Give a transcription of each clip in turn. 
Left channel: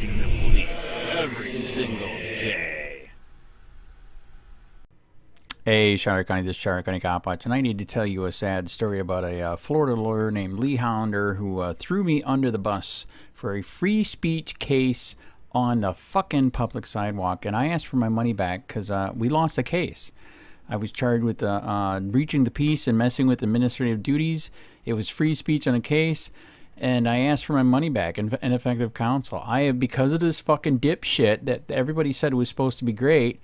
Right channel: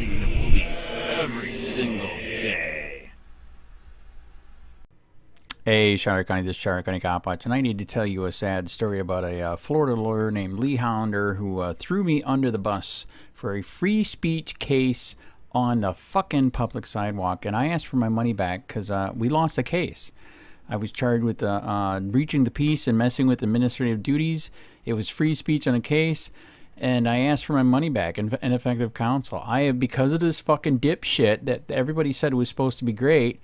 facing the police every single day. Hey, Sheriff County, this is Sheriff County COPWATCH, and I need to tell you a sad story about a Florida lawyer named Lee Hollander who threw me under the bus for a free speech case on the fucking public sidewalk, and I asked for my money back because we lost the case. I was charged with breaching the peace and messing with administrative duties. It was free speech on a case, and I asked for my money back and ineffective counsel. Because of this fucking dipshit that everybody said was supposed to be great,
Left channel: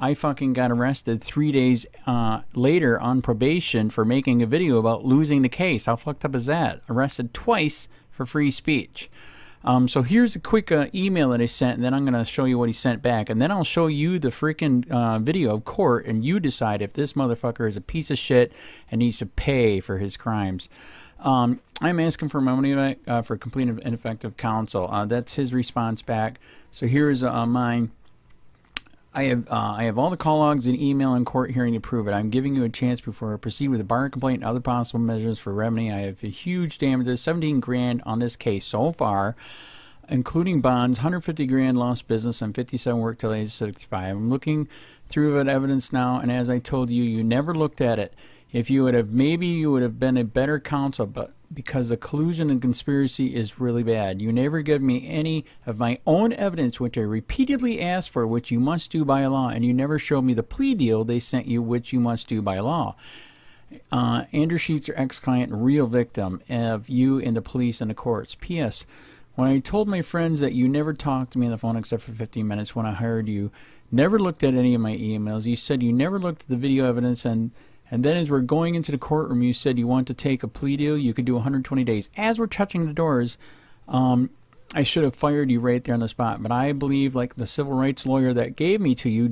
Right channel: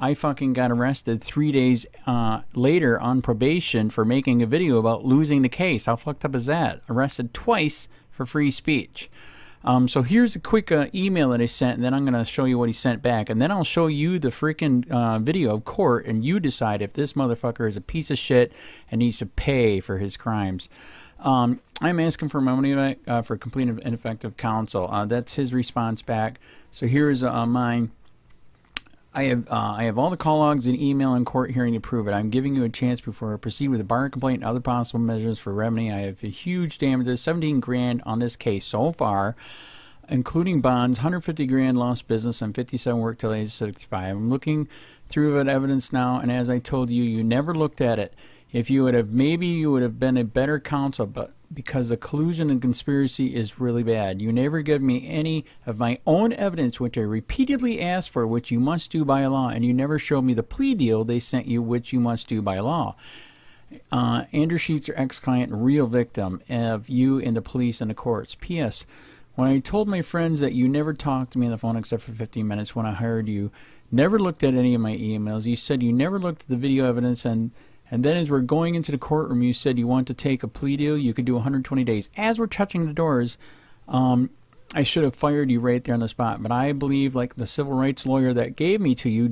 I fucking got arrested 3 days later on probation for making a video about losing the case. How fucked up is that? Arrested twice for free speech. So here's a quick email that I sent, and then I'm going to show you what he sent back. And then I'll show you the freaking video of court, and you decide if this motherfucker is a piece of shit and needs to pay for his crimes. I'm asking for my money back for complete and ineffective counsel. That's his response back. So here's mine. I have all the call logs and email and court hearing to prove it. I'm giving you a chance before I proceed with a bar complaint and other possible measures for remedy. I have a huge damages, 17 grand on this case so far, including bonds, 150 grand lost business, and 57 work till age 65. I'm looking through that evidence now, and as I told you, you never looked at it. If you would have, maybe you would have been a better counsel, but because the collusion and conspiracy is really bad. You never give me any of my own evidence, which I repeatedly asked for, which you must do by law, and you never showed me the plea deal they sent you, which you must do by law. Andrew Sheets, your ex-client, real victim of you and the police and the courts. P.S. When I told my friends that you never talked to me on the phone except for 15 minutes when I hired you, never looked at any of my emails. You said you never looked at the video evidence, and then as we're going into the courtroom, you said you want to take a plea deal. You could do 120 days. As we're touching the doors, I should have fired you right there on the spot. But I believe, like the civil rights lawyer that gave me to you,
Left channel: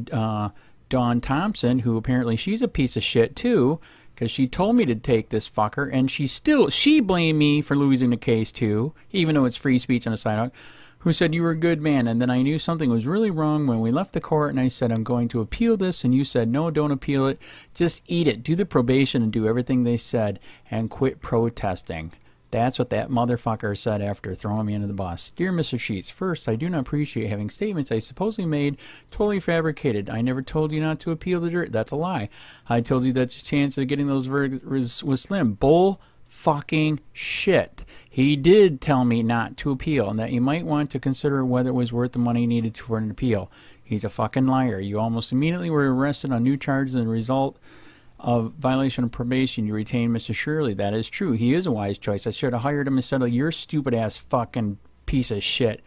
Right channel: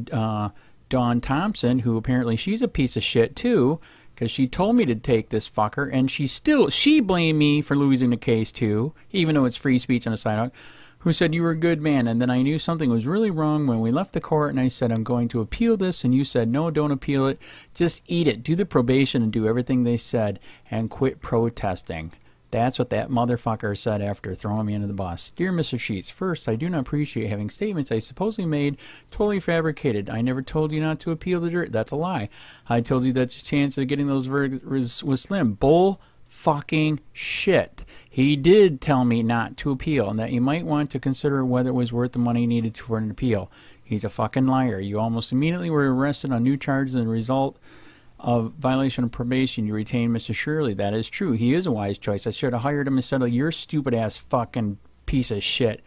Dawn Thompson, who apparently she's a piece of shit too, because she told me to take this fucker, and she blamed me for losing the case too, even though it's free speech on the sidewalk, who said you were a good man. And then I knew something was really wrong when we left the court, and I said, I'm going to appeal this, and you said, no, don't appeal it. Just eat it. Do the probation and do everything they said, and quit protesting. That's what that motherfucker said after throwing me into the bus. Dear Mr. Sheets, first, I do not appreciate having statements I supposedly made totally fabricated. I never told you not to appeal the jury. That's a lie. I told you that your chance of getting those verdicts was slim. Bull fucking shit. He did tell me not to appeal and that you might want to consider whether it was worth the money needed for an appeal. He's a fucking liar. You almost immediately were arrested on new charges as a result of violation of probation. You retained Mr. Shirley. That is true. He is a wise choice. I should have hired him instead of your stupid ass fucking piece of shit.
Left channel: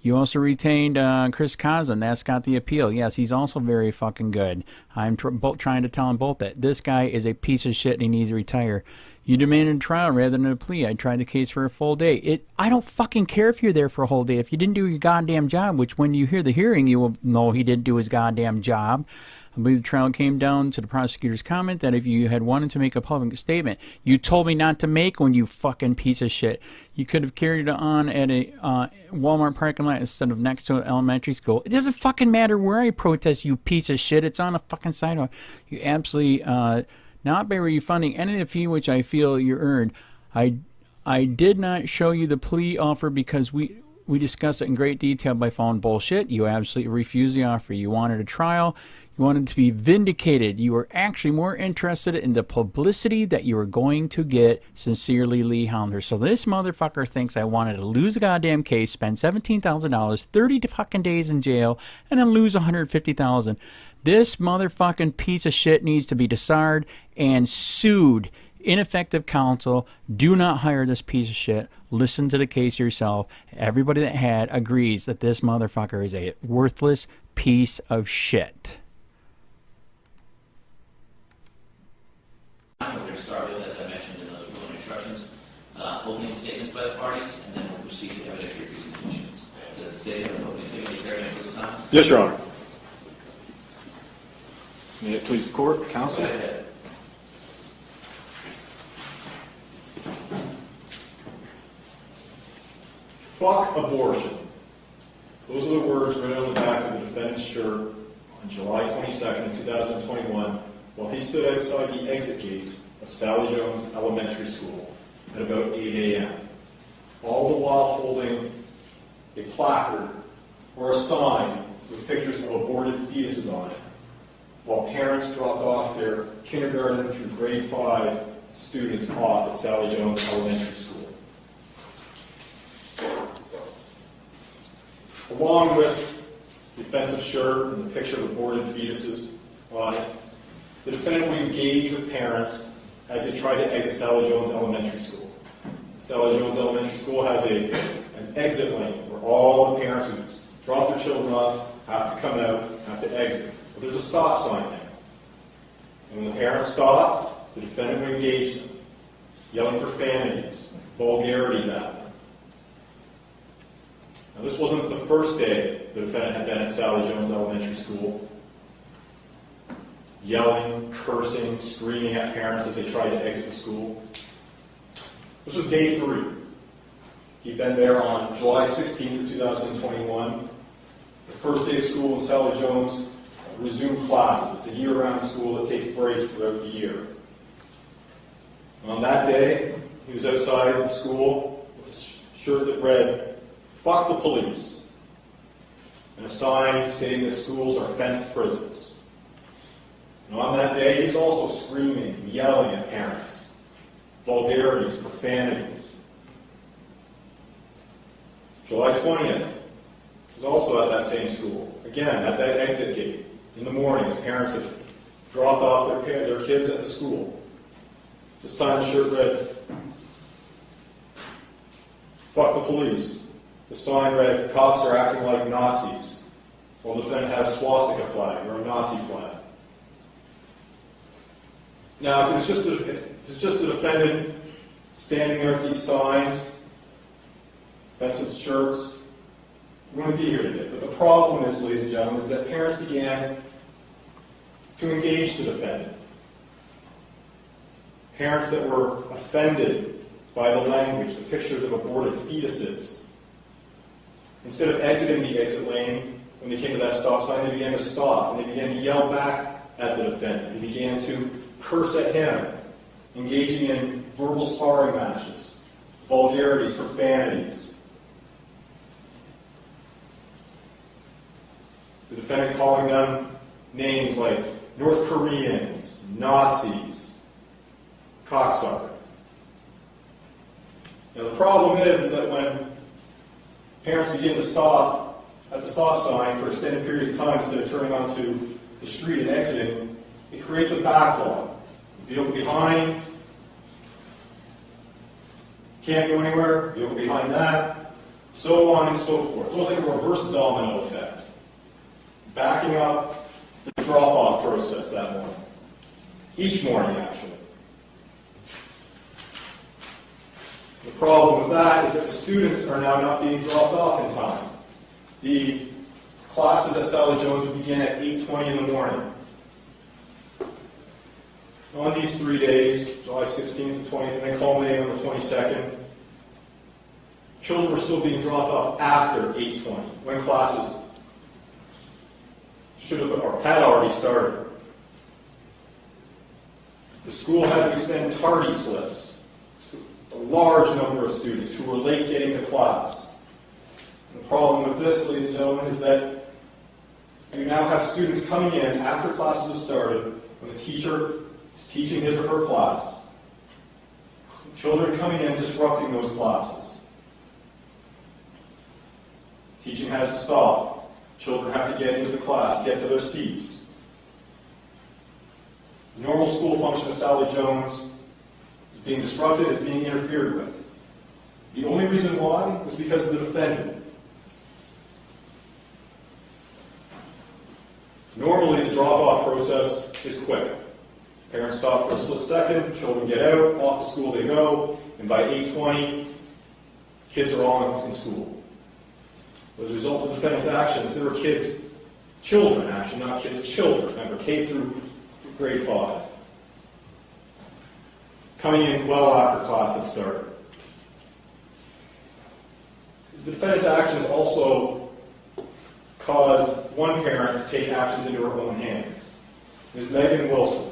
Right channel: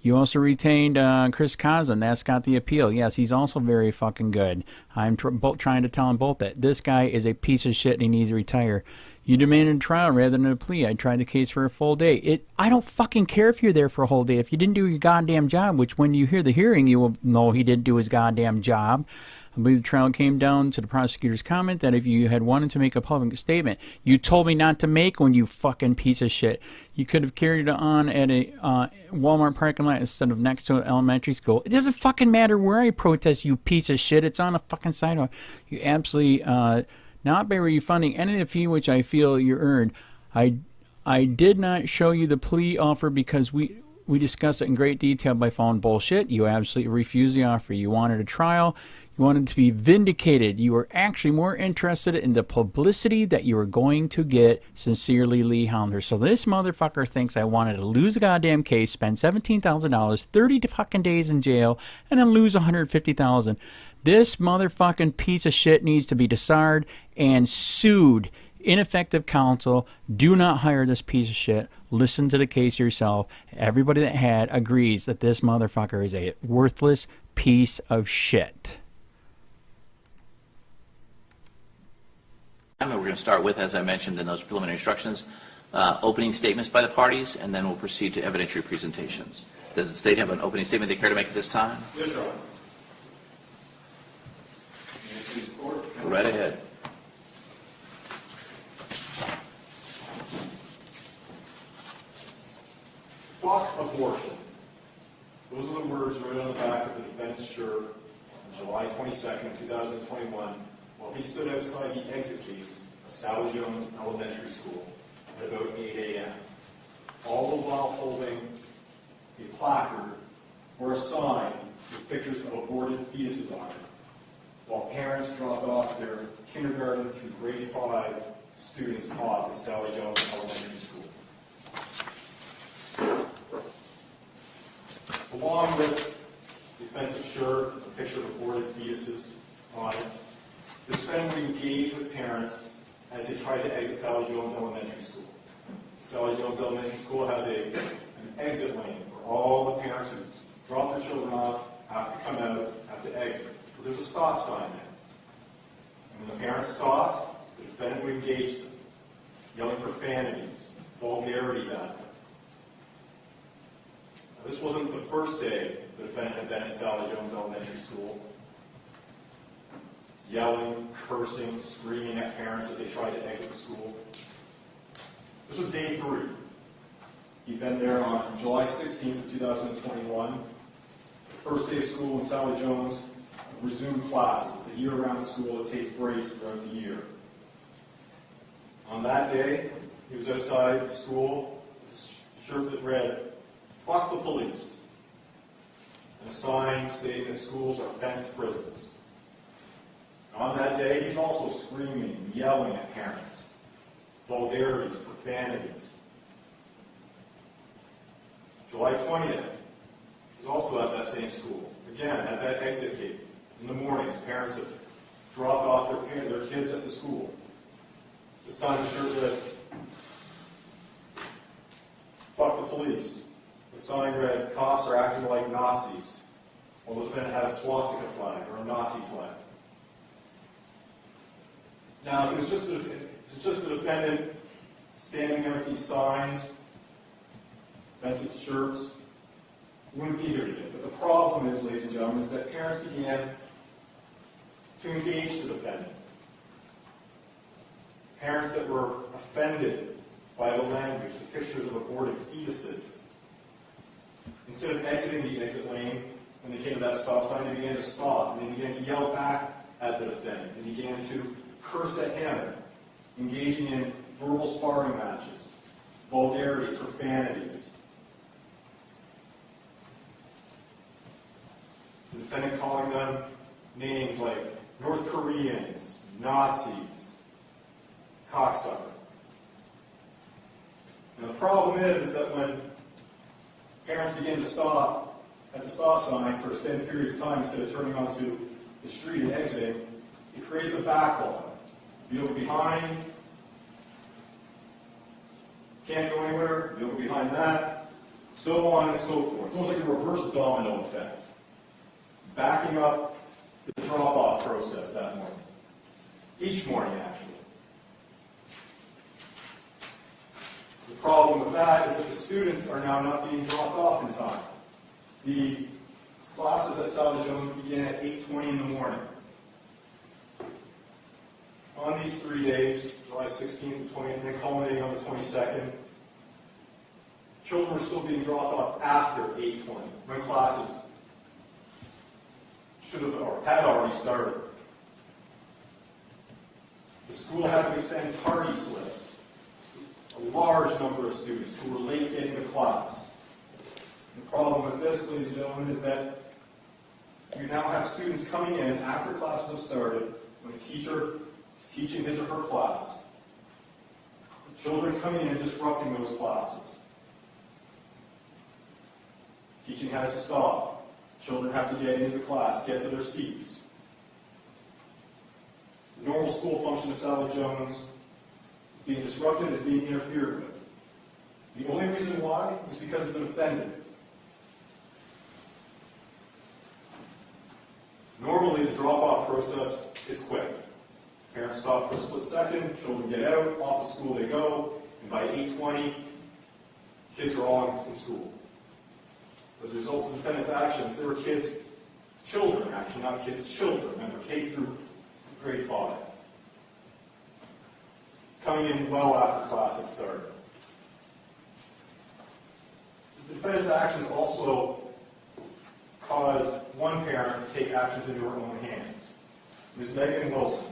You also retained Chris Cousin. That's got the appeal. Yes, he's also very fucking good. I'm trying to tell them both that this guy is a piece of shit and he needs to retire. You demanded a trial rather than a plea. I tried the case for a full day. I don't fucking care if you're there for a whole day. If you didn't do your goddamn job, which when you hear the hearing, you will know he didn't do his goddamn job. I believe the trial came down to the prosecutor's comment that if you had wanted to make a public statement, you told me not to make one, you fucking piece of shit. You could have carried it on at a Walmart parking lot instead of next to an elementary school. It doesn't fucking matter where I protest, you piece of shit. It's on a fucking sidewalk. You absolutely... not by refunding any of the fee which I feel you earned. I did not show you the plea offer because we discussed it in great detail by phone. Bullshit. You absolutely refused the offer. You wanted a trial. You wanted to be vindicated. You were actually more interested in the publicity that you were going to get. Sincerely, Lee Hollander. So this motherfucker thinks I wanted to lose a goddamn case, spend $17,000, 30 fucking days in jail, and then lose $150,000. This motherfucking piece of shit needs to be disarmed and sued. Ineffective counsel. Do not hire this piece of shit. Listen to the case yourself. Everybody that had agrees that this motherfucker is a worthless piece of shit. We're going to start with, as I mentioned in those preliminary instructions, opening statements by the parties, and then we'll proceed to evidentiary presentations. Does the state have an opening statement they care to make at this time? Yes, Your Honor. May it please the court, counsel? Right ahead. Fuck abortion. Those are the words written on the back of the defendant's shirt on July 22nd, 2021, while he stood outside the exit gates of Sally Jones Elementary School at about 8 a.m., all the while holding a placard or a sign with pictures of aborted fetuses on it, while parents dropped off their kindergarten through grade 5 students off at Sally Jones Elementary School. Along with the offensive shirt and the picture of aborted fetuses on it, the defendant would engage with parents as they tried to exit Sally Jones Elementary School. Sally Jones Elementary School has an exit lane where all the parents who drop their children off have to come out, have to exit. But there's a stop sign there. And when the parents stopped, the defendant would engage them, yelling profanities, vulgarities at them. Now, this wasn't the first day the defendant had been at Sally Jones Elementary School, yelling, cursing, screaming at parents as they tried to exit the school. This was day 3. He'd been there on July 16th, 2021. The first day of school in Sally Jones resumed classes. It's a year-round school that takes breaks throughout the year. On that day, he was outside the school with a shirt that read, "Fuck the police," and a sign stating that schools are fenced prisons. And on that day, he's also screaming and yelling at parents, vulgarities, profanities. July 20th, he's also at that same school. Again, at that exit gate. In the mornings, parents have dropped off their kids at the school. This time the shirt read, "Fuck the police." The sign read, "Cops are acting like Nazis," while the defendant had a swastika flag or a Nazi flag. Now, if it's just the defendant standing there with these signs, offensive shirts, we wouldn't be here today. But the problem is, ladies and gentlemen, is that parents began to engage the defendant. Parents that were offended by the language, the pictures of aborted fetuses. Instead of exiting the exit lane, when they came to that stop sign, they began to stop, and they began to yell back at the defendant. They began to curse at him, engaging in verbal sparring matches, vulgarities, profanities. The defendant calling them names like North Koreans, Nazis, cocksucker. Now the problem is that when parents begin to stop at the stop sign for extended periods of time instead of turning onto the street and exiting, it creates a backlog. Vehicle behind, can't go anywhere, vehicle behind that, so on and so forth. It's almost like a reverse domino effect. Backing up the drop-off process that morning. Each morning, actually. The problem with that is that the students are now not being dropped off in time. The classes at Sally Jones would begin at 8:20 in the morning. On these 3 days, July 16th and 20th, and then culminating on the 22nd, children were still being dropped off after 8:20, when classes should have or had already started. The school had to extend tardy slips to a large number of students who were late getting to class. The problem with this, ladies and gentlemen, is that you now have students coming in after classes have started, when a teacher is teaching his or her class. Children coming in disrupting those classes. Teaching has to stop. Children have to get into the class, get to their seats. The normal school function of Sally Jones is being disrupted, is being interfered with. The only reason why is because of the defendant. Normally, the drop-off process is quick. Parents stop for a split second, children get out, off to school they go, and by 8:20, kids are all in school. As a result of the defendant's actions, there were children, actually, not kids, children, remember, K through grade 5, coming in well after class had started. The defendant's actions also caused one parent to take actions into her own hands. Ms. Megan Wilson.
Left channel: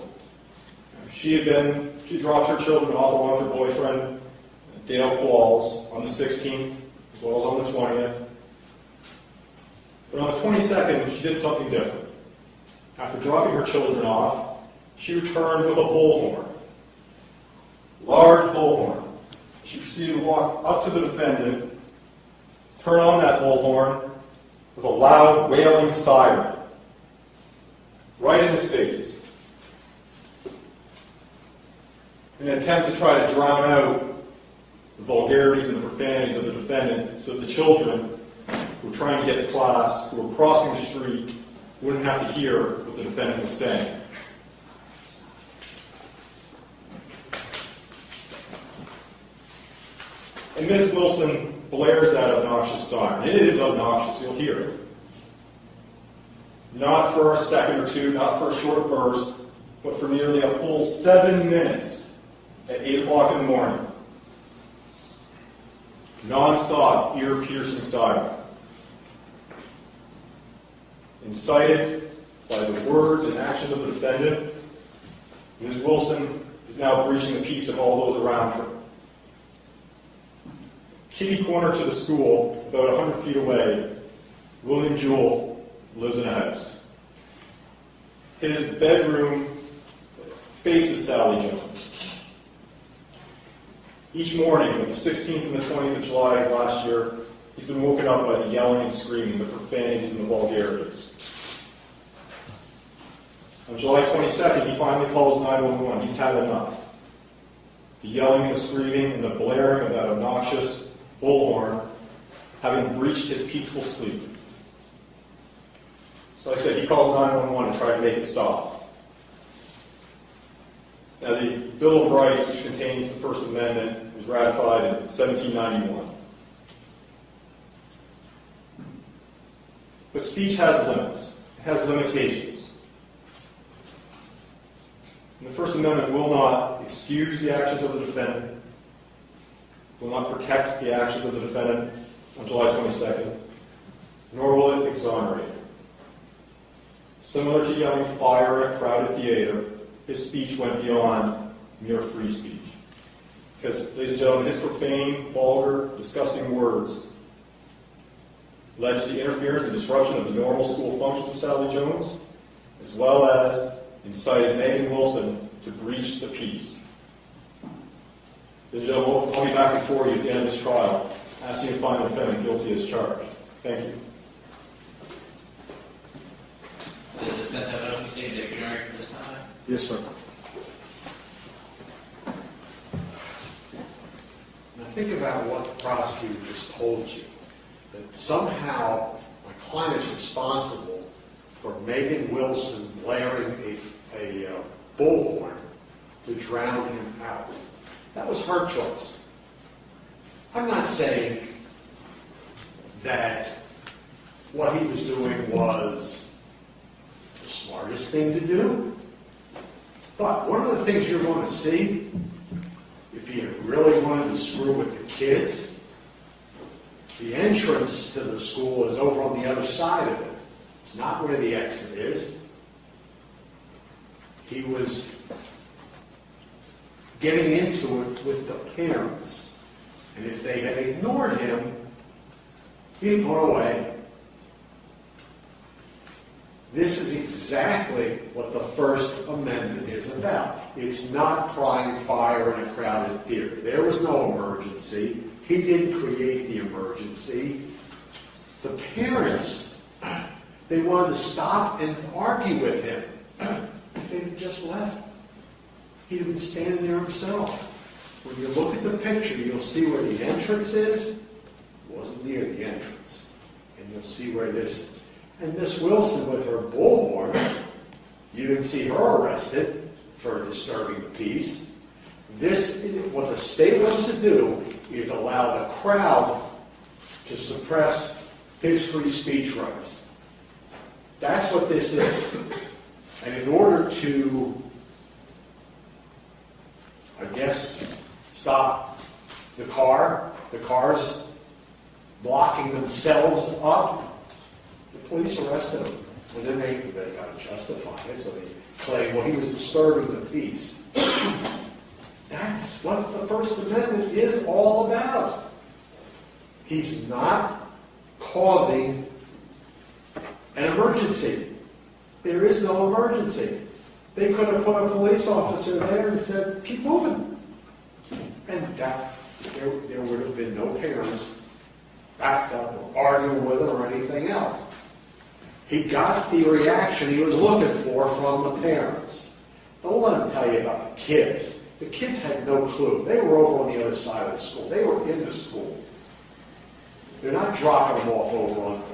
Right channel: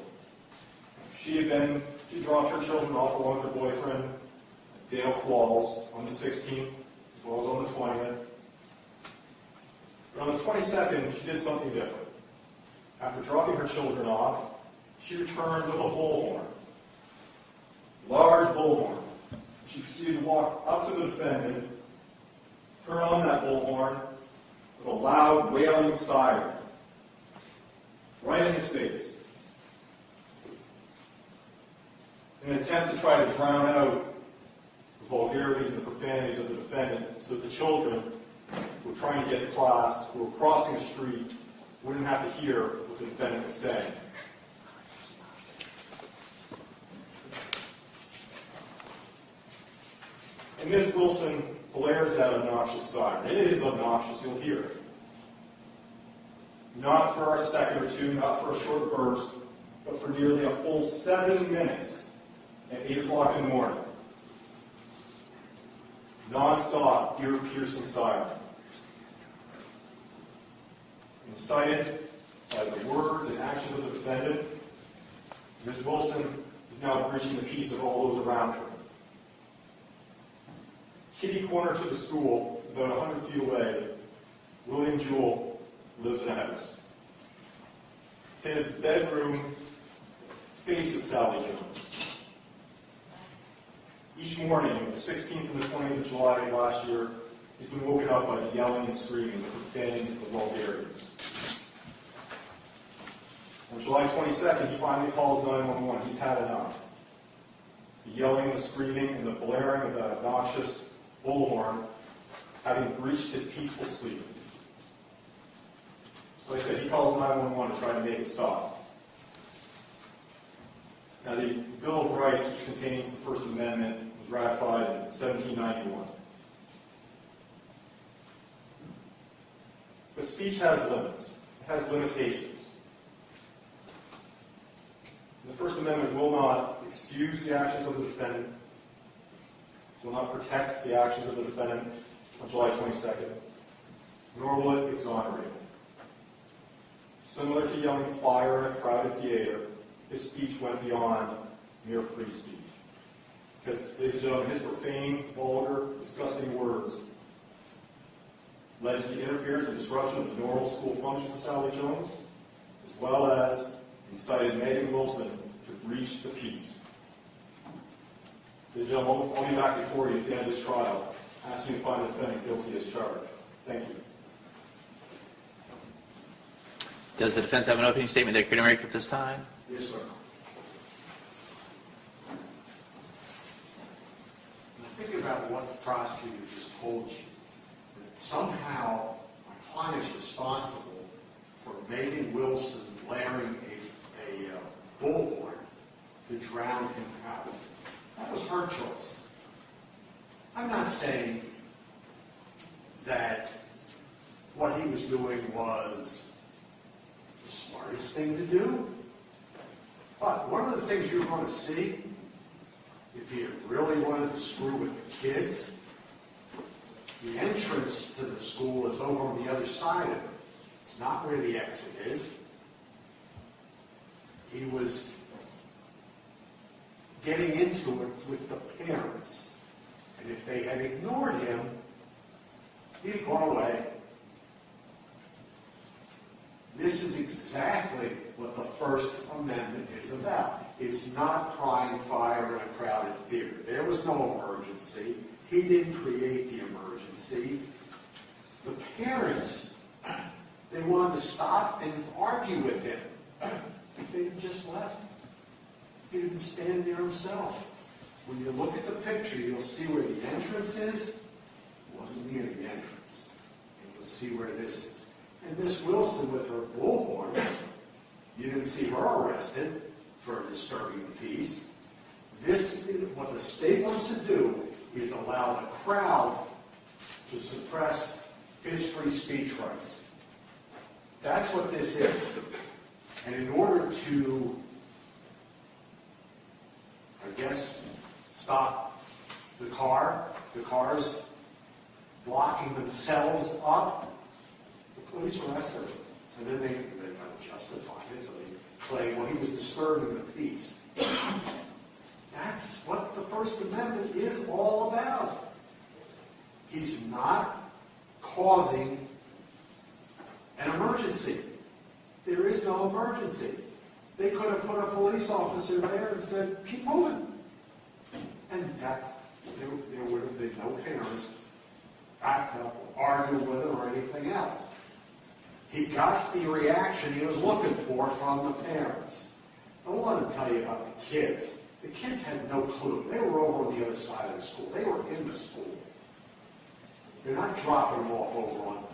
She dropped her children off along with her boyfriend, Dale Qualls, on the 16th, as well as on the 20th. But on the 22nd, she did something different. After dropping her children off, she returned with a bullhorn. Large bullhorn. She proceeded to walk up to the defendant, turn on that bullhorn with a loud, wailing siren. Right in his face. In an attempt to try to drown out the vulgarities and the profanities of the defendant so that the children who were trying to get to class, who were crossing the street, wouldn't have to hear what the defendant was saying. And Ms. Wilson blares that obnoxious siren. It is obnoxious, you'll hear it. Not for a second or two, not for a short burst, but for nearly a full 7 minutes at 8 o'clock in the morning. Non-stop, ear-piercing siren. Incited by the words and actions of the defendant, Ms. Wilson is now breaching the peace of all those around her. Kitty corner to the school, about 100 feet away, William Jewell lives in a house. His bedroom faces Sally Jones. Each morning, on the 16th and the 20th of July of last year, he's been woken up by the yelling and screaming, the profanities and the vulgarities. On July 22nd, he finally calls 911. He's had enough. The yelling and the screaming and the blaring of that obnoxious bullhorn having breached his peaceful sleep. So I said he calls 911 to try to make it stop. Now the Bill of Rights, which contains the First Amendment, was ratified in 1791. But speech has limits. It has limitations. And the First Amendment will not excuse the actions of the defendant, will not protect the actions of the defendant on July 22nd, nor will it exonerate him. Similar to yelling fire in a crowded theater, his speech went beyond mere free speech. Because, ladies and gentlemen, his profane, vulgar, disgusting words led to the interference and disruption of the normal school functions of Sally Jones, as well as incited Megan Wilson to breach the peace. Ladies and gentlemen, I'll be back before you at the end of this trial, asking you to find the defendant guilty as charged. Thank you. Does the defense have an opening statement they're going to make at this time? Yes, sir. Now think about what the prosecutor just told you, that somehow my client is responsible for Megan Wilson blaring a bullhorn to drown him out. That was her choice. I'm not saying that what he was doing was the smartest thing to do. But one of the things you're going to see, if you really wanted to screw with the kids, the entrance to the school is over on the other side of it. It's not where the exit is. He was getting into it with the parents. And if they had ignored him, he'd gone away. This is exactly what the First Amendment is about. It's not crying fire in a crowded theater. There was no emergency. He didn't create the emergency. The parents, they wanted to stop and argue with him. If they had just left, he'd have been standing there himself. When you look at the picture, you'll see where the entrance is. It wasn't near the entrance. And you'll see where this is. And Miss Wilson with her bullhorn, you didn't see her arrested for disturbing the peace. This is what the state wants to do, is allow the crowd to suppress his free speech rights. That's what this is. And in order to, I guess, stop the cars blocking themselves up, the police arrested him. And then they got to justify it, so they claim, well, he was disturbing the peace. That's what the First Amendment is all about. He's not causing An emergency. There is no emergency. They could have put a police officer there and said, keep moving. And that, there would have been no parents backed up or arguing with him or anything else. He got the reaction he was looking for from the parents. Don't let him tell you about the kids. The kids had no clue. They were over on the other side of the school. They were in the school. They're not dropping them off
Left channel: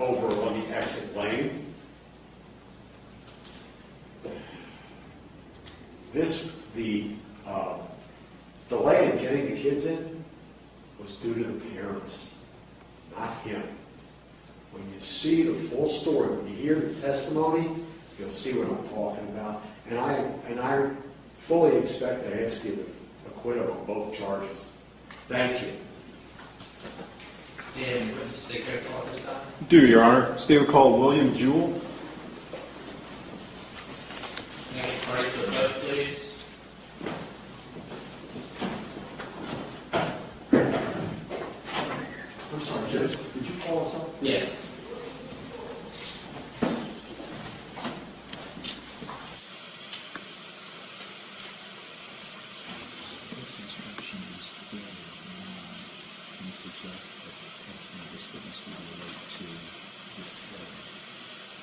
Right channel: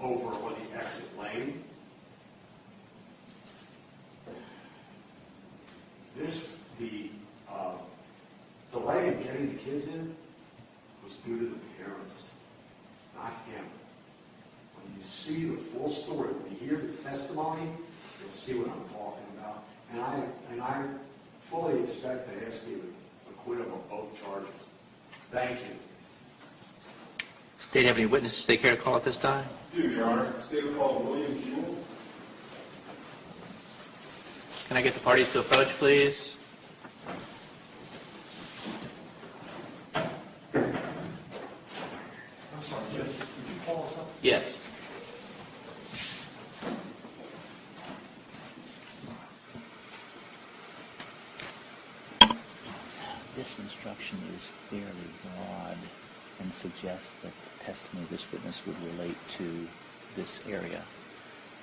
over on the exit lane. The delay in getting the kids in was due to the parents, not him. When you see the full story, when you hear the testimony, you'll see what I'm talking about. And I fully expect to ask you to acquit him on both charges. Thank you. State have any witnesses they care to call at this time? Do, Your Honor. State will call William Jewell. Can I get the parties to approach, please? I'm sorry, Judge, would you call us up? Yes. This instruction is fairly broad and suggests that the testimony of this witness would relate to this area.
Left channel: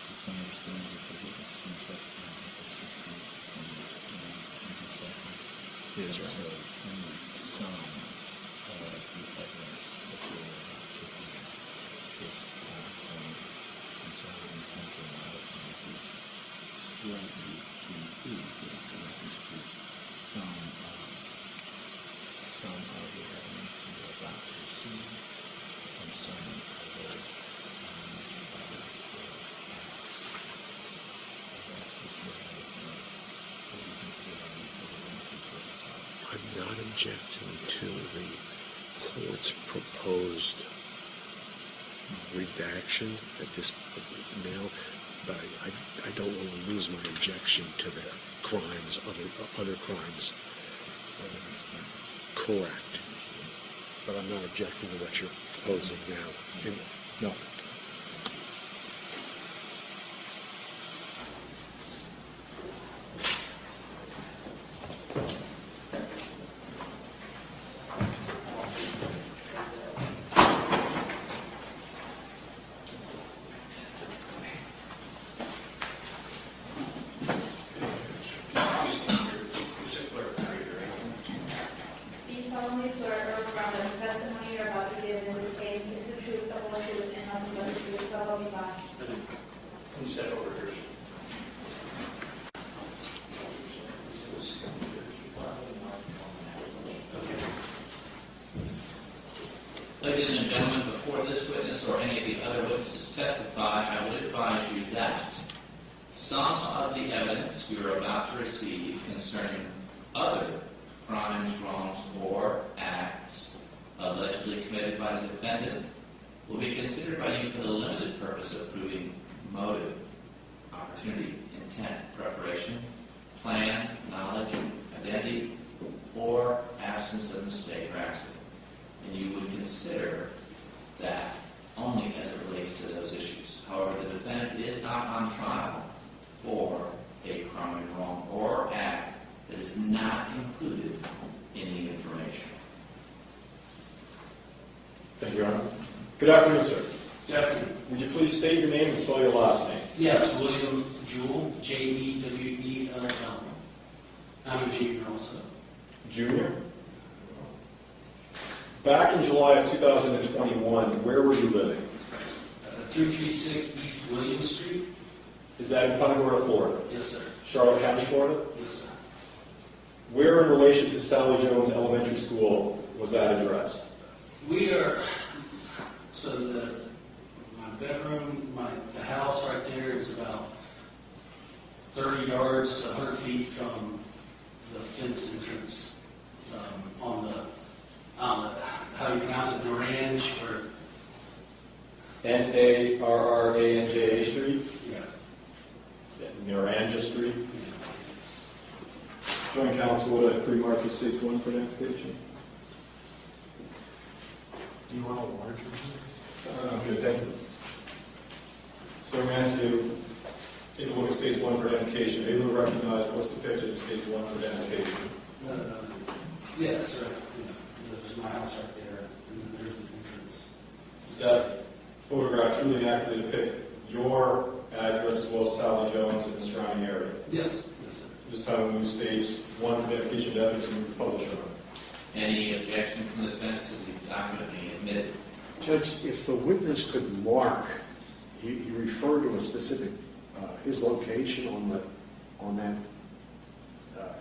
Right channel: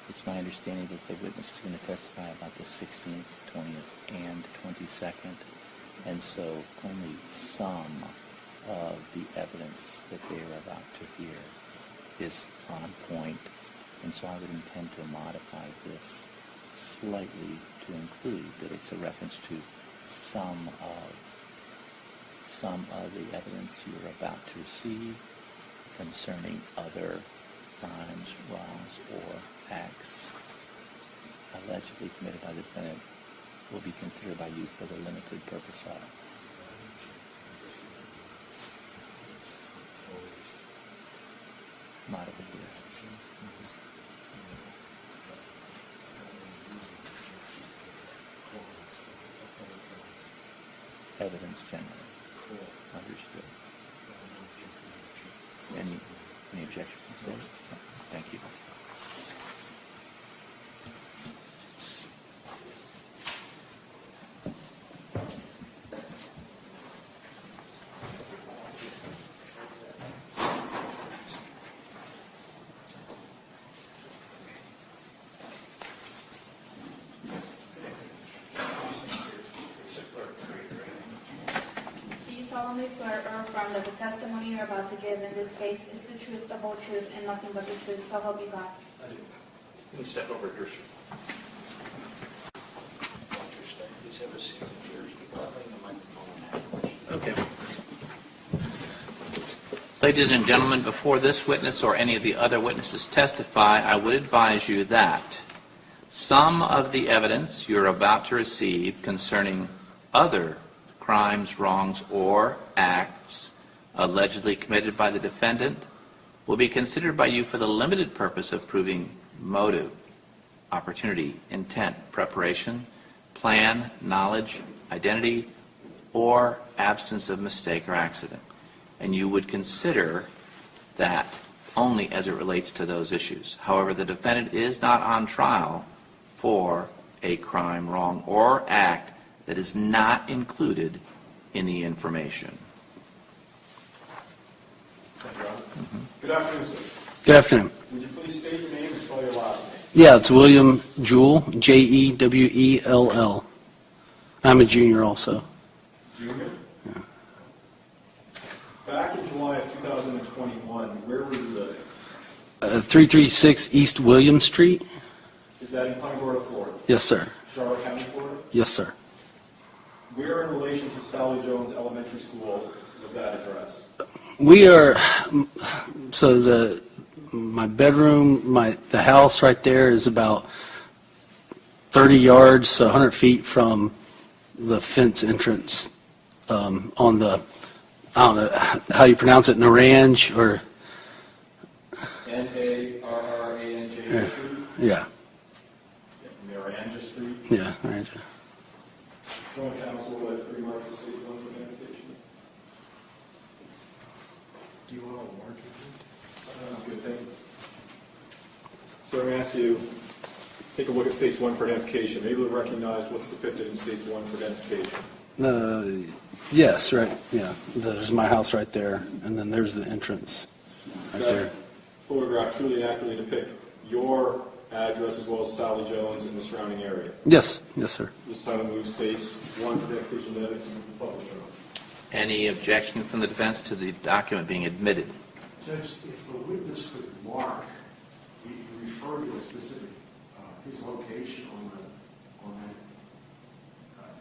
It's my understanding that the witness is going to testify about the 16th, 20th, and 22nd. And so only some of the evidence that they are about to hear is on point. And so I would intend to modify this slightly to include that it's a reference to some of the evidence you are about to receive concerning other crimes, wrongs, or acts allegedly committed by the defendant will be considered by you for the limited purpose of. I'm not objecting to the court's proposed redaction at this now, but I don't want to lose my objection to the crimes, other crimes. Evidence generally. Correct. Understood. But I'm not objecting to what you're proposing now. Any objections? No. Thank you. Do you solemnly swear or affirm that the testimony you're about to give in this case is the truth, the whole truth, and nothing but the truth, so help you God? I do. Can you step over, Christy? Okay. Ladies and gentlemen, before this witness or any of the other witnesses testify, I would advise you that some of the evidence you're about to receive concerning other crimes, wrongs, or acts allegedly committed by the defendant will be considered by you for the limited purpose of proving motive, opportunity, intent, preparation, plan, knowledge, identity, or absence of mistake or accident. And you would consider that only as it relates to those issues. However, the defendant is not on trial for a crime, wrong, or act that is not included in the information. Thank you, Your Honor. Good afternoon, sir. Good afternoon. Would you please state your name and spell your last name? Yeah, it's William Jewell, Jewell. I'm a junior also. Junior? Back in July of 2021, where were you living? 336 East William Street? Is that in Punta Gorda, Florida? Yes, sir. Charlotte County, Florida? Yes, sir. Where in relation to Sally Jones Elementary School was that address? We are, so my bedroom, the house right there is about 30 yards, so 100 feet from the fence entrance on the, I don't know how you pronounce it, Naranj or? Naranja Street? Yeah. Naranja Street? Yeah, Naranja. Joint counsel, would I pre-mark the stage one for an application? Do you want a larger? I'm good, thank you. So I'm going to ask you, take a look at stage 1 for identification. Are you able to recognize what's depicted in stage 1 for identification? Yes, right, yeah. There's my house right there, and then there's the entrance right That there. photograph truly accurately depict your address as well as Sally Jones and the surrounding area. Yes, yes, sir. This time we move stage 1 for identification to evidence and publisher. Any objection from the defense to the document being admitted? Judge, if the witness could mark, he referred to a specific, his location on that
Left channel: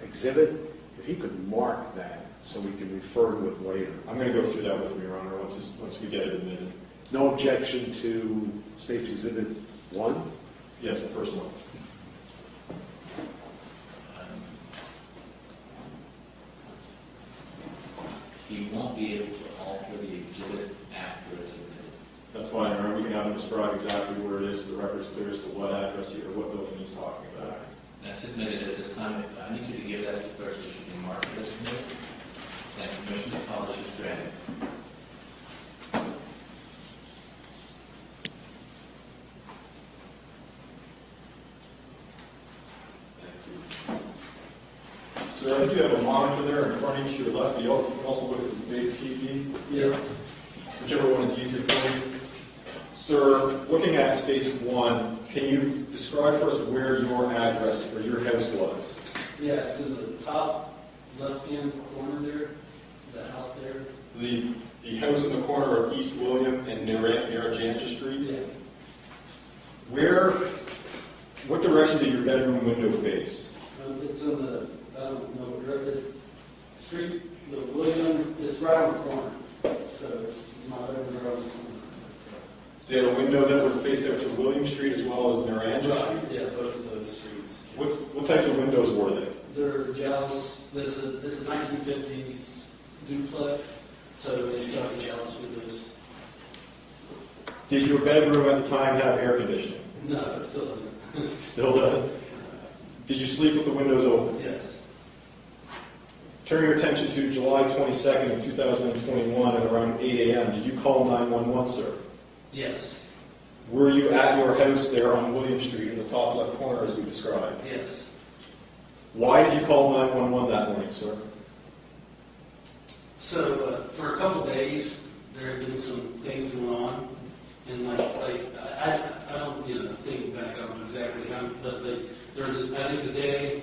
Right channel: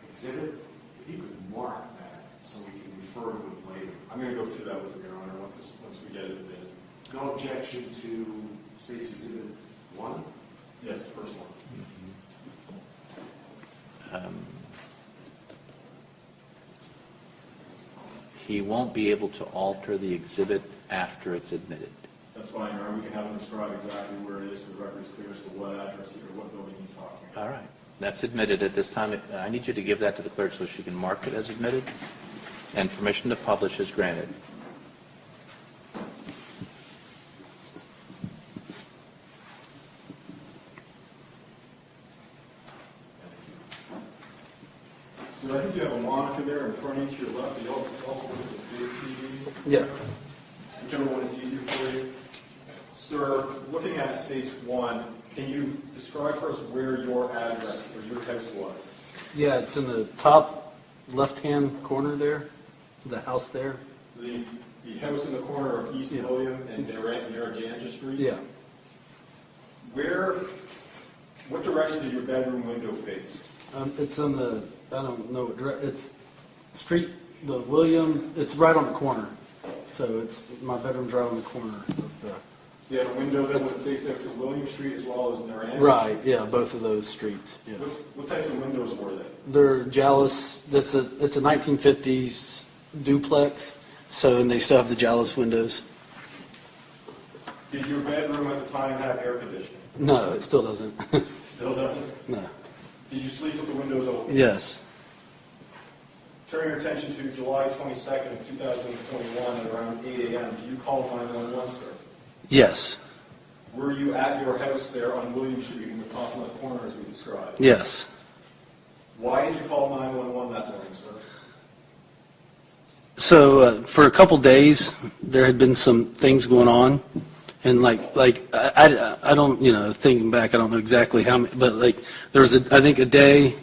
exhibit, if he could mark that so we can refer to it later. I'm going to go through that with you, Your Honor, once we get it admitted. No objection to State's Exhibit 1? Yes, the first one. He won't be able to alter the exhibit after it's admitted. That's fine, Your Honor. We can have him describe exactly where it is so the record's clear as to what address or what building he's talking about. All right. That's admitted at this time. I need you to give that to the clerk so she can mark it as admitted, and permission to publish is granted. So I think you have a monitor there in front of you to your left. You also look at the big TV. Yeah. Whichever one is easier for you. Sir, looking at stage 1, can you describe for us where your address or your house was? Yeah, it's in the top left-hand corner there, the house there. The house in the corner of East William and Narragansett Street? Yeah. What direction did your bedroom window face? It's on the, I don't know, it's street, the William, it's right on the corner. So it's, my bedroom's right on the corner. So you had a window that would face out to William Street as well as Narragansett Right, Street? yeah, both of those streets. Yes. What types of windows were they? They're Jallis, it's a 1950s duplex, so, and they still have the Jallis windows. Did your bedroom at the time have air conditioning? No, it still doesn't. Still doesn't? No. Did you sleep with the windows open? Yes. Turn your attention to July 22nd of 2021 at around 8 a.m. Did you call 911, sir? Yes. Were you at your house there on William Street in the top left corner as we described? Yes. Why did you call 911 that morning, sir? So for a couple days, there had been some things going on, and I don't, thinking back, I don't know exactly how many, but there was I think a day,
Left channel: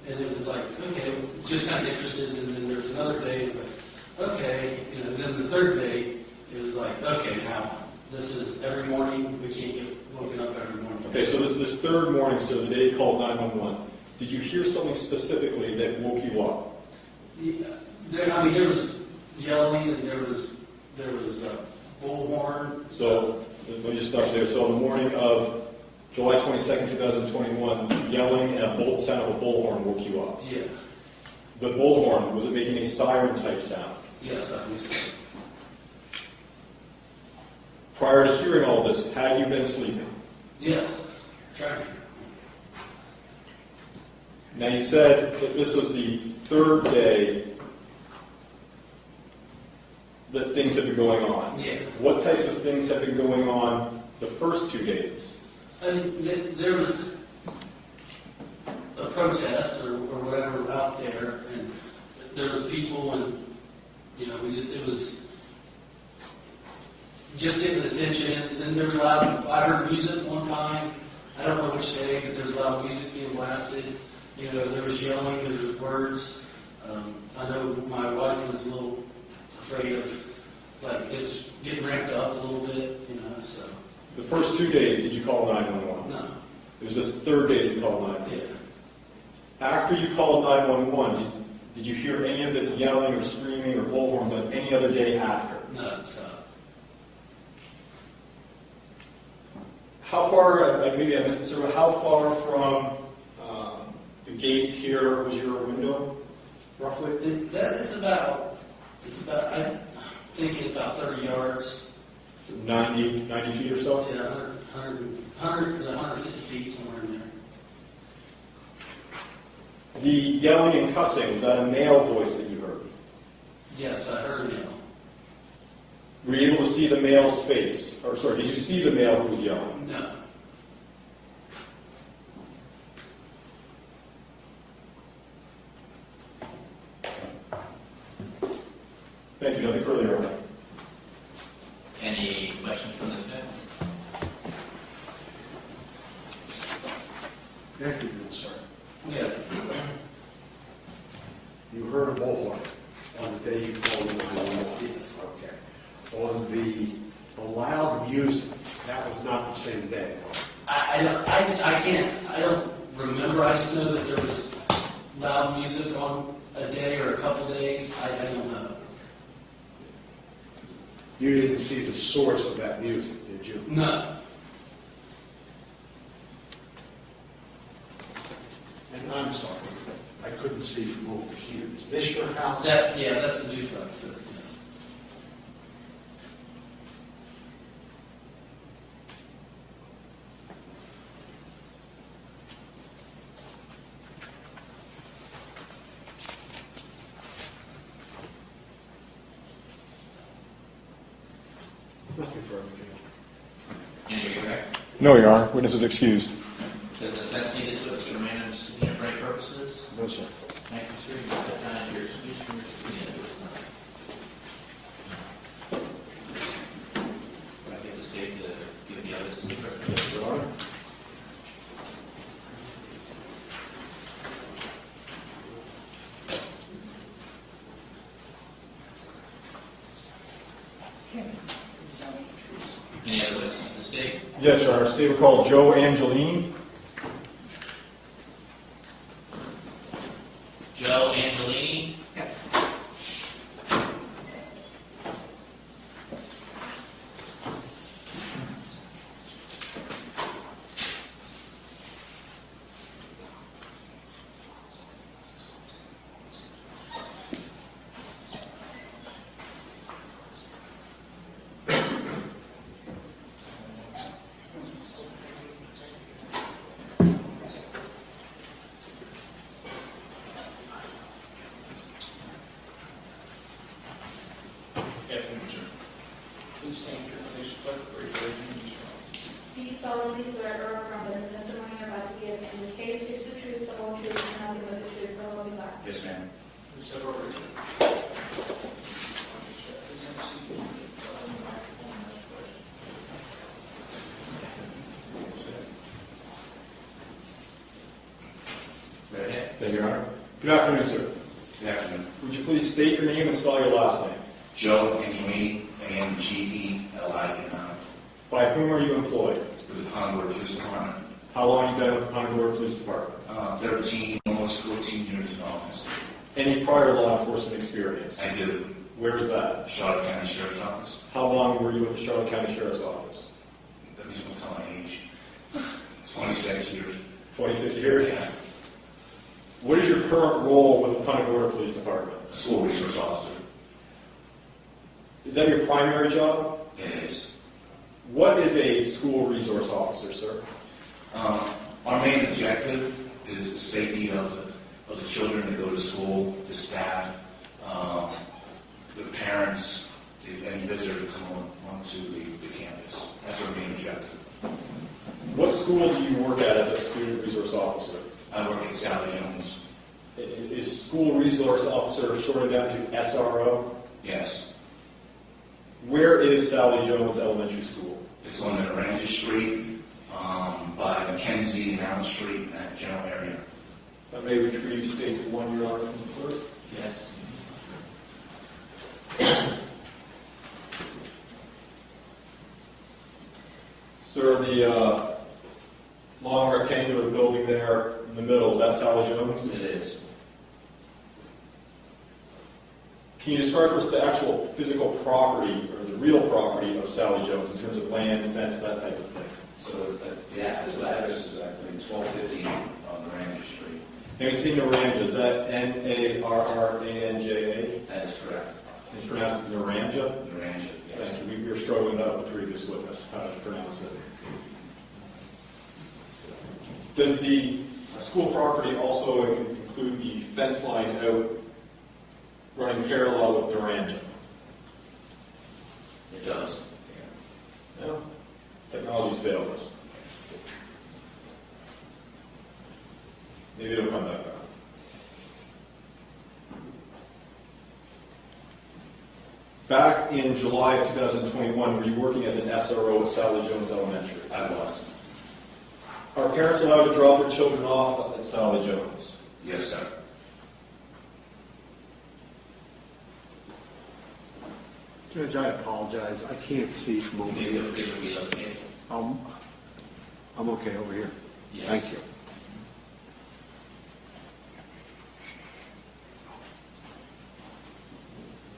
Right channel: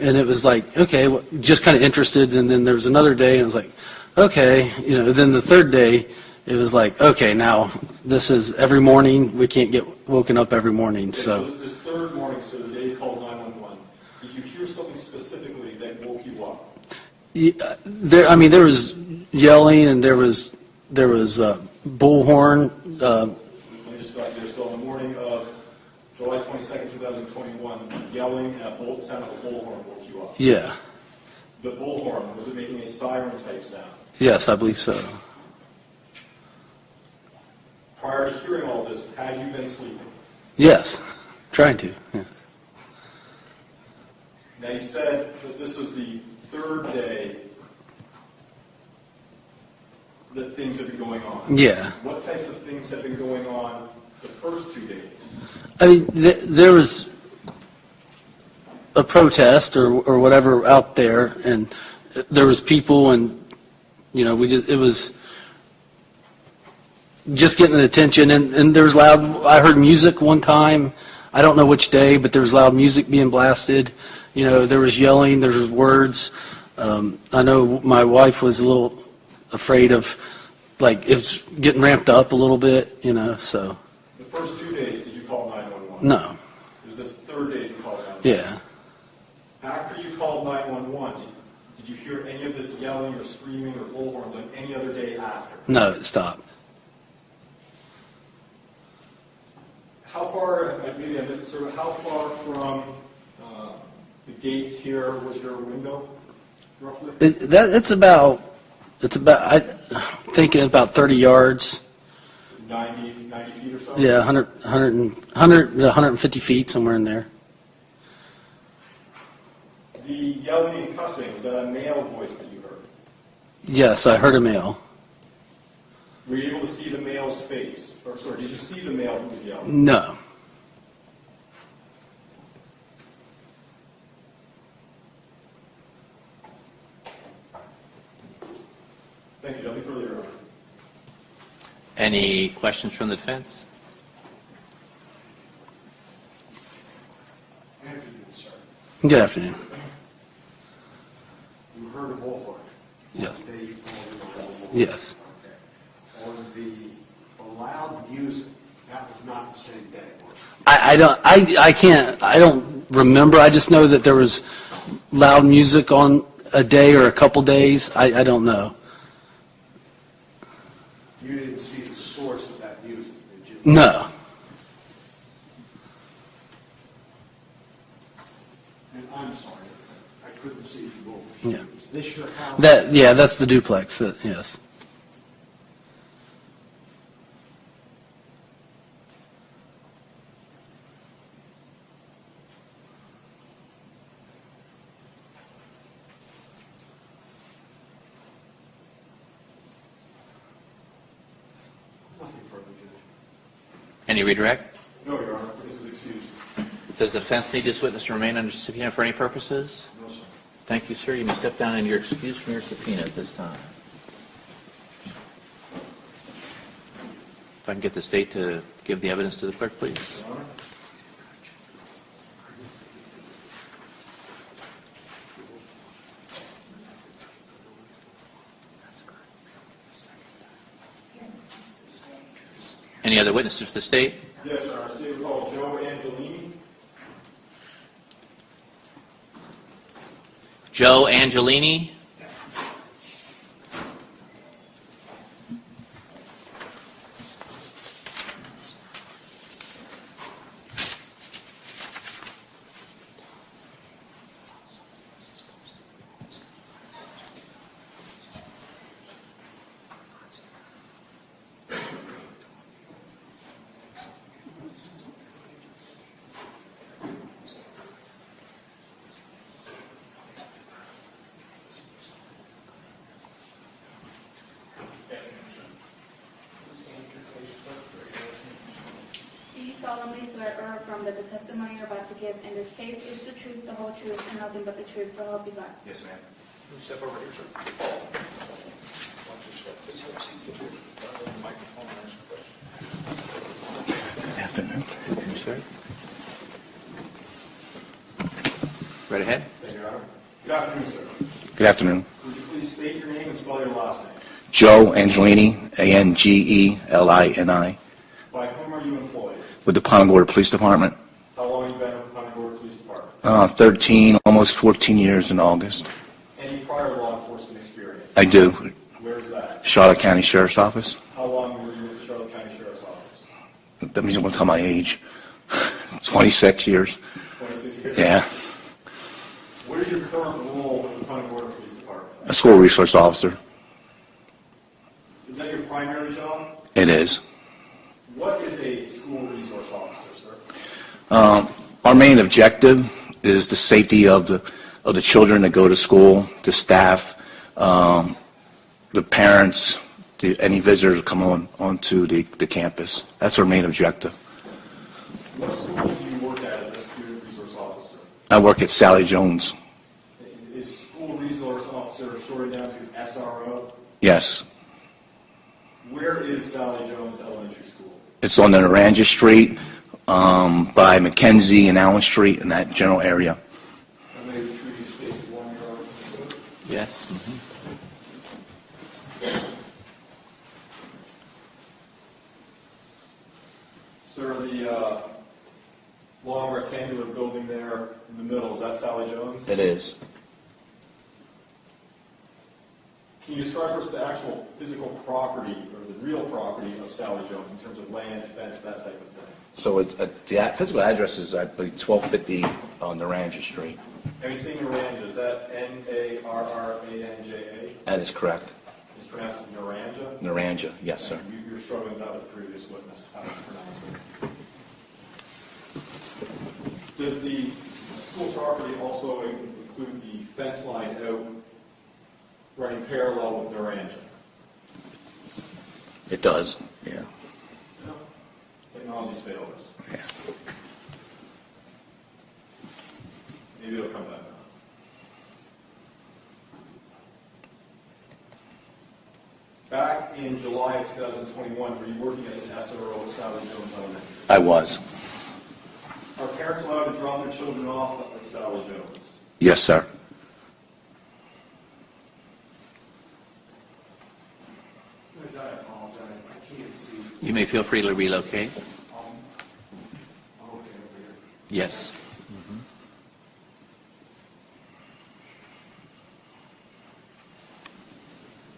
and it was like, okay, well, just kind of interested, and then there was another day, and it was like, okay, then the third day, it was like, okay, now this is every morning, we can't get woken up every morning. Okay, so this third morning, sir, the day you called 911, did you hear something specifically that woke you up? There was yelling, and there was bullhorn. We'll just stop there. So on the morning of July 22nd, 2021, yelling and a sound of a bullhorn woke you up? Yeah. The bullhorn, was it making a siren type sound? Yes, I believe so. Prior to hearing all this, had you been sleeping? Yes, trying to. Yeah. Now you said that this was the third day that things have been going on. Yeah. What types of things have been going on the first 2 days? I mean, there was a protest or whatever out there, and there was people, and it was just getting the attention, and there was loud. I heard music one time. I don't know which day, but there was loud music being blasted. There was yelling. There was words. I know my wife was a little afraid of, it's getting ramped up a little bit. So. The first 2 days, did you call 911? No. It was this third day you called 911? Yeah. After you called 911, did you hear any of this yelling or screaming or bullhorns on any other day after? No, it stopped. How far, maybe I missed this, but how far from the gates here was your window, roughly? It's about, I think about 30 yards. 90 feet or so? Yeah, 100 to 150 feet, somewhere in there. The yelling and cussing, was that a male voice that you heard? Yes, I heard a male. Were you able to see the male's face? Or sorry, did you see the male who was yelling? No. questions from the defense? Thank you, good sir. Good afternoon. You heard a bullhorn. Yes. The day you called in on the bullhorn. Yes. Okay. On the loud music, that was not the same day, was it? I don't remember. I just know that there was loud music on a day or a couple days. I don't know. You didn't see the source of that music, did you? No. And I'm sorry, I couldn't see you move. Yeah. Is this your house? Yeah, that's the duplex. Yes. Nothing further, Judge. Any redirect? No, Your Honor. Witness is excused. Does the defense need this witness to remain under subpoena for any purposes? No, sir. Thank you, sir. You may step down and you're excused from your subpoena at this time. If I can get the state to give the evidence to the clerk, please. Your Honor. Any other witnesses to the state? Yes, Your Honor. State will call Joe Angelini. Joe Angelini? Do you solemnly swear or affirm that the testimony you're about to give in this case is the truth, the whole truth, and nothing but the truth, so help you God? Yes, ma'am. Sir. Right ahead. Thank you, Your Honor. Good afternoon, sir. Good afternoon. Would you please state your name and spell your last name? Joe Angelini, Angelini. By whom are you employed? With the Punta Police Department. How long have you been with the Punta Police Department? 13, almost 14 years in August. Any prior law enforcement experience? I do. Where is that? Charlotte County Sheriff's Office. How long were you with the Charlotte County Sheriff's Office? That means I'm going to tell my age. 26 years. 26 years? Yeah. What is your current role with the Punta Gorda Police Department? A school resource officer. Is that your primary job? It is. What is a school resource officer, sir? Our main objective is the safety of the children that go to school, the staff, the parents, any visitors that come onto the campus. That's our main objective. What school do you work at as a student resource officer? I work at Sally Jones. Is school resource officer shorted down to SRO? Yes. Where is Sally Jones Elementary School? It's on the Naranja Street, by Mackenzie and Allen Street in that general area. I may retrieve state's 1 year article for it. Yes. Sir, the long rectangular building there in the middle, is that Sally Jones? It is. Can you describe for us the actual physical property or the real property of Sally Jones in terms of land, fence, that type of thing? So the physical address is, I believe, 1250 on Naranja Street. Have you seen Naranja? Is that Narranja? That is correct. It's pronounced Naranja? Naranja, yes, sir. We were struggling with that with the previous witness, how to pronounce it. Does the school property also include the fence line out running parallel with Naranja? It does, yeah. Yeah. Technology's failed us. Yeah. Maybe it'll come back around. back in July of 2021, were you working as an SRO at Sally Jones Elementary? I was. Are parents allowed to drop their children off at Sally Jones? Yes, sir. Judge, I apologize. I can't see from over You may here. feel free to relocate. I'm okay over here. Yes. Thank you.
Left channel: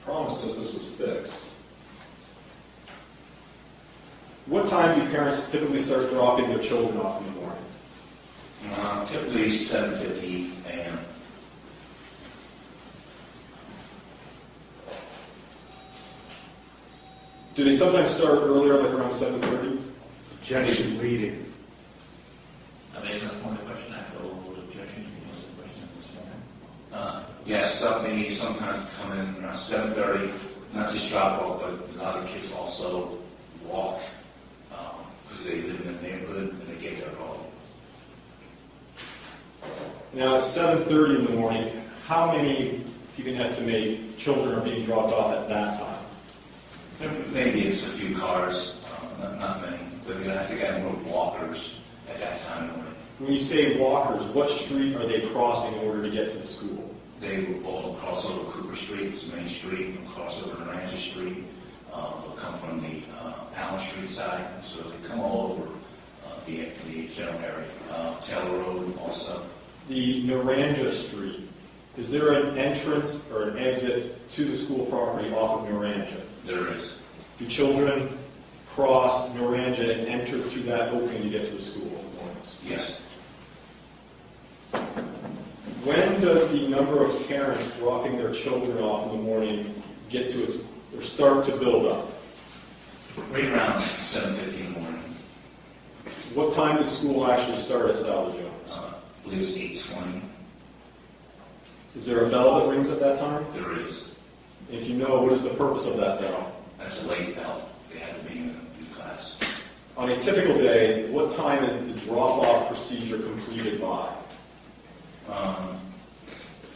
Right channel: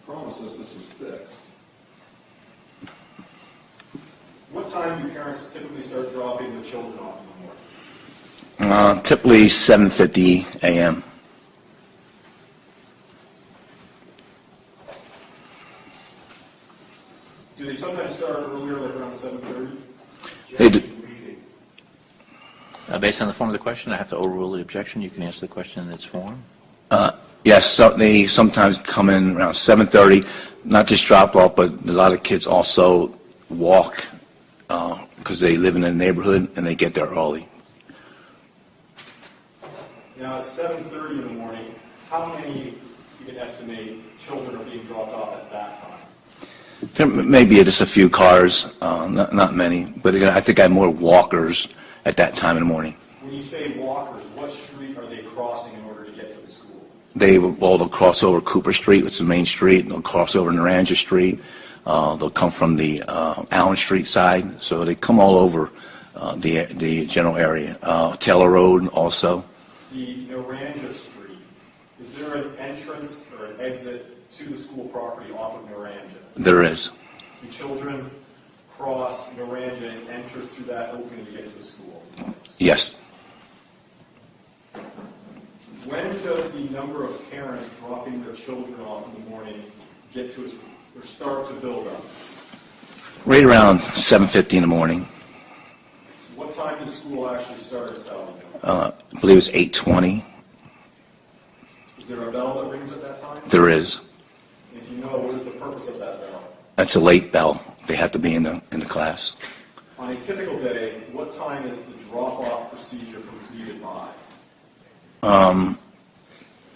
Promises this was fixed. What time do parents typically start dropping their children off in the morning? Typically 7:50 a.m. Do they sometimes start earlier, like around 7:30? Objection leading. Based on the form of the question, I have to overrule the objection. You can answer the question in its form. Yes, they sometimes come in around 7:30, not just drop off, but a lot of kids also walk because they live in a neighborhood and they get there early. Now, at 7:30 in the morning, how many, you can estimate, children are being dropped off at that time? There may be just a few cars, not many, but again, I think I have more walkers at that time in the morning. When you say walkers, what street are they crossing in order to get to the school? They'll cross over Cooper Street, which is the main street. They'll cross over Naranja Street. They'll come from the Allen Street side. So they come all over the general area. Taylor Road also. The Naranja Street, is there an entrance or an exit to the school property off of Naranja? There is. Do children cross Naranja and enter through that opening to get to the school? Yes. When does the number of parents dropping their children off in the morning get to its, or start to build up? Right around 7:50 in the morning. What time does school actually start at Sally Jones? I believe it's 8:20. Is there a bell that rings at that time? There is. If you know, what is the purpose of that bell? That's a late bell. They have to be in the class. On a typical day, what time is the drop-off procedure completed by?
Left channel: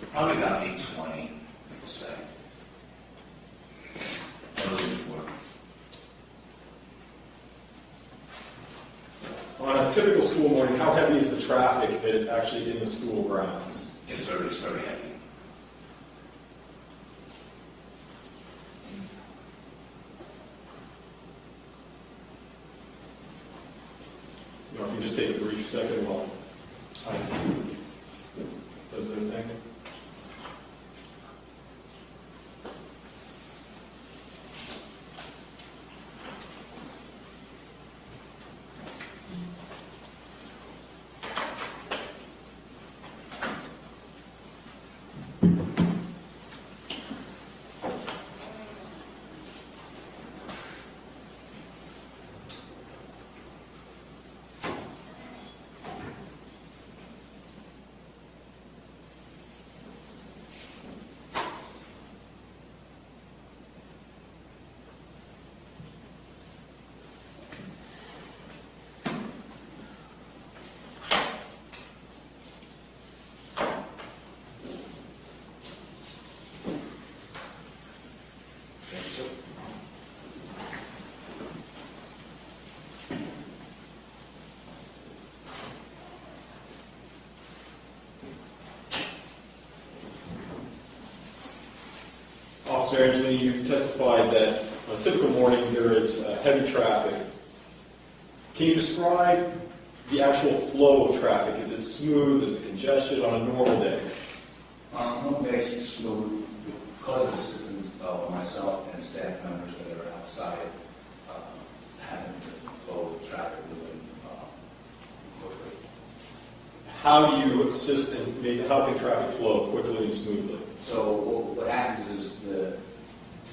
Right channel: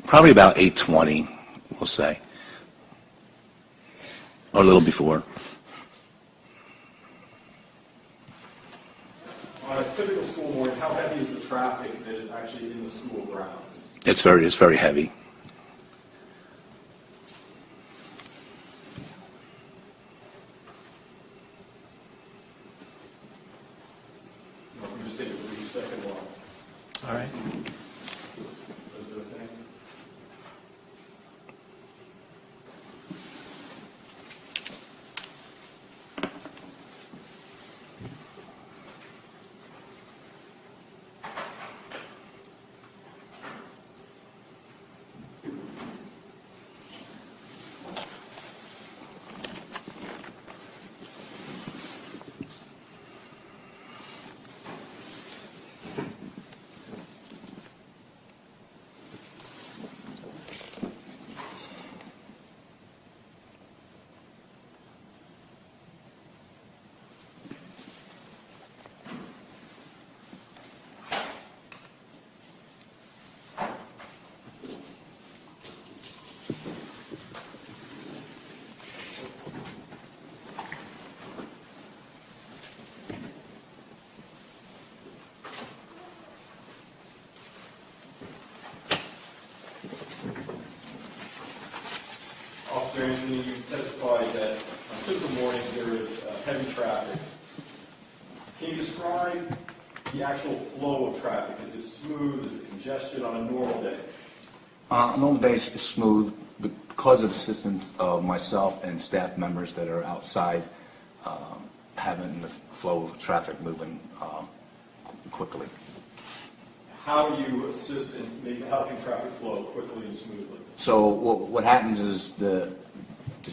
Probably about 8:20, we'll say, or a little before. On a typical school morning, how heavy is the traffic that is actually in the school grounds? It's very heavy. You know, if we just take a brief second while. All right. Does their thing. Officer Angelini, you testified that on a typical morning there is heavy traffic. Can you describe the actual flow of traffic? Is it smooth? Is it congested on a normal day? Normal day is smooth because of the assistance of myself and staff members that are outside having the flow of the traffic moving quickly. How do you assist in how can traffic flow quickly and smoothly? So what happens is the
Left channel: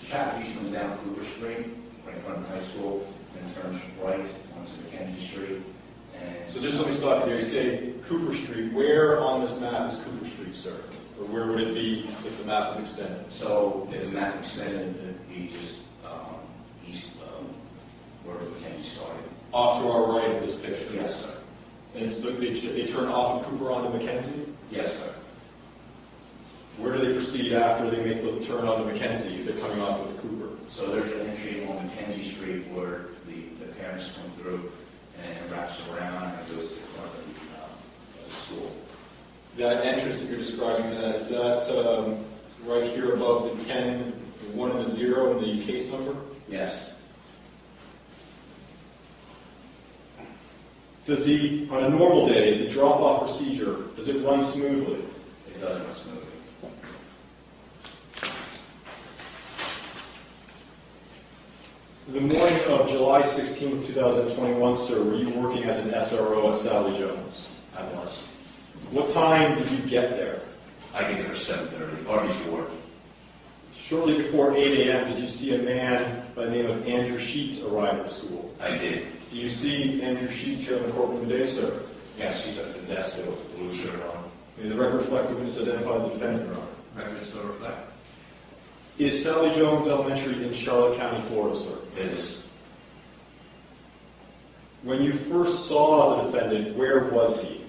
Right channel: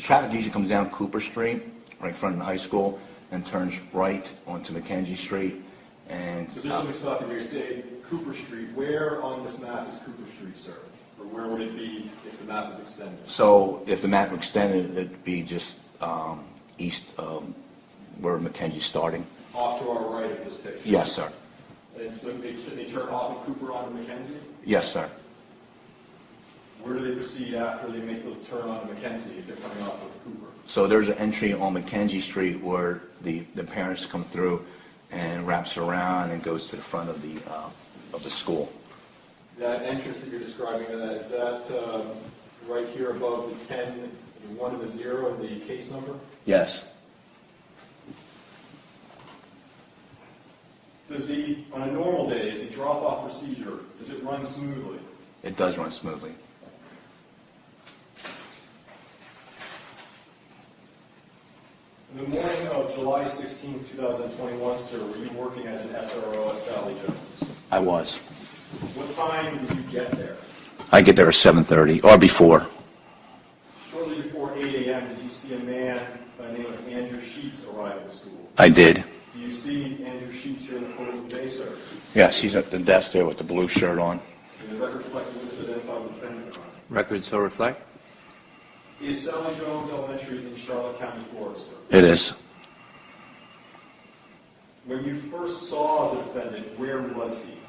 traffic usually comes down Cooper Street, right in front of the high school, and turns right onto Mackenzie Street. And So just let me stop you there. You say Cooper Street. Where on this map is Cooper Street, sir? Or where would it be if the map was extended? so if the map were extended, it'd be just east where Mackenzie's starting. Off to our right of this picture? Yes, sir. And it's they turn off of Cooper onto Mackenzie? Yes, sir. Where do they proceed after they make the turn onto Mackenzie if they're coming off of Cooper? So there's an entry on Mackenzie Street where the parents come through and wraps around and goes to the front of the school. That entrance that you're describing, is that right here above the 10, the 1 and the 0 and the case number? Yes. Does he, on a normal day, is the drop-off procedure, does it run smoothly? It does run smoothly. The morning of July 16, 2021, sir, were you working as an SRO at Sally Jones? I was. What time did you get there? I get there at 7:30 or before. Shortly before 8 a.m., did you see a man by the name of Andrew Sheets arrive at the school? I did. Do you see Andrew Sheets here in the courtroom today, sir? Yes, he's at the desk there with the blue shirt on. May the record reflect that this identified the defendant, Your Honor. Record so reflect. Is Sally Jones Elementary in Charlotte County, Florida, sir? It is. When you first saw the defendant, where was he?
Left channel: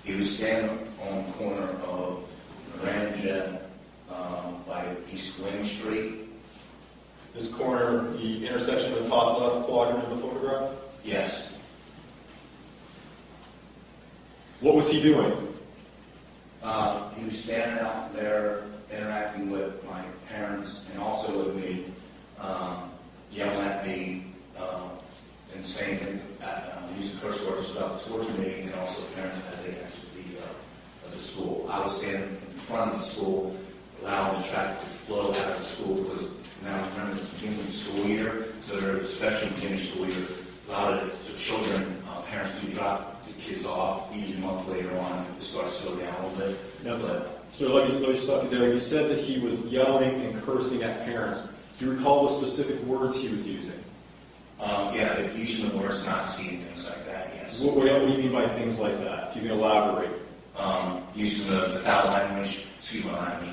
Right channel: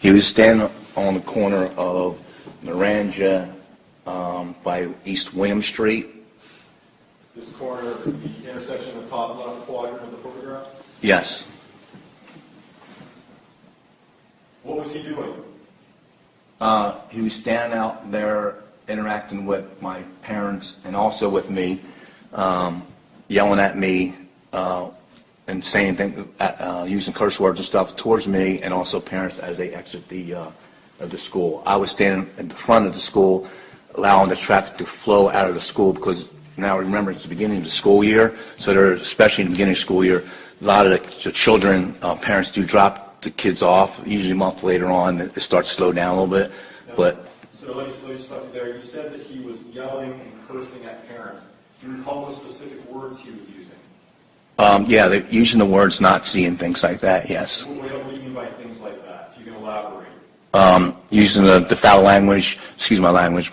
He was standing on the corner of Naranja by East William Street. This corner, the intersection of the top left quadrant of the photograph? Yes. What was he doing? He was standing out there interacting with my parents and also with me, yelling at me and saying things, using curse words and stuff towards me and also parents as they exit the school. I was standing at the front of the school, allowing the traffic to flow out of the school because now remember it's the beginning of the school year, so they're, especially in the beginning of the school year, a lot of the children, parents do drop the kids off. Usually a month later on, it starts to slow down a little bit. Now, But so let me stop you there. You said that he was yelling and cursing at parents. Do you recall the specific words he was using? yeah, they're using the words Nazi and things like that. Yes. What do you mean by things like that? If you can elaborate. Using the foul language, excuse my language,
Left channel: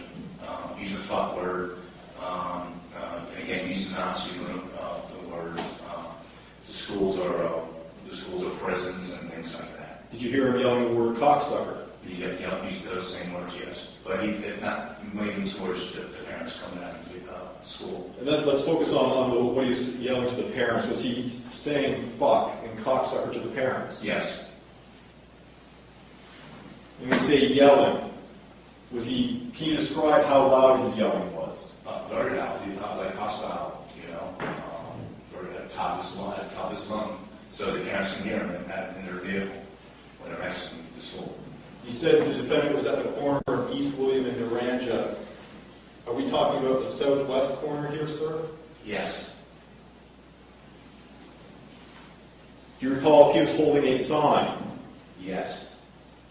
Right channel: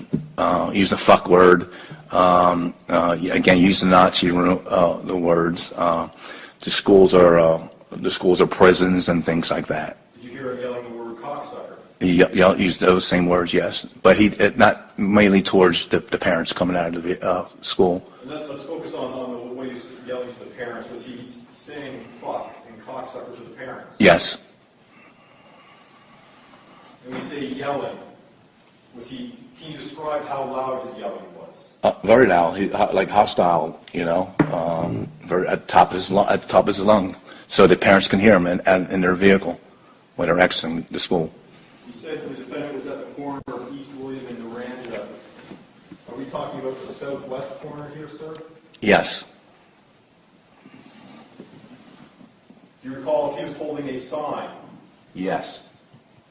using the fuck word, again, using Nazi the words. The schools are prisons and things like that. Did you hear him yelling the word cocksucker? He used those same words, yes, but not mainly towards the parents coming out of the school. And then let's focus on what he was yelling to the parents. Was he saying fuck and cocksucker to the parents? Yes. And we say yelling. Can you describe how loud his yelling was? Very loud, like hostile, very at the top of his lung, so the parents can hear him in their vehicle when they're exiting the school. You said the defendant was at the corner of East William and Naranja. Are we talking about the southwest corner here, sir? Yes. Do you recall if he was holding a sign? Yes.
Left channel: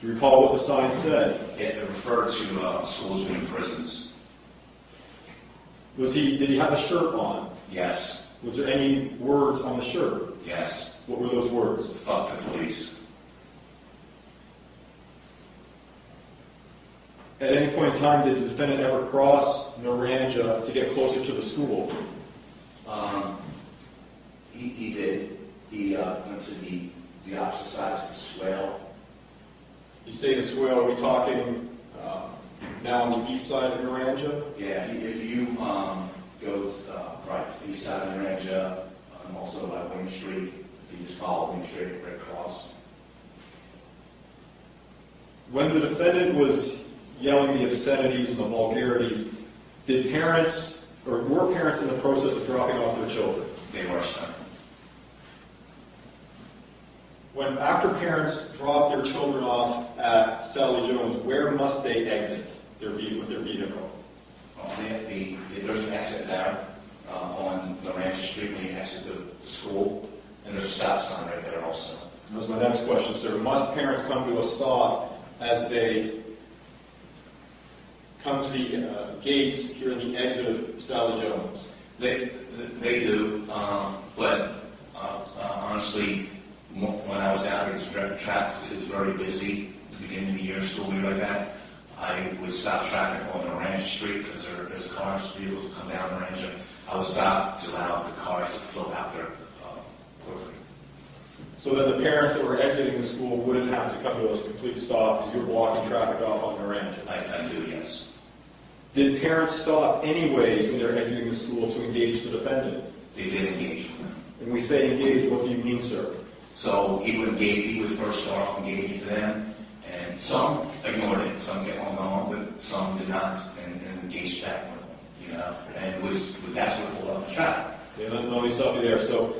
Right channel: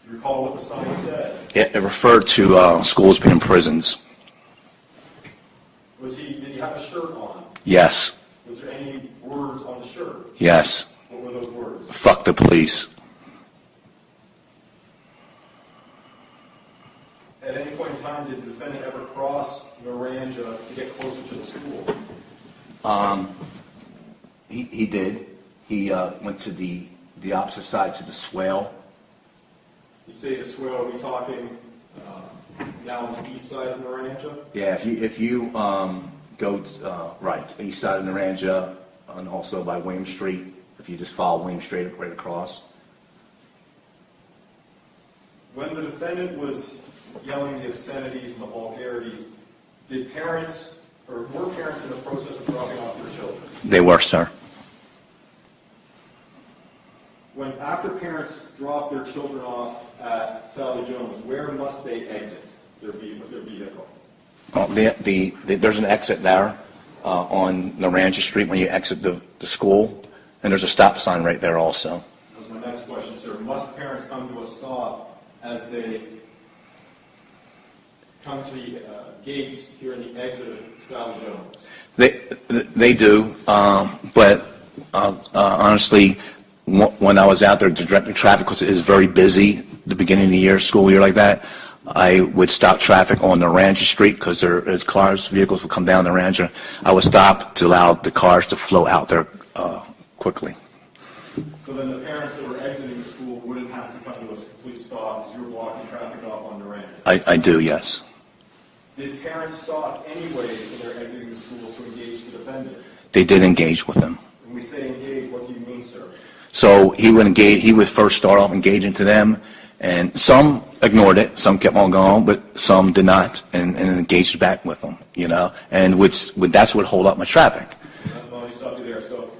Do you recall what the sign said? It referred to schools being prisons. Did he have a shirt on? Yes. Was there any words on the shirt? Yes. What were those words? Fuck the police. At any point in time, did the defendant ever cross Naranja to get closer to the school? He did. He went to the opposite side to the swale. You say the swale, are we talking now on the east side of Naranja? Yeah, if you go right, east side of Naranja, and also by William Street, if you just follow William Street right across. When the defendant was yelling the obscenities and the vulgarities, were parents in the process of dropping off their children? They were, sir. After parents drop their children off at Sally Jones, where must they exit with their vehicle? There's an exit there on Naranja Street when you exit the school, and there's a stop sign right there also. That was my next question, sir. Must parents come to a stop as they come to the gates here in the exit of Sally Jones? They do, but honestly, when I was out there directing traffic, because it is very busy at the beginning of the year, school year like that, I would stop traffic on Naranja Street because as vehicles would come down Naranja, I would stop to allow the cars to flow out there quickly. So that the parents that were exiting the school wouldn't have to come to a complete stop because you're blocking traffic off on Naranja? I do, yes. Did parents stop anyways when they're exiting the school to engage the defendant? They did engage with him. When we say engage, what do you mean, sir? So he would engage. He would first start off engaging to them, and some ignored it, some kept on going, but some did not, and engaged back with them. You know, and that's what hold up my traffic. Let me stop you there. So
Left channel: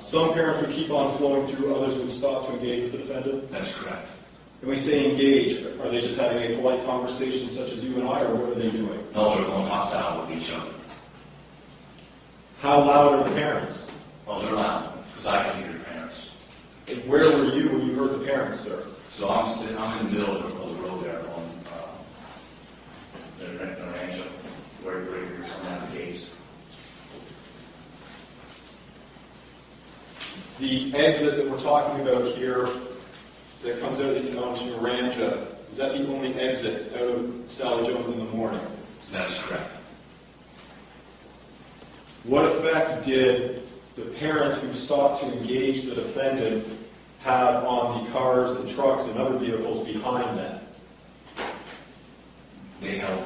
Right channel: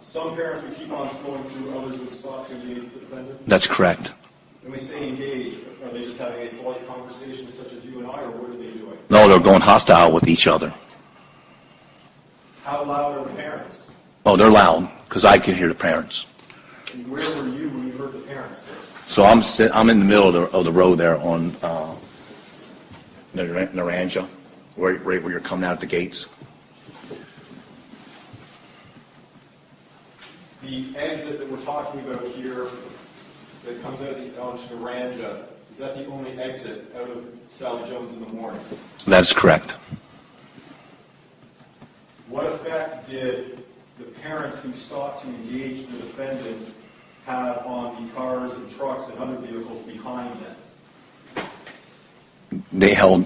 some parents would keep on flowing through, others would stop to engage with the defendant? That's correct. When we say engage, are they just having a polite conversation such as you and I, or what are they doing? No, they're going hostile with each other. How loud are the parents? Oh, they're loud, because I can hear the parents. And where were you when you heard the parents, sir? So I'm in the middle of the road there on Naranja, right where you're coming out of the gates. The exit that we're talking about here that comes out onto Naranja, is that the only exit out of Sally Jones in the morning? That's correct. What effect did the parents who stopped to engage the defendant have on the cars and trucks and other vehicles behind them? They held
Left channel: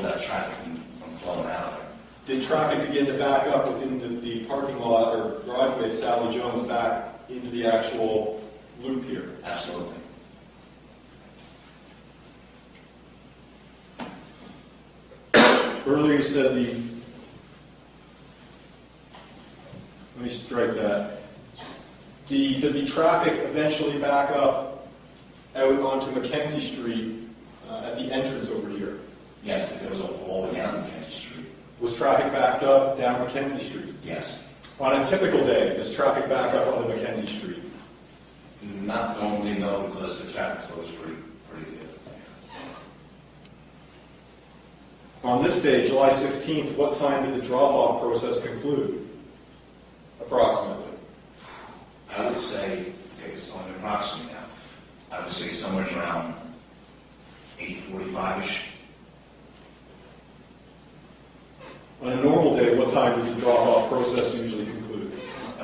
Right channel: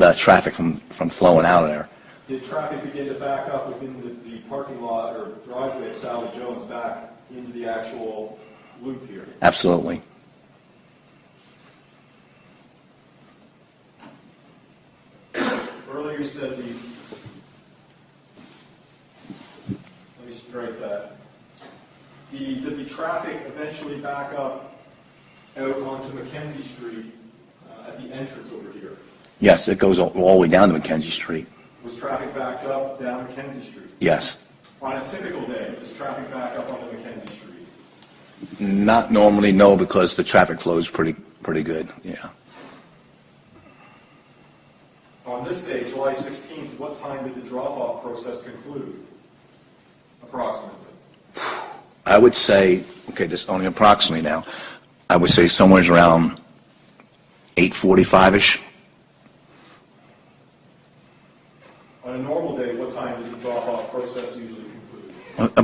that traffic from flowing out of there. Did traffic begin to back up within the parking lot or driveway of Sally Jones back into the actual loop here? Absolutely. Earlier you said let me strike that. Did the traffic eventually back up out onto Mackenzie Street at the entrance over here? Yes, it goes all the way down to Mackenzie Street. Was traffic backed up down Mackenzie Street? Yes. On a typical day, does traffic back up onto Mackenzie Street? Not normally, no, because the traffic flow is pretty good. Yeah. On this day, July 16th, what time did the drop-off process conclude? Approximately. I would say, okay, this is only approximately now. I would say somewhere around 8:45ish. On a normal day, what time does the drop-off process usually conclude?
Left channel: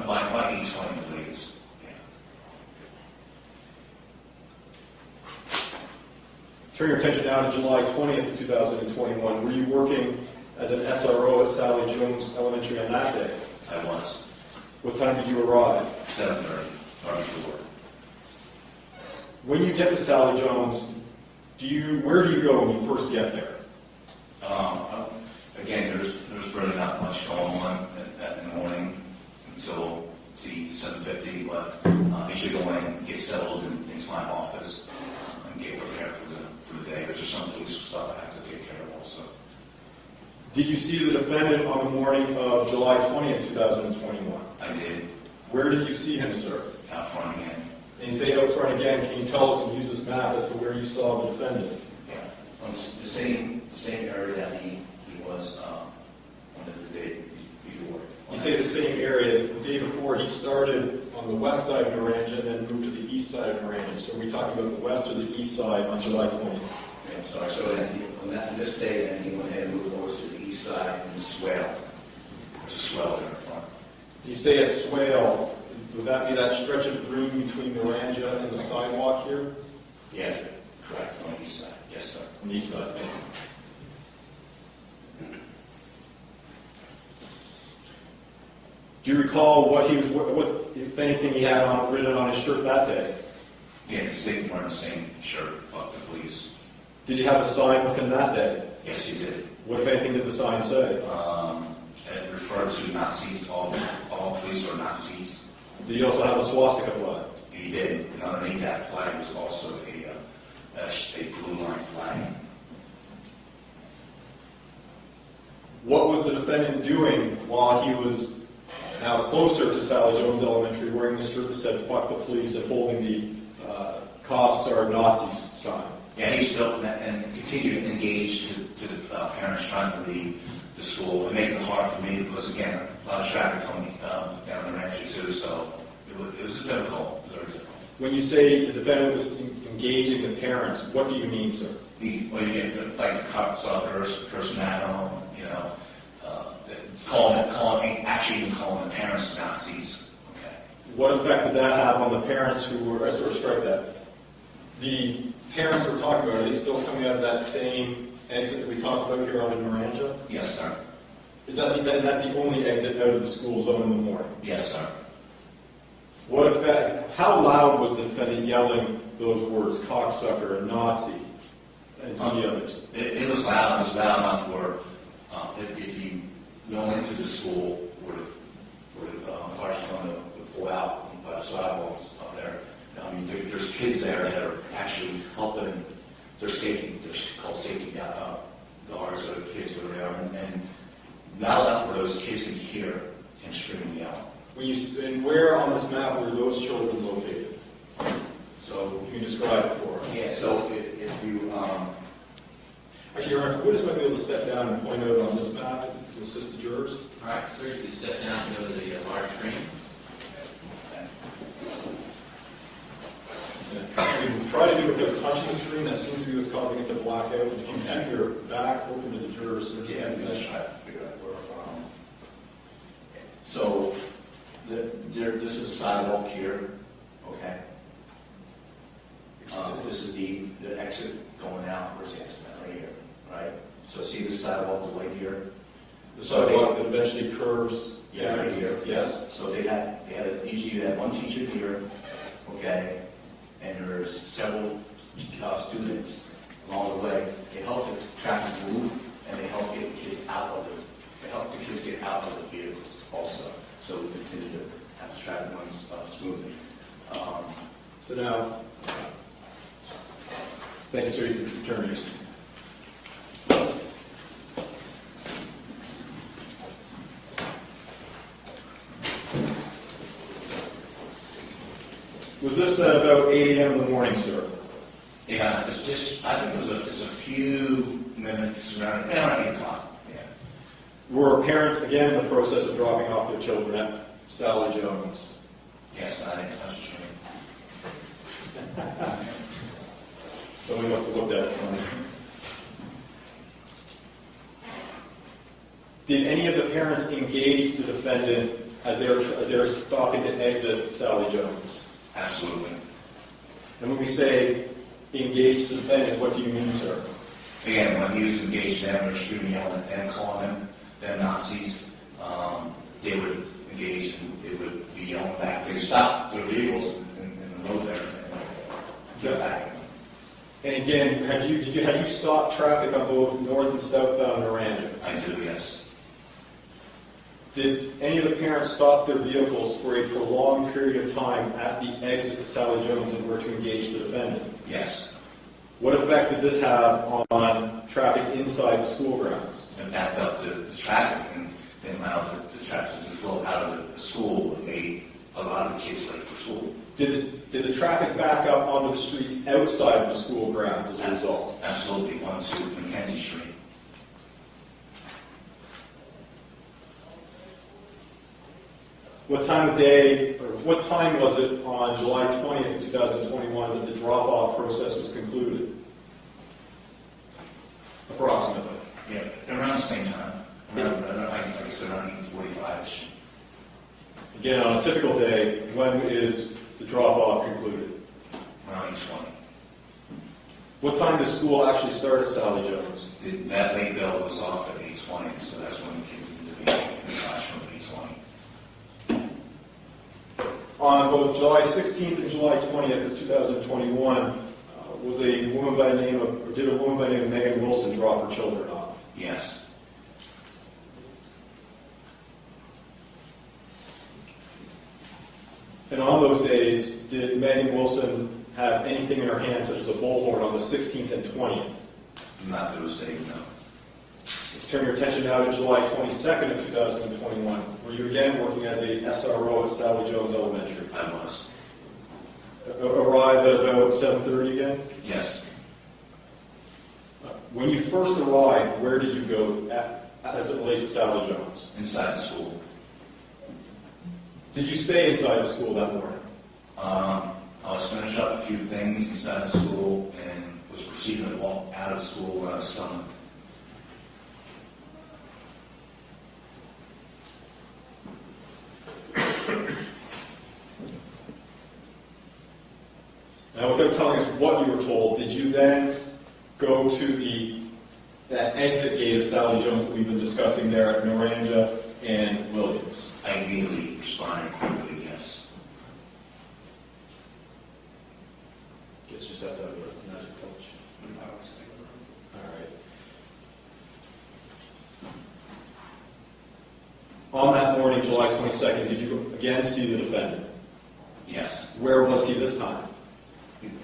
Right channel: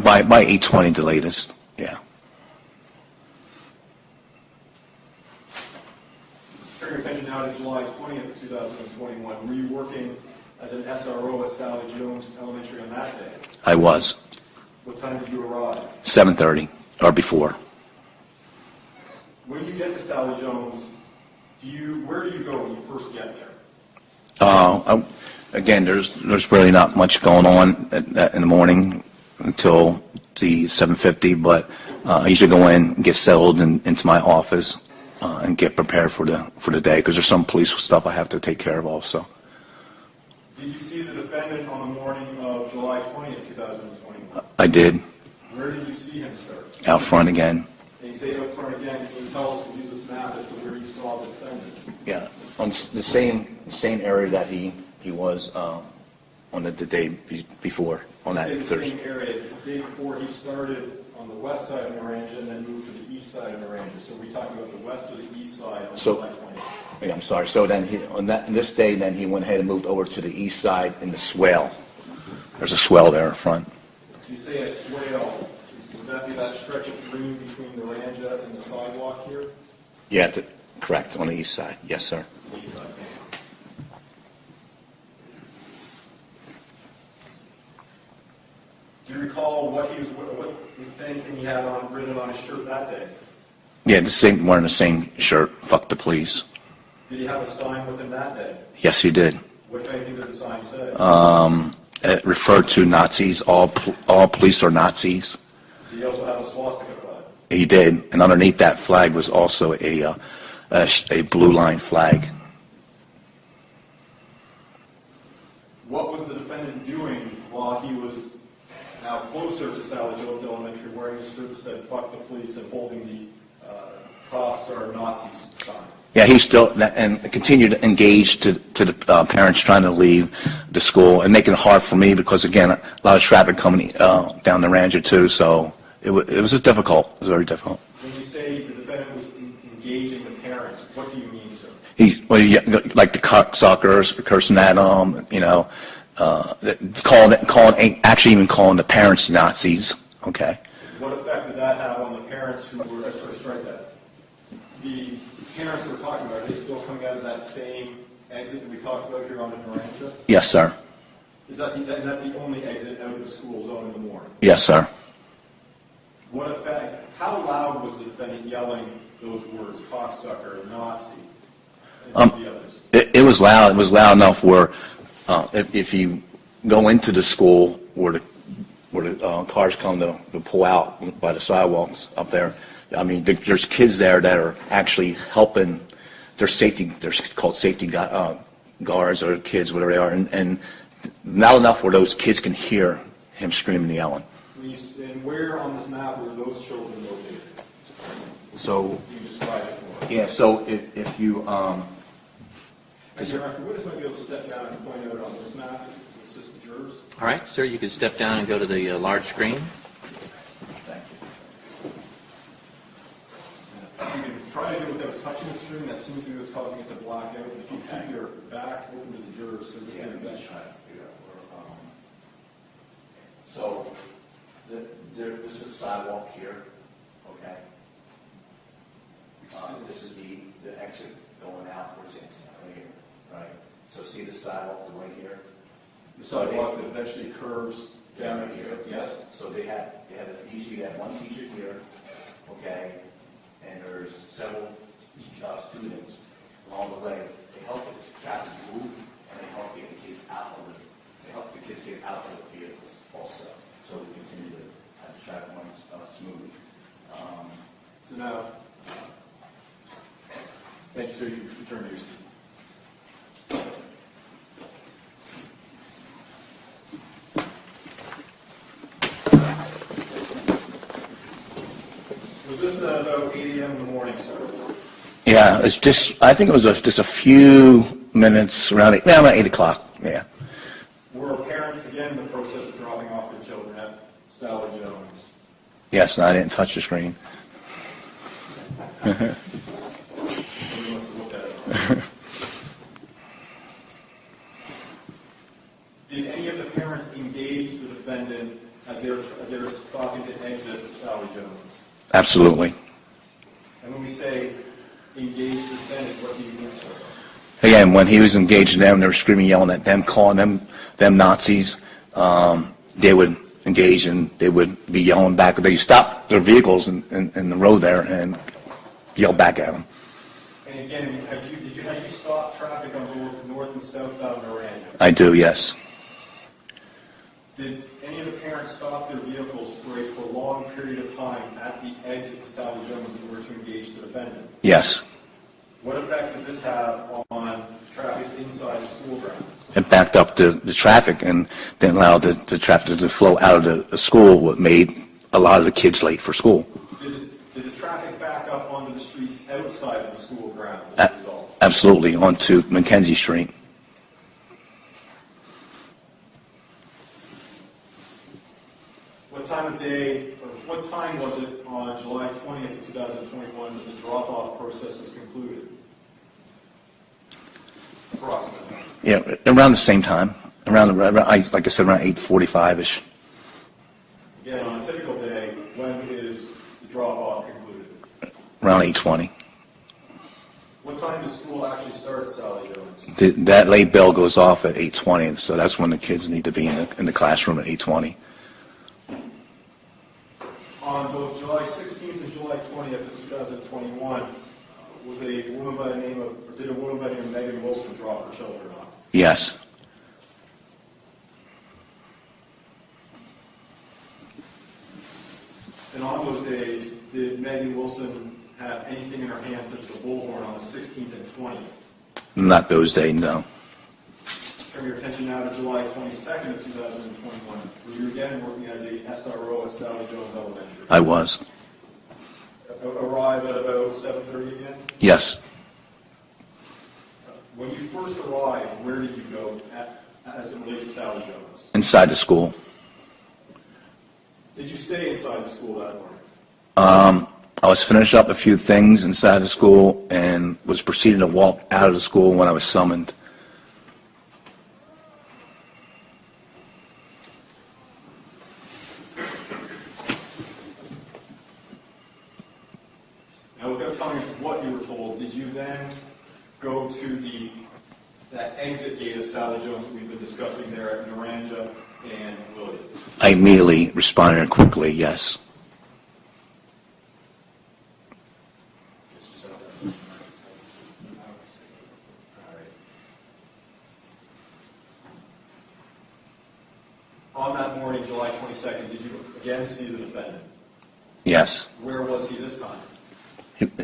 By 8:20 the latest. Yeah. Turn your attention now to July 20th, 2021. Were you working as an SRO at Sally Jones Elementary on that day? I was. What time did you arrive? 7:30 or before. When you get to Sally Jones, where do you go when you first get there? Again, there's really not much going on in the morning until the 7:50, but I usually go in and get settled into my office and get prepared for the day, because there's some police stuff I have to take care of also. Did you see the defendant on the morning of July 20th, 2021? I did. Where did you see him, sir? Out front again. And you say out front again. Can you tell us and use this map as to where you saw the defendant? Yeah, on the same area that he was on the day before. On You that say the Thursday. same area. The day before, he started on the west side of Naranja and then moved to the east side of Naranja. So are we talking about the west or the east side on July 20th? Yeah, I'm sorry. So then on this day, then he went ahead and moved over to the east side in the swale. There's a swale there in front. You say a swale. Would that be that stretch of green between Naranja and the sidewalk here? Yeah, correct, on the east side. Yes, sir. On the east side. Do you recall what if anything, he had written on his shirt that day? Yeah, wearing the same shirt. Fuck the police. Did he have a sign within that day? Yes, he did. What, if anything, did the sign say? It referred to Nazis. All police are Nazis. Did he also have a swastika flag? He did, and underneath that flag was also a blue line flag. What was the defendant doing while he was now closer to Sally Jones Elementary, wearing the shirt that said "fuck the police" and holding the "cops are Nazis" sign? Yeah, he still and continued to engage to the parents trying to leave the school and making it hard for me because again a lot of traffic coming down the Ranger too, so it was just difficult. It was very difficult. When you say the defendant was engaging the parents, what do you mean, sir? He like the cocksuckers, cursing at them, actually even calling the parents Nazis. Okay. What effect did that have on the parents who were? Strike that. The parents we're talking about, are they still coming out of that same exit that we talked about here on in Naranja? Yes, sir. Is that and that's the only exit out of the school zone in the morning? Yes, sir. What effect, how loud was the defendant yelling those words, cocksucker, Nazi, and the others? It was loud. It was loud enough where if you go into the school where the cars come to pull out by the sidewalks up there, I mean, there's kids there that are actually helping. They're called safety guards or kids, whatever they are, and not enough where those kids can hear him screaming and yelling. And where on this map were those children located? So you can describe it for us. Yeah. So if you Actually, Your Honor, if the witness might be able to step down and point out on this map to assist the jurors. All right, sir, you can step down and go to the large screen. You can try to do it without touching the screen. That seems to be what's causing it to black out. If you keep your back open to the jurors, Yeah, let's try to figure out where. So, this is the sidewalk here, okay? This is the exit going out. Where's the exit? Right here, right? So see the sidewalk right here? The sidewalk that eventually curves Yeah, right here. Yes. So usually you have one teacher here, okay? And there's several students along the way. They help the traffic move, and they help get the kids out of the vehicles also. So we continue to have the traffic run smoothly. So now, thank you, sir. You can return your seat. Was this about 8 a.m. in the morning, sir? Yeah, it's just. I think it was just a few minutes around 8 o'clock. Yeah. Were parents again in the process of dropping off their children at Sally Jones? Yes, and I didn't touch the screen. Someone must have looked at it. Did any of the parents engage the defendant as they were stopping to exit Sally Jones? Absolutely. And when we say engage the defendant, what do you mean, sir? Again, when he was engaging them, they were screaming, yelling at them, calling them Nazis. They would engage and they would be yelling back. They stopped their vehicles in the road there and yell back at them. And again, had you stopped traffic on both north and southbound Naranja? I do, yes. Did any of the parents stop their vehicles for a prolonged period of time at the exit to Sally Jones in order to engage the defendant? Yes. What effect did this have on traffic inside the school grounds? It backed up the traffic and then allowed the traffic to flow out of the school, what made a lot of the kids late for school. Did the traffic back up onto the streets outside of the school grounds as a result? Absolutely, onto Mackenzie Street. What time of day, or what time was it on July 20th, 2021 that the drop-off process was concluded? Approximately. Yeah, around the same time. Like I said, around 8:45-ish. Again, on a typical day, when is the drop-off concluded? Around 8:20. What time does school actually start at Sally Jones? That late bell goes off at 8:20, so that's when the kids need to be in the classroom at 8:20. On both July 16th and July 20th of 2021, did a woman by the name of Megan Wilson drop her children off? Yes. And on those days, did Megan Wilson have anything in her hand, such as a bullhorn, on the 16th and 20th? Not those days, no. Let's turn your attention now to July 22nd of 2021. Were you again working as a SRO at Sally Jones Elementary? I was. Arrived at about 7:30 again? Yes. When you first arrived, where did you go as it relates to Sally Jones? Inside the school. Did you stay inside the school that morning? I was finishing up a few things inside the school and was proceeding to walk out of the school when I was summoned. Now, without telling us what you were told, did you then go to the that exit gate of Sally Jones that we've been discussing there at Naranja and Williams? I immediately responded quickly, yes. Guess just have that with all right. On that morning, July 22nd, did you again see the defendant? Yes. Where was he this time?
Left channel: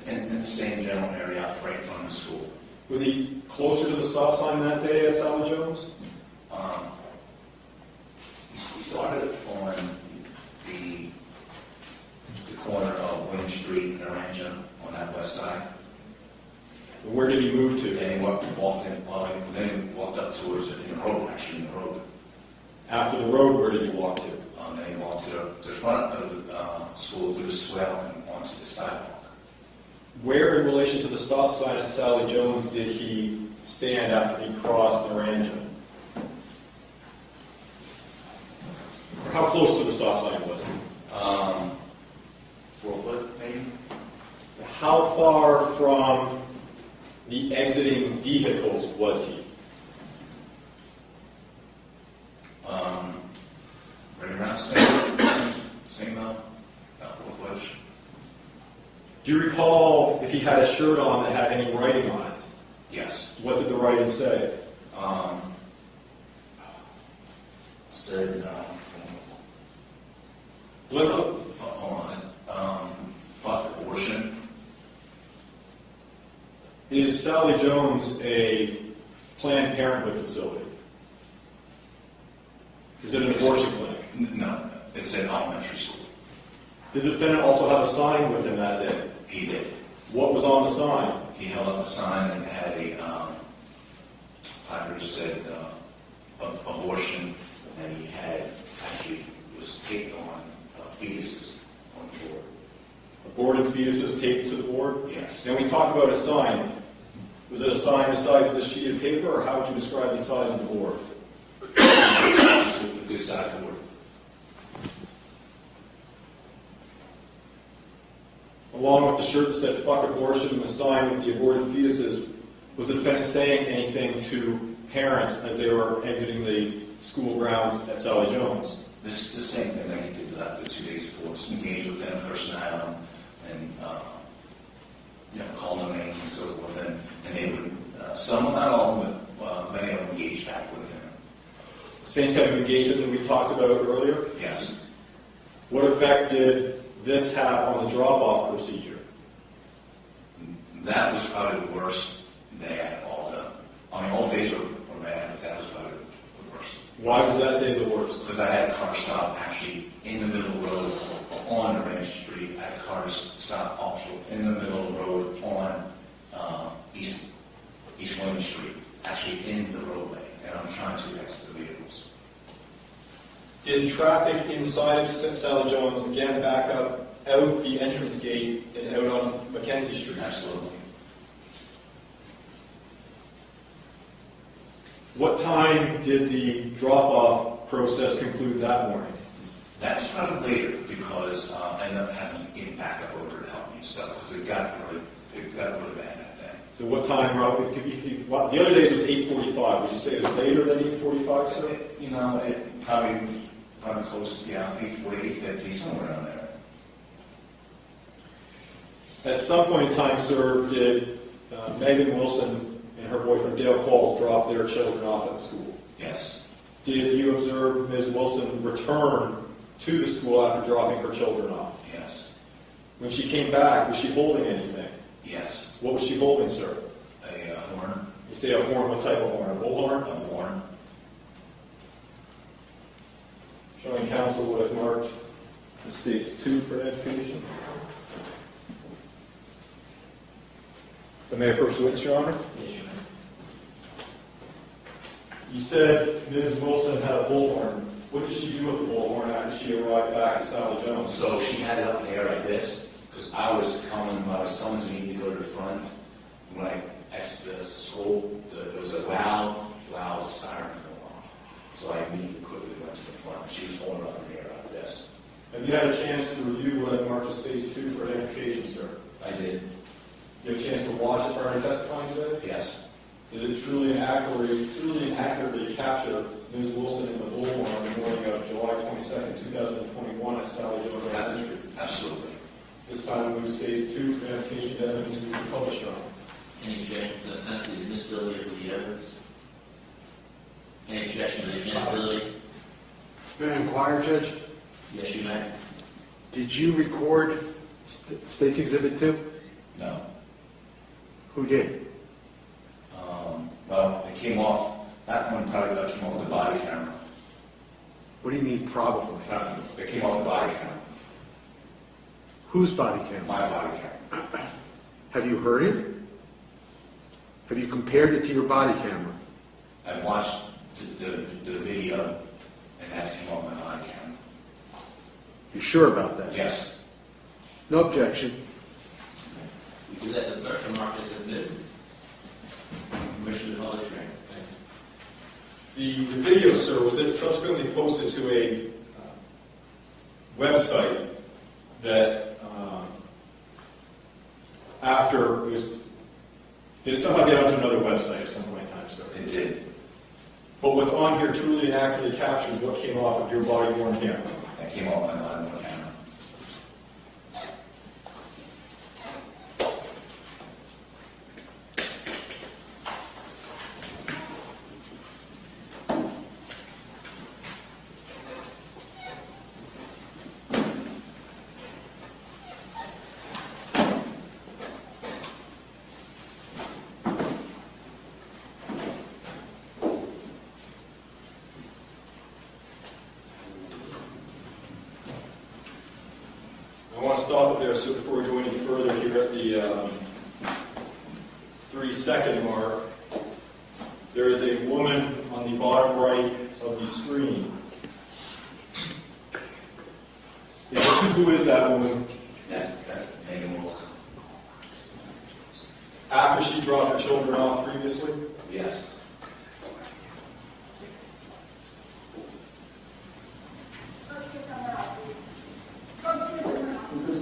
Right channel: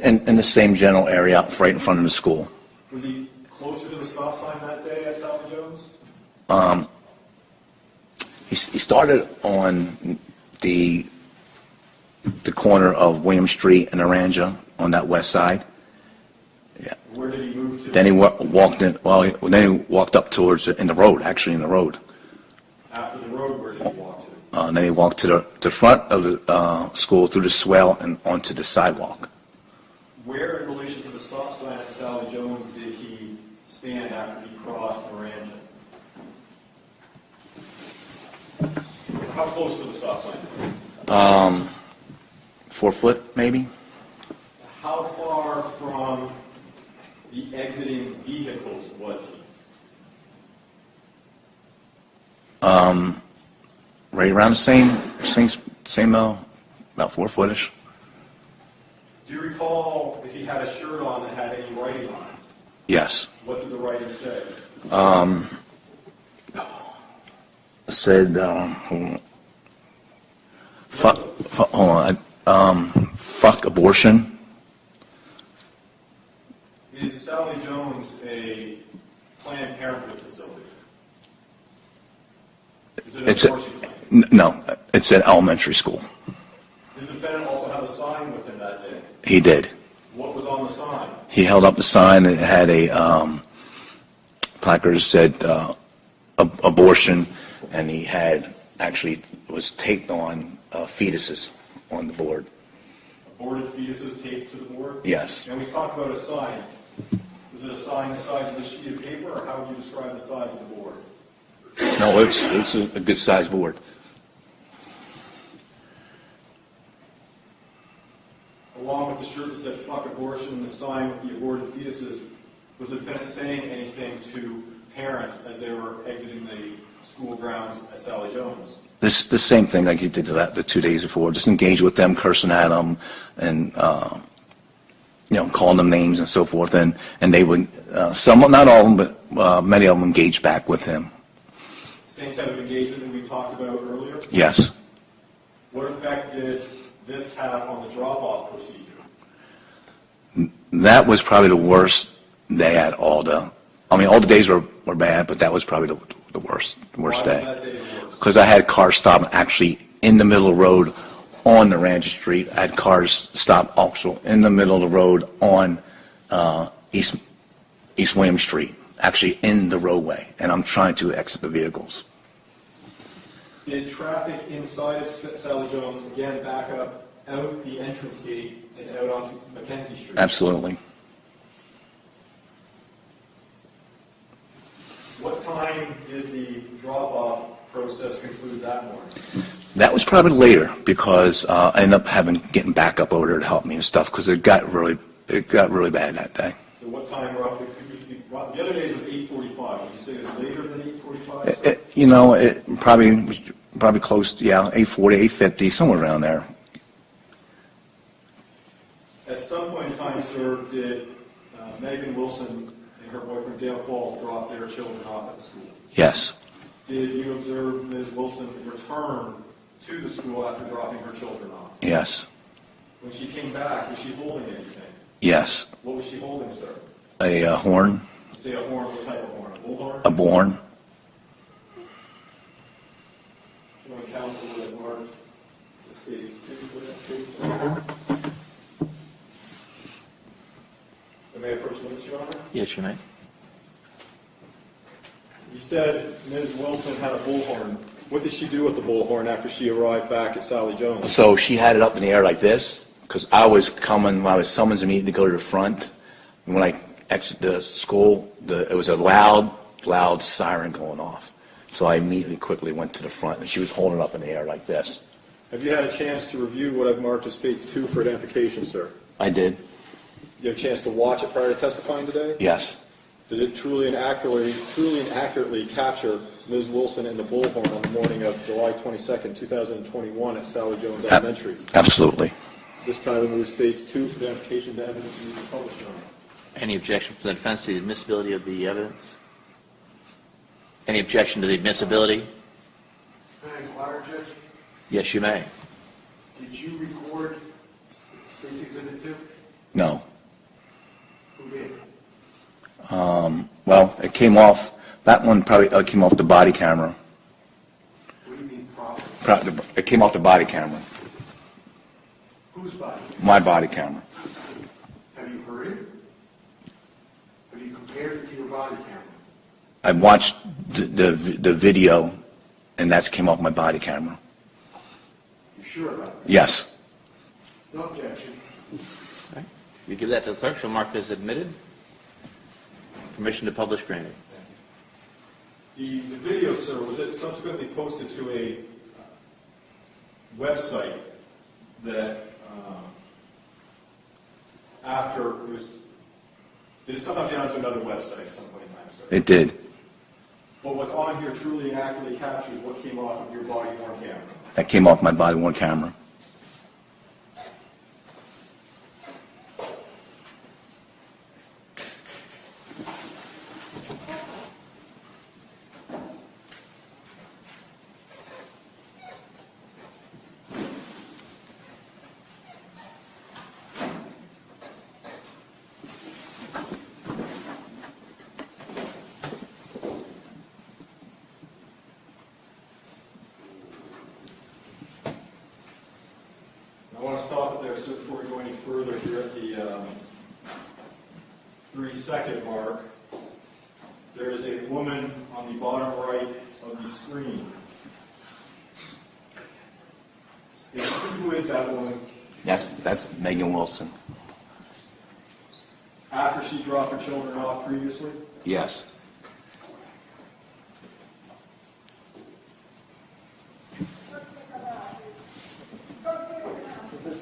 In the same general area, right in front of the school. Was he closer to the stop sign that day at Sally Jones? He started on the corner of William Street and Naranja on that west side. Yeah. Where did he move to? Then he walked in. Well, then he walked up towards in the road. Actually, in the road. After the road, where did he walk to? Then he walked to the front of the school through the swale and onto the sidewalk. Where in relation to the stop sign at Sally Jones did he stand after he crossed Naranja? How close to the stop sign was he? 4 foot, maybe. How far from the exiting vehicles was he? Right around the same about 4 footish. Do you recall if he had a shirt on that had any writing on it? Yes. What did the writing say? It said, fuck abortion. Is Sally Jones a Planned Parenthood facility? Is it an abortion clinic? No, it's an elementary school. Did the defendant also have a sign with him that day? He did. What was on the sign? He held up the sign and it had a placard that said abortion, and he had actually was taped on fetuses on the board. Aborted fetuses taped to the board? Yes. Now we talk about a sign. Was it a sign the size of the sheet of paper, or how would you describe the size of the board? No, it's a good sized board. Along with the shirt that said fuck abortion and the sign with the aborted fetuses, was the defendant saying anything to parents as they were exiting the school grounds at Sally Jones? The same thing like he did the 2 days before, just engage with them, cursing at them, and calling them names and so forth, and they would, some, not all of them, but many of them engaged back with him. Same type of engagement that we talked about earlier? Yes. What effect did this have on the drop-off procedure? That was probably the worst day at all the days were bad, but that was probably the worst day. Why was that day the worst? Because I had cars stop actually in the middle of the road on the Ranch Street. I had cars stop also in the middle of the road on East William Street, actually in the roadway, and I'm trying to exit the vehicles. Did traffic inside of Sally Jones again back up out the entrance gate and out on Mackenzie Street? Absolutely. What time did the drop-off process conclude that morning? That was probably later because I ended up getting back up over there to help me and stuff because it got really bad that day. So what time roughly? The other days was 8:45. Would you say it was later than 8:45? It probably close to 8:40, 8:50, somewhere around there. At some point in time, sir, did Megan Wilson and her boyfriend Dale Qualls drop their children off at school? Yes. Did you observe Ms. Wilson return to the school after dropping her children off? Yes. When she came back, was she holding anything? Yes. What was she holding, sir? A horn. You say a horn, what type of horn? A bullhorn? A horn. Showing counsel what it marked the states 2 for education. May I approach the witness, Your Honor? Yes, you may. You said Ms. Wilson had a bullhorn. What did she do with the bullhorn after she arrived back at Sally Jones? So she had it up in the air like this because I was summoned me to go to the front. And when I exited the school, it was a loud siren going off. So I immediately quickly went to the front, and she was holding it up in the air like this. Have you had a chance to review what I've marked as states 2 for identification, sir? I did. You have a chance to watch it prior to testifying today? Yes. Did it truly and accurately capture Ms. Wilson in the bullhorn on the morning of July 22nd, 2021 at Sally Jones Elementary? Absolutely. This time the move states 2 for identification of evidence to be published on. Any objection to the defense to the admissibility of the evidence? Any objection to the admissibility? May I inquire, Judge? Yes, you may. Did you record State's Exhibit 2? No. Who did? Well, it came off, that one probably came off the body camera. What do you mean probably? It came off the body camera, Whose body camera? my body camera. Have you heard it? Have you compared it to your body camera? I watched the video, and that came off my body camera. You sure about that? Yes. No objection. You give that to the clerk, she'll mark as admitted. Permission to publish granted. The video, sir, was it subsequently posted to a website that after it was, did it somehow get onto another website at some point in time, sir? It did. But what's on here truly and accurately captures what came off of your body-worn camera. That came off my body-worn camera. I want to stop it there, so before we go any further, here at the 3-second mark, there is a woman on the bottom right of the screen. Who is that woman? That's Megan Wilson. After she dropped her children off previously? Yes.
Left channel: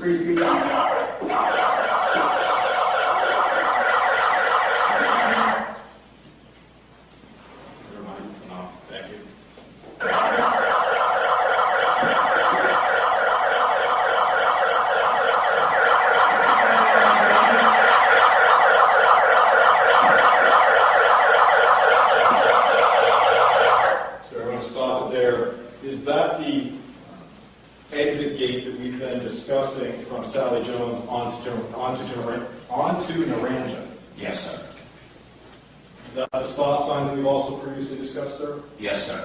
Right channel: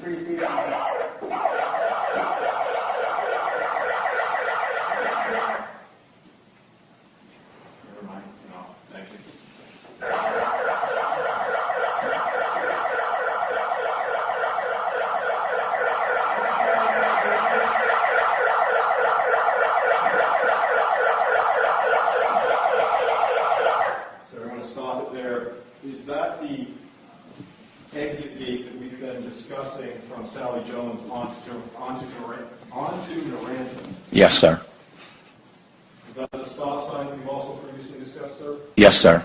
Never mind. No, thank you. So I'm going to stop it there. Is that the exit gate that we've been discussing from Sally Jones onto Naranja? Yes, sir. Is that the stop sign that we've also previously discussed, sir? Yes, sir.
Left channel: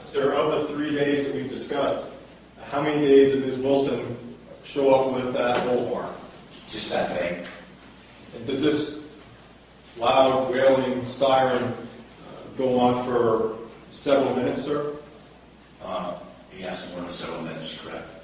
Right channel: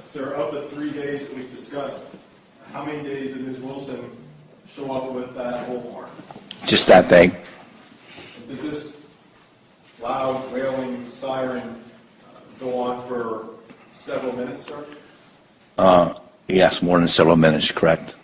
Sir, of the 3 days that we've discussed, how many days did Ms. Wilson show up with that bullhorn? Just that day. And does this loud, wailing siren go on for several minutes, sir? Yes, more than several minutes, correct.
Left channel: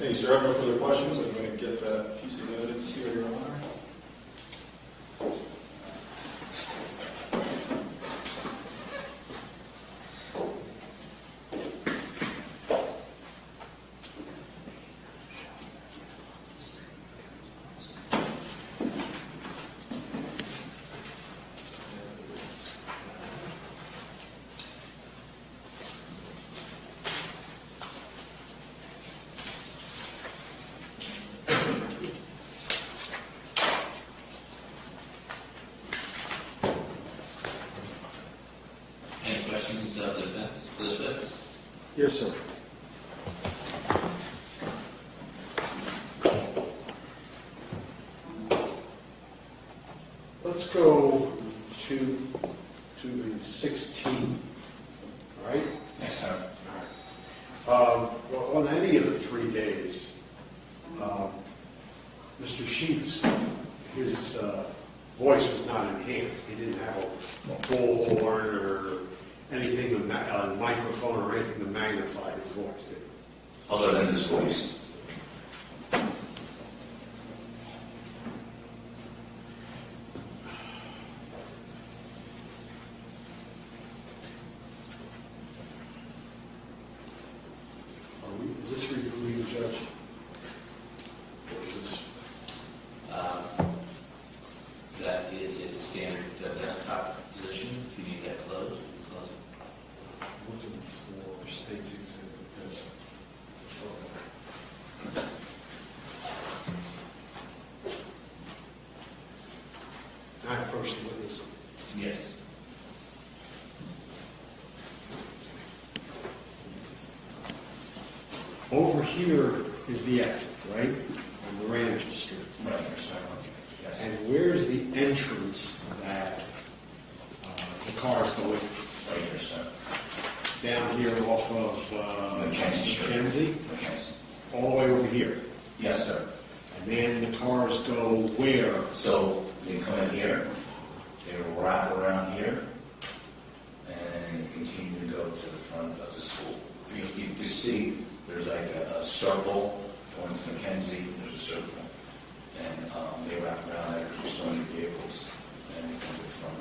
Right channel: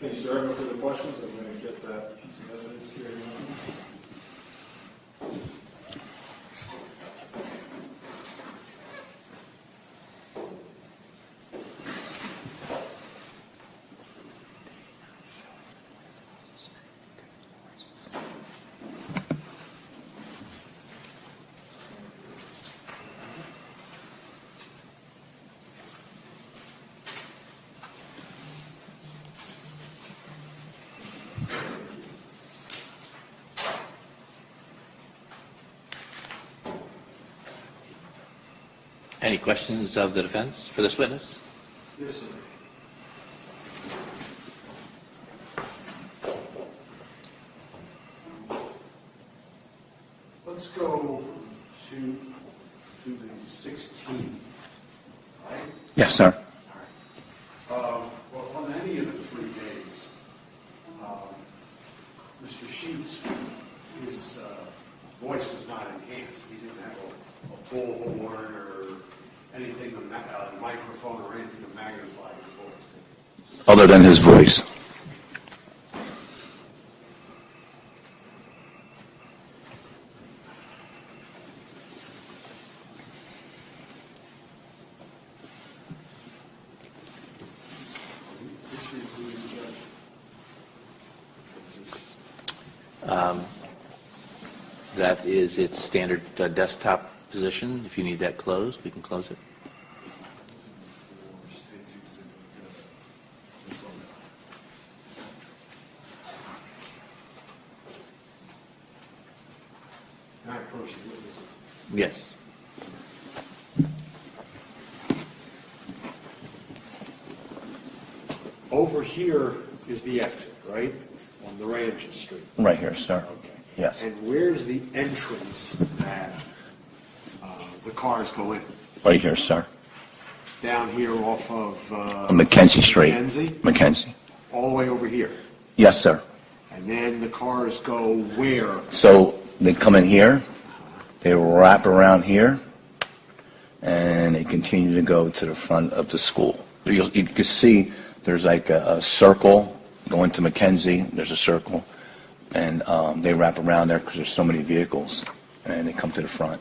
Thank you, sir. I have no further questions. I'm going to get that piece of evidence here. Your Honor. Any questions of the defense for this witness? Yes, sir. Let's go to the 16th, right? Yes, sir. Well, on any of the 3 days, Mr. Sheets, his voice was not enhanced. He didn't have a bullhorn or anything, a microphone or anything to magnify his voice, did he? Other than his voice. Is this reviewing, Judge? Or is this? That is its standard desktop position. If you need that closed, we can close it. I approach the witness. Yes. Over here is the exit, right? On the Ranges Street. Right here, sir. Okay. Yes. And where's the entrance that the cars go in? Right here, sir. Down here off of... On Mackenzie Street. Mackenzie? Mackenzie. All the way over here. Yes, sir. And then the cars go where? So they come in here, they wrap around here, and they continue to go to the front of the school. You can see there's like a circle going to Mackenzie. There's a circle, and they wrap around there because there's so many vehicles, and they come to the front.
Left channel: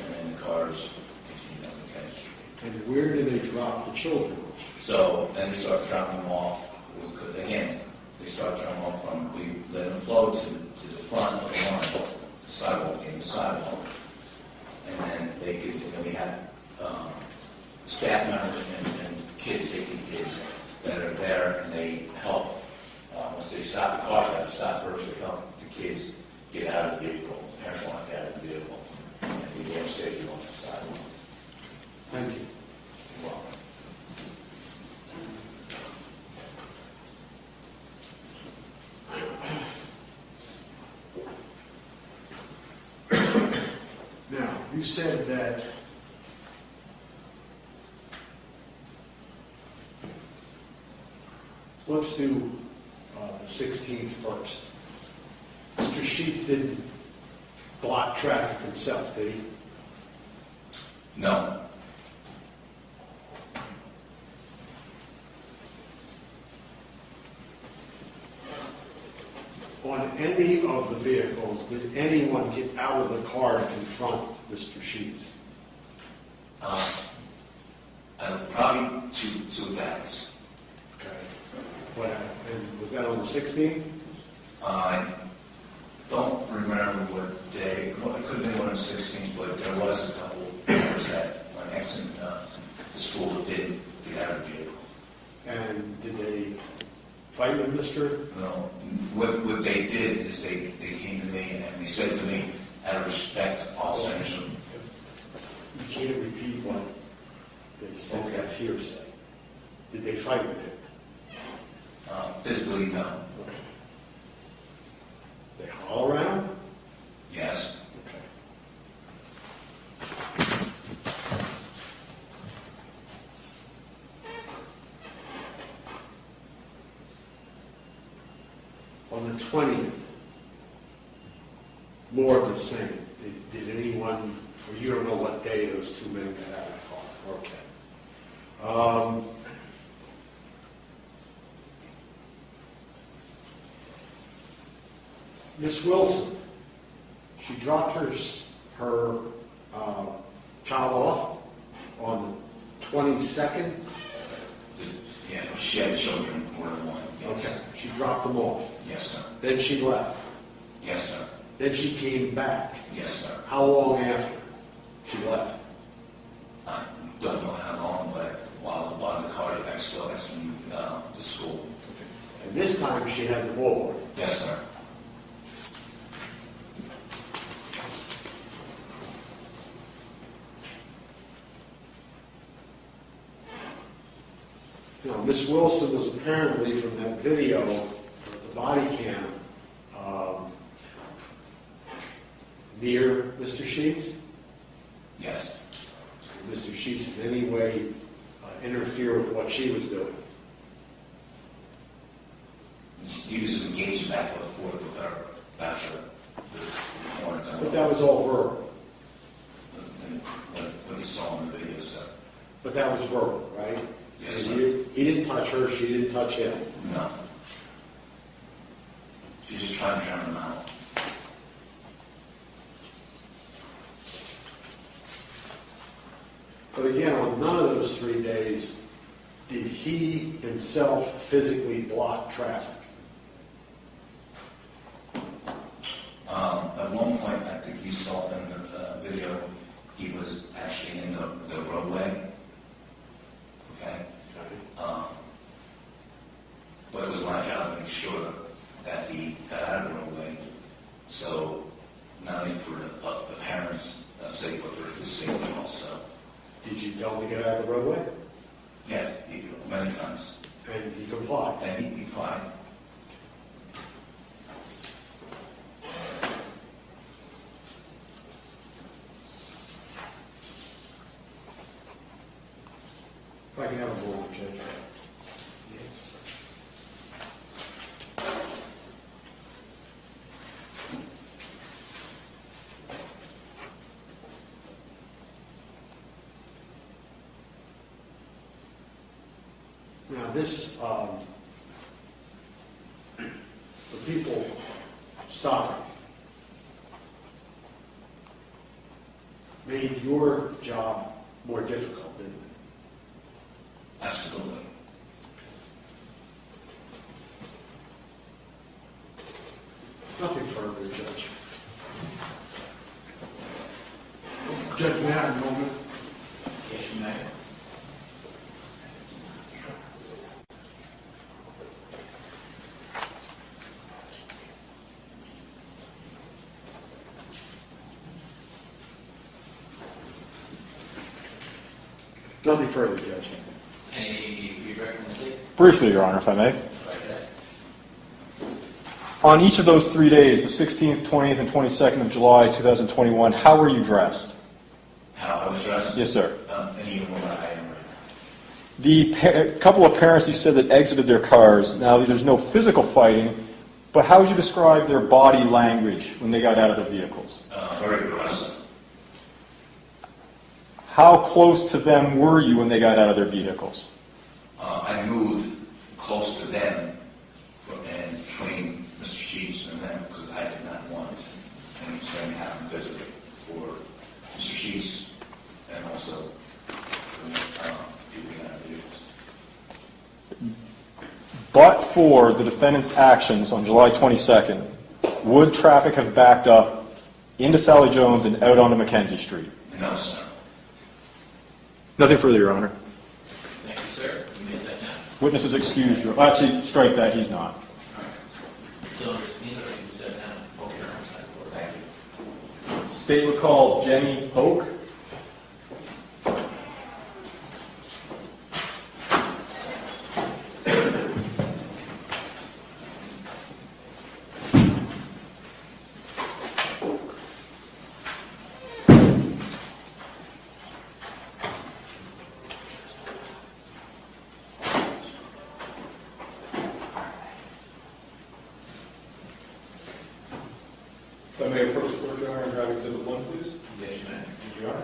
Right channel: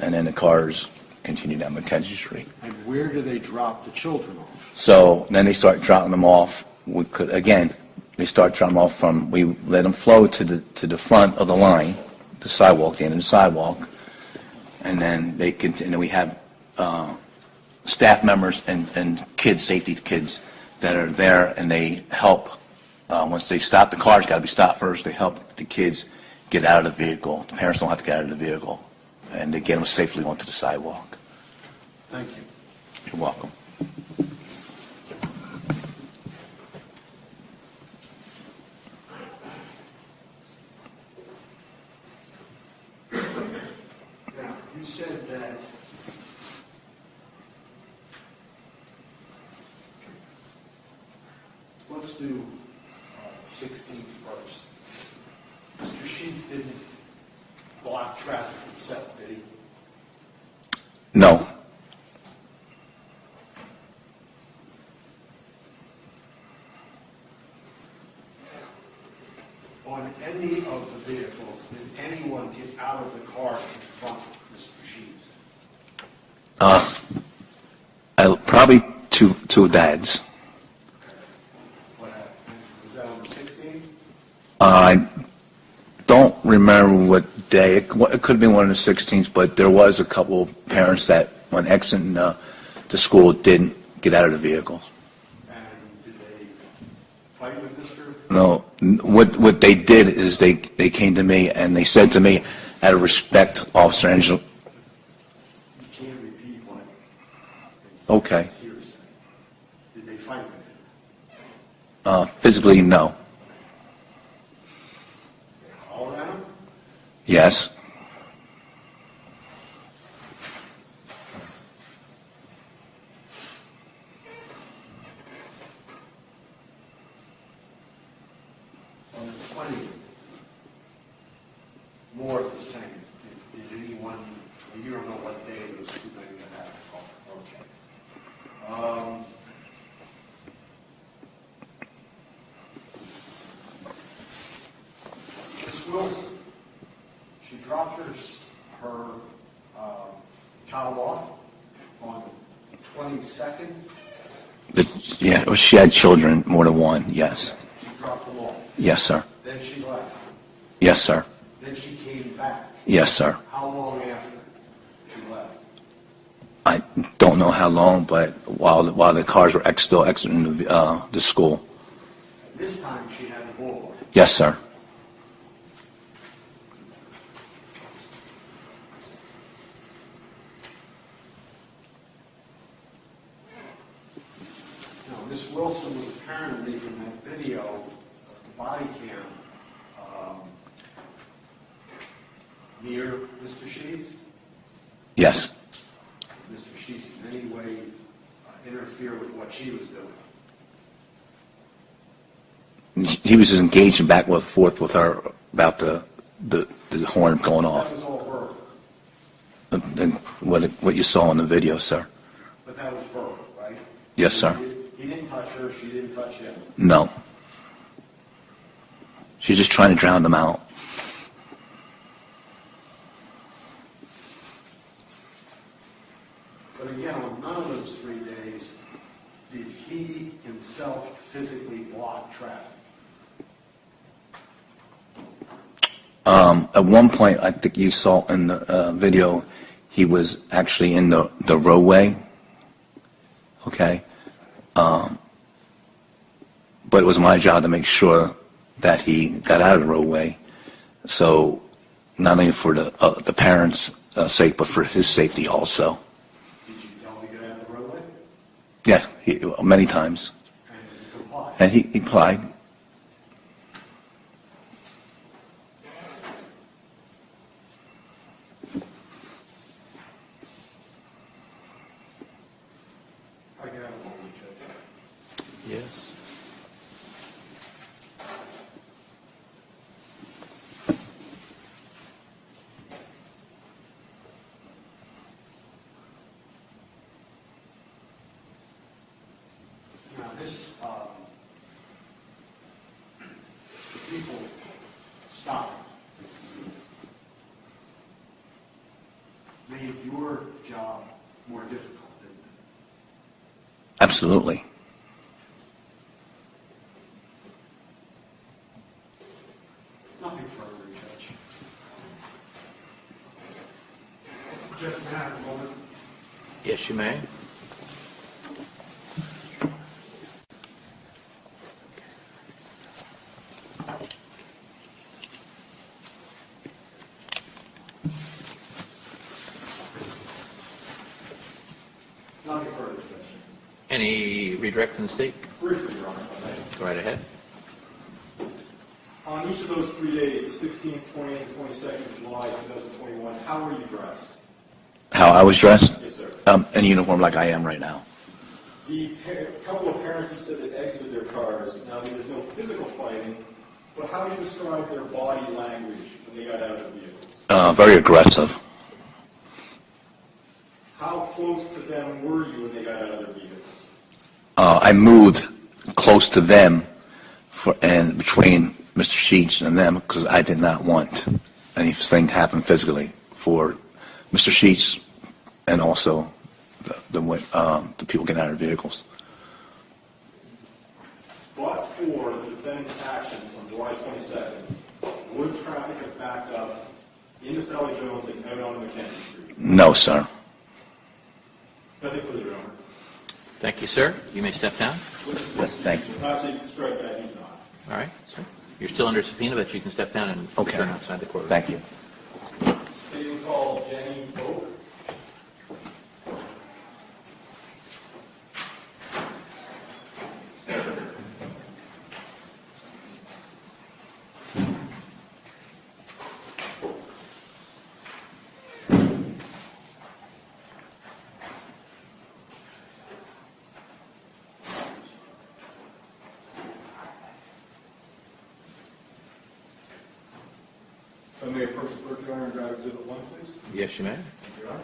And then the cars continue down Mackenzie Street. And where do they drop the children off? So then they start dropping them off. They start dropping them off from, we let them flow to the front of the line, the sidewalk, the end of the sidewalk. And then and then we have staff members and kids, safety kids that are there, and they help. Once they stop, the car's got to be stopped first. They help the kids get out of the vehicle. The parents don't have to get out of the vehicle. And they get them safely onto the sidewalk. Thank you. You're welcome. Now, you said that let's do the 16th first. Mr. Sheets didn't block traffic himself, did he? No. On any of the vehicles, did anyone get out of the car to confront Mr. Sheets? Probably two dads. And was that on the 16th? I don't remember what day. It could have been one of the 16th, but there was a couple of parents that, when exiting the school, didn't get out of the vehicle. And did they fight with Mr.? No. What they did is they came to me and they said to me, out of respect, Officer Angel. You can't repeat what they said. Okay. It's hearsay. Did they fight with him? Physically, no. They haul around? Yes. On the 20th, more of the same. Did anyone, or you don't know what day those two men got out of the car? Okay. Miss Wilson, she dropped her child off on the 22nd. Yeah, well, she had children, more than one, yes. Okay. She dropped them off. Yes, sir. Then she left. Yes, sir. Then she came back. Yes, sir. How long after she left? I don't know how long, but while the cars were still exiting the school. And this time she had the bullhorn. Yes, sir. Now, Miss Wilson was apparently, from that video, the body cam, near Mr. Sheets. Yes. Mr. Sheets in any way interfere with what she was doing? He was just engaging back and forth with her about the horn going That off. was all verbal. And what you saw in the video, sir. But that was verbal, right? Yes, sir. He didn't touch her, she didn't touch him. No. She's just trying to drown them out. But again, on none of those 3 days did he himself physically block traffic. At one point, I think you saw in the video, he was actually in the roadway. Okay? But it was my job to make sure that he got out of the roadway. So not only for the parents' sake, but for his safety also. Did you tell him to get out of the roadway? Yeah, many times. And he complied? And he complied. If I can have a moment, Judge. Yes. Now, this, the people stopping made your job more difficult, didn't it? Absolutely. Nothing further, Judge. Judge, may I have a moment? Yes, you may. Nothing further, Judge. Any redirect from the state? Briefly, Your Honor, if I may. Go right ahead. On each of those 3 days, the 16th, 20th, and 22nd of July, 2021, how were you dressed? How I was dressed? Yes, sir. In uniform like I am right now. The couple of parents you said that exited their cars, now there's no physical fighting, but how would you describe their body language when they got out of their vehicles? Very aggressive. How close to them were you when they got out of their vehicles? I moved close to them and between Mr. Sheets and them because I did not want anything to happen physically for Mr. Sheets and also the people getting out of their vehicles. But for the defendant's actions on July 22nd, would traffic have backed up into Sally Jones and out onto Mackenzie Street? No, sir. Nothing further, Your Honor. Thank you, sir. You may step down. Witness is excused. Actually, strike that, he's not. All right. You're still under subpoena, but you can step down and return outside the courtroom. Thank you. State will call Jenny Oak. If I may approach the court, Your Honor, and grab Exhibit 1, please. Yes, you may. Thank you, Your Honor.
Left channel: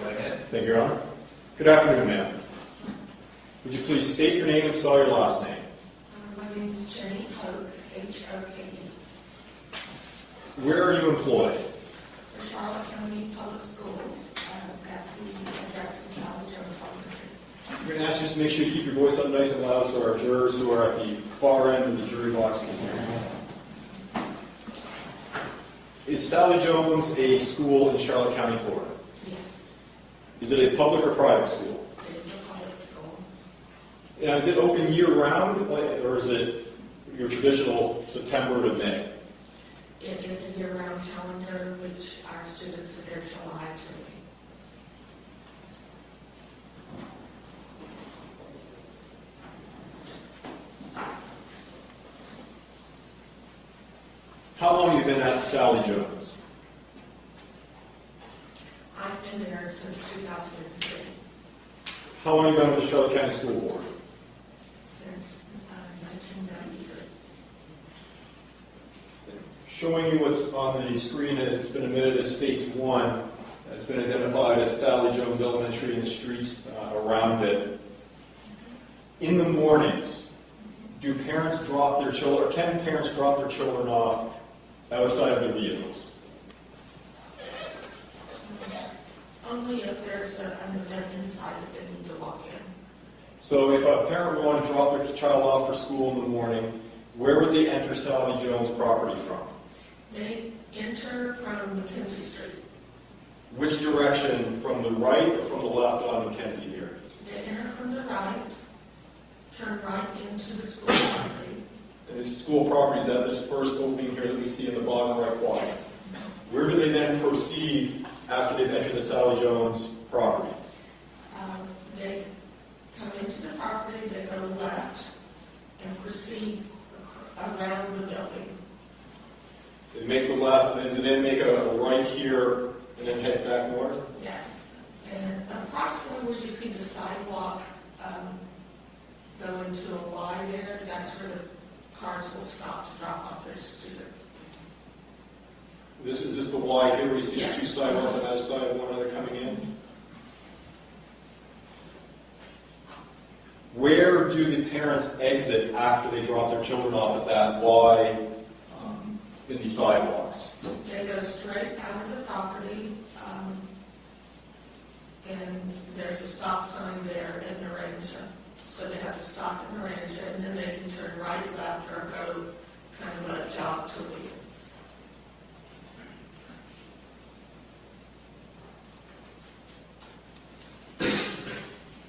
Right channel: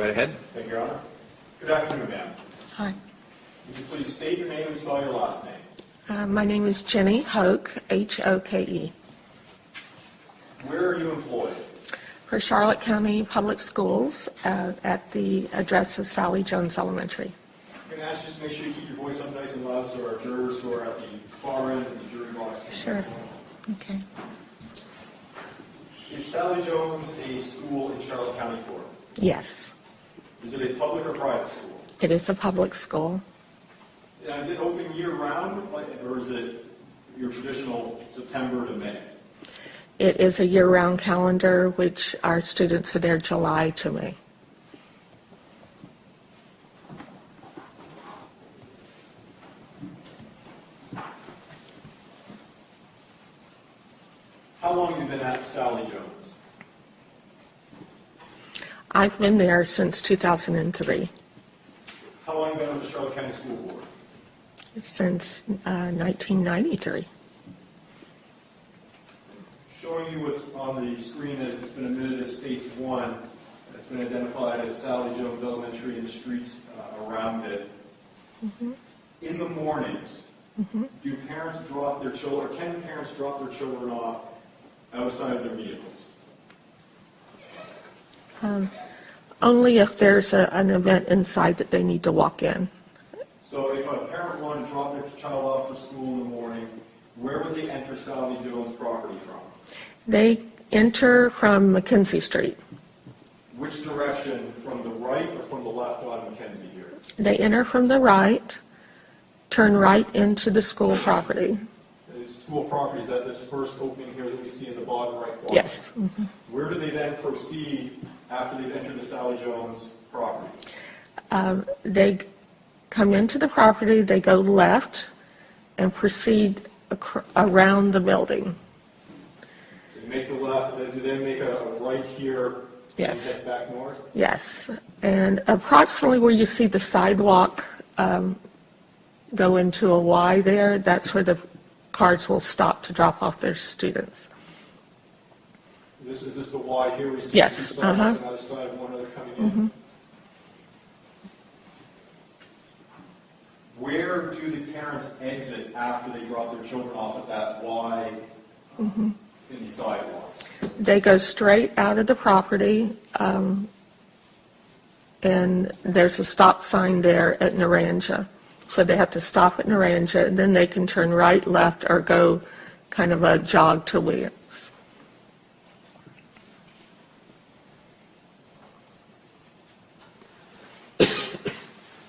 right ahead. Thank you, Your Honor. Good afternoon, ma'am. Hi. Would you please state your name and spell your last name? My name is Jenny Hoke, H-O-K-E. Where are you employed? For Charlotte County Public Schools at the address of Sally Jones Elementary. I'm going to ask you just to make sure you keep your voice up nice and loud so our jurors who are at the far end of the jury box can hear. Okay. Is Sally Jones a school in Charlotte County, Florida? Yes, Is it a public or private school? it is a public school. Now, is it open year-round, or is it your traditional September to May? It is a year-round calendar, which our students are there July to May. How long have you been at Sally Jones? I've been there since 2003, How long have you been with the Charlotte County School Board? since 1993. Showing you what's on the screen, it's been admitted as States 1. It's been identified as Sally Jones Elementary and the streets around it. In the mornings, do parents drop their children, or can parents drop their children off outside of their vehicles? Only if there's an event inside that they need to walk in. So if a parent wanted to drop their child off for school in the morning, where would they enter Sally Jones property from? They enter from Mackenzie Street. Which direction, from the right or from the left on Mackenzie here? They enter from the right, turn right into the school property. And this school property is at this first opening here that we see in the bottom right corner. Yes. Where do they then proceed after they've entered the Sally Jones property? They come into the property, they go left, and proceed around the building. So they make the left, and they then make a right here, Yes. and head back north? Yes. And approximately where you see the sidewalk go into a Y there, that's where the cars will stop to drop off their students. This is just the Y here, we see Yes, two sidewalks on either side, one other coming in. Where do the parents exit after they drop their children off at that Y in the sidewalks? They go straight out of the property, and there's a stop sign there at Naranja. So they have to stop at Naranja, and then they can turn right, left, or go kind of a jog to Williams.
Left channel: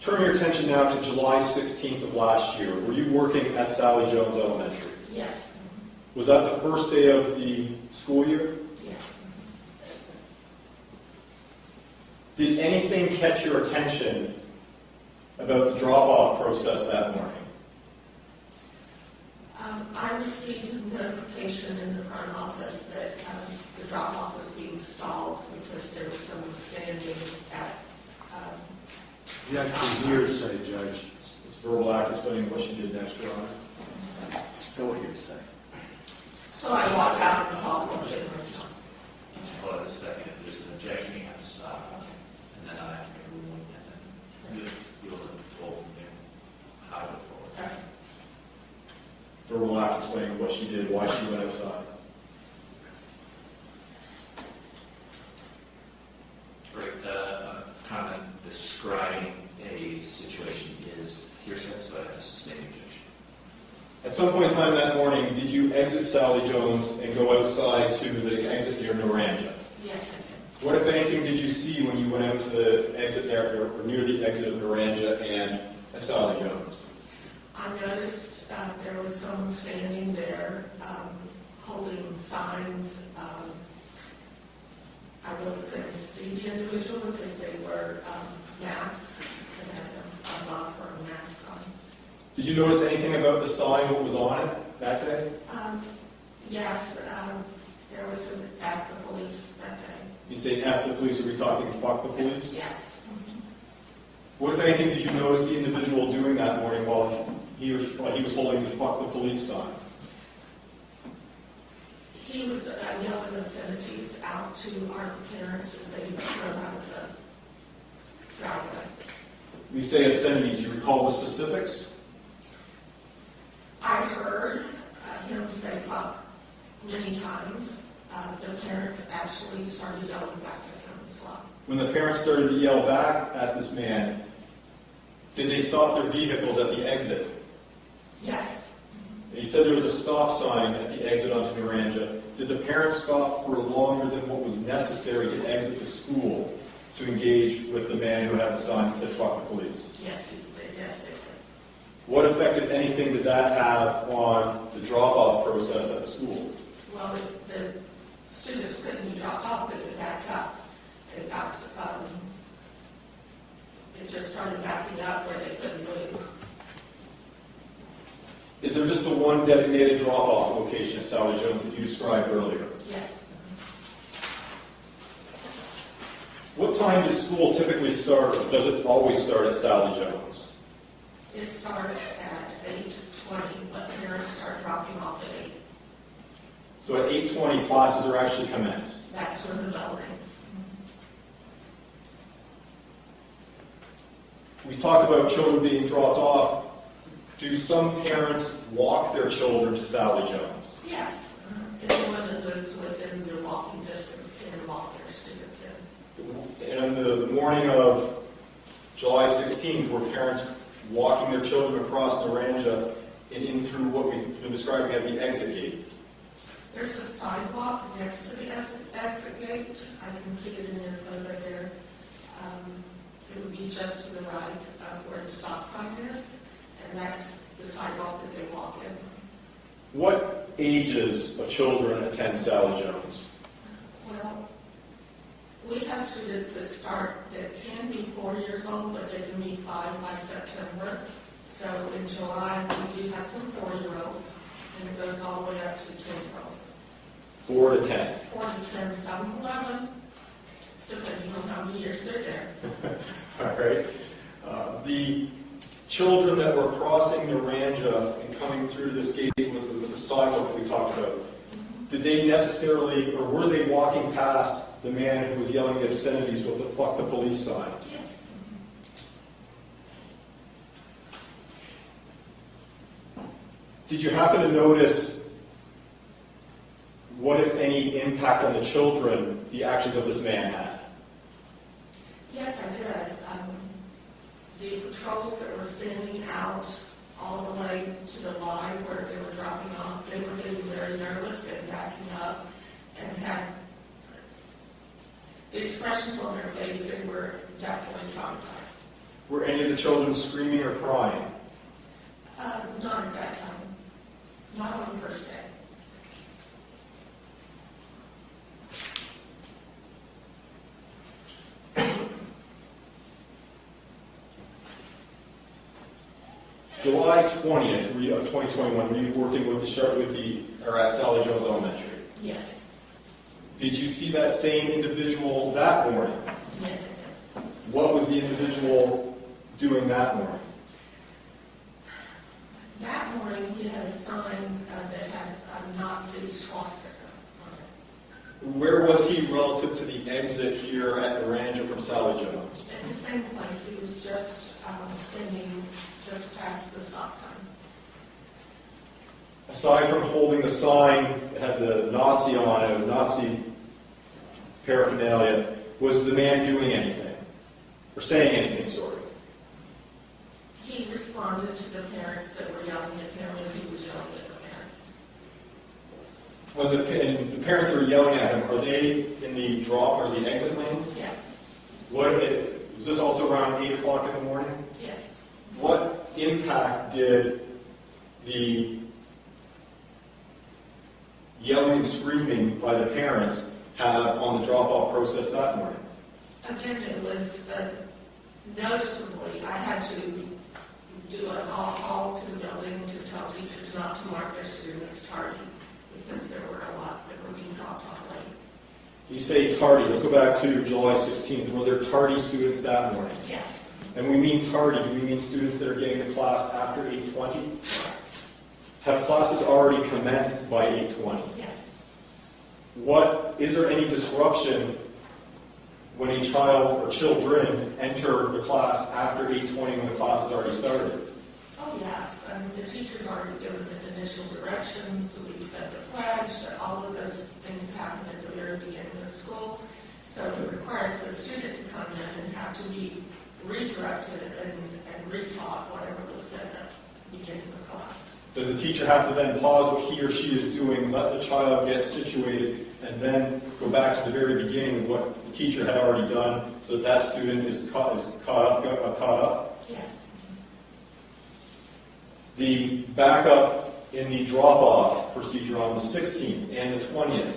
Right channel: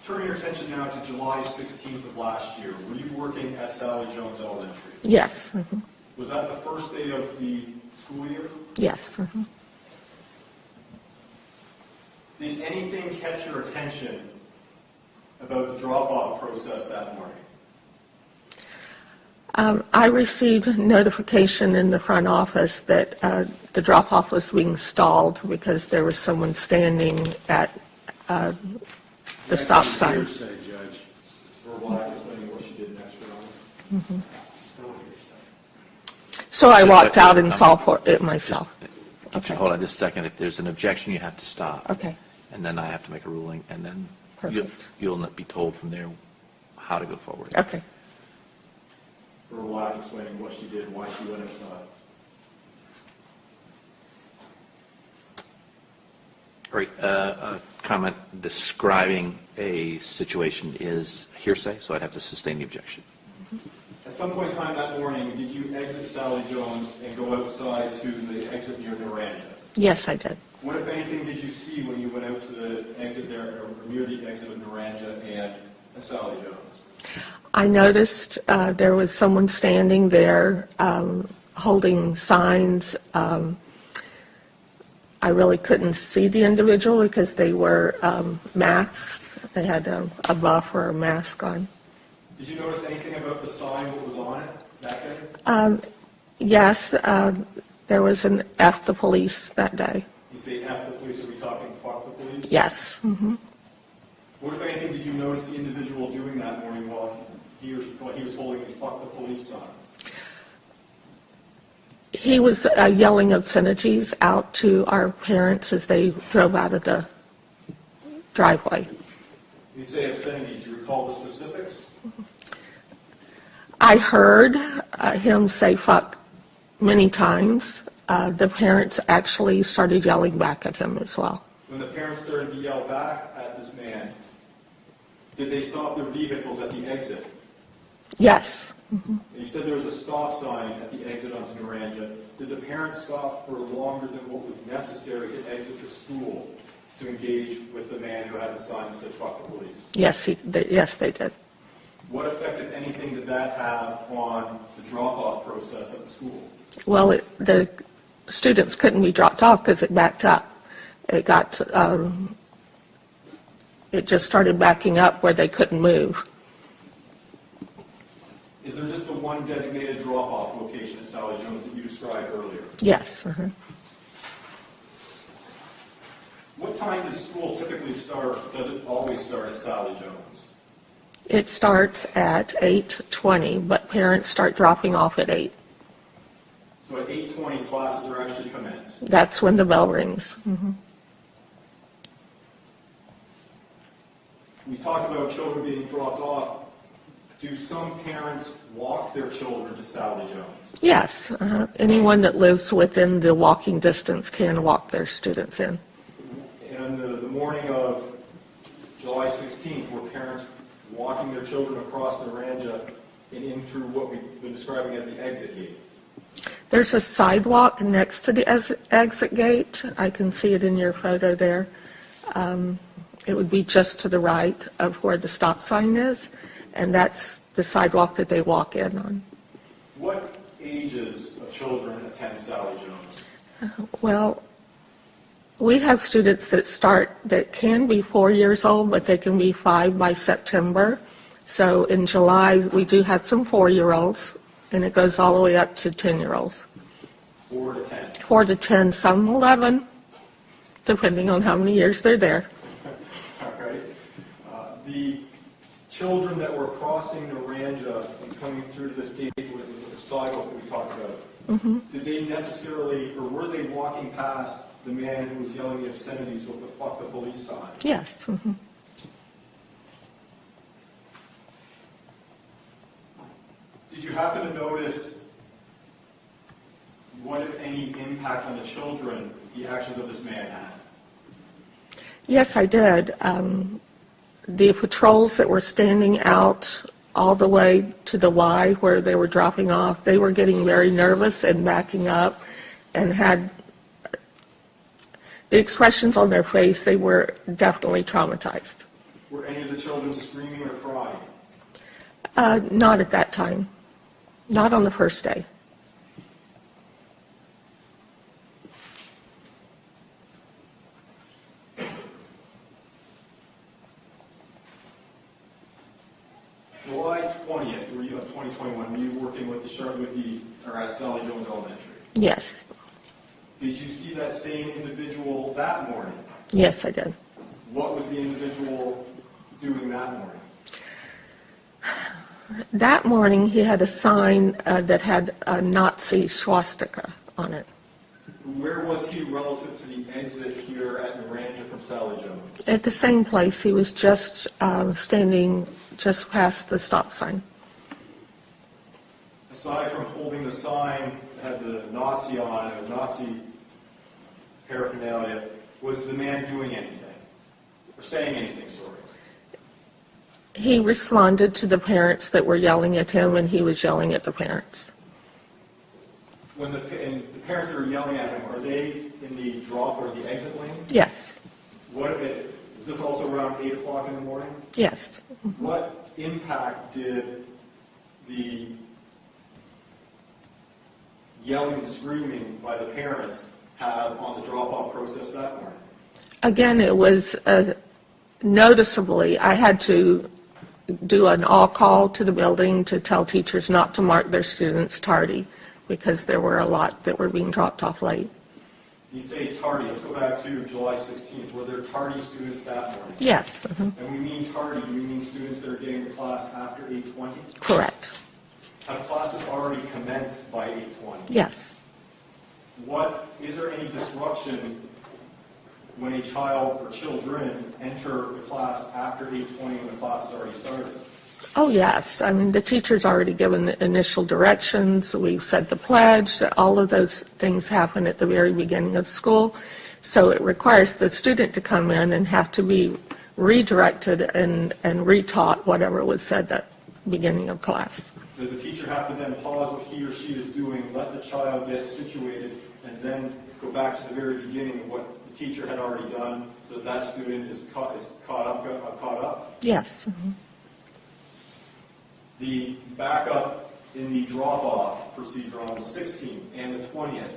Turn your attention now to July 16th of last year. Were you working at Sally Jones Elementary? Yes. Was that the first day of the school year? Yes. Did anything catch your attention about the drop-off process that morning? I received notification in the front office that the drop-off was being stalled because there was someone standing at the stop sign. Hearsay, Judge. It's verbal act explaining what she did next, Your Honor. Still hearsay. So I walked out and saw it myself. Okay. Hold on just a second. If there's an objection, you have to stop. Okay. And then I have to make a ruling, and then Perfect. you'll be told from there how to go forward. Okay. Verbal act explaining what she did, why she went outside. All right, a comment describing a situation is hearsay, so I'd have to sustain the objection. At some point in time that morning, did you exit Sally Jones and go outside to the exit near Naranja? Yes, I did. What, if anything, did you see when you went out to the exit there, or near the exit of Naranja and Sally Jones? I noticed there was someone standing there holding signs. I really couldn't see the individual because they were masked. They had a buff or a mask on. Did you notice anything about the sign, what was on it that day? Yes, there was an F the police that day. You say F the police, are we talking fuck the police? Yes. What, if anything, did you notice the individual doing that morning while he was holding the fuck the police sign? He was yelling obscenities out to our parents as they drove out of the driveway. You say obscenity, do you recall the specifics? I heard him say fuck many times. The parents actually started yelling back at him as well. When the parents started to yell back at this man, did they stop their vehicles at the exit? Yes. You said there was a stop sign at the exit onto Naranja. Did the parents stop for longer than what was necessary to exit the school to engage with the man who had the sign that said fuck the police? Yes, yes, they did. What effect, if anything, did that have on the drop-off process at the school? Well, the students couldn't be dropped off because it backed up. It got, it just started backing up where they couldn't move. Is there just the one designated drop-off location at Sally Jones that you described earlier? Yes. What time does school typically start, or does it always start at Sally Jones? It starts at 8:20, but parents start dropping off at 8. So at 8:20, classes are actually commenced? That's when the bell rings. We talked about children being dropped off. Do some parents walk their children to Sally Jones? Yes. Anyone that lives within the walking distance can walk their students in. And on the morning of July 16th, were parents walking their children across Naranja and in through what we've been describing as the exit gate? There's a sidewalk next to the exit gate. I can see it in your photo there. It would be just to the right of where the stop sign is, and that's the sidewalk that they walk in on. What ages of children attend Sally Jones? Well, we have students that can be 4 years old, but they can be 5 by September. So in July, we do have some 4-year-olds, and it goes all the way up to 10-year-olds. 4 to 10? 4 to 10, some 11, depending on how many years they're there. All right. The children that were crossing Naranja and coming through this gate with the sidewalk that we talked about, did they necessarily, or were they walking past the man who was yelling the obscenities with the fuck the police sign? Yes. Did you happen to notice what, if any, impact on the children the actions of this man had? Yes, I did. The patrols that were standing out all the way to the Y where they were dropping off, they were getting very nervous and backing up and had the expressions on their face, they were definitely traumatized. Were any of the children screaming or crying? Not at that time. Not on the first day. July 20th of 2021, were you working with at Sally Jones Elementary? Yes. Did you see that same individual that morning? Yes, I did. What was the individual doing that morning? That morning, he had a sign that had a Nazi swastika on it. Where was he relative to the exit here at Naranja from Sally Jones? At the same place. He was just standing just past the stop sign. Aside from holding the sign that had the Nazi on it, Nazi paraphernalia, was the man doing anything? Or saying anything, sort of? He responded to the parents that were yelling at him, and he was yelling at the parents. When the parents that were yelling at him, are they in the drop or the exit lane? Yes. Was this also around 8 o'clock in the morning? Yes. What impact did the yelling and screaming by the parents have on the drop-off process that morning? Again, it was noticeably, I had to do an all-call to the building to tell teachers not to mark their students tardy because there were a lot that were being dropped off late. You say tardy. Let's go back to July 16th. Were there tardy students that morning? Yes. And we mean tardy. Do we mean students that are getting to class after 8:20? Correct. Have classes already commenced by 8:20? Yes. Is there any disruption when a child or children enter the class after 8:20 when the class has already started? Oh, yes. I mean, the teacher's already given the initial directions. We've said the pledge. All of those things happen at the very beginning of school. So it requires the student to come in and have to be redirected and retaught whatever was said at the beginning of class. Does the teacher have to then pause what he or she is doing, let the child get situated, and then go back to the very beginning of what the teacher had already done so that that student is caught up? Yes. Mm-hmm. The backup in the drop-off procedure on the 16th and the 20th,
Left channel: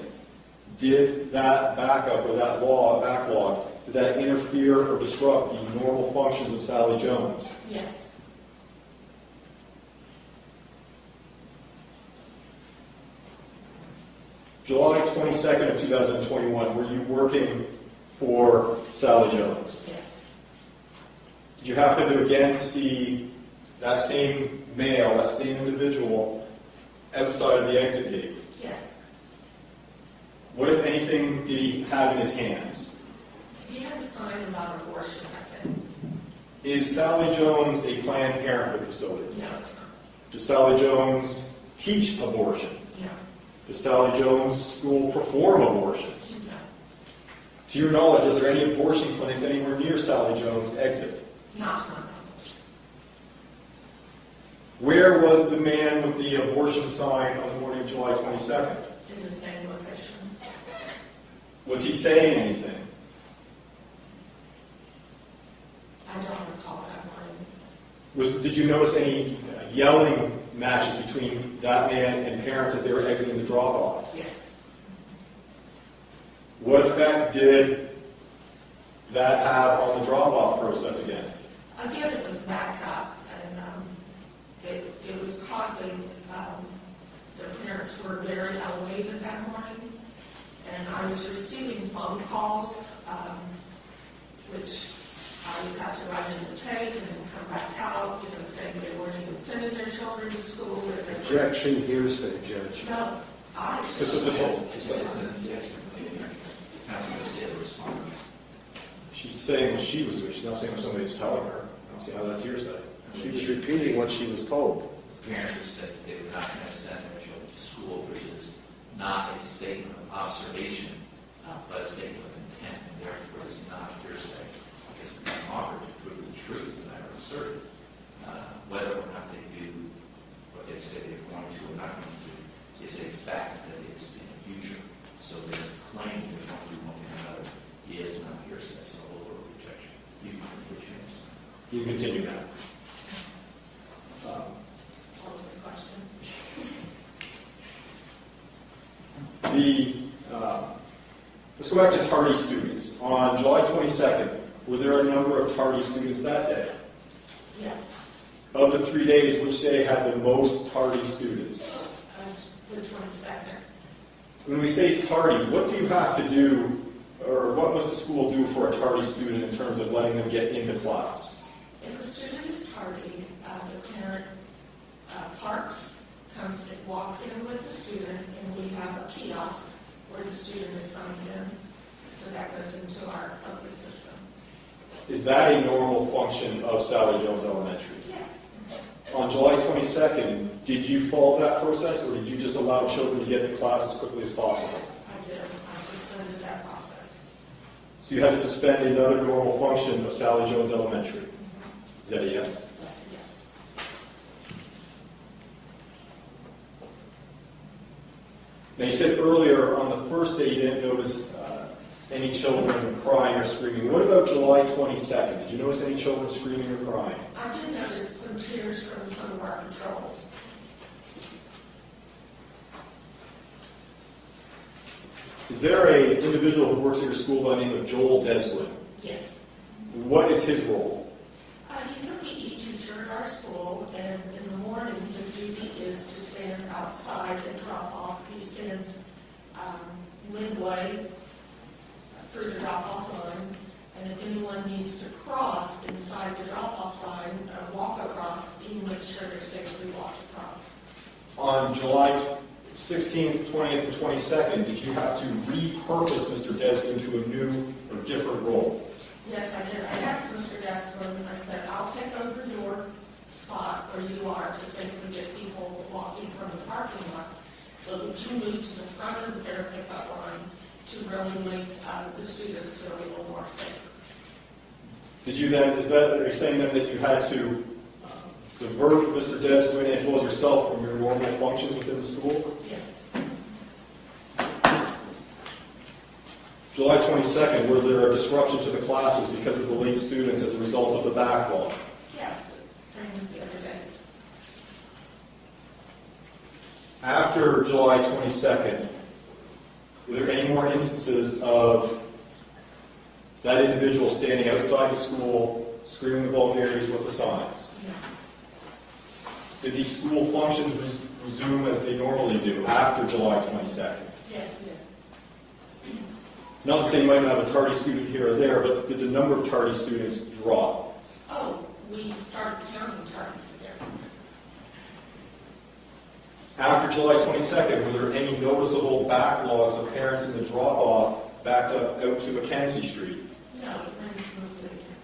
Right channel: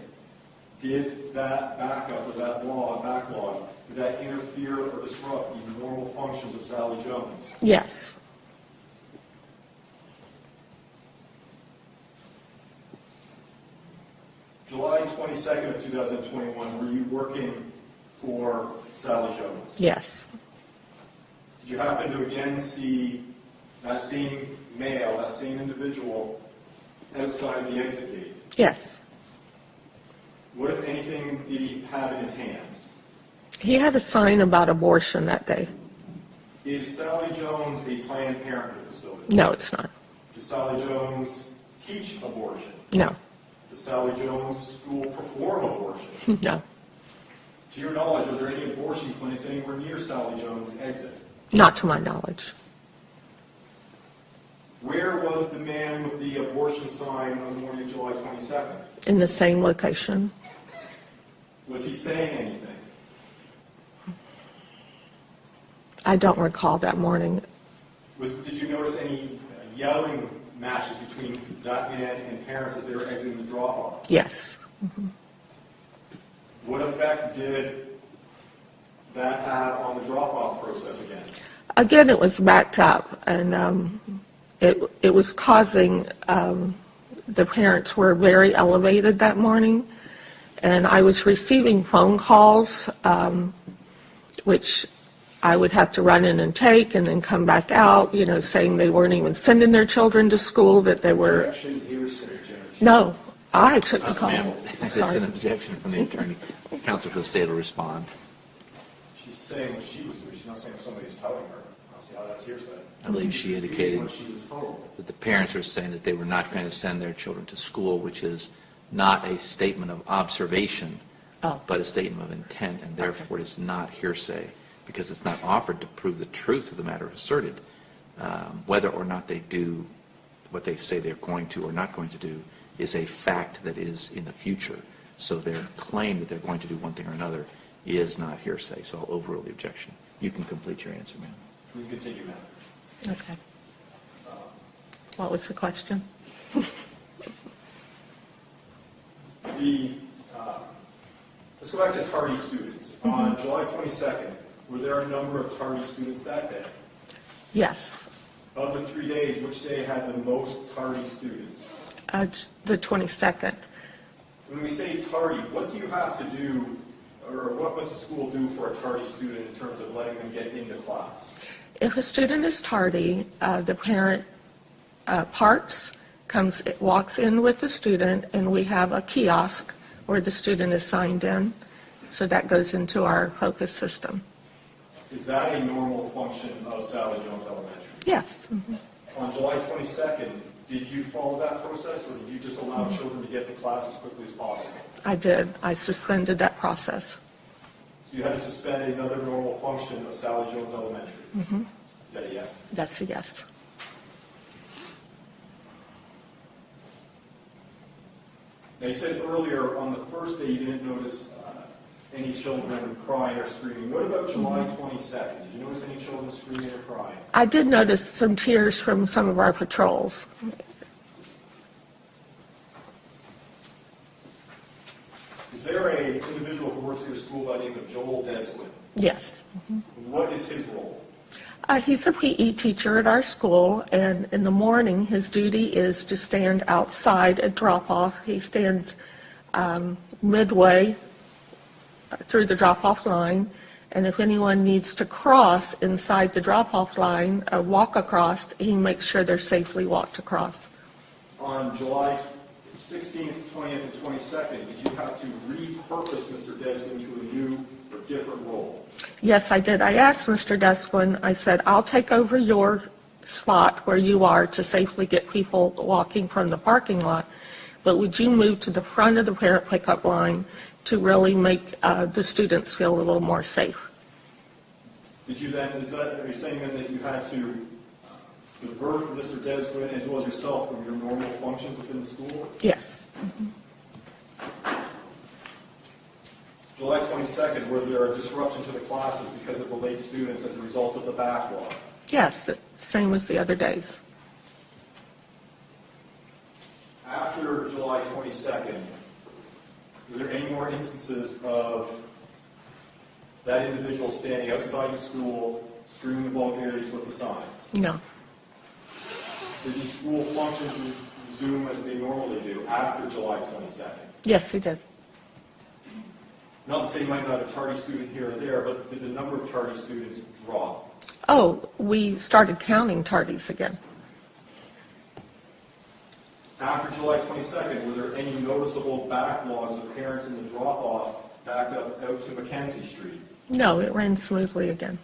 did that backup or that backlog, did that interfere or disrupt the normal functions of Sally Jones? Yes. July 22nd of 2021, were you working for Sally Jones? Yes. Did you happen to again see that same male, that same individual, outside of the exit gate? Yes. What, if anything, did he have in his hands? He had a sign about abortion that day. Is Sally Jones a Planned Parenthood facility? No, it's not. Does Sally Jones teach abortion? No. Does Sally Jones school perform abortion? No. To your knowledge, are there any abortion clinics anywhere near Sally Jones' exit? Not to my knowledge. Where was the man with the abortion sign on the morning of July 22nd? In the same location. Was he saying anything? I don't recall that morning. Did you notice any yelling matches between that man and parents as they were exiting the drop-off? Yes. Mm-hmm. What effect did that have on the drop-off process again? Again, it was backed up, and it was causing, the parents were very elevated that morning, and I was receiving phone calls, which I would have to run in and take and then come back out, saying they weren't even sending their children to school, that they were... Objection, hearsay, Judge. No, I took the call. It's an objection from the attorney. Counsel for the state will respond. She's saying what she was doing. She's not saying what somebody's telling her. I don't see how that's hearsay. I believe She's she repeating indicated what she was told. that the parents are saying that they were not going to send their children to school, which is not a statement of observation, but a statement of intent, and therefore it's not hearsay, because it's not offered to prove the truth of the matter asserted. Whether or not they do what they say they're going to or not going to do is a fact that is in the future. So their claim that they're going to do one thing or another is not hearsay. So I'll overrule the objection. You can complete your answer, ma'am. You can continue now. Okay. What was the question? Let's go back to tardy students. On July 22nd, were there a number of tardy students that day? Yes. Of the 3 days, which day had the most tardy students? The 22nd. When we say tardy, what do you have to do, or what must the school do for a tardy student in terms of letting them get into class? If a student is tardy, the parent walks in with the student, and we have a kiosk where the student is signed in. So that goes into our focus system. Is that a normal function of Sally Jones Elementary? Yes. Mm-hmm. On July 22nd, did you follow that process, or did you just allow children to get to class as quickly as possible? I did. I suspended that process. So you had to suspend another normal function of Sally Jones Elementary. Mm-hmm. Is that a yes? That's a yes. Now you said earlier on the first day you didn't notice any children crying or screaming. What about July 22nd? Did you notice any children screaming or crying? I did notice some tears from some of our patrols. Is there an individual who works at your school by the name of Joel Deswin? Yes. What is his role? He's a PE teacher at our school, and in the morning his duty is to stand outside at drop-off. He stands midway through the drop-off line, and if anyone needs to cross inside the drop-off line or walk across, he makes sure they're safely walked across. On July 16th, 20th, and 22nd, did you have to repurpose Mr. Deswin to a new or a different role? Yes, I did. I asked Mr. Desquin, I said, I'll take over your spot where you are to safely get people walking from the parking lot, but would you move to the front of the parent pickup line to really make the students feel a little more safe? Did you then, are you saying then that you had to divert Mr. Desquin as well as yourself from your normal functions within the school? Yes. July 22nd, was there a disruption to the classes because of the late students as a result of the backlog? Yes, same as the other days. After July 22nd, were there any more instances of that individual standing outside the school, screaming the vulgarities with the signs? No. Did these school functions resume as they normally do after July 22nd? Yes, he did. Not to say you might not have a tardy student here or there, but did the number of tardy students drop? Oh, we started counting tardies again. After July 22nd, were there any noticeable backlogs of parents in the drop-off backed up out to Mackenzie Street? No, it ran smoothly again.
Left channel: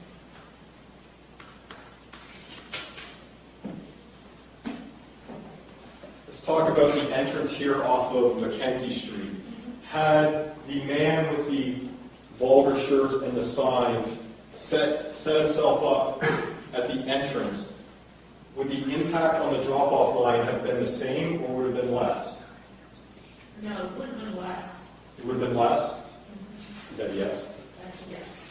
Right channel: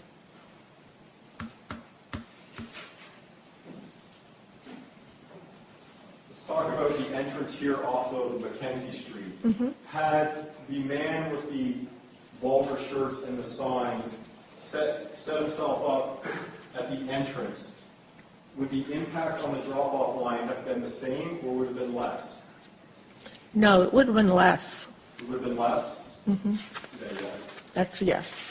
Let's talk about the entrance here off of Mackenzie Street. Had the man with the vulgar shirts and the signs set himself up at the entrance, would the impact on the drop-off line have been the same or would it have been less? No, it would have been less. It would have been less? Is that a yes? That's a yes.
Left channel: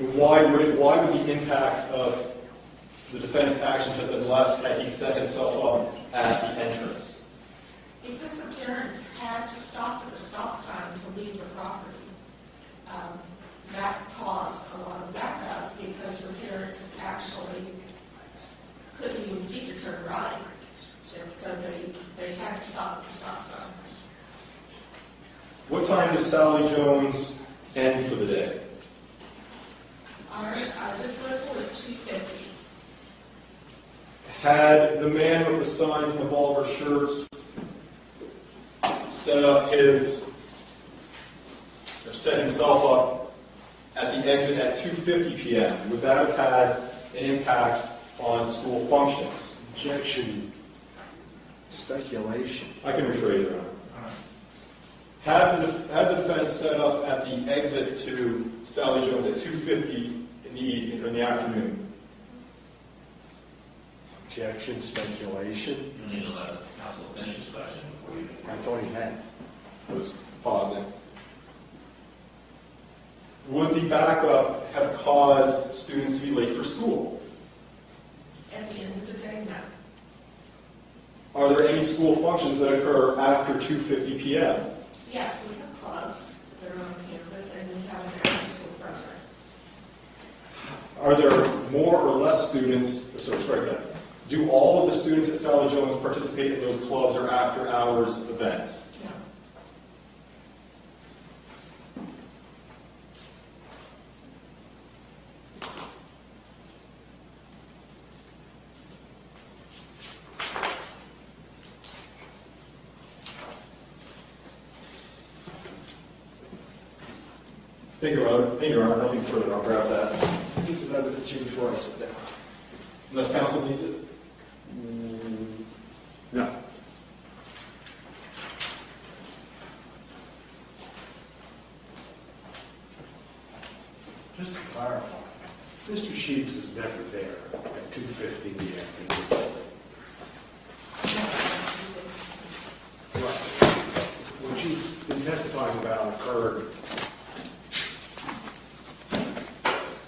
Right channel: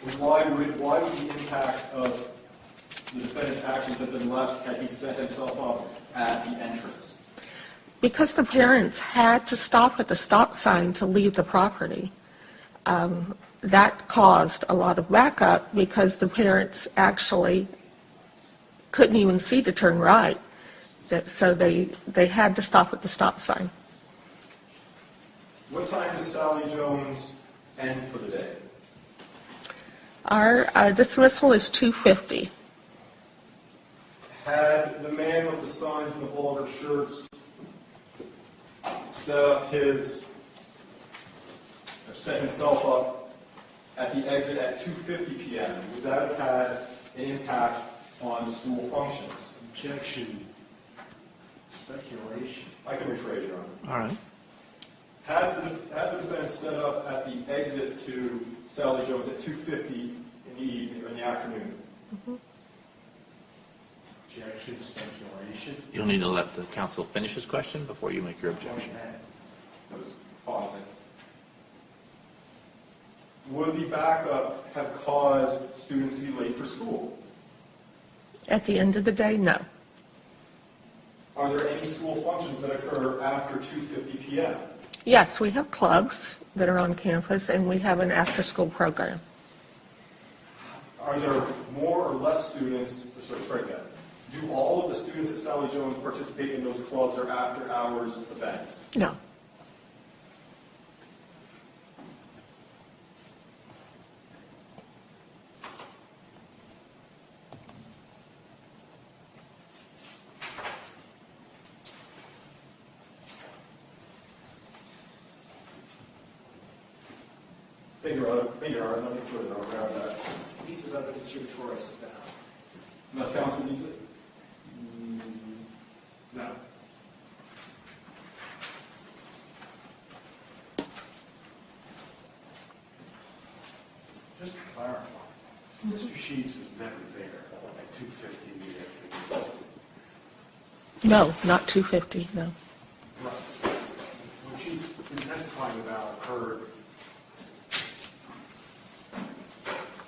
And why would the impact of the defendant's actions have been less had he set himself up at the entrance? Because the parents had to stop at the stop sign to leave the property. That caused a lot of backup because the parents actually couldn't even see to turn right. So they had to stop at the stop sign. What time does Sally Jones end for the day? Our dismissal is 2:50. Had the man with the signs and the vulgar shirts set himself up at the exit at 2:50 p.m., would that have had an impact on school functions? Objection. Speculation. I can rephrase it, Your Honor. All right. Had the defendant set up at the exit to Sally Jones at 2:50 in the afternoon? Objection. Speculation. You'll need to let the counsel finish his question before you make your I've already had. I was pausing. Would the backup have caused students to be late for school? At the end of the day, no. Are there any school functions that occur after 2:50 p.m.? Yes, we have clubs that are on campus, and we have an after-school program. Are there more or less students, sorry, do all of the students at Sally Jones participate in those clubs or after-hours events? No. Thank you, Your Honor. Nothing further. I'll grab that piece of evidence here before I sit down. Unless counsel needs it? No. Just to clarify, Mr. Sheets was never there at 2:50 in the afternoon. No, not 2:50, no. Right. What she's been testifying about occurred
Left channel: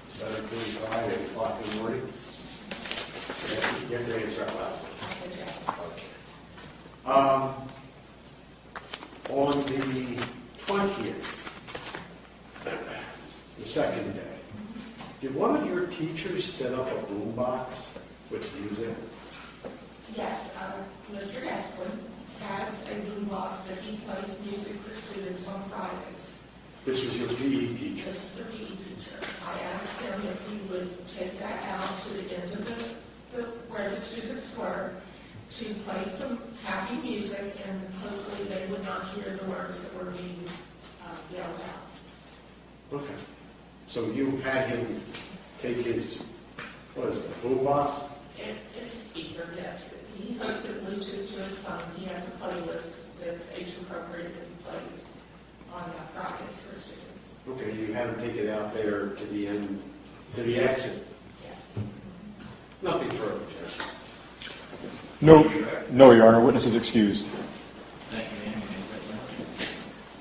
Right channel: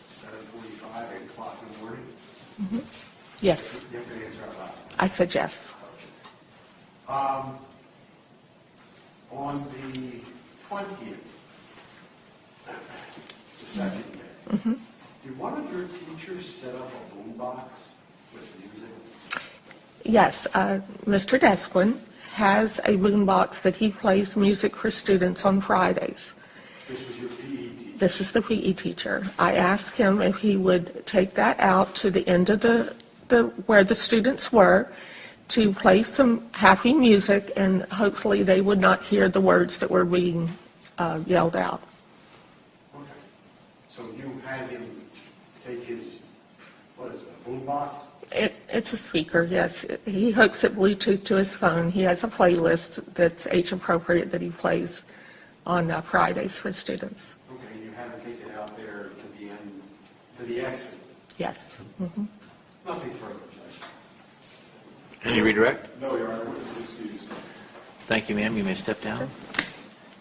7:45, 8 o'clock in the morning. Yes, You have to answer out loud. I said yes. On the 20th, the second day, did one of your teachers set up a boombox with music? Yes, Mr. Desquin has a boombox that he plays music for students on Fridays. This was your PE teacher? This is the PE teacher. I asked him if he would take that out to the end of the where the students were to play some happy music, and hopefully they would not hear the words that were being yelled out. Okay. So you had him take his, what is it, a boom box? It's a speaker, yes. He hooks it Bluetooth to his phone. He has a playlist that's age appropriate that he plays on Fridays for students. Okay, you had him take it out there to the end, to the exit. Yes. Nothing further, Judge. Can you redirect? No, Your Honor. Witness is excused. Thank you, ma'am. You may step down.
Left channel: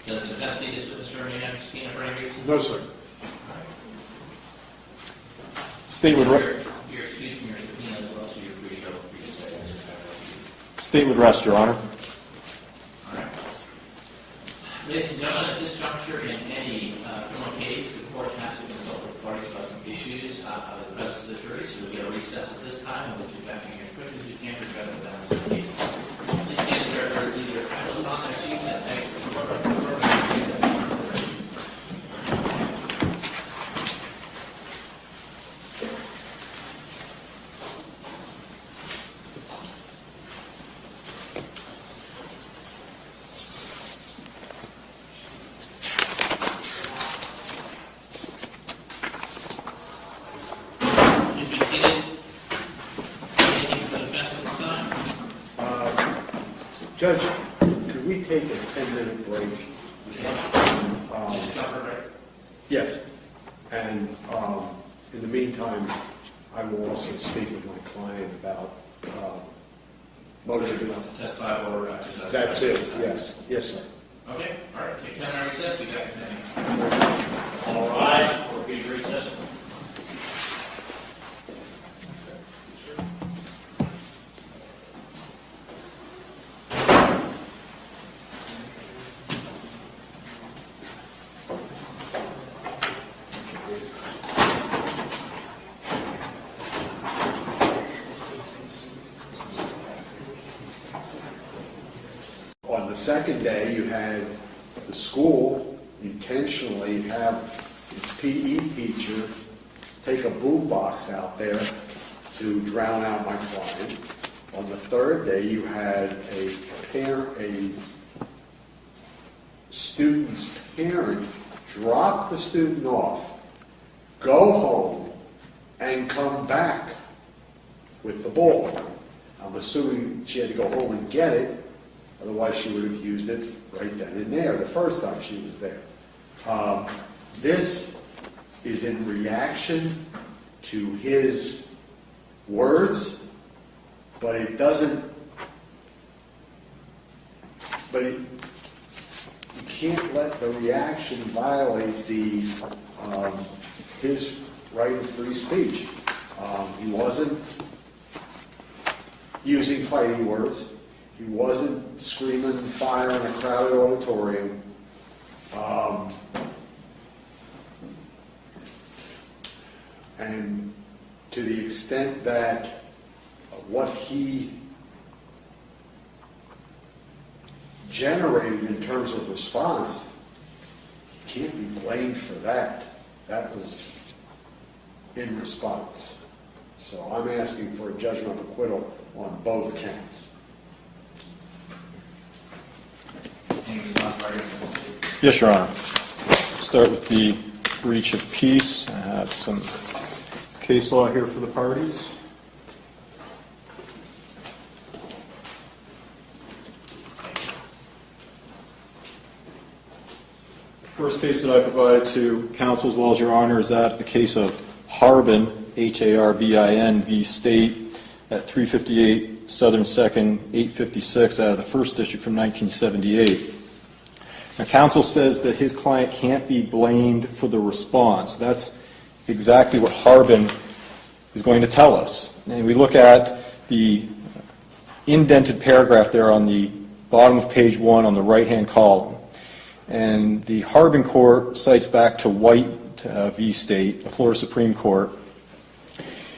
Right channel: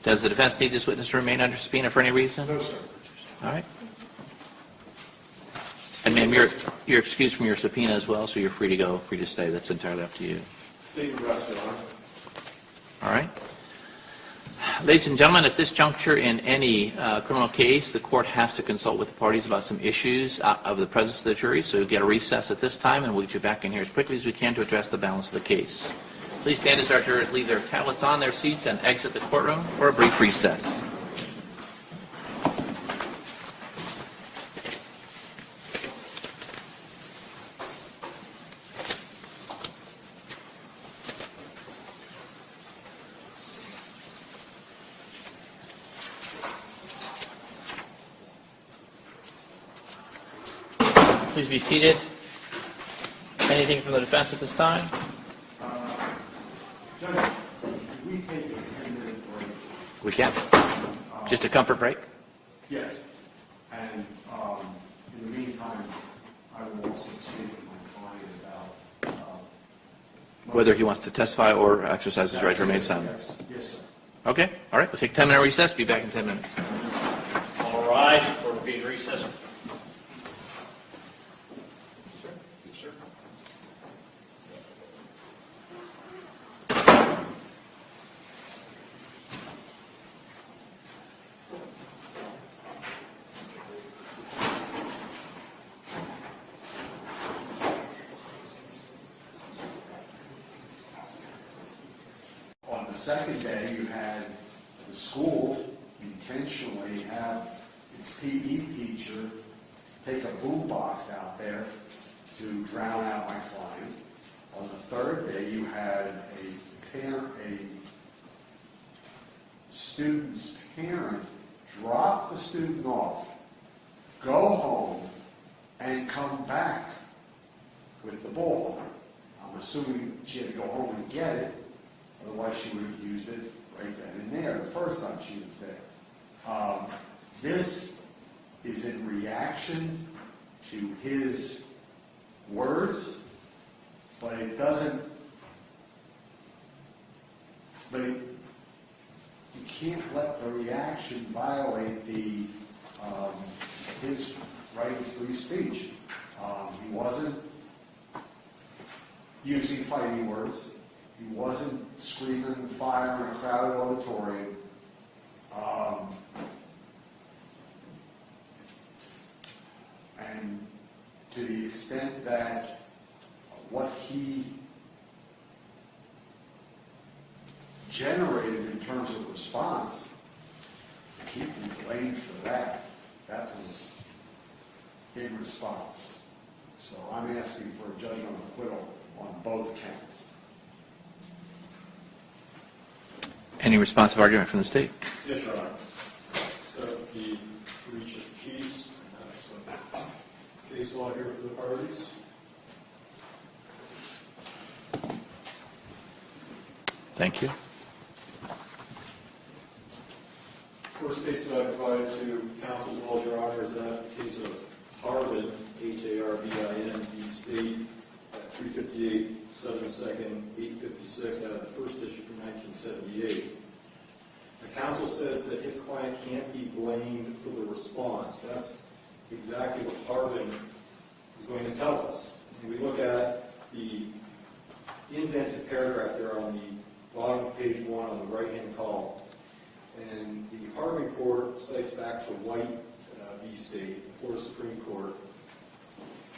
Does the defense need this witness to remain under subpoena for any reason? No, sir. All right. State And would you're excused from your subpoena as well, so you're free to go, free to stay. That's entirely up to you. State would rest, Your Honor. All right. Ladies and gentlemen, at this juncture in any criminal case, the court has to consult with the parties about some issues of the presence of the jury, so we'll get a recess at this time, and we'll get you back in here as quickly as we can to address the balance of the case. Please stand as our jurors leave their tablets on their seats and exit the courtroom for a brief recess. Please be seated. Anything from the defense at this time? Judge, could we take a 10-minute break? We can. Just a comfort break? Yes. And in the meantime, I will also speak with my client about Whether he wants to testify or exercise his right to remain silent. Yes, yes, sir. Okay, all right, we'll take a 10-minute recess. Be back in 10 minutes. All rise for repeated recess. On the second day, you had the school intentionally have its PE teacher take a boom box out there to drown out my client. On the third day, you had a student's parent drop the student off, go home, and come back with the bullhorn. I'm assuming she had to go home and get it. Otherwise, she would have used it right then and there the first time she was there. This is in reaction to his words, but it doesn't, you can't let the reaction violate his right of free speech. He wasn't using fighting words. He wasn't screaming fire in a crowded auditorium. And to the extent that what he generated in terms of response, he can't be blamed for that. That was in response. So I'm asking for a judgment of acquittal on both counts. Any responsive argument from the state? Yes, Your Honor. Start with the breach of peace. I have some case law here for the parties. Thank you. First case that I provided to counsel as well as Your Honor is that the case of Harbin, Harbin v. State at 358 Southern 2nd, 856 out of the 1st District from 1978. Now, counsel says that his client can't be blamed for the response. That's exactly what Harbin is going to tell us. And we look at the indented paragraph there on the bottom of page 1 on the right-hand column. And the Harbin court cites back to White v. State, the Florida Supreme Court,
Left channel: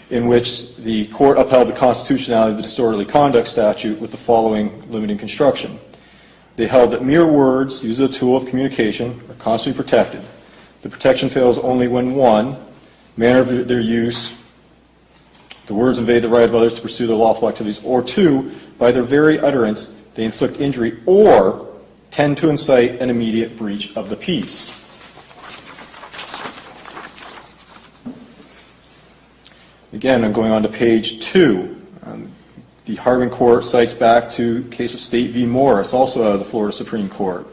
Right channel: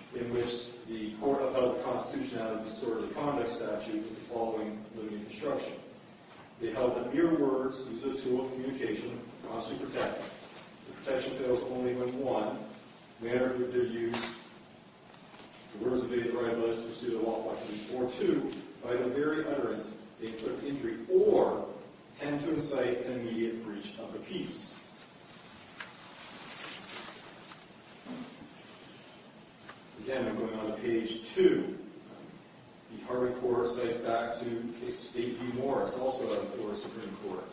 in which the court upheld the constitutionality of the disorderly conduct statute with the following limiting construction. They held that mere words used as a tool of communication are constantly protected. The protection fails only when 1, manner of their use, the words invade the right of others to pursue their lawful activities, or 2, by their very utterance, they inflict injury or tend to incite an immediate breach of the peace. Again, I'm going on to page 2. The Harbin Court cites back to case of State v. Morris, also out of the Florida Supreme Court,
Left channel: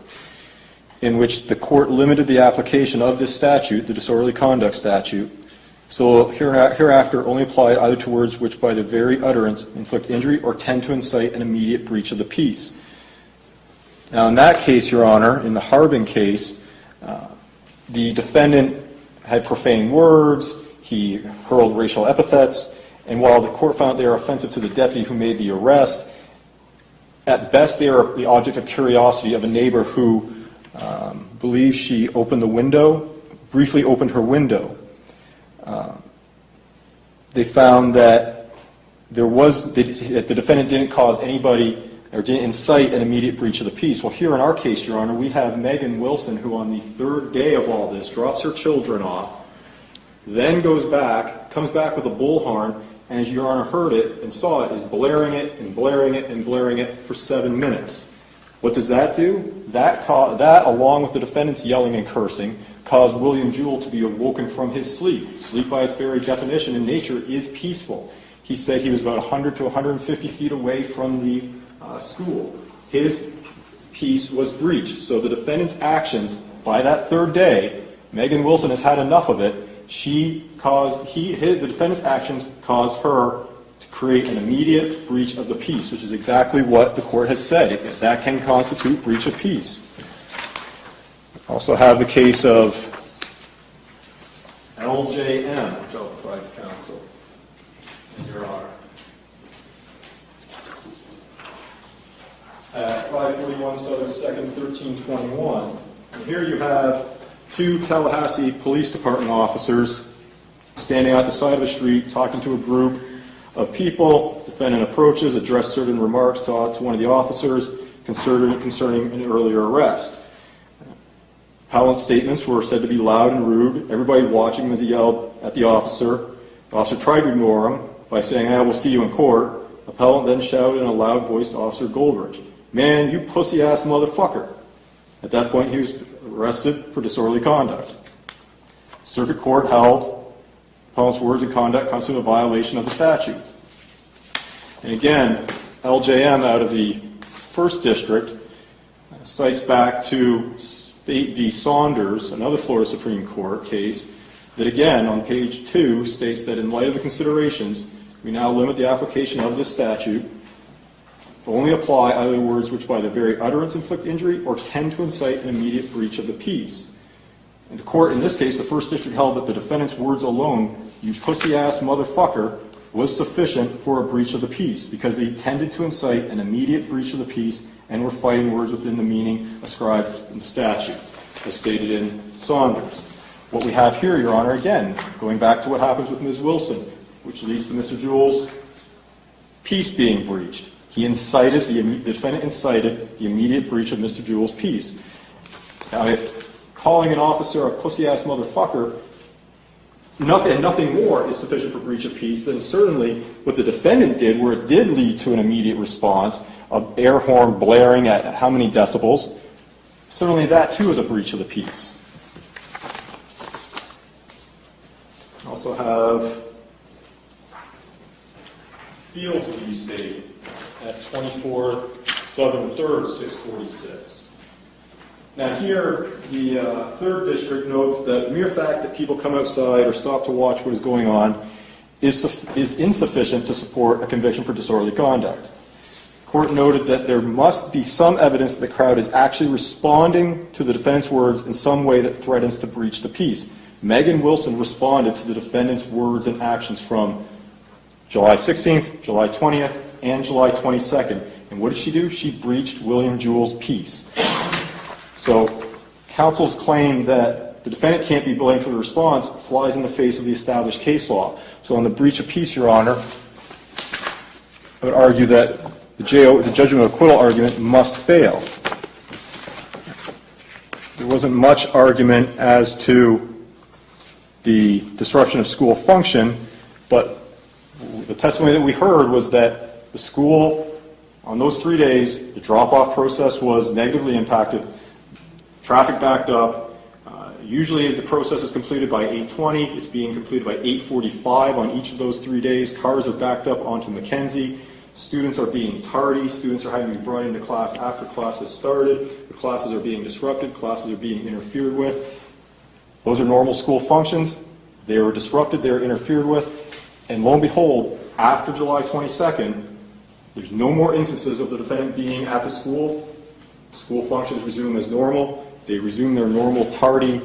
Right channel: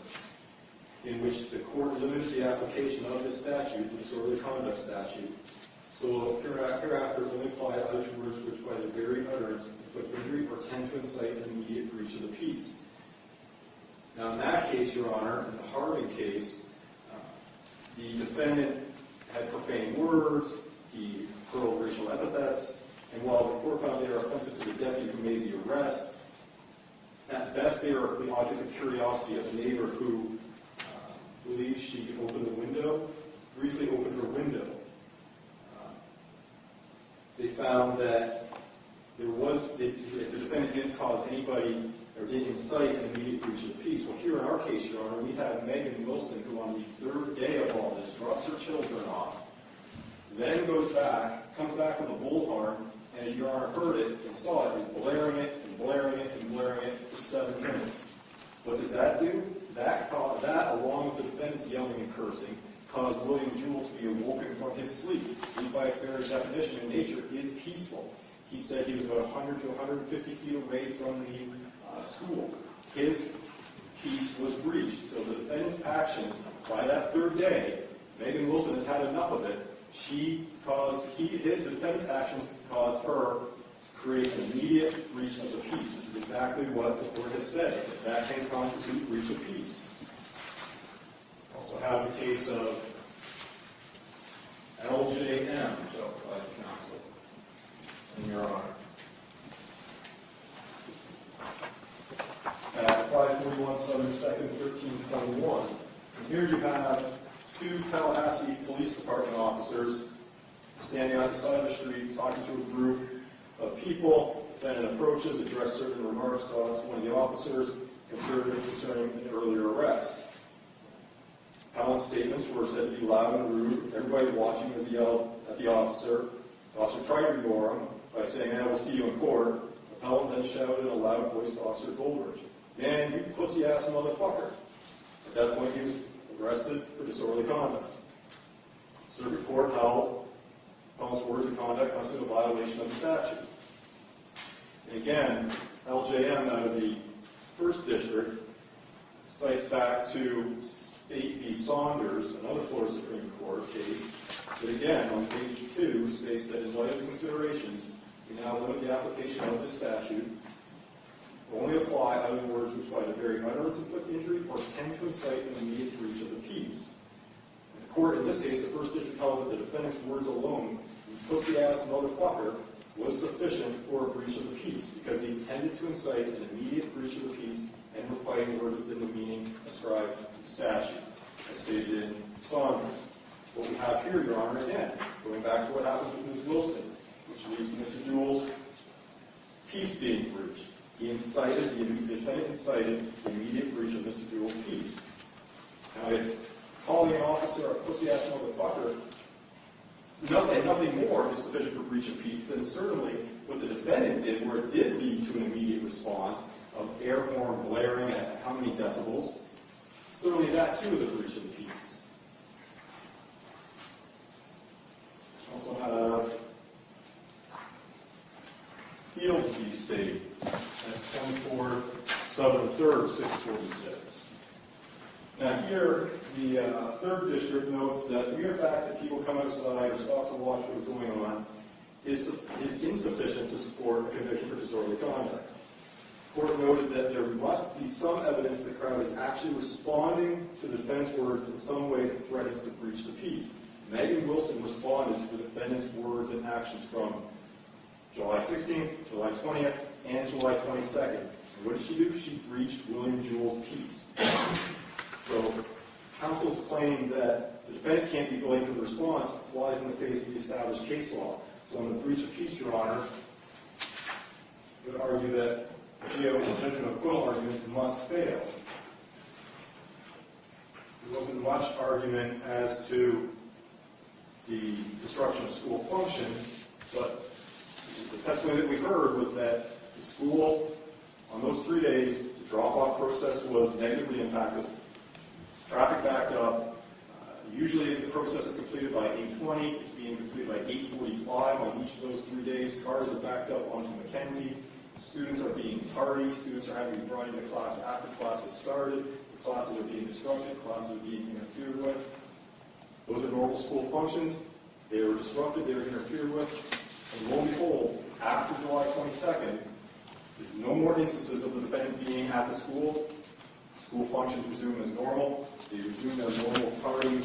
in which the court limited the application of this statute, the disorderly conduct statute, so hereafter only applied either to words which by their very utterance inflict injury or tend to incite an immediate breach of the peace. Now in that case, Your Honor, in the Harbin case, the defendant had profane words, he hurled racial epithets, and while the court found they are offensive to the deputy who made the arrest, at best they are the object of curiosity of a neighbor who believes she opened the window, briefly opened her window. They found that that the defendant didn't cause anybody or didn't incite an immediate breach of the peace. Well, here in our case, Your Honor, we have Megan Wilson, who on the 3rd day of all this drops her children off, then goes back, comes back with a bullhorn, and as Your Honor heard it and saw it, is blaring it and blaring it and blaring it for 7 minutes. What does that do? That, along with the defendant's yelling and cursing, caused William Jewell to be awoken from his sleep. Sleep, by its very definition in nature, is peaceful. He said he was about 100 to 150 feet away from the school. His peace was breached. So the defendant's actions, by that 3rd day, Megan Wilson has had enough of it. The defendant's actions caused her to create an immediate breach of the peace, which is exactly what the court has said. That can constitute breach of peace. Also have the case of LJM, which I'll provide counsel, Your Honor. At 541 Southern 2nd, 1321. And here you have 2 Tallahassee Police Department officers standing out the side of the street talking to a group of people. Defendant approaches, addressed certain remarks to one of the officers concerning an earlier arrest. Appellant's statements were said to be loud and rude. Everybody watching him as he yelled at the officer. The officer tried to ignore him by saying, "I will see you in court." Appellant then shouted in a loud voice to Officer Goldridge, "Man, you pussy-ass motherfucker." At that point, he was arrested for disorderly conduct. Circuit Court held appellant's words and conduct constitute a violation of the statute. And again, LJM out of the 1st District cites back to State v. Saunders, another Florida Supreme Court case, that again, on page 2, states that in light of the considerations, we now limit the application of this statute to only apply either words which by their very utterance inflict injury or tend to incite an immediate breach of the peace. And the court, in this case, the 1st District held that the defendant's words alone, "You pussy-ass motherfucker," was sufficient for a breach of the peace because they tended to incite an immediate breach of the peace and were fighting words within the meaning ascribed in the statute, as stated in Saunders. What we have here, Your Honor, again, going back to what happens with Ms. Wilson, which leads to Mr. Jewell's peace being breached. The defendant incited the immediate breach of Mr. Jewell's peace. Now, if calling an officer a pussy-ass motherfucker, nothing more is sufficient for breach of peace, then certainly what the defendant did, where it did lead to an immediate response, of air horn blaring at how many decibels, certainly that too is a breach of the peace. Also have Fields v. State at 24 Southern 3rd, 646. Now here, the 3rd District notes that the mere fact that people come outside or stop to watch what is going on is insufficient to support a conviction for disorderly conduct. The court noted that there must be some evidence that the crowd is actually responding to the defendant's words in some way that threatens to breach the peace. Megan Wilson responded to the defendant's words and actions from July 16th, July 20th, and July 22nd. And what did she do? She breached William Jewell's peace. So counsel's claim that the defendant can't be blamed for the response flies in the face of the established case law. So on the breach of peace, Your Honor, I would argue that the judgment of acquittal argument must fail. There wasn't much argument as to the disruption of school function, but the testimony that we heard was that the school, on those 3 days, the drop-off process was negatively impacted, traffic backed up, Usually the process is completed by 8:20. It's being completed by 8:45 on each of those 3 days. Cars are backed up onto Mackenzie. Students are being tardy. Students are having to be brought into class after class has started. The classes are being disrupted. Classes are being interfered with. Those are normal school functions. They were disrupted. They were interfered with. And lo and behold, after July 22nd, there's no more instances of the defendant being at the school. School functions resume as normal. They resume their normal tardy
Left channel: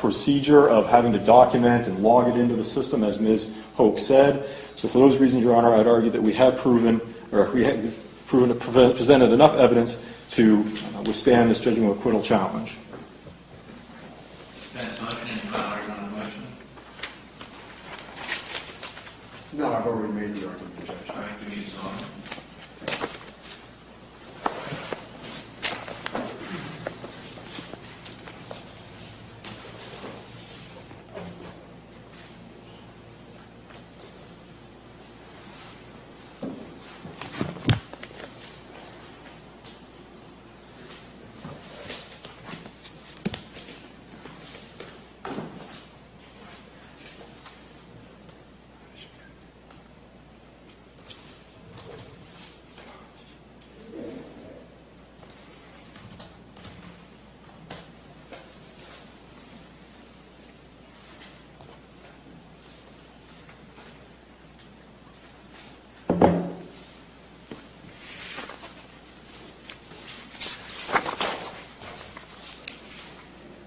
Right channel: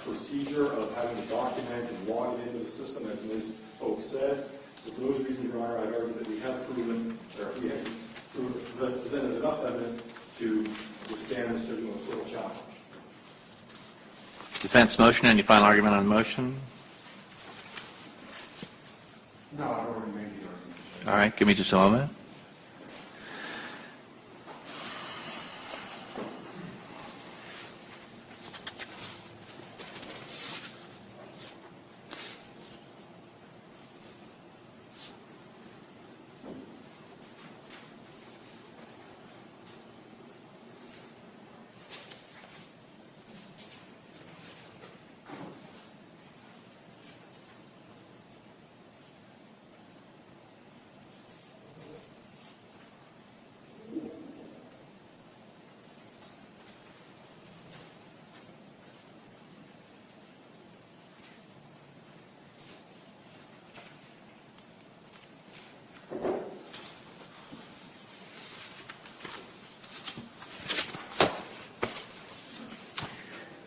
procedure of having to document and log it into the system, as Ms. Hoke said. So for those reasons, Your Honor, I'd argue that we have presented enough evidence to withstand this judgment of acquittal challenge. Defense motion, any final argument on the motion? No, I've already made the argument, Judge. All right, give me just a moment.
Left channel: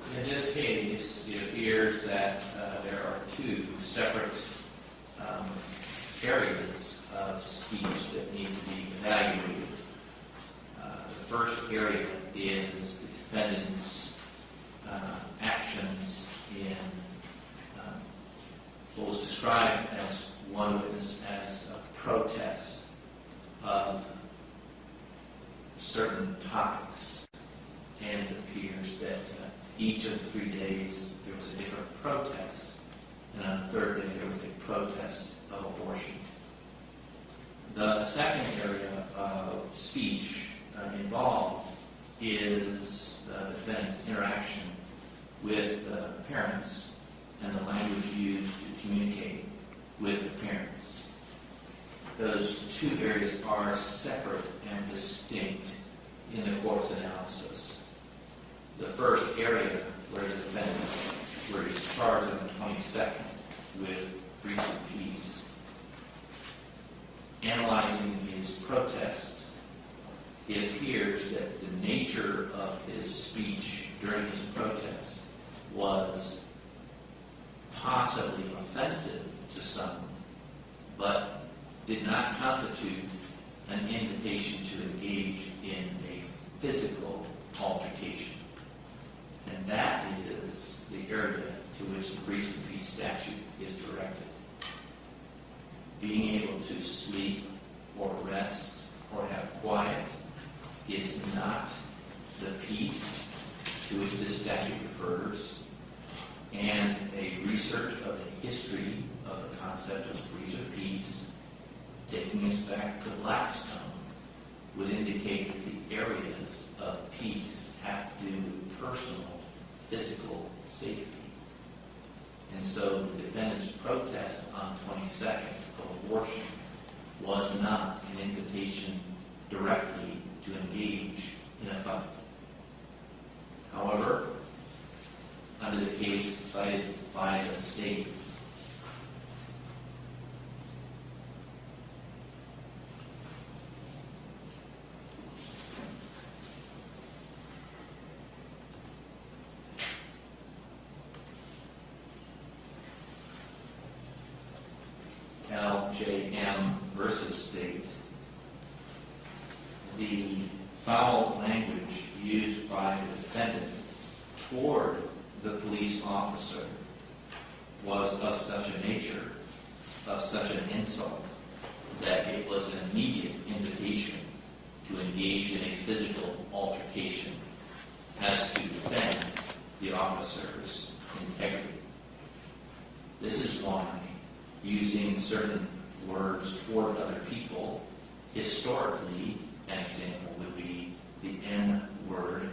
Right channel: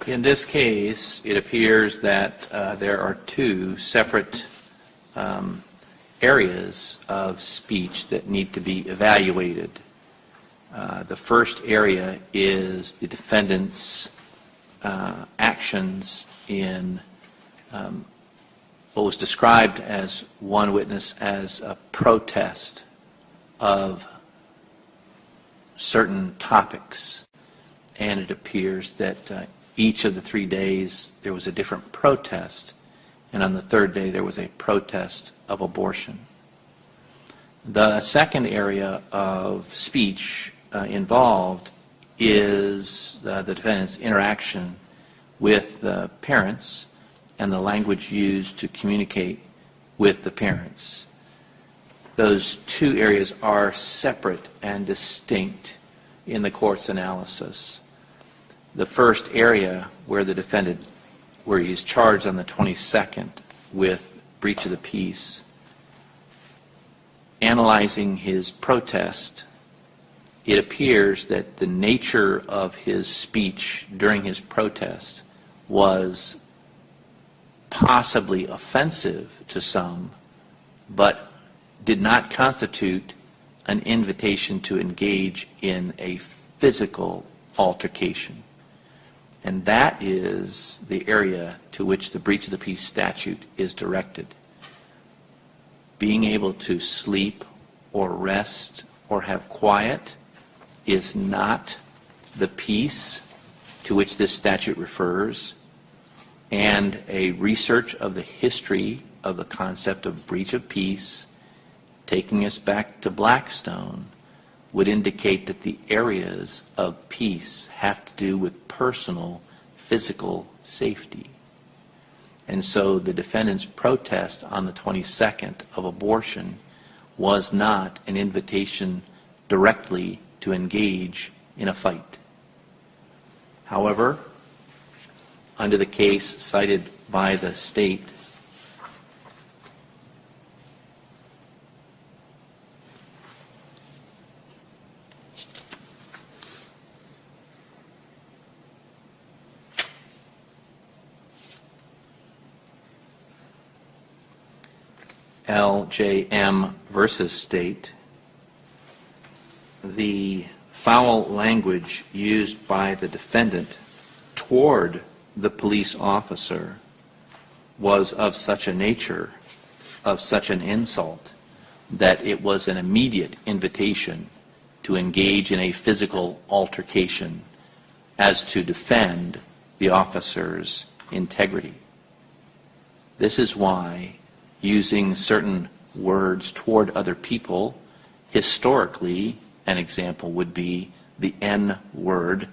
In this case, it appears that there are two separate areas of speech that need to be evaluated. The first area is the defendant's actions in what was described as one witness as a protest of certain topics. And it appears that each of the 3 days there was a different protest, and on the third day there was a protest of abortion. The second area of speech involved is the defendant's interaction with the parents and the language used to communicate with the parents. Those two areas are separate and distinct in the court's analysis. The first area where the defendant, where he's charged on the 22nd with breach of the peace, analyzing his protest, it appears that the nature of his speech during his protest was possibly offensive to some, but did not constitute an invitation to engage in a physical altercation. And that is the area to which the breach of the peace statute is directed. Being able to sleep or rest or have quiet is not the peace to which this statute refers. And a research of the history of the concept of breach of peace, taking us back to Blackstone, would indicate that the areas of peace have to do with personal, physical safety. And so the defendant's protest on the 22nd of abortion was not an invitation directly to engage in a fight. However, under the case cited by the state, LJM versus state, the foul language used by the defendant toward the police officer was of such a nature, of such an insult, that it was an immediate invitation to engage in a physical altercation as to defend the officer's integrity. This is why using certain words toward other people, historically, an example would be the N word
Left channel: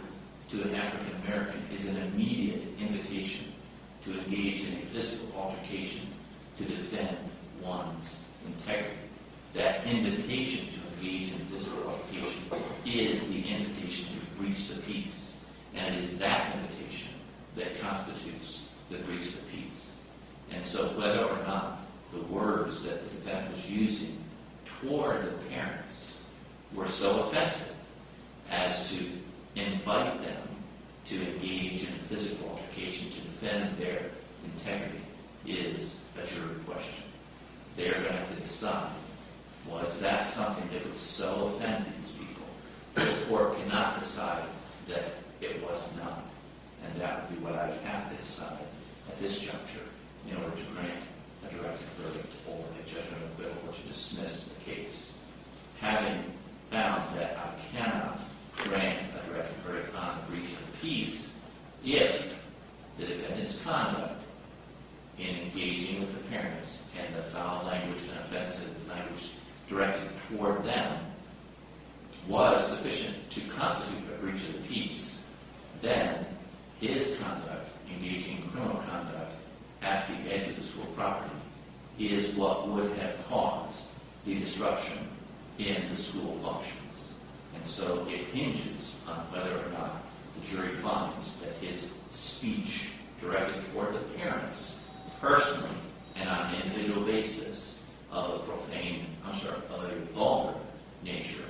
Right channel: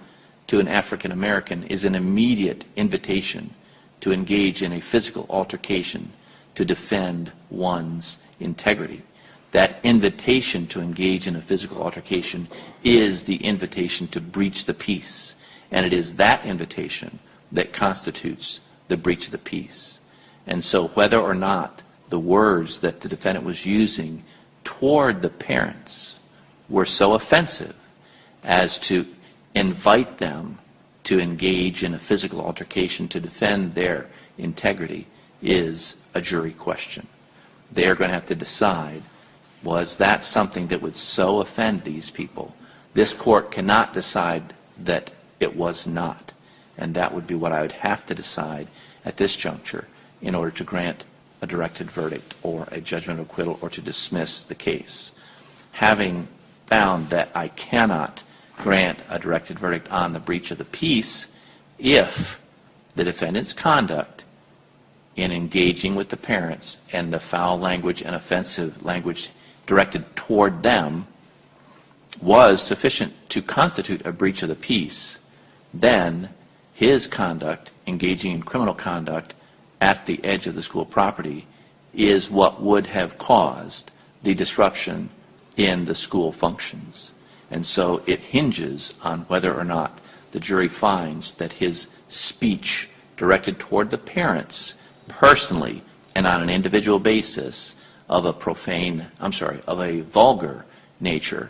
to an African American is an immediate invitation to engage in a physical altercation to defend one's integrity. That invitation to engage in a physical altercation is the invitation to breach the peace, and it is that invitation that constitutes the breach of the peace. And so whether or not the words that the defendant was using toward the parents were so offensive as to invite them to engage in a physical altercation to defend their integrity is a jury question. They're going to have to decide, was that something that would so offend these people? This court cannot decide that it was not, and that would be what I would have to decide at this juncture in order to grant a directed verdict or a judgment of acquittal or to dismiss the case. Having found that I cannot grant a directed verdict on the breach of the peace if the defendant's conduct in engaging with the parents and the foul language and offensive language directed toward them was sufficient to constitute a breach of the peace, then his conduct, engaging in criminal conduct at the edge of the school property, is what would have caused the disruption in the school functions. And so it hinges on whether or not the jury finds that his speech directed toward the parents personally and on an individual basis of a vulgar nature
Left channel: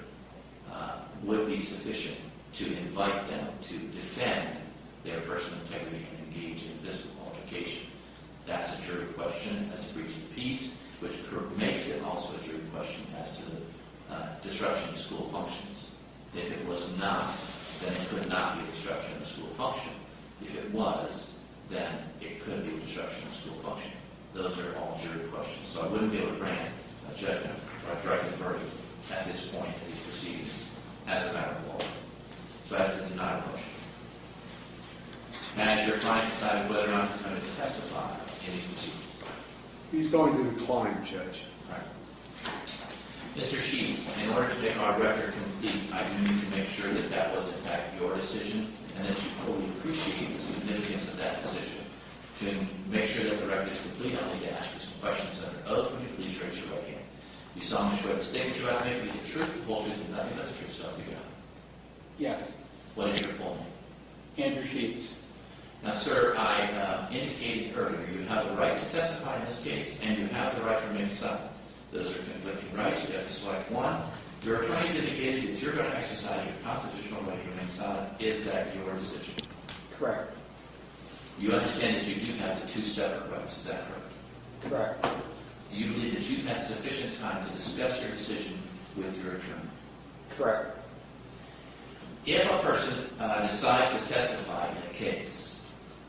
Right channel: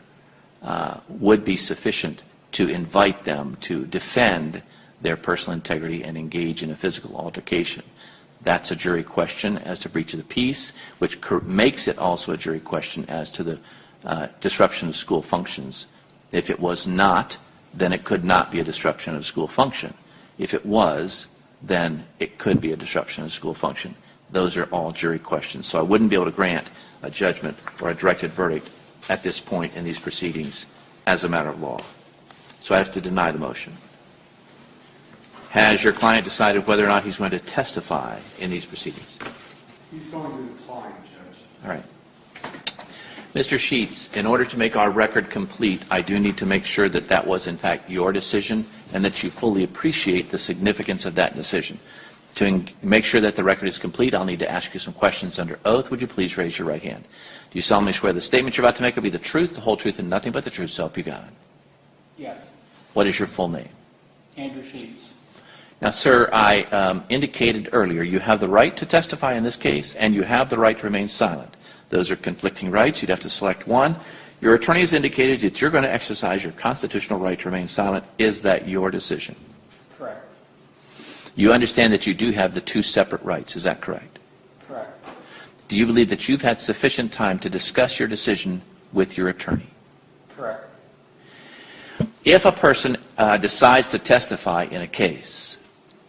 would be sufficient to invite them to defend their personal integrity and engage in a physical altercation. That's a jury question as to breach of the peace, which makes it also a jury question as to the disruption of school functions. If it was not, then it could not be a disruption of school function. If it was, then it could be a disruption of school function. Those are all jury questions. So I wouldn't be able to grant a judgment or a directed verdict at this point in these proceedings as a matter of law. So I have to deny the motion. Has your client decided whether or not he's going to testify in these proceedings? He's going to decline, Judge. All right. Mr. Sheets, in order to make our record complete, I do need to make sure that that was in fact your decision and that you fully appreciate the significance of that decision. To make sure that the record is complete, I'll need to ask you some questions under oath. Would you please raise your right hand? Do you solemnly swear the statement you're about to make will be the truth, the whole truth, and nothing but the truth, so help you God? Yes. What is your full name? Andrew Sheets. Now, sir, I indicated earlier you have the right to testify in this case, and you have the right to remain silent. Those are conflicting rights. You'd have to select one. Your attorney has indicated that you're going to exercise your constitutional right to remain silent. Is that your decision? Correct. You understand that you do have the two separate rights. Is that correct? Correct. Do you believe that you've had sufficient time to discuss your decision with your attorney? Correct. If a person decides to testify in a case,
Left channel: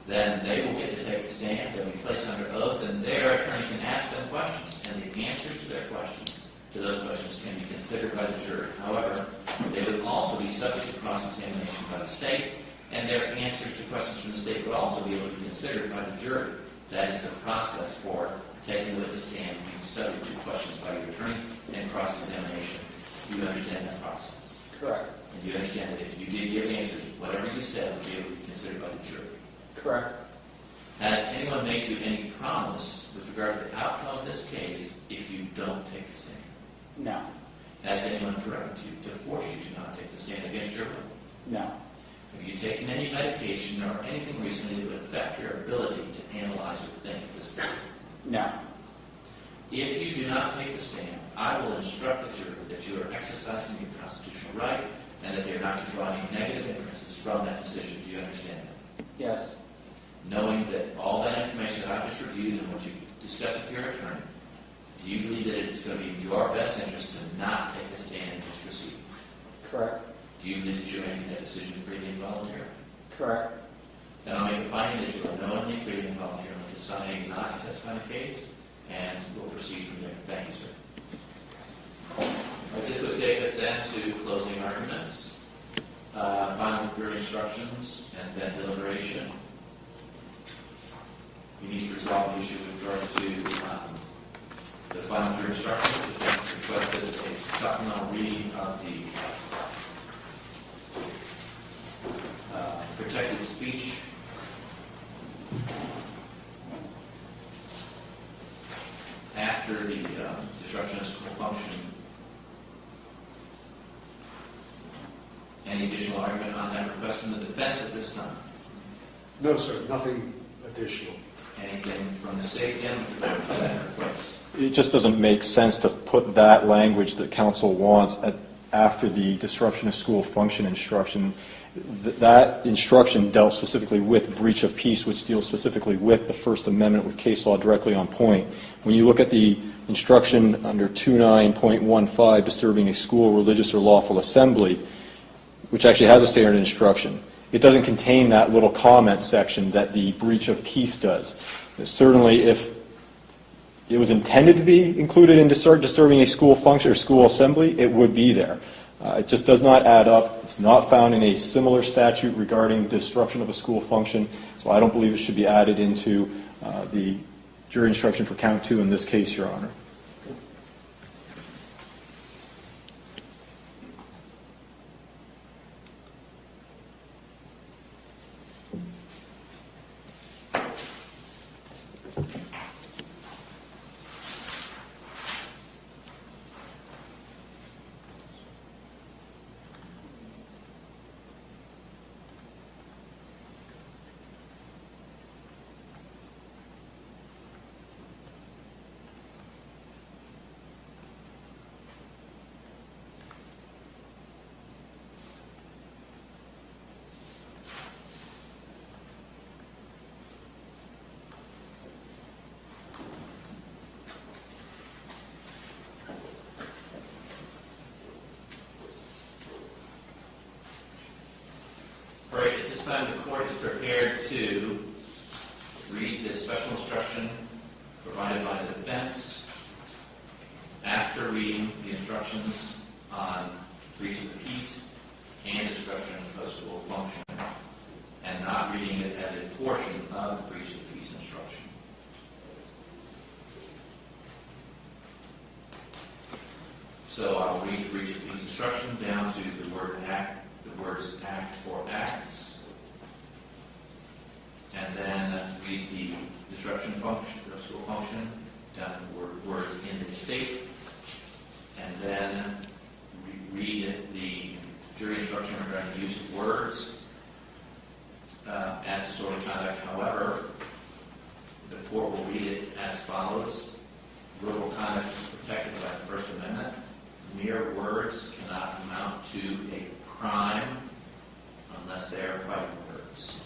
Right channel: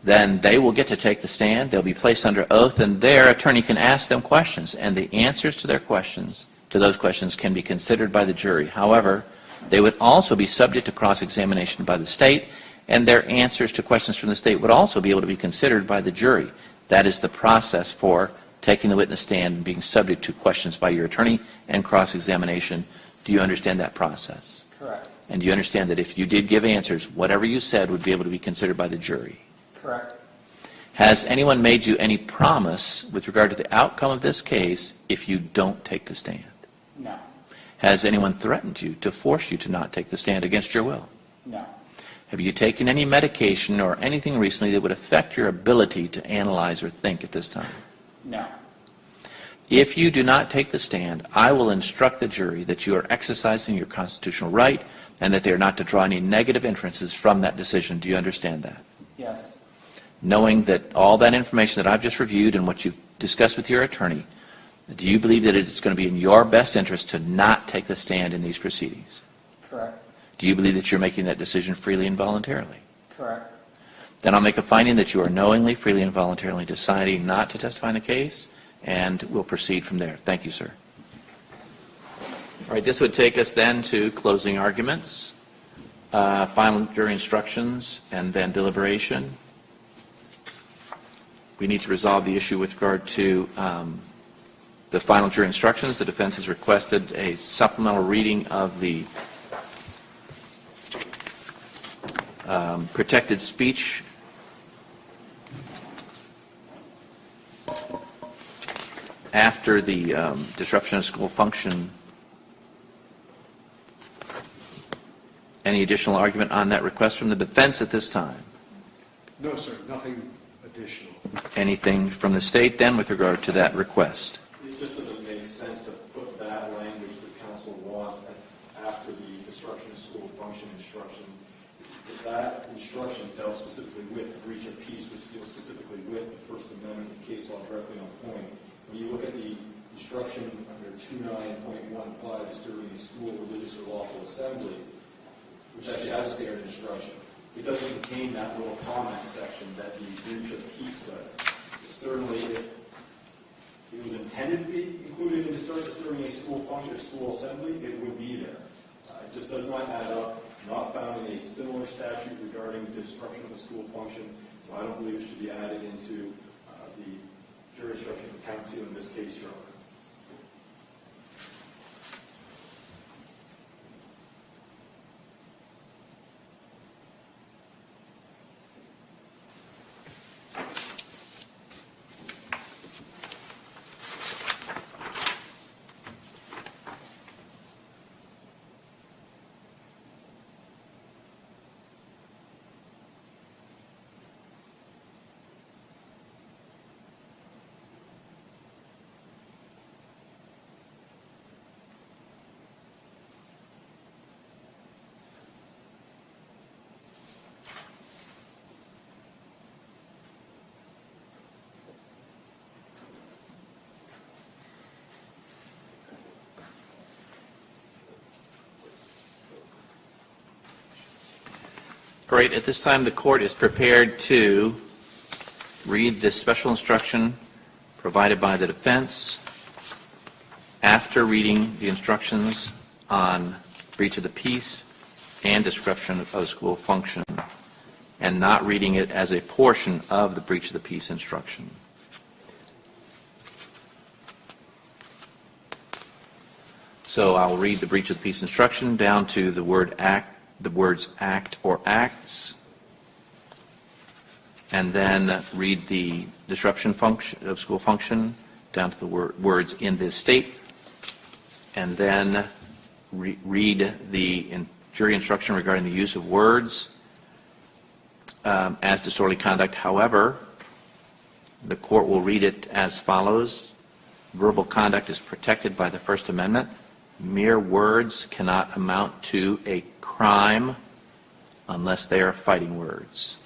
then they will get to take the stand, they'll be placed under oath, and their attorney can ask them questions, and the answers to their questions, to those questions, can be considered by the jury. However, they would also be subject to cross-examination by the state, and their answers to questions from the state would also be able to be considered by the jury. That is the process for taking the witness stand and being subject to questions by your attorney and cross-examination. Do you understand that process? Correct. And do you understand that if you did give answers, whatever you said would be able to be considered by the jury? Correct. Has anyone made you any promise with regard to the outcome of this case if you don't take the stand? No. Has anyone threatened you to force you to not take the stand against your will? No. Have you taken any medication or anything recently that would affect your ability to analyze or think at this time? No. If you do not take the stand, I will instruct the jury that you are exercising your constitutional right and that they are not to draw any negative inferences from that decision. Do you understand that? Yes. Knowing that all that information that I've just reviewed and what you've discussed with your attorney, do you believe that it's going to be in your best interest to not take the stand in these proceedings? Correct. Do you believe that you're making that decision freely and voluntarily? Correct. Then I'll make a finding that you are knowingly, freely, and voluntarily deciding not to testify in the case, and we'll proceed from there. Thank you, sir. All right, this would take us then to closing arguments, final jury instructions, and then deliberation. We need to resolve the issue with regard to the final jury instructions. The defense has requested a supplemental reading of the protected speech. After the disruption of school function. Any additional argument on that request from the defense at this time? No, sir, nothing additional. Anything from the state then with regard to that request? It just doesn't make sense to put that language that council wants after the disruption of school function instruction. That instruction dealt specifically with breach of peace, which deals specifically with the First Amendment with case law directly on point. When you look at the instruction under 29.15, disturbing a school, religious, or lawful assembly, which actually has a standard instruction, it doesn't contain that little comment section that the breach of peace does. Certainly, if it was intended to be included in disturbing a school function or school assembly, it would be there. It just does not add up. It's not found in a similar statute regarding disruption of a school function, so I don't believe it should be added into the jury instruction for count 2 in this case, Your Honor. Great. At this time, the court is prepared to read this special instruction provided by the defense. After reading the instructions on breach of the peace and disruption of the school function, and not reading it as a portion of the breach of the peace instruction. So I will read the breach of the peace instruction down to the word act, the words act or acts, and then read the disruption function of school function down to the words in this state, and then read the jury instruction regarding the use of words as disorderly conduct. However, the court will read it as follows. Verbal conduct is protected by the First Amendment. Mere words cannot amount to a crime unless they are fighting words.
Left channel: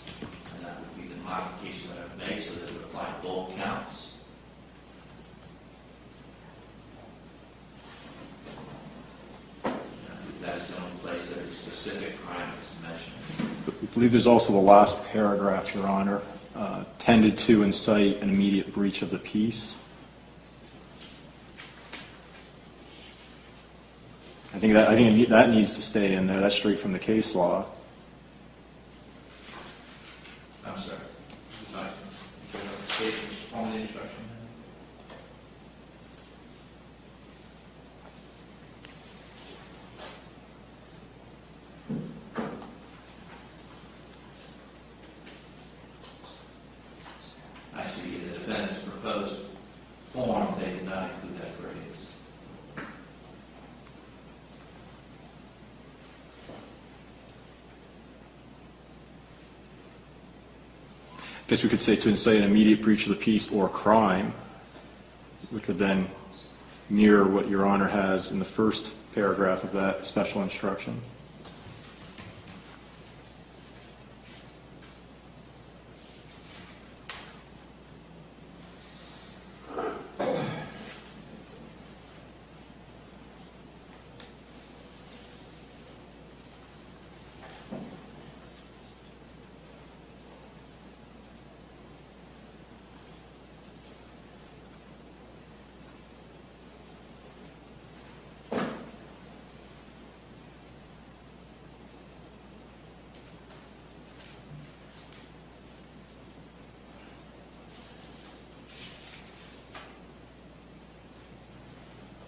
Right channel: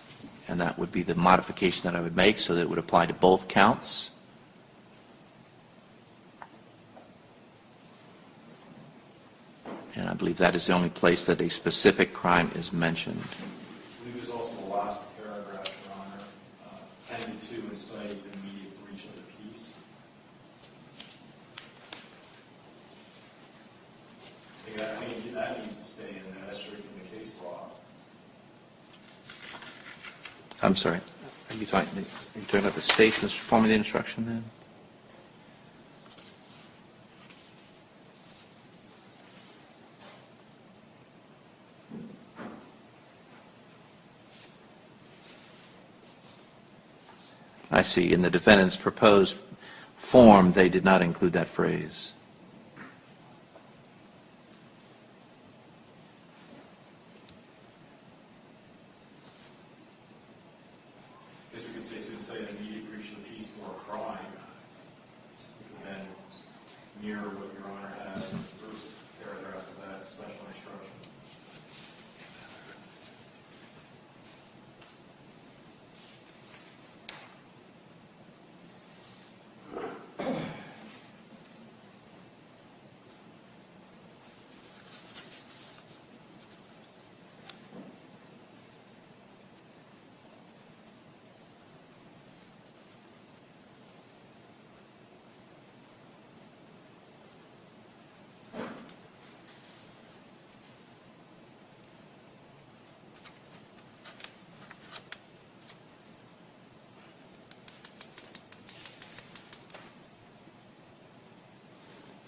And that would be the modification that I would make so that it would apply to both counts. And I believe that is the only place that a specific crime is mentioned. I believe there's also the last paragraph, Your Honor, tended to incite an immediate breach of the peace. I think that needs to stay in there. That's straight from the case law. I'm sorry. Are you talking about the state's form of the instruction then? I see. In the defendant's proposed form, they did not include that phrase. I guess we could say to incite an immediate breach of the peace or crime, which would then mirror what Your Honor has in the first paragraph of that special instruction.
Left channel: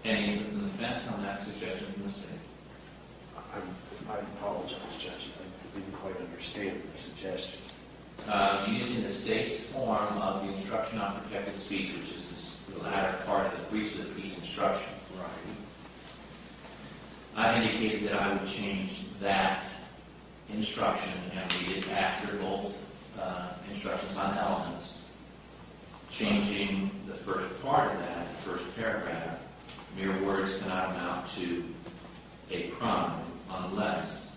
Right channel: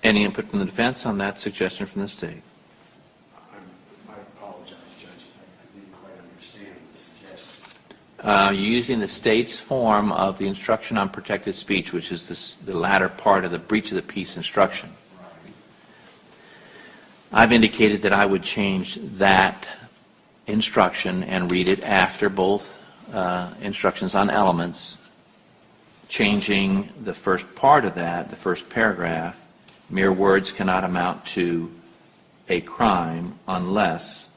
Any input from the defense on that suggestion from the state? I apologize, Judge. I didn't quite understand Using the state's form of the instruction on protected speech, which is the latter part of the breach of the peace instruction. I've indicated that I would change that instruction and read it after both instructions on elements, changing the first part of that, the first paragraph. Mere words cannot amount to a crime unless.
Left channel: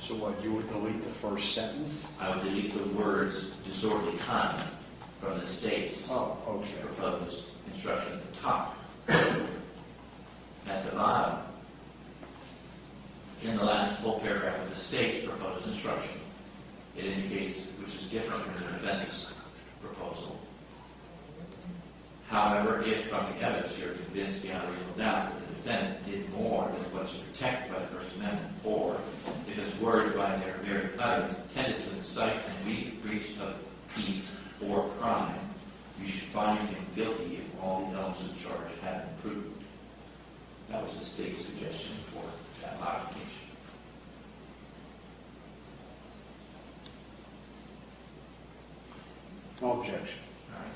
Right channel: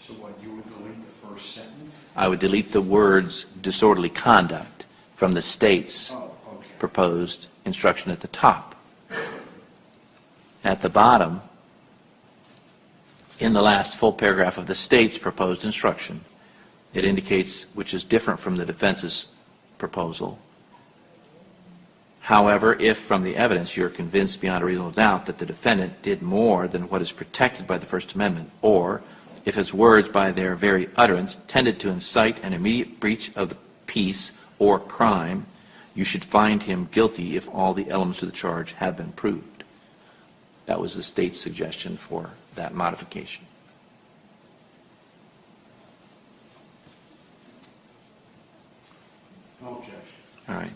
So what, you would delete the first sentence? I would delete the words disorderly conduct from the state's proposed instruction at the top. At the bottom, in the last full paragraph of the state's proposed instruction, it indicates, which is different from the defense's proposal. However, if from the evidence you're convinced beyond a reasonable doubt that the defendant did more than what is protected by the First Amendment, or if his words by their very utterance tended to incite an immediate breach of the peace or crime, you should find him guilty if all the elements of the charge have been proved. That was the state's suggestion for that modification. No objection. All right.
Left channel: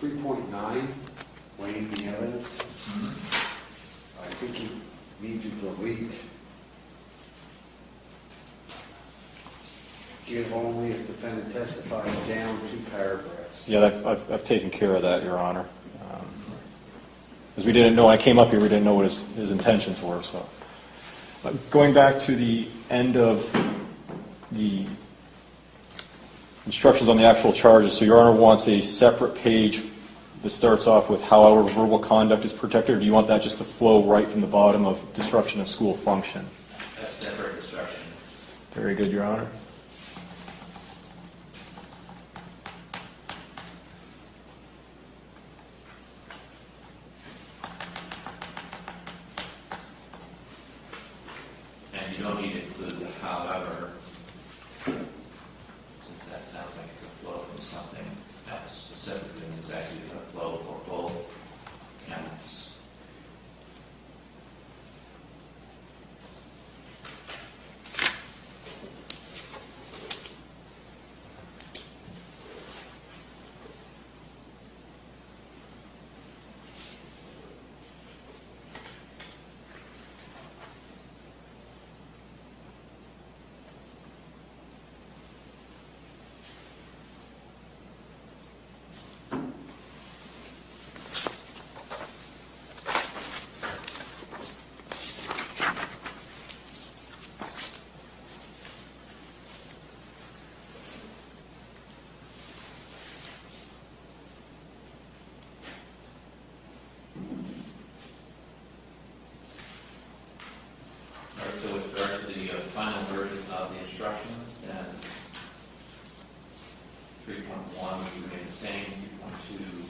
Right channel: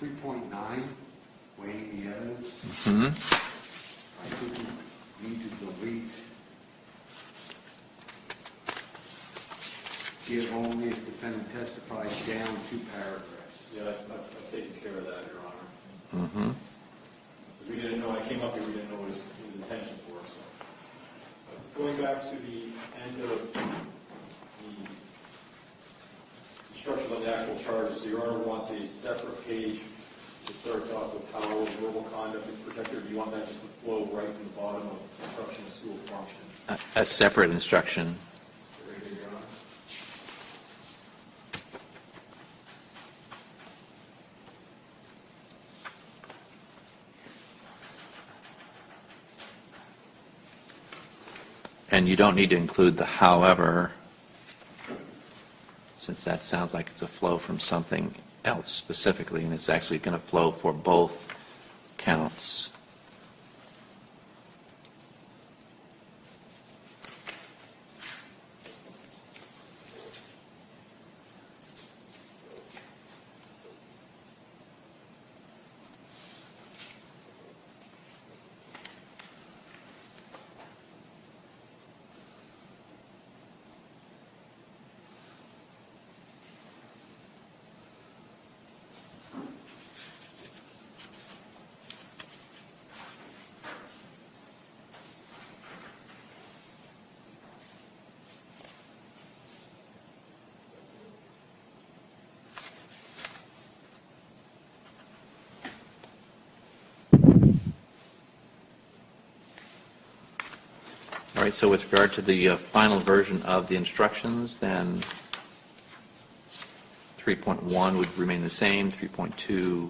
3.9, weighing the evidence. I think you need to delete give only if defendant testifies down 2 paragraphs. Yeah, I've taken care of that, Your Honor. Because we didn't know, when I came up here, we didn't know what his intentions were. So, going back to the end of the instructions on the actual charges, so Your Honor wants a separate page that starts off with however verbal conduct is protected, or do you want that just to flow right from the bottom of disruption of school function? A separate instruction. Very good, Your Honor. And you don't need to include the however, since that sounds like it's a flow from something else specifically, and it's actually going to flow for both counts. All right, so with regard to the final version of the instructions, then 3.1 would remain the same, 3.2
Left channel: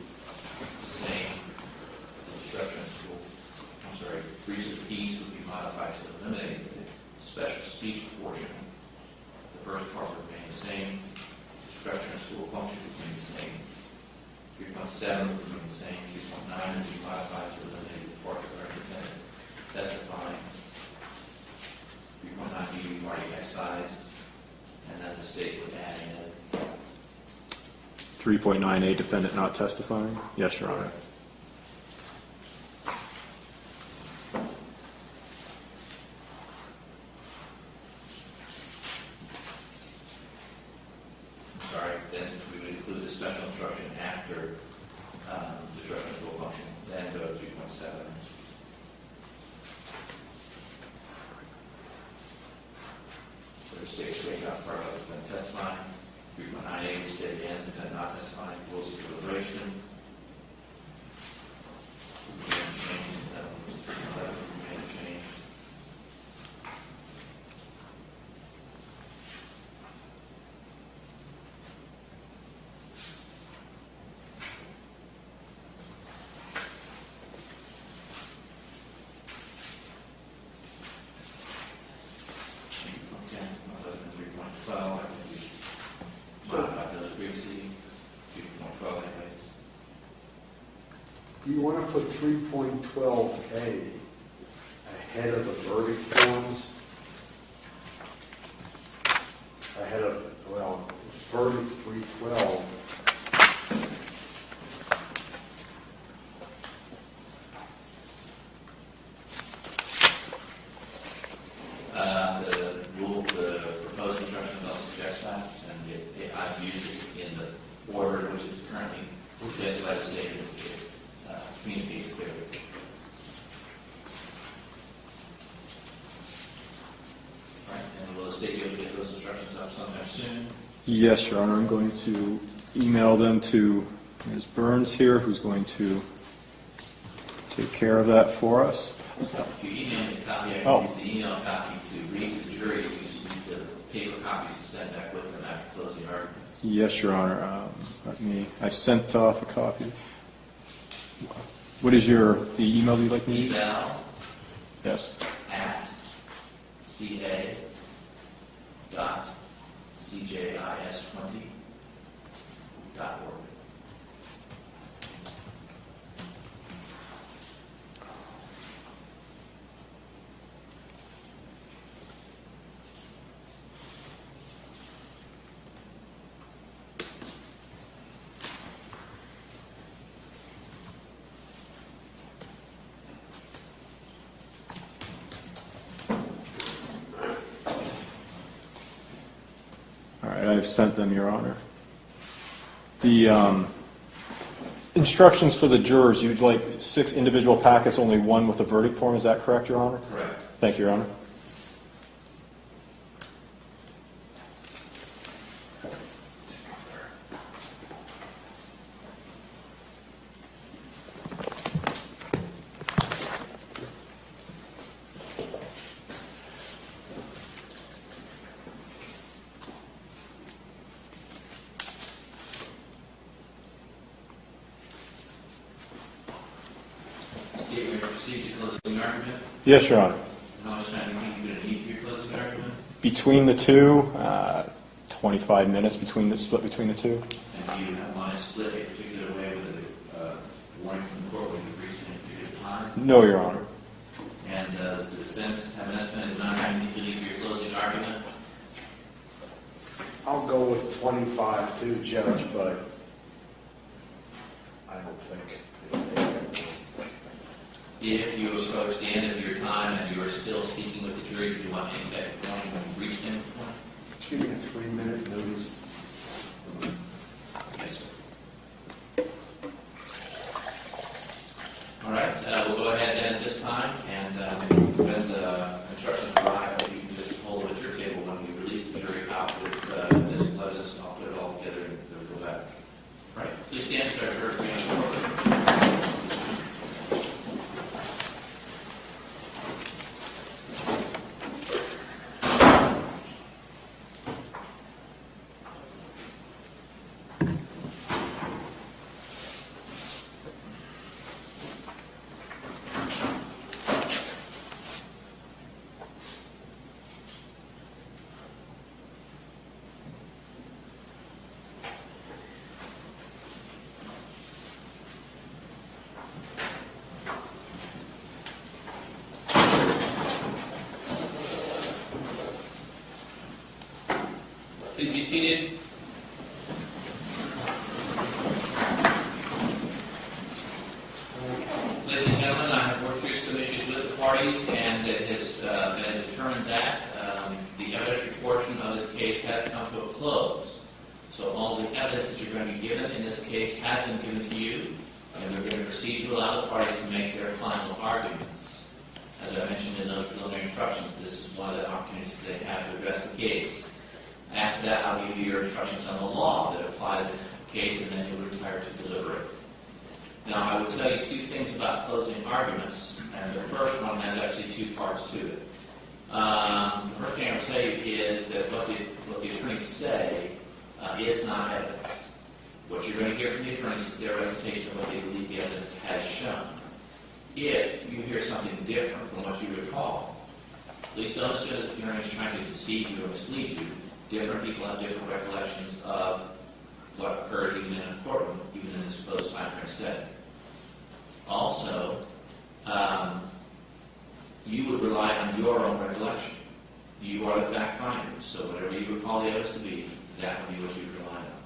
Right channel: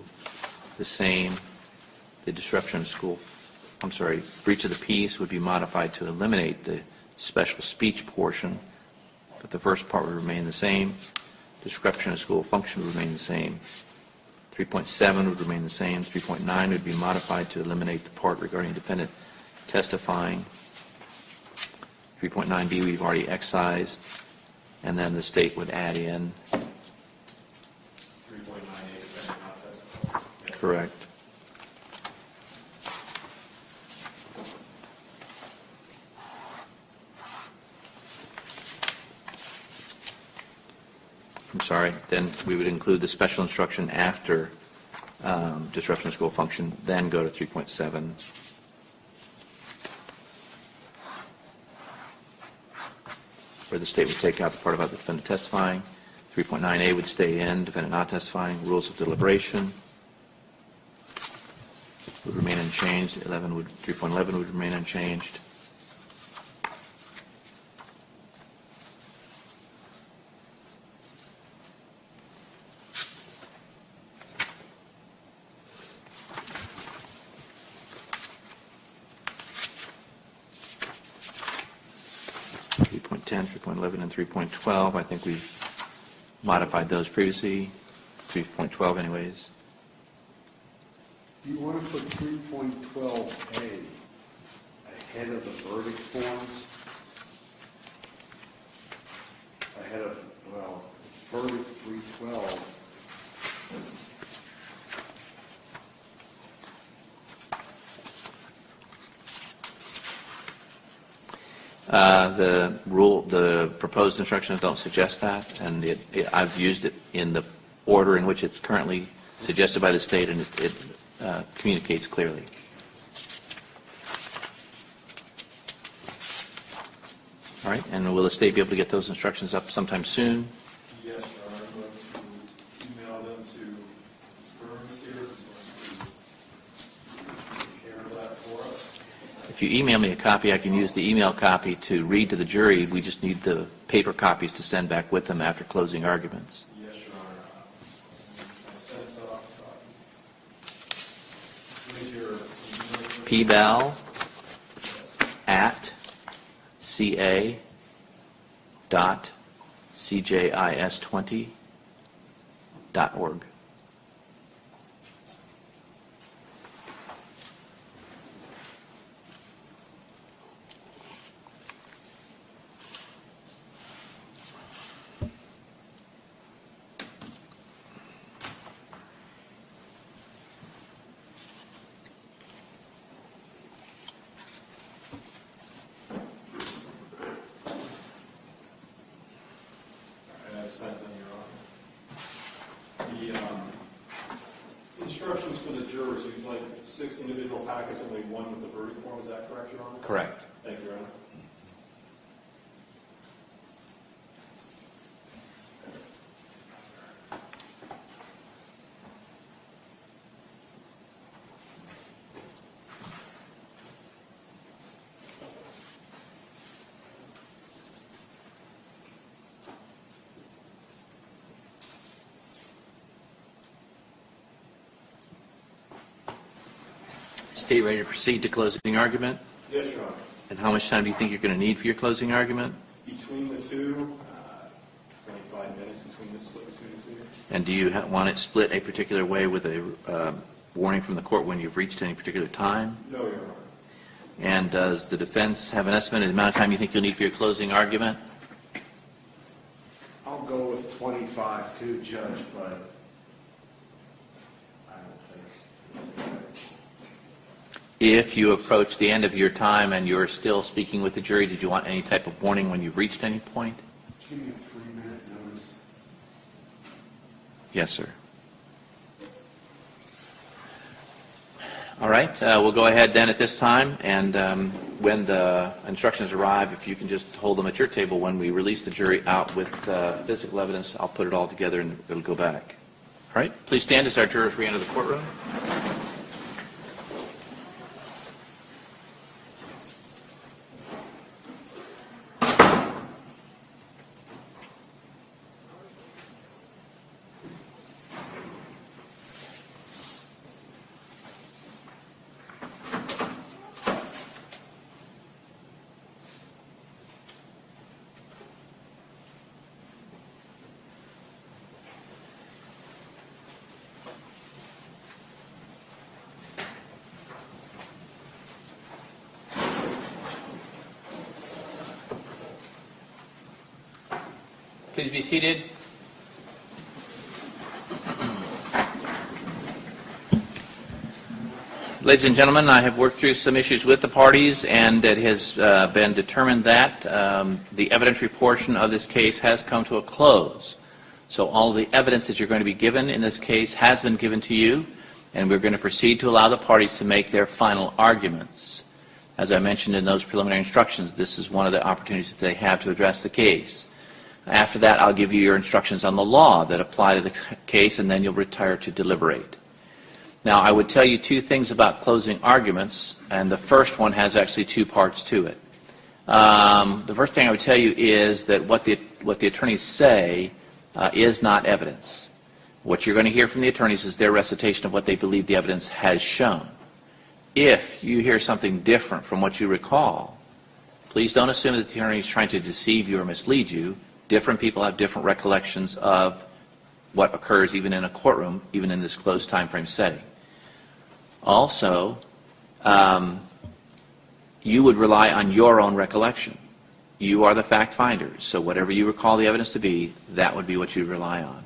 the same. The disruption of school, breach of the peace would be modified to eliminate the special speech portion, but the first part would remain the same. Disruption of school function would remain the same. 3.7 would remain the same. 3.9 would be modified to eliminate the part regarding defendant testifying. 3.9b we've already excised, and then the state would add in 3.9a, defendant not testifying? Yes, correct. Then we would include the special instruction after disruption of school function, then go to 3.7. Where the state would take out the part about the defendant testifying. 3.9a would stay in, defendant not testifying. Rules of deliberation would remain unchanged. 3.11 would remain unchanged. And 3.12, I think we've modified those previously. 3.12 anyways. Do you want to put 3.12a ahead of the verdict forms. Ahead of, well, it's verdict 312. The proposed instructions don't suggest that, and I've used it in the order in which it's currently suggested by the state, and it communicates clearly. All right, and will the state be able to get those instructions up sometime soon? Yes, Your Honor. I'm going to email them to Ms. Burns here, who's going to take care of that for us. If you email me a copy, I can use the email copy to read to the jury. We just need the paper copies to send back with them after closing arguments. Yes, Your Honor. I sent off a copy. What is the email you'd like to use? PBAL Yes. at ca.cjis20.org. I've sent them, Your Honor. The instructions for the jurors, you'd like 6 individual packets, only 1 with a verdict form. Is that correct, Your Honor? Correct. Thank you, Your Honor. State ready to proceed to closing argument? Yes, Your Honor. And how much time do you think you're going to need for your closing argument? Between the two, 25 minutes split between the two. And do you want it split a particular way with a warning from the court when you've reached any particular time? No, Your Honor. And does the defense have an estimate of the amount of time you think you'll need for your closing argument? I'll go with 25 too, Judge, but I don't think it'll take that long. If you approach the end of your time and you're still speaking with the jury, did you want any type of warning when you've reached any point? Give me a 3-minute notice. Yes, sir. All right, we'll go ahead then at this time, and when the instructions arrive, if you can just hold them at your table when we release the jury out with physical evidence, I'll put it all together and it'll go back. All right, please stand as our jurors re-enter the courtroom. Please be seated. Ladies and gentlemen, I have worked through some issues with the parties, and it has been determined that the evidentiary portion of this case has come to a close. So all the evidence that you're going to be given in this case has been given to you, and we're going to proceed to allow the parties to make their final arguments. As I mentioned in those preliminary instructions, this is one of the opportunities that they have to address the case. After that, I'll give you your instructions on the law that apply to the case, and then you'll retire to deliberate. Now, I would tell you 2 things about closing arguments, and the first one has actually 2 parts to it. The first thing I would tell you is that what the attorneys say is not evidence. What you're going to hear from the attorneys is their recitation of what they believe the evidence has shown. If you hear something different from what you recall, please don't assume that the attorney is trying to deceive you or mislead you. Different people have different recollections of what occurs even in a courtroom, even in this closed time frame setting. Also, you would rely on your own recollection. You are the fact finder, so whatever you recall the evidence to be, that would be what you rely on.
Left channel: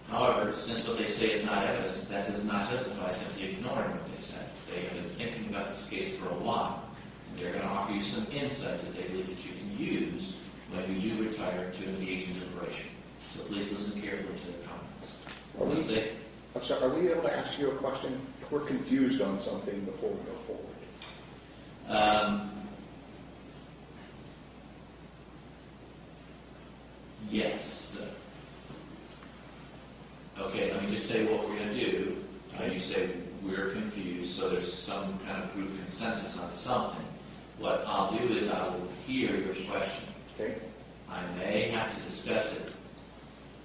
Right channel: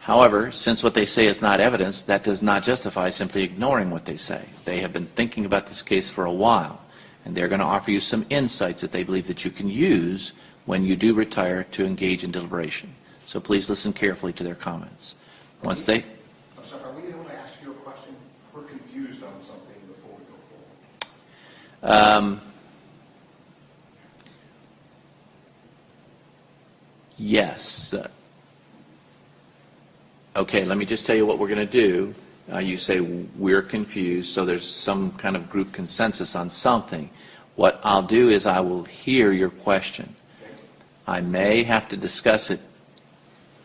However, since what they say is not evidence, that does not justify simply ignoring what they say. They have been thinking about this case for a while, and they're going to offer you some insights that they believe that you can use when you do retire to engage in deliberation. So please listen carefully to their comments. Once they... I'm sorry, are we able to ask you a question? We're confused on something before we go forward. Yes. Okay, let me just tell you what we're going to do. You say we're confused, so there's some kind of group consensus on something. What I'll do is I will hear your question. Okay. I may have to discuss it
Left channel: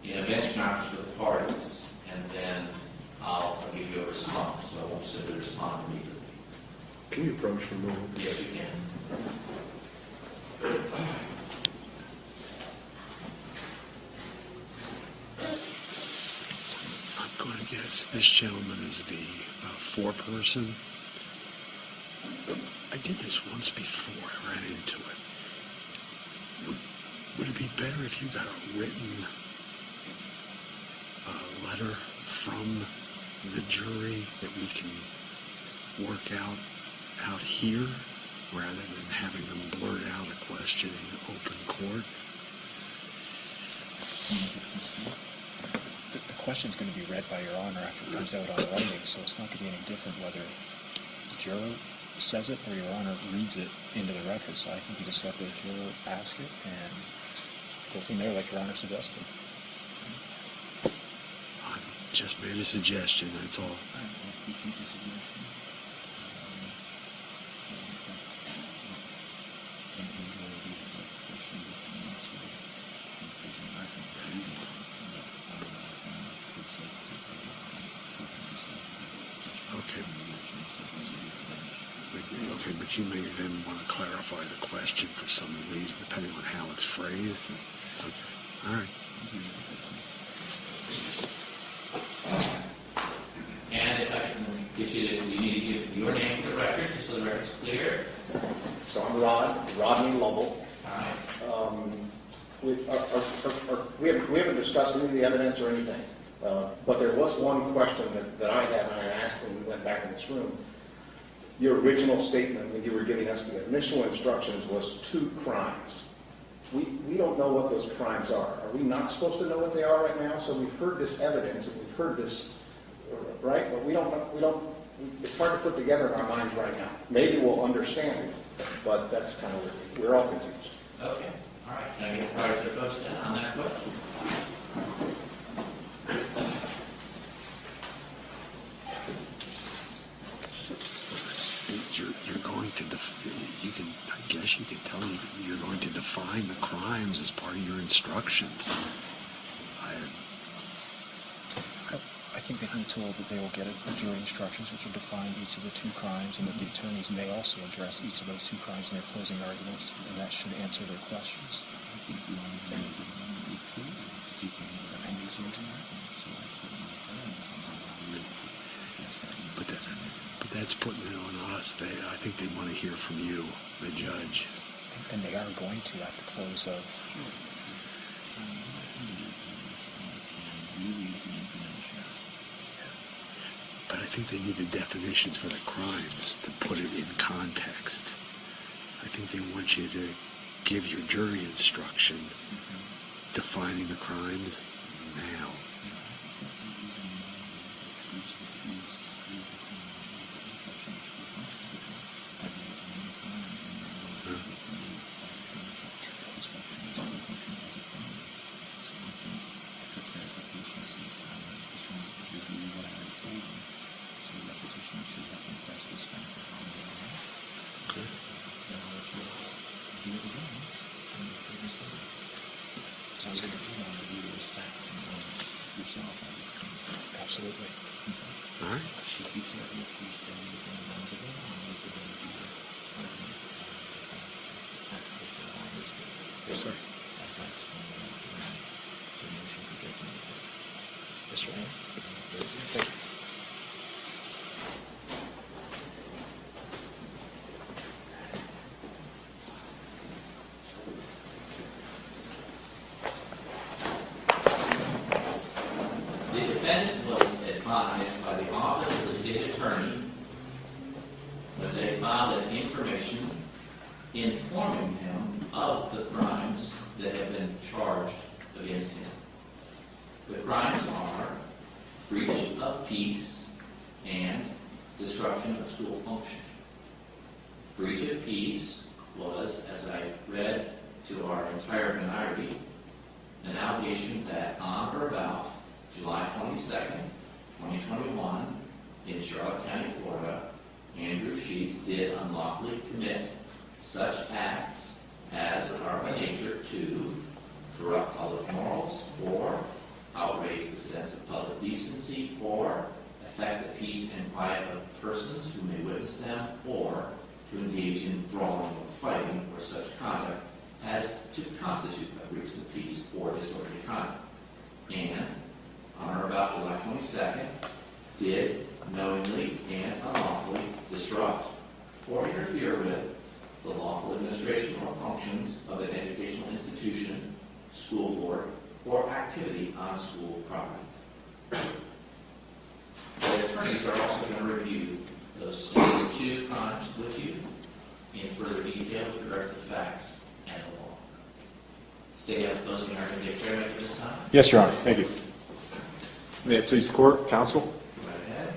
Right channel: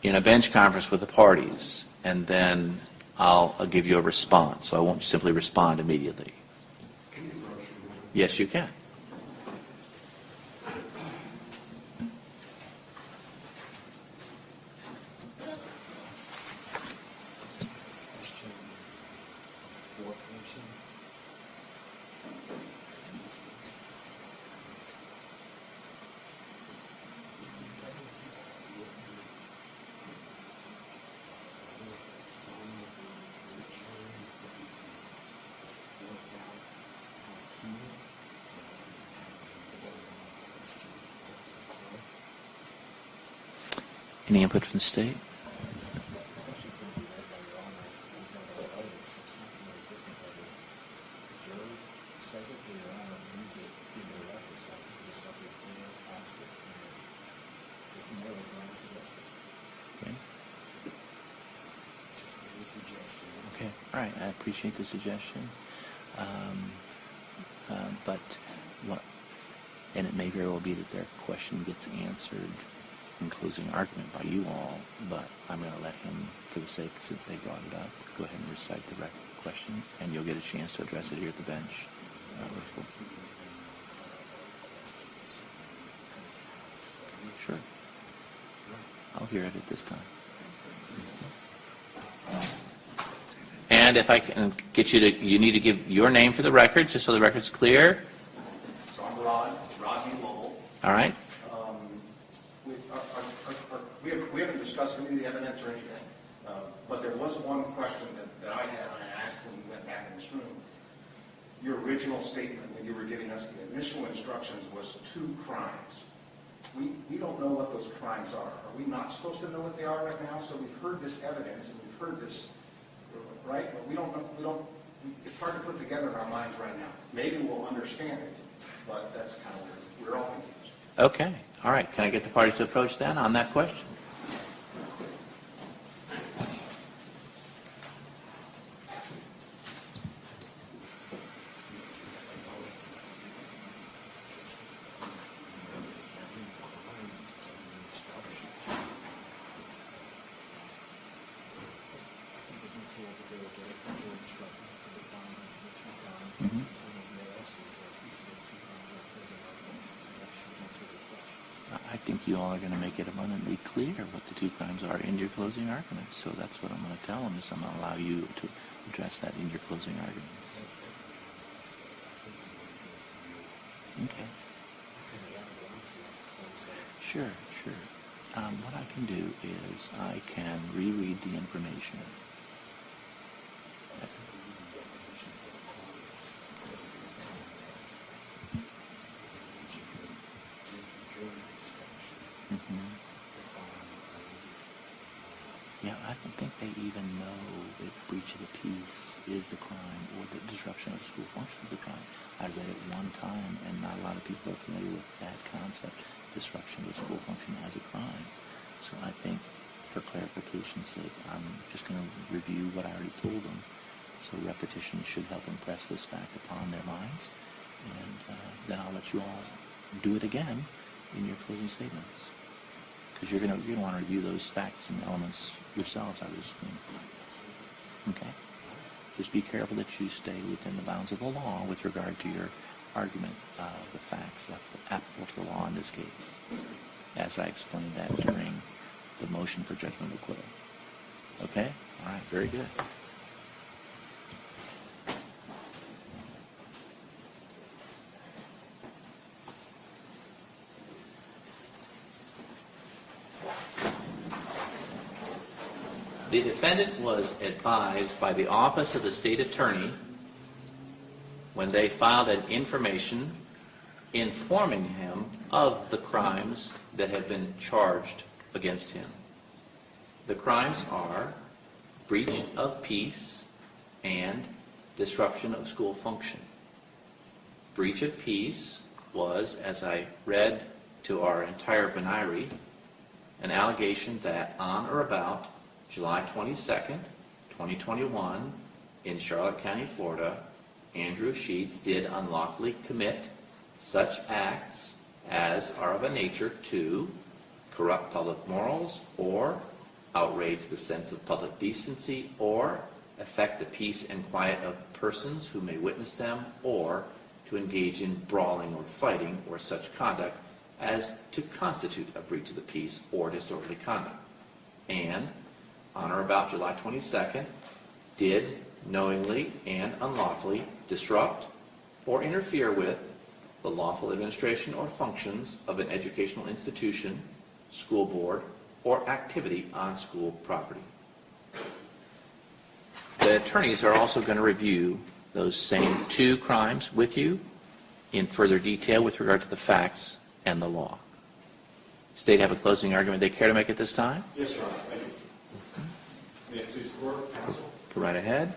in a bench conference with the parties, and then I'll give you a response, so I won't simply respond immediately. Can you approach from the moment? Yes, you can. I'm going to guess this gentleman is the foreperson. I did this once before. I ran into it. Would it be better if you got a written letter from the jury that we can work out here, rather than having them blurt out a question in open court? Any input from the state? The question's going to be read by Your Honor after it comes out on writing, so it's not going to be any different whether the juror says it or Your Honor reads it into the record. So I think you just let the juror ask it and go from there like Your Honor suggested. Okay. I just made a suggestion, that's all. All right, I appreciate the suggestion. And it may very well be that their question gets answered in closing argument by you all, but I'm going to let them, for the sake, since they brought it up, go ahead and recite the question, and you'll get a chance to address it here at the bench. Okay, but you may then want to clarify the question for some reason, depending on how it's phrased. Sure. All right. I'll hear it at this time. And if I can get you to, you need to give your name for the record, just so the record's clear. So I'm Rodney Lovell. All right. We haven't discussed any of the evidence or anything, but there was one question that I had, and I asked when we went back in this room. Your original statement when you were giving us the initial instructions was 2 crimes. We don't know what those crimes are. Are we not supposed to know what they are right now? So we've heard this evidence and we've heard this, right? But we don't, it's hard to put together in our minds right now. Maybe we'll understand it, but that's kind of, we're all confused. Okay. All right. Can I get the parties to approach then on that question? You're going to, I guess you could tell you're going to define the crimes as part of your instructions. I think they can be told that they will get a jury instructions which will define each of the 2 crimes, and that the attorneys may also address each of those 2 crimes in their closing arguments, and that should answer their questions. I think you all are going to make it abundantly clear what the 2 crimes are in your closing arguments. So that's what I'm going to tell them, is I'm going to allow you to address that in your closing argument. But that's putting it on us. I think they want to hear from you, the judge. And they are going to at the close of... Sure. What I can do is I can reread the information. But I think they need the definitions for the crimes to put it in context. I think they want you to give your jury instruction defining the crimes now. Yeah, I don't think they even know that breach of the peace is the crime or that disruption of school function is the crime. I read it one time, and not a lot of people are familiar with that concept, disruption of school function as a crime. So I think, for clarification's sake, I'm just going to review what I already told them. So repetition should help impress this fact upon their minds. And then I'll let you all do it again in your closing statements. Because you're going to want to review those facts and elements yourself, I assume. Absolutely. Okay. All right. Just be careful that you stay within the bounds of the law with regard to your argument, the facts that are applicable to the law in this case. Yes, sir. As I explained that during the motion for judgment of acquittal. Yes, sir. Okay? All right. Very good. Thank you. The defendant was advised by the Office of the State Attorney when they filed an information informing him of the crimes that had been charged against him. The crimes are breach of peace and disruption of school function. Breach of peace was, as I read to our entire venire, an allegation that on or about July 22nd, 2021, in Charlotte County, Florida, Andrew Sheets did unlawfully commit such acts as are of a nature to corrupt public morals or outrage the sense of public decency or affect the peace and quiet of persons who may witness them or to engage in brawling or fighting or such conduct as to constitute a breach of the peace or disorderly conduct. And on or about July 22nd, did knowingly and unlawfully disrupt or interfere with the lawful administration or functions of an educational institution, school board, or activity on school property. The attorneys are also going to review those same two crimes with you in further detail with regard to the facts and the law. State have a closing argument they care to make at this time? Yes, Your Honor. Thank you. May it please the court, counsel? Go right ahead.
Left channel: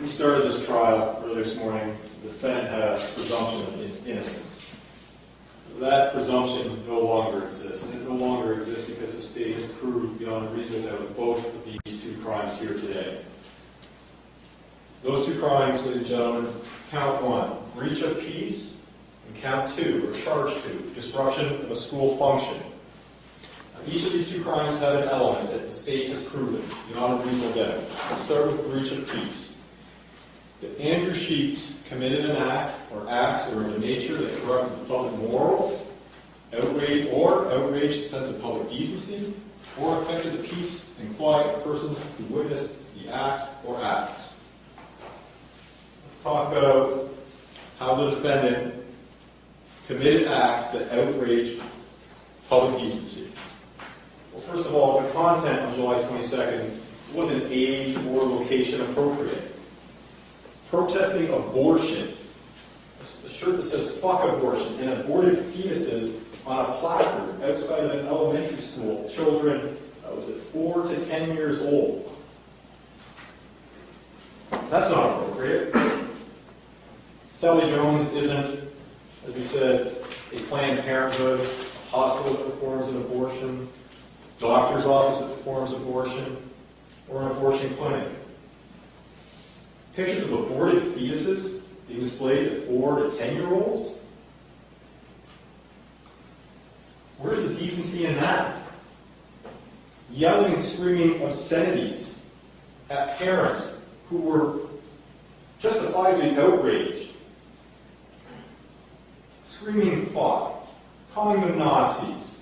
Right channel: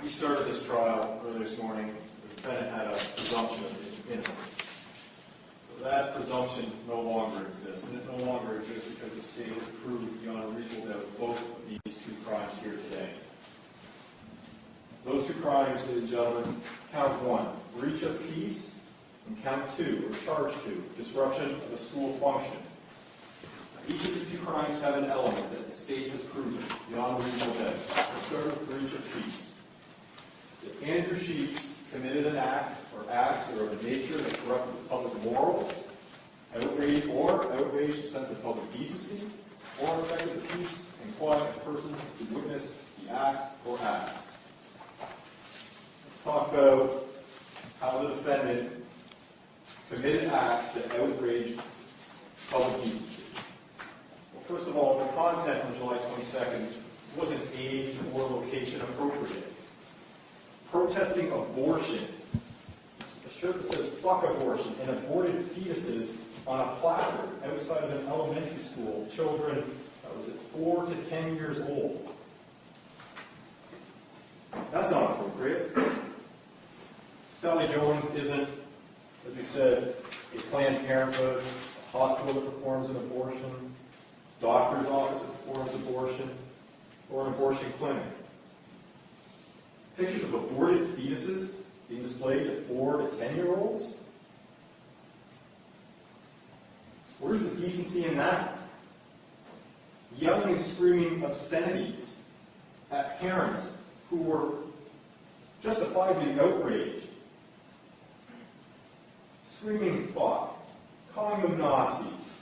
We started this trial earlier this morning. The defendant had a presumption of innocence. That presumption no longer exists. And it no longer exists because the state has proved beyond a reasonable doubt of both of these two crimes here today. Those two crimes, ladies and gentlemen, count one, breach of peace, and count two, or charge two, disruption of a school function. Now, each of these two crimes have an element that the state has proven beyond a reasonable doubt. Let's start with breach of peace. If Andrew Sheets committed an act or acts that are of a nature that corrupted public morals, outraged the sense of public decency, or affected the peace and quiet of persons who witnessed the act or acts. Let's talk about how the defendant committed acts that outraged public decency. Well, first of all, the content on July 22nd wasn't age or location appropriate. Protesting abortion, a shirt that says "fuck abortion" and aborted fetuses on a placard outside of an elementary school, children, was it 4 to 10 years old. That's not appropriate. Sally Jones isn't, as we said, a Planned Parenthood, a hospital that performs an abortion, doctor's office that performs abortion, or an abortion clinic. Pictures of aborted fetuses being displayed to 4 to 10-year-olds? Where's the decency in that? Yelling and screaming obscenities at parents who were justifiably outraged. Screaming fuck, calling them Nazis,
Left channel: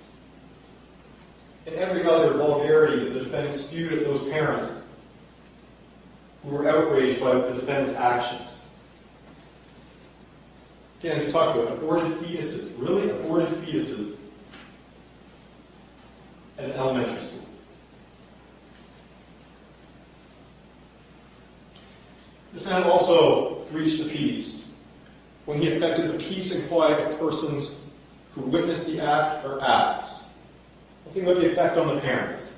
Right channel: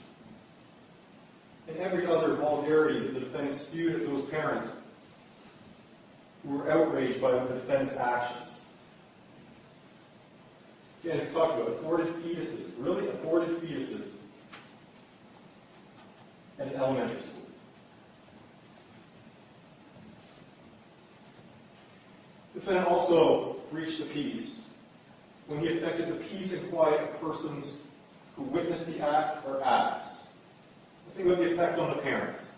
and every other vulgarity that the defendant spewed at those parents who were outraged by the defendant's actions. Again, we talked about aborted fetuses, really aborted fetuses at an elementary school. The defendant also breached the peace when he affected the peace and quiet of persons who witnessed the act or acts. Think about the effect on the parents.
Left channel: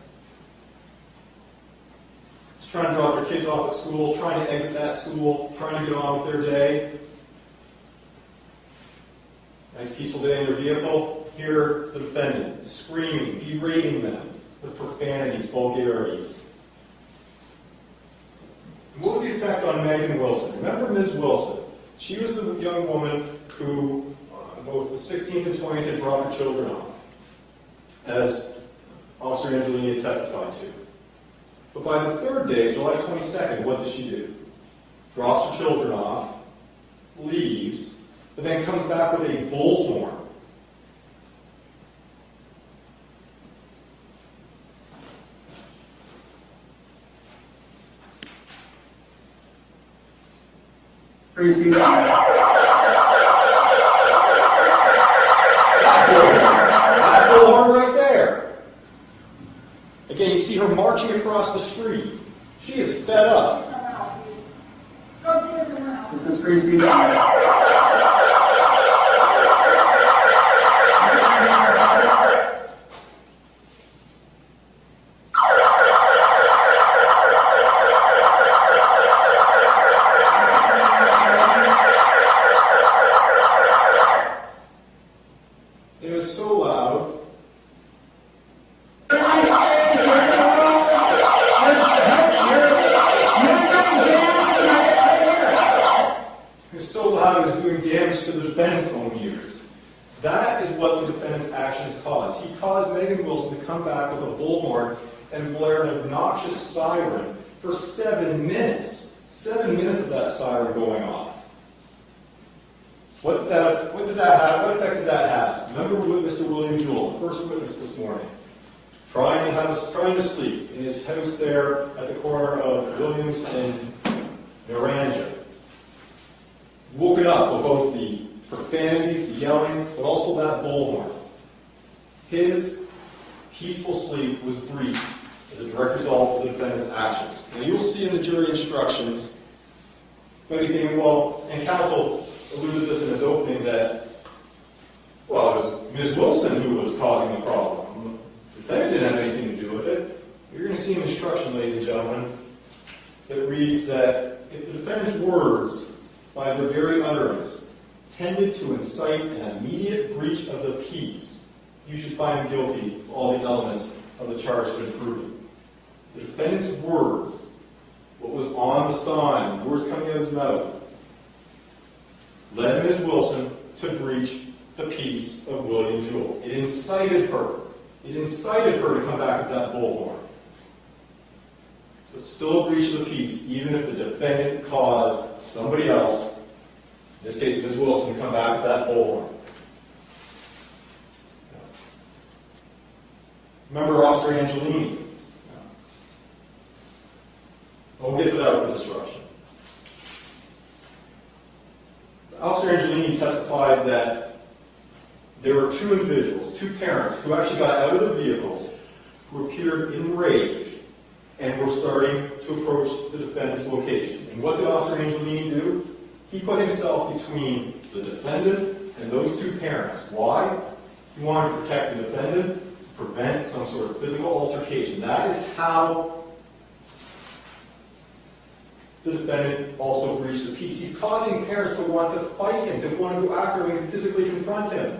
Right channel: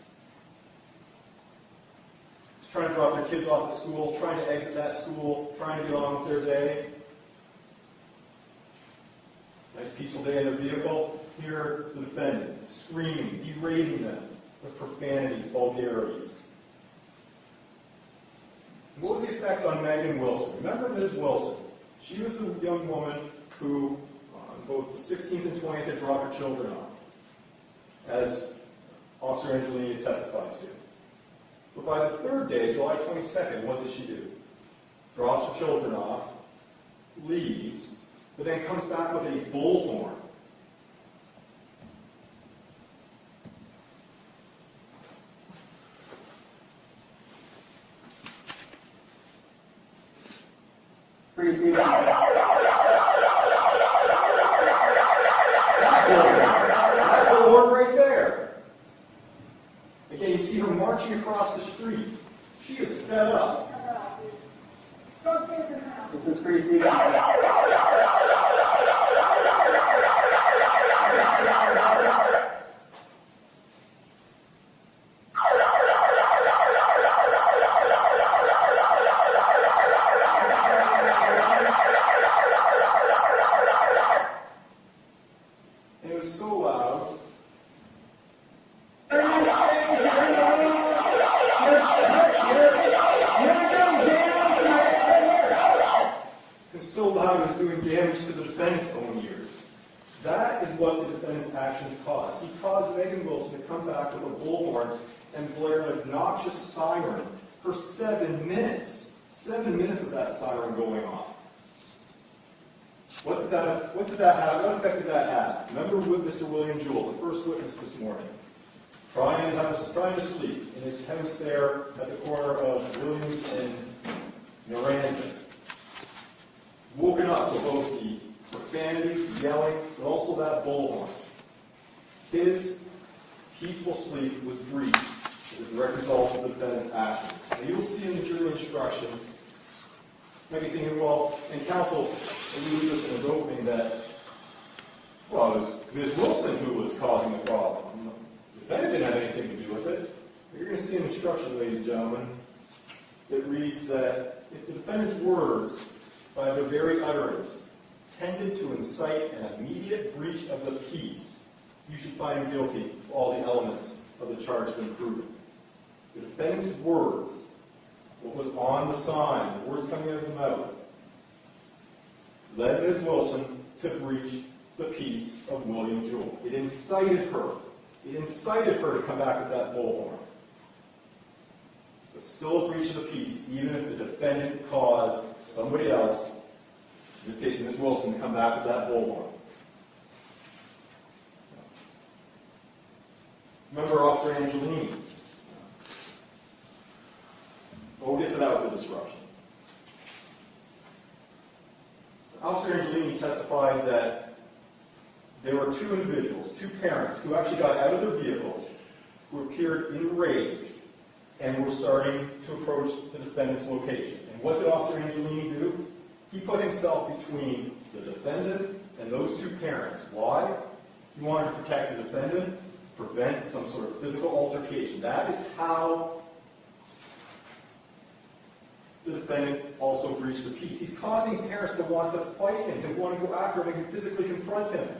Trying to drop their kids off at school, trying to exit that school, trying to get on with their day. Nice peaceful day in their vehicle. Here, the defendant screaming, berating them with profanities, vulgarities. And what was the effect on Megan Wilson? Remember Ms. Wilson? She was the young woman who, on both the 16th and 20th, had dropped her children off, as Officer Angelini had testified to. But by the third day, July 22nd, what does she do? Drops her children off, leaves, but then comes back with a bullhorn That bullhorn right there. Again, you see her marching across the street. She is fed up. This is Christy. It was so loud. It was so loud it was doing damage to the defendant's own ears. That is what the defendant's actions caused. He caused Megan Wilson to come back with a bullhorn and blare an obnoxious siren for 7 minutes. 7 minutes of that siren going off. What did that have? What effect did that have? Remember Mr. William Jewell, the first witness this morning, trying to sleep in his house there at the corner of Williams and Naranja. Woken up with both the profanities, the yelling, but also that bullhorn. His peaceful sleep was breached as a direct result of the defendant's actions. Now you'll see in the jury instructions, maybe thinking, well, and counsel alluded to this in his opening that, well, it was Ms. Wilson who was causing the problem. The defendant didn't have anything to do with it. You're going to see an instruction, ladies and gentlemen, that reads that if the defendant's words, by their very utterance, tended to incite an immediate breach of the peace, you should find him guilty of all the elements of the charge have been proven. The defendant's words, what was on the sign, the words coming out of his mouth, led Ms. Wilson to breach the peace of William Jewell. It incited her. It incited her to come back with that bullhorn. So it's still a breach of the peace, even if the defendant caused somebody else, in this case Ms. Wilson, to come back with that bullhorn. Remember Officer Angelini. We'll get to that with the disruption. Officer Angelini testified that there were two individuals, two parents, who actually got out of their vehicles, who appeared enraged and were starting to approach the defendant's location. And what did Officer Angelini do? He put himself between the defendant and those two parents. Why? He wanted to protect the defendant, to prevent some sort of physical altercation. That is how the defendant also breached the peace. He's causing parents to want to fight him, to want to go after him and physically confront him.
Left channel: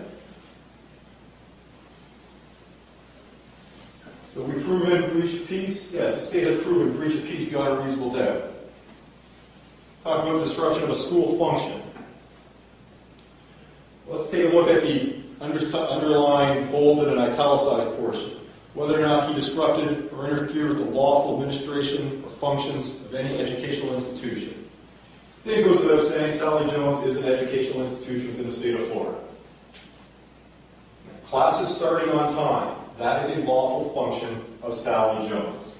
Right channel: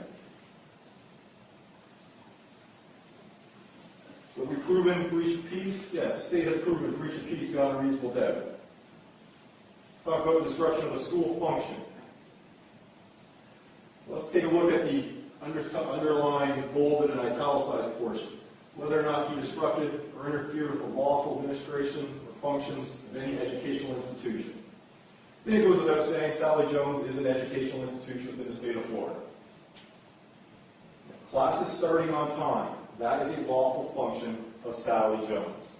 So we've proven breach of peace? Yes, the state has proven breach of peace beyond a reasonable doubt. Talk about disruption of a school function. Let's take a look at the underlined, bolded, and italicized portion. Whether or not he disrupted or interfered with the lawful administration or functions of any educational institution. I think it goes without saying, Sally Jones is an educational institution within the state of Florida. Classes starting on time. That is a lawful function of Sally Jones.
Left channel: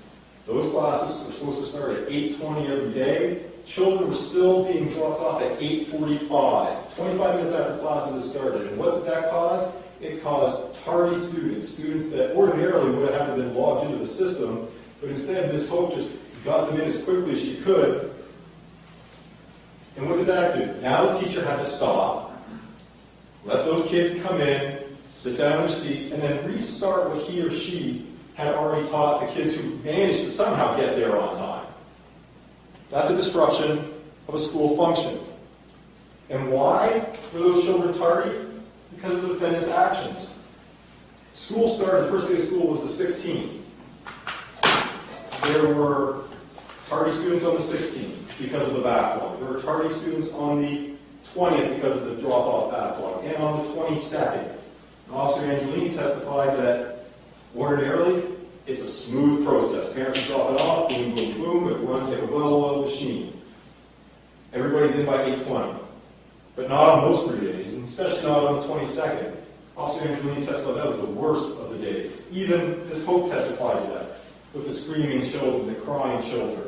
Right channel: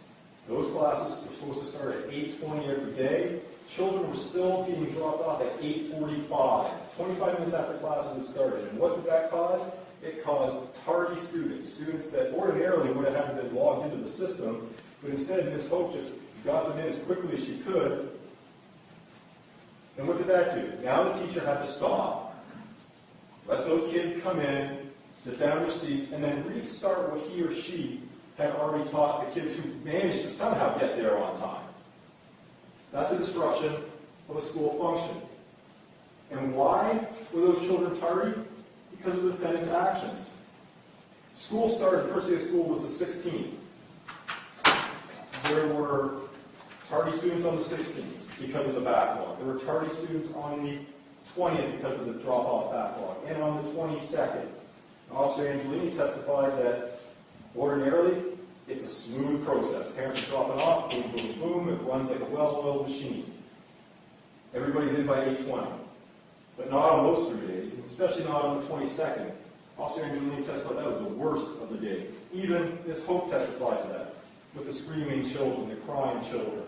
Those classes were supposed to start at 8:20 every day. Children were still being dropped off at 8:45, 25 minutes after classes had started. And what did that cause? It caused tardy students, students that ordinarily would have had to been logged into the system, but instead Ms. Hope just got them in as quickly as she could. And what did that do? Now the teacher had to stop, let those kids come in, sit down in their seats, and then restart what he or she had already taught the kids who managed to somehow get there on time. That's a disruption of a school function. And why were those children tardy? Because of the defendant's actions. School started, the first day of school was the 16th. There were tardy students on the 16th because of the backlog. There were tardy students on the 20th because of the drop-off backlog. And on the 22nd. Officer Angelini testified that ordinarily it's a smooth process. Parents drop it off, boom, boom, boom, it runs like a well-oiled machine. Everybody's in by 8:20. But not on those 3 days, and especially not on the 22nd. Officer Angelini testified that was the worst of the days. Even Ms. Hope testified to that, with the screaming children, the crying children.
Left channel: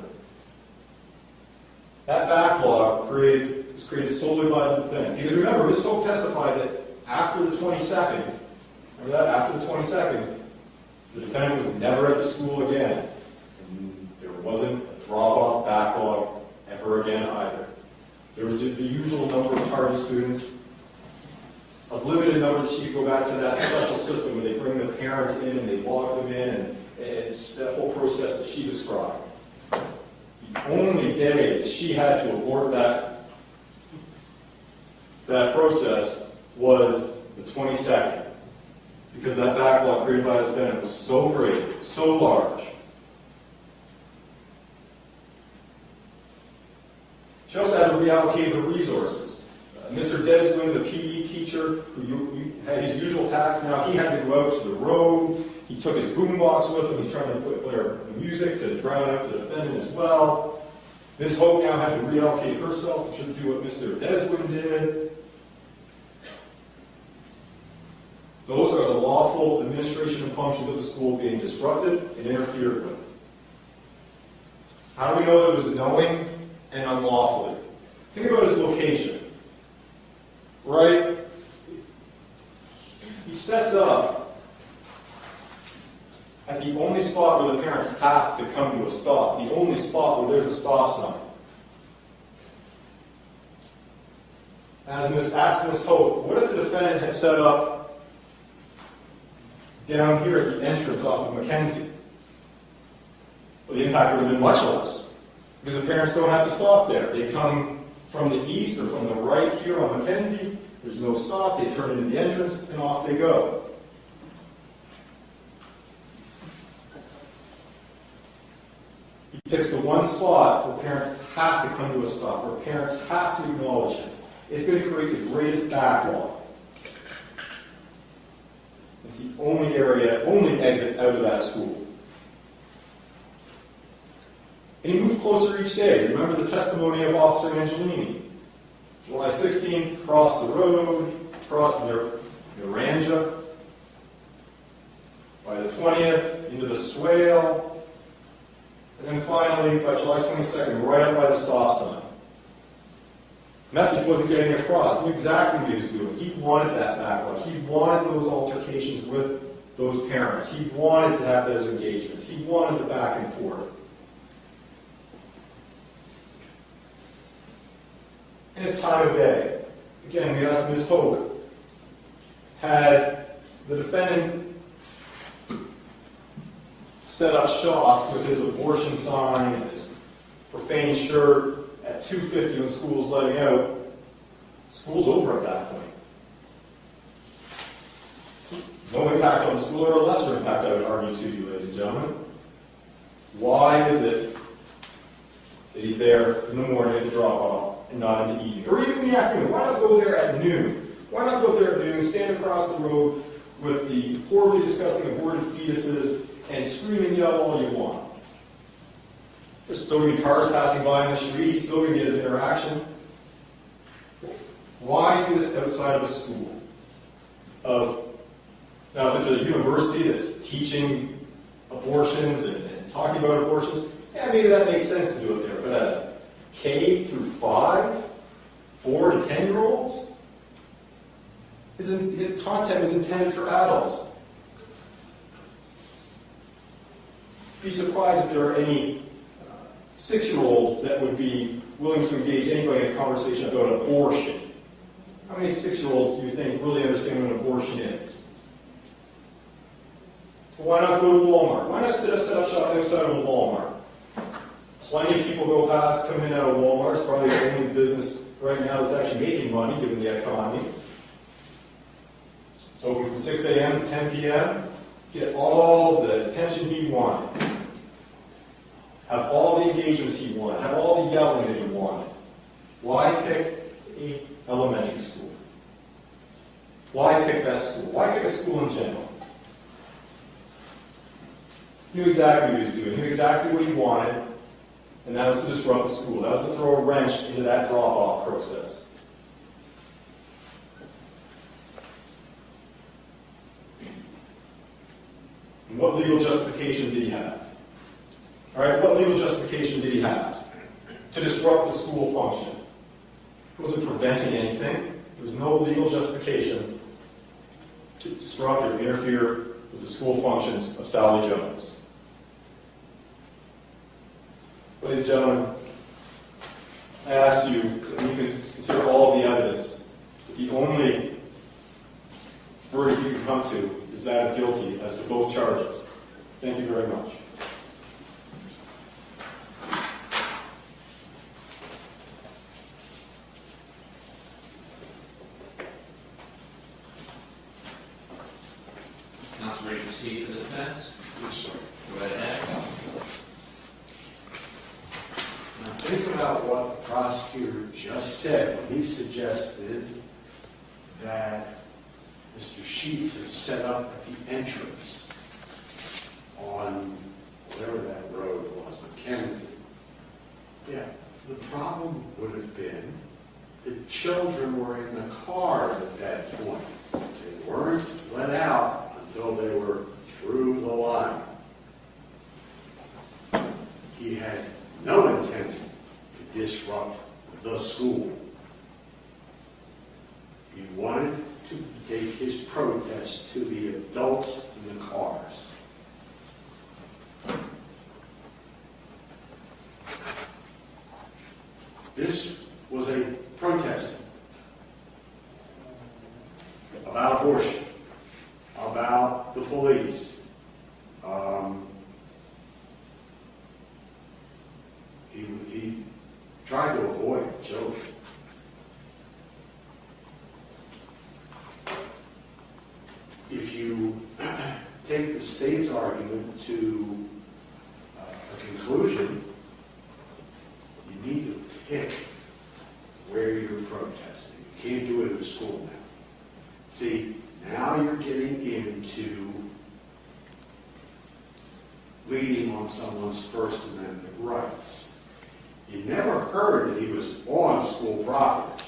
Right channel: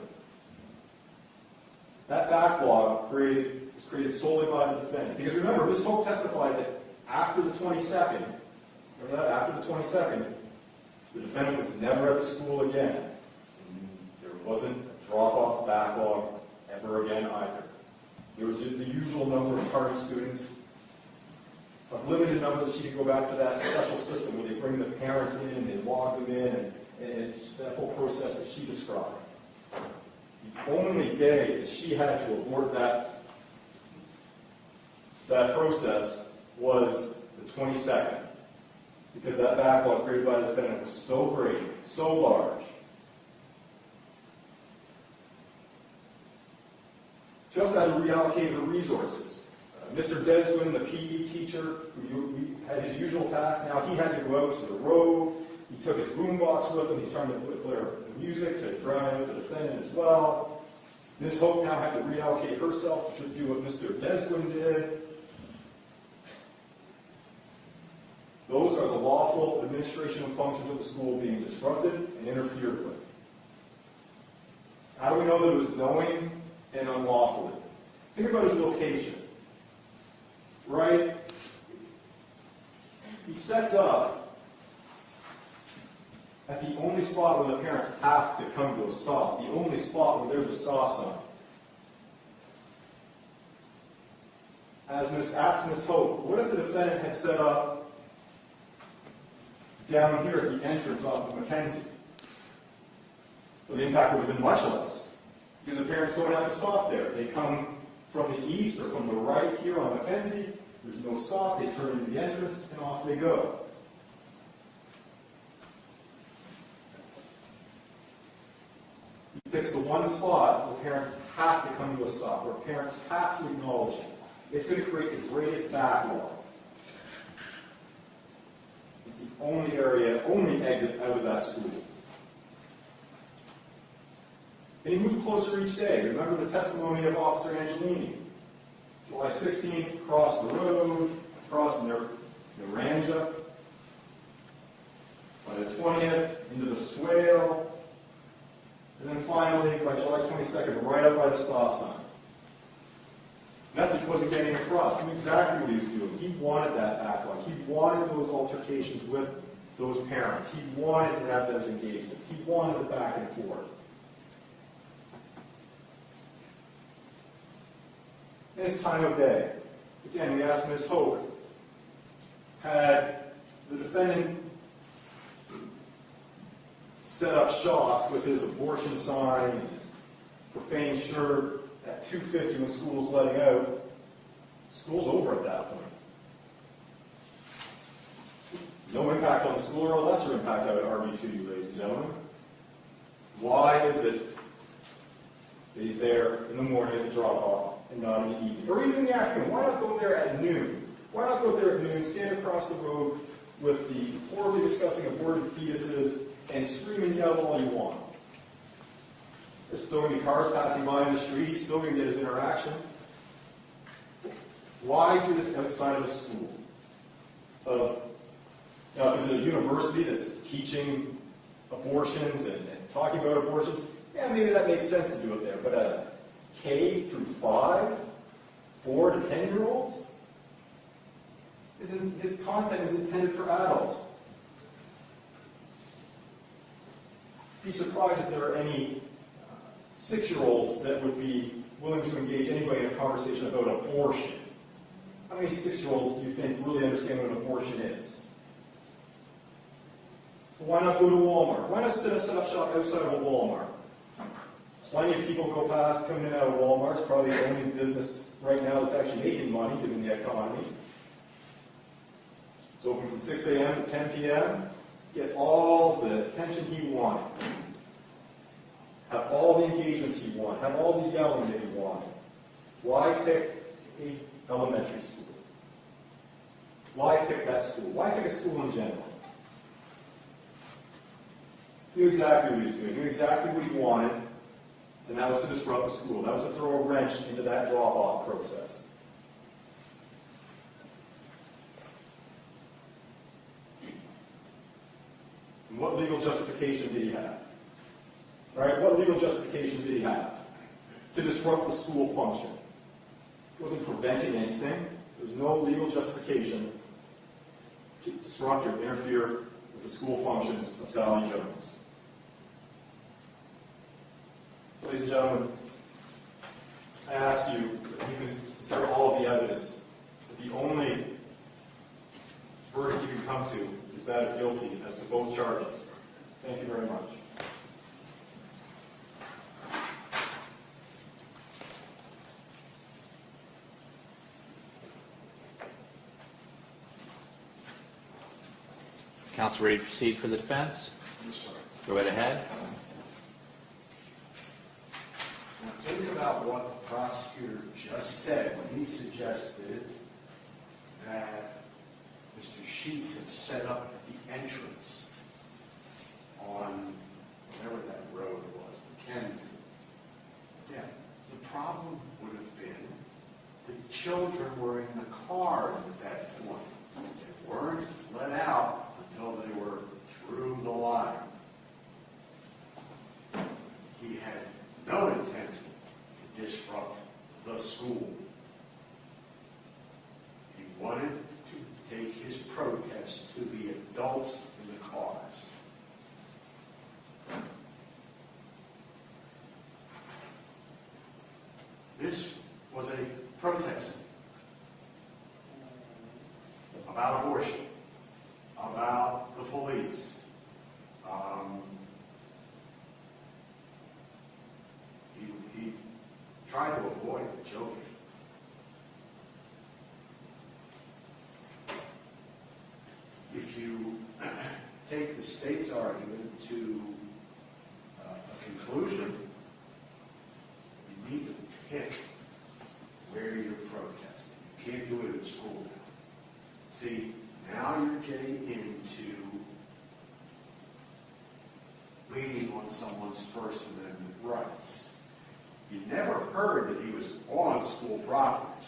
That backlog created was created solely by the defendant. Because remember, Ms. Hope testified that after the 22nd, remember that, after the 22nd, the defendant was never at the school again. And there wasn't a drop-off backlog ever again either. There was the usual number of target students, a limited number that she could go back to that special system where they bring the parent in and they log them in, and it's that whole process that she described. The only day that she had to abort that process was the 22nd, because that backlog created by the defendant was so great, so large. She also had to reallocate her resources. Mr. Deswin, the PE teacher, who had his usual tasks, now he had to go out to the road. He took his boombox with him. He's trying to play music to drown out the defendant as well. Ms. Hope now had to reallocate herself to do what Mr. Deswin did. Those are the lawful administration and functions of the school being disrupted and interfered with. How do we know that it was knowing and unlawfully? Think about his location. Right? He sets up at the only spot where the parents have to come to a stop, the only spot where there's a stop sign. Asked Ms. Hope, what if the defendant had set up down here at the entrance off of Mackenzie? Well, the impact would have been much less, because the parents don't have to stop there. They come from the east or from the right here on Mackenzie. There's no stop. They turn into the entrance, and off they go. He picks the one spot where parents have to come to a stop, where parents have to acknowledge him. It's going to create its greatest backlog. It's the only exit out of that school. And he moved closer each day. Remember the testimony of Officer Angelini. July 16th, crossed the road, crossed Naranja. By the 20th, into the swale. And then finally, by July 22nd, right up by the stop sign. Message wasn't getting across. He knew exactly what he was doing. He wanted that backlog. He wanted those altercations with those parents. He wanted to have those engagements. He wanted the back and forth. In his time of day, again, we asked Ms. Hope, had the defendant set up shop with his abortion sign and his profane shirt at 2:50 when school's letting out, school's over at that point. No impact on the school, or a lesser impact, I would argue to you, ladies and gentlemen. Why is it that he's there in the morning at the drop-off and not in the evening? Or even in the afternoon? Why not go there at noon? Why not go there at noon, stand across the road with the horribly disgusting aborted fetuses and scream and yell all you want? There's so many cars passing by in the street, he's still going to get his interaction. Why do this outside of a school? Now, if it's a university that's teaching abortions and talking about abortions, yeah, maybe that makes sense to do it there. But at K through 5, 4 to 10-year-olds, his content is intended for adults. Be surprised if there are any 6-year-olds that would be willing to engage anybody in a conversation about abortion. How many 6-year-olds do you think really understand what an abortion is? So why not go to Walmart? Why not set up shop outside of a Walmart? Plenty of people go past, come in and out of Walmart. It's probably the only business right now that's actually making money given the economy. It's open from 6 a.m. to 10 p.m. Get all the attention he wanted. Have all the engagements he wanted. Have all the yelling that he wanted. Why pick an elementary school? Why pick that school? Why pick a school in general? He knew exactly what he was doing. He knew exactly what he wanted, and that was to disrupt the school. That was to throw a wrench into that drop-off process. And what legal justification did he have? All right, what legal justification did he have to disrupt the school function? wasn't preventing anything. There was no legal justification to disrupt or interfere with the school functions of Sally Jones. Ladies and gentlemen, I ask you that you can consider all of the evidence. The only verdict you can come to is that of guilty as to both charges. Thank you very much. Counsel ready to proceed for the defense? Yes, sir. Go right ahead. Now think about what the prosecutor just said when he suggested that Mr. Sheets has set up at the entrance on whatever that road was, McKenzie. Yeah, the problem would have been the children were in the cars at that point. They weren't let out until they were through the line. He had no intent to disrupt the school. He wanted to take his protest to the adults in the cars. This was a protest about abortion, about the police. He tried to avoid the children. If you take the state's argument to a conclusion, you need to pick where you're protesting. You can't do it in a school now. See, now you're getting into leading on someone's First Amendment rights. You never heard that he was on school property.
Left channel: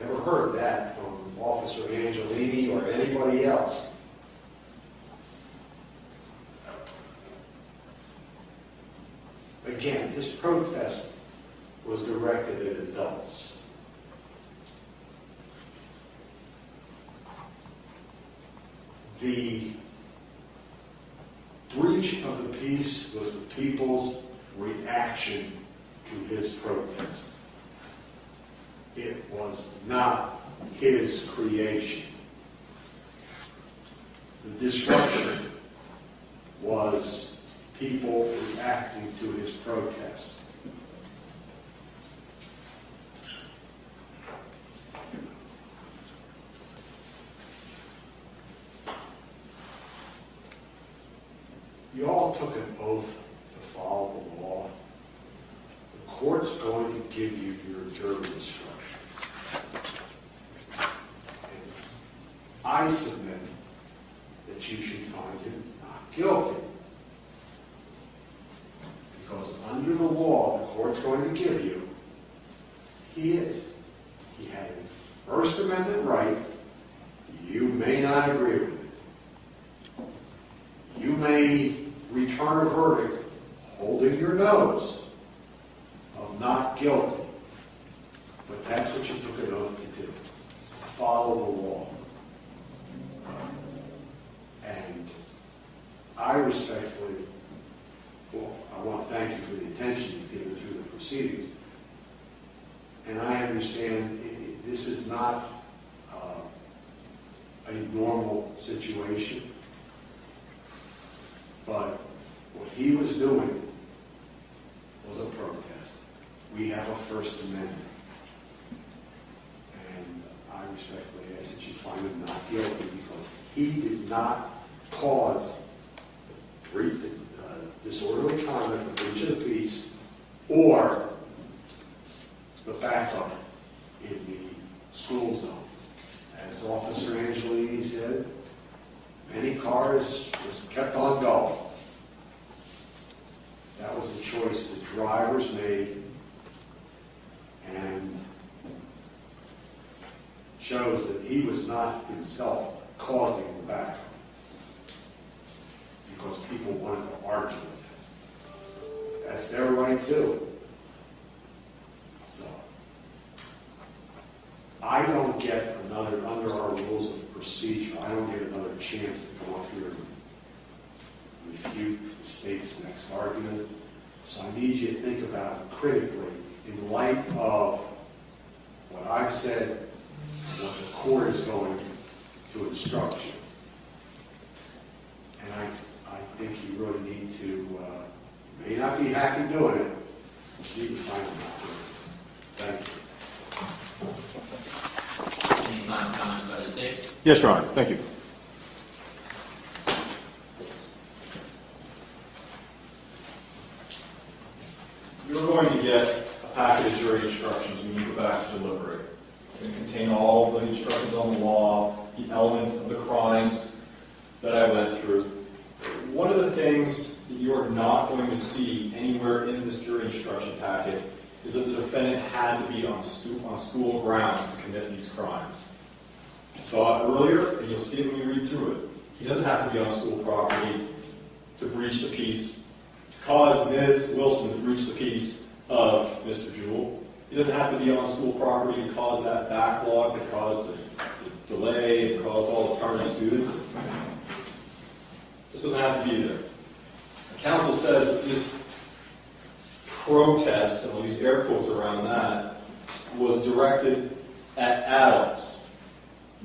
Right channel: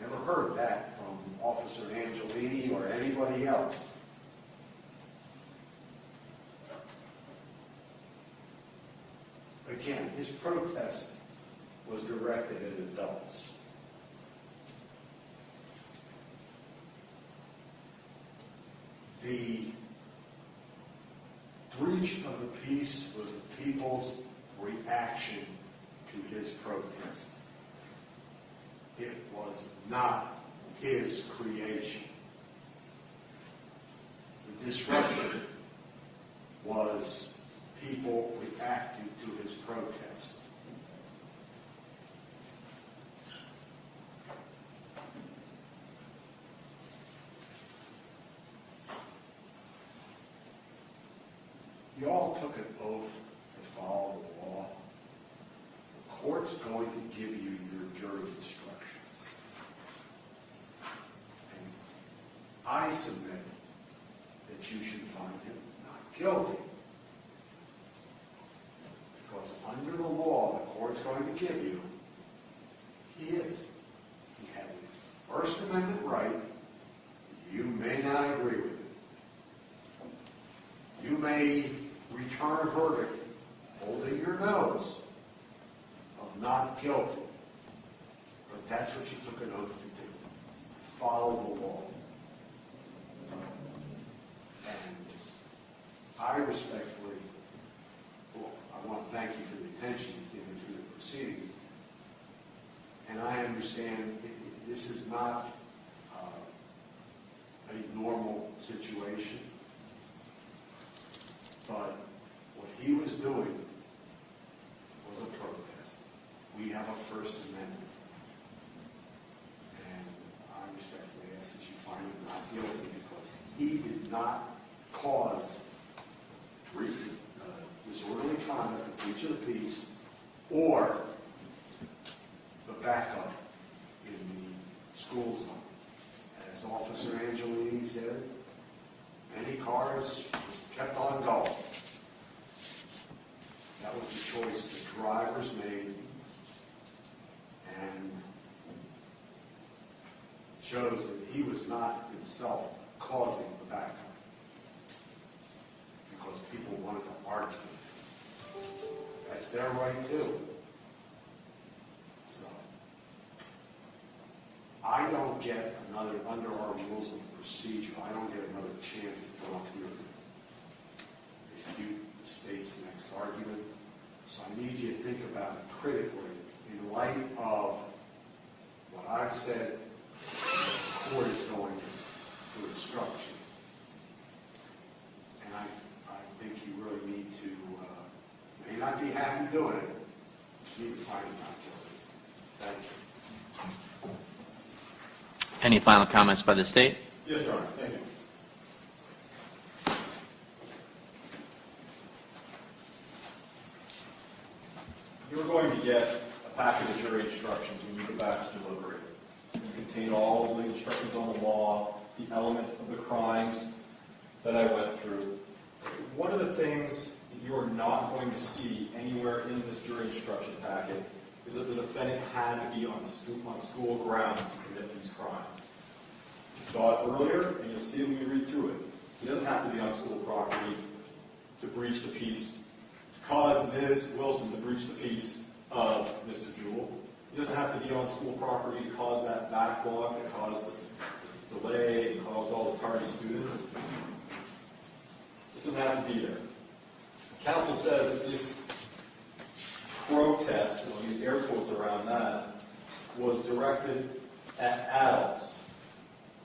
Never heard that from Officer Angelini or anybody else. Again, his protest was directed at adults. The breach of the peace was the people's reaction to his protest. It was not his creation. The disruption was people reacting to his protest. You all took an oath to follow the law. The court's going to give you your jury instructions. And I submit that you should find him not guilty. Because under the law the court's going to give you, he is. He had a First Amendment right. You may not agree with it. You may return a verdict holding your nose of not guilty. But that's what you took an oath to do. Follow the law. And I respectfully, well, I want to thank you for the attention you've given through the proceedings. And I understand this is not a normal situation. But what he was doing was a protest. We have a First Amendment. And I respectfully ask that you find him not guilty because he did not cause disorderly conduct, the breach of the peace, or the backup in the school zone. As Officer Angelini said, many cars just kept on going. That was the choice the drivers made and shows that he was not himself causing the backup because people wanted to argue with him. That's their right too. So, I don't get another, under our rules of procedure, I don't get another chance to go up here and refute the state's next argument. So I need you to think about it critically in light of what I've said, what the court is going to instruct you. And I think you really need to, may not be happy doing it, but you can find it out. Thank you. Any final comments by the state? Yes, Your Honor. Thank you. You're going to get a packet of jury instructions when you go back to deliberate. It's going to contain all of the instructions on the law, the element of the crimes that I went through. One of the things that you are not going to see anywhere in this jury instruction packet is that the defendant had to be on school grounds to commit these crimes. You saw it earlier, and you'll see it when you read through it. He doesn't have to be on school property to breach the peace, to cause Ms. Wilson to breach the peace of Mr. Jewell. He doesn't have to be on school property to cause that backlog, that caused the delay, and caused all the tardy students. This doesn't have to be there. Counsel says that this protest, and I'll use air quotes around that, was directed at adults,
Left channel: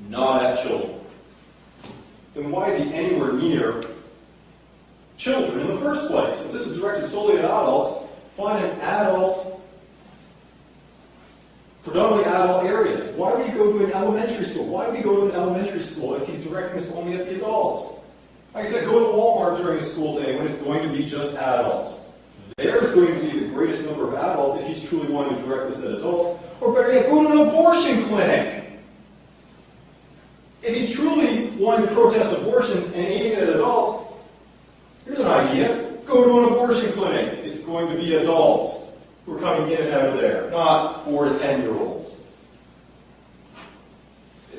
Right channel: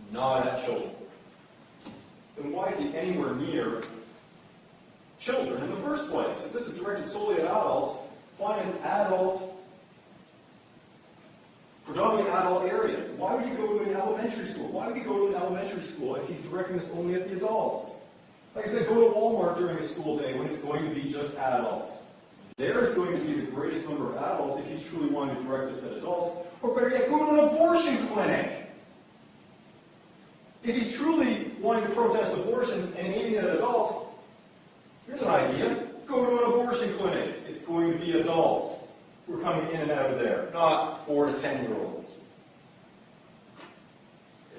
not at children. Then why is he anywhere near children in the first place? If this is directed solely at adults, find an adult, predominantly adult area. Why would you go to an elementary school? Why would he go to an elementary school if he's directing this only at the adults? Like I said, go to Walmart during a school day when it's going to be just adults. There's going to be the greatest number of adults if he's truly wanting to direct this at adults. Or better yet, go to an abortion clinic. If he's truly wanting to protest abortions and aiming at adults, here's an idea. Go to an abortion clinic. It's going to be adults who are coming in and out of there, not 4 to 10-year-olds.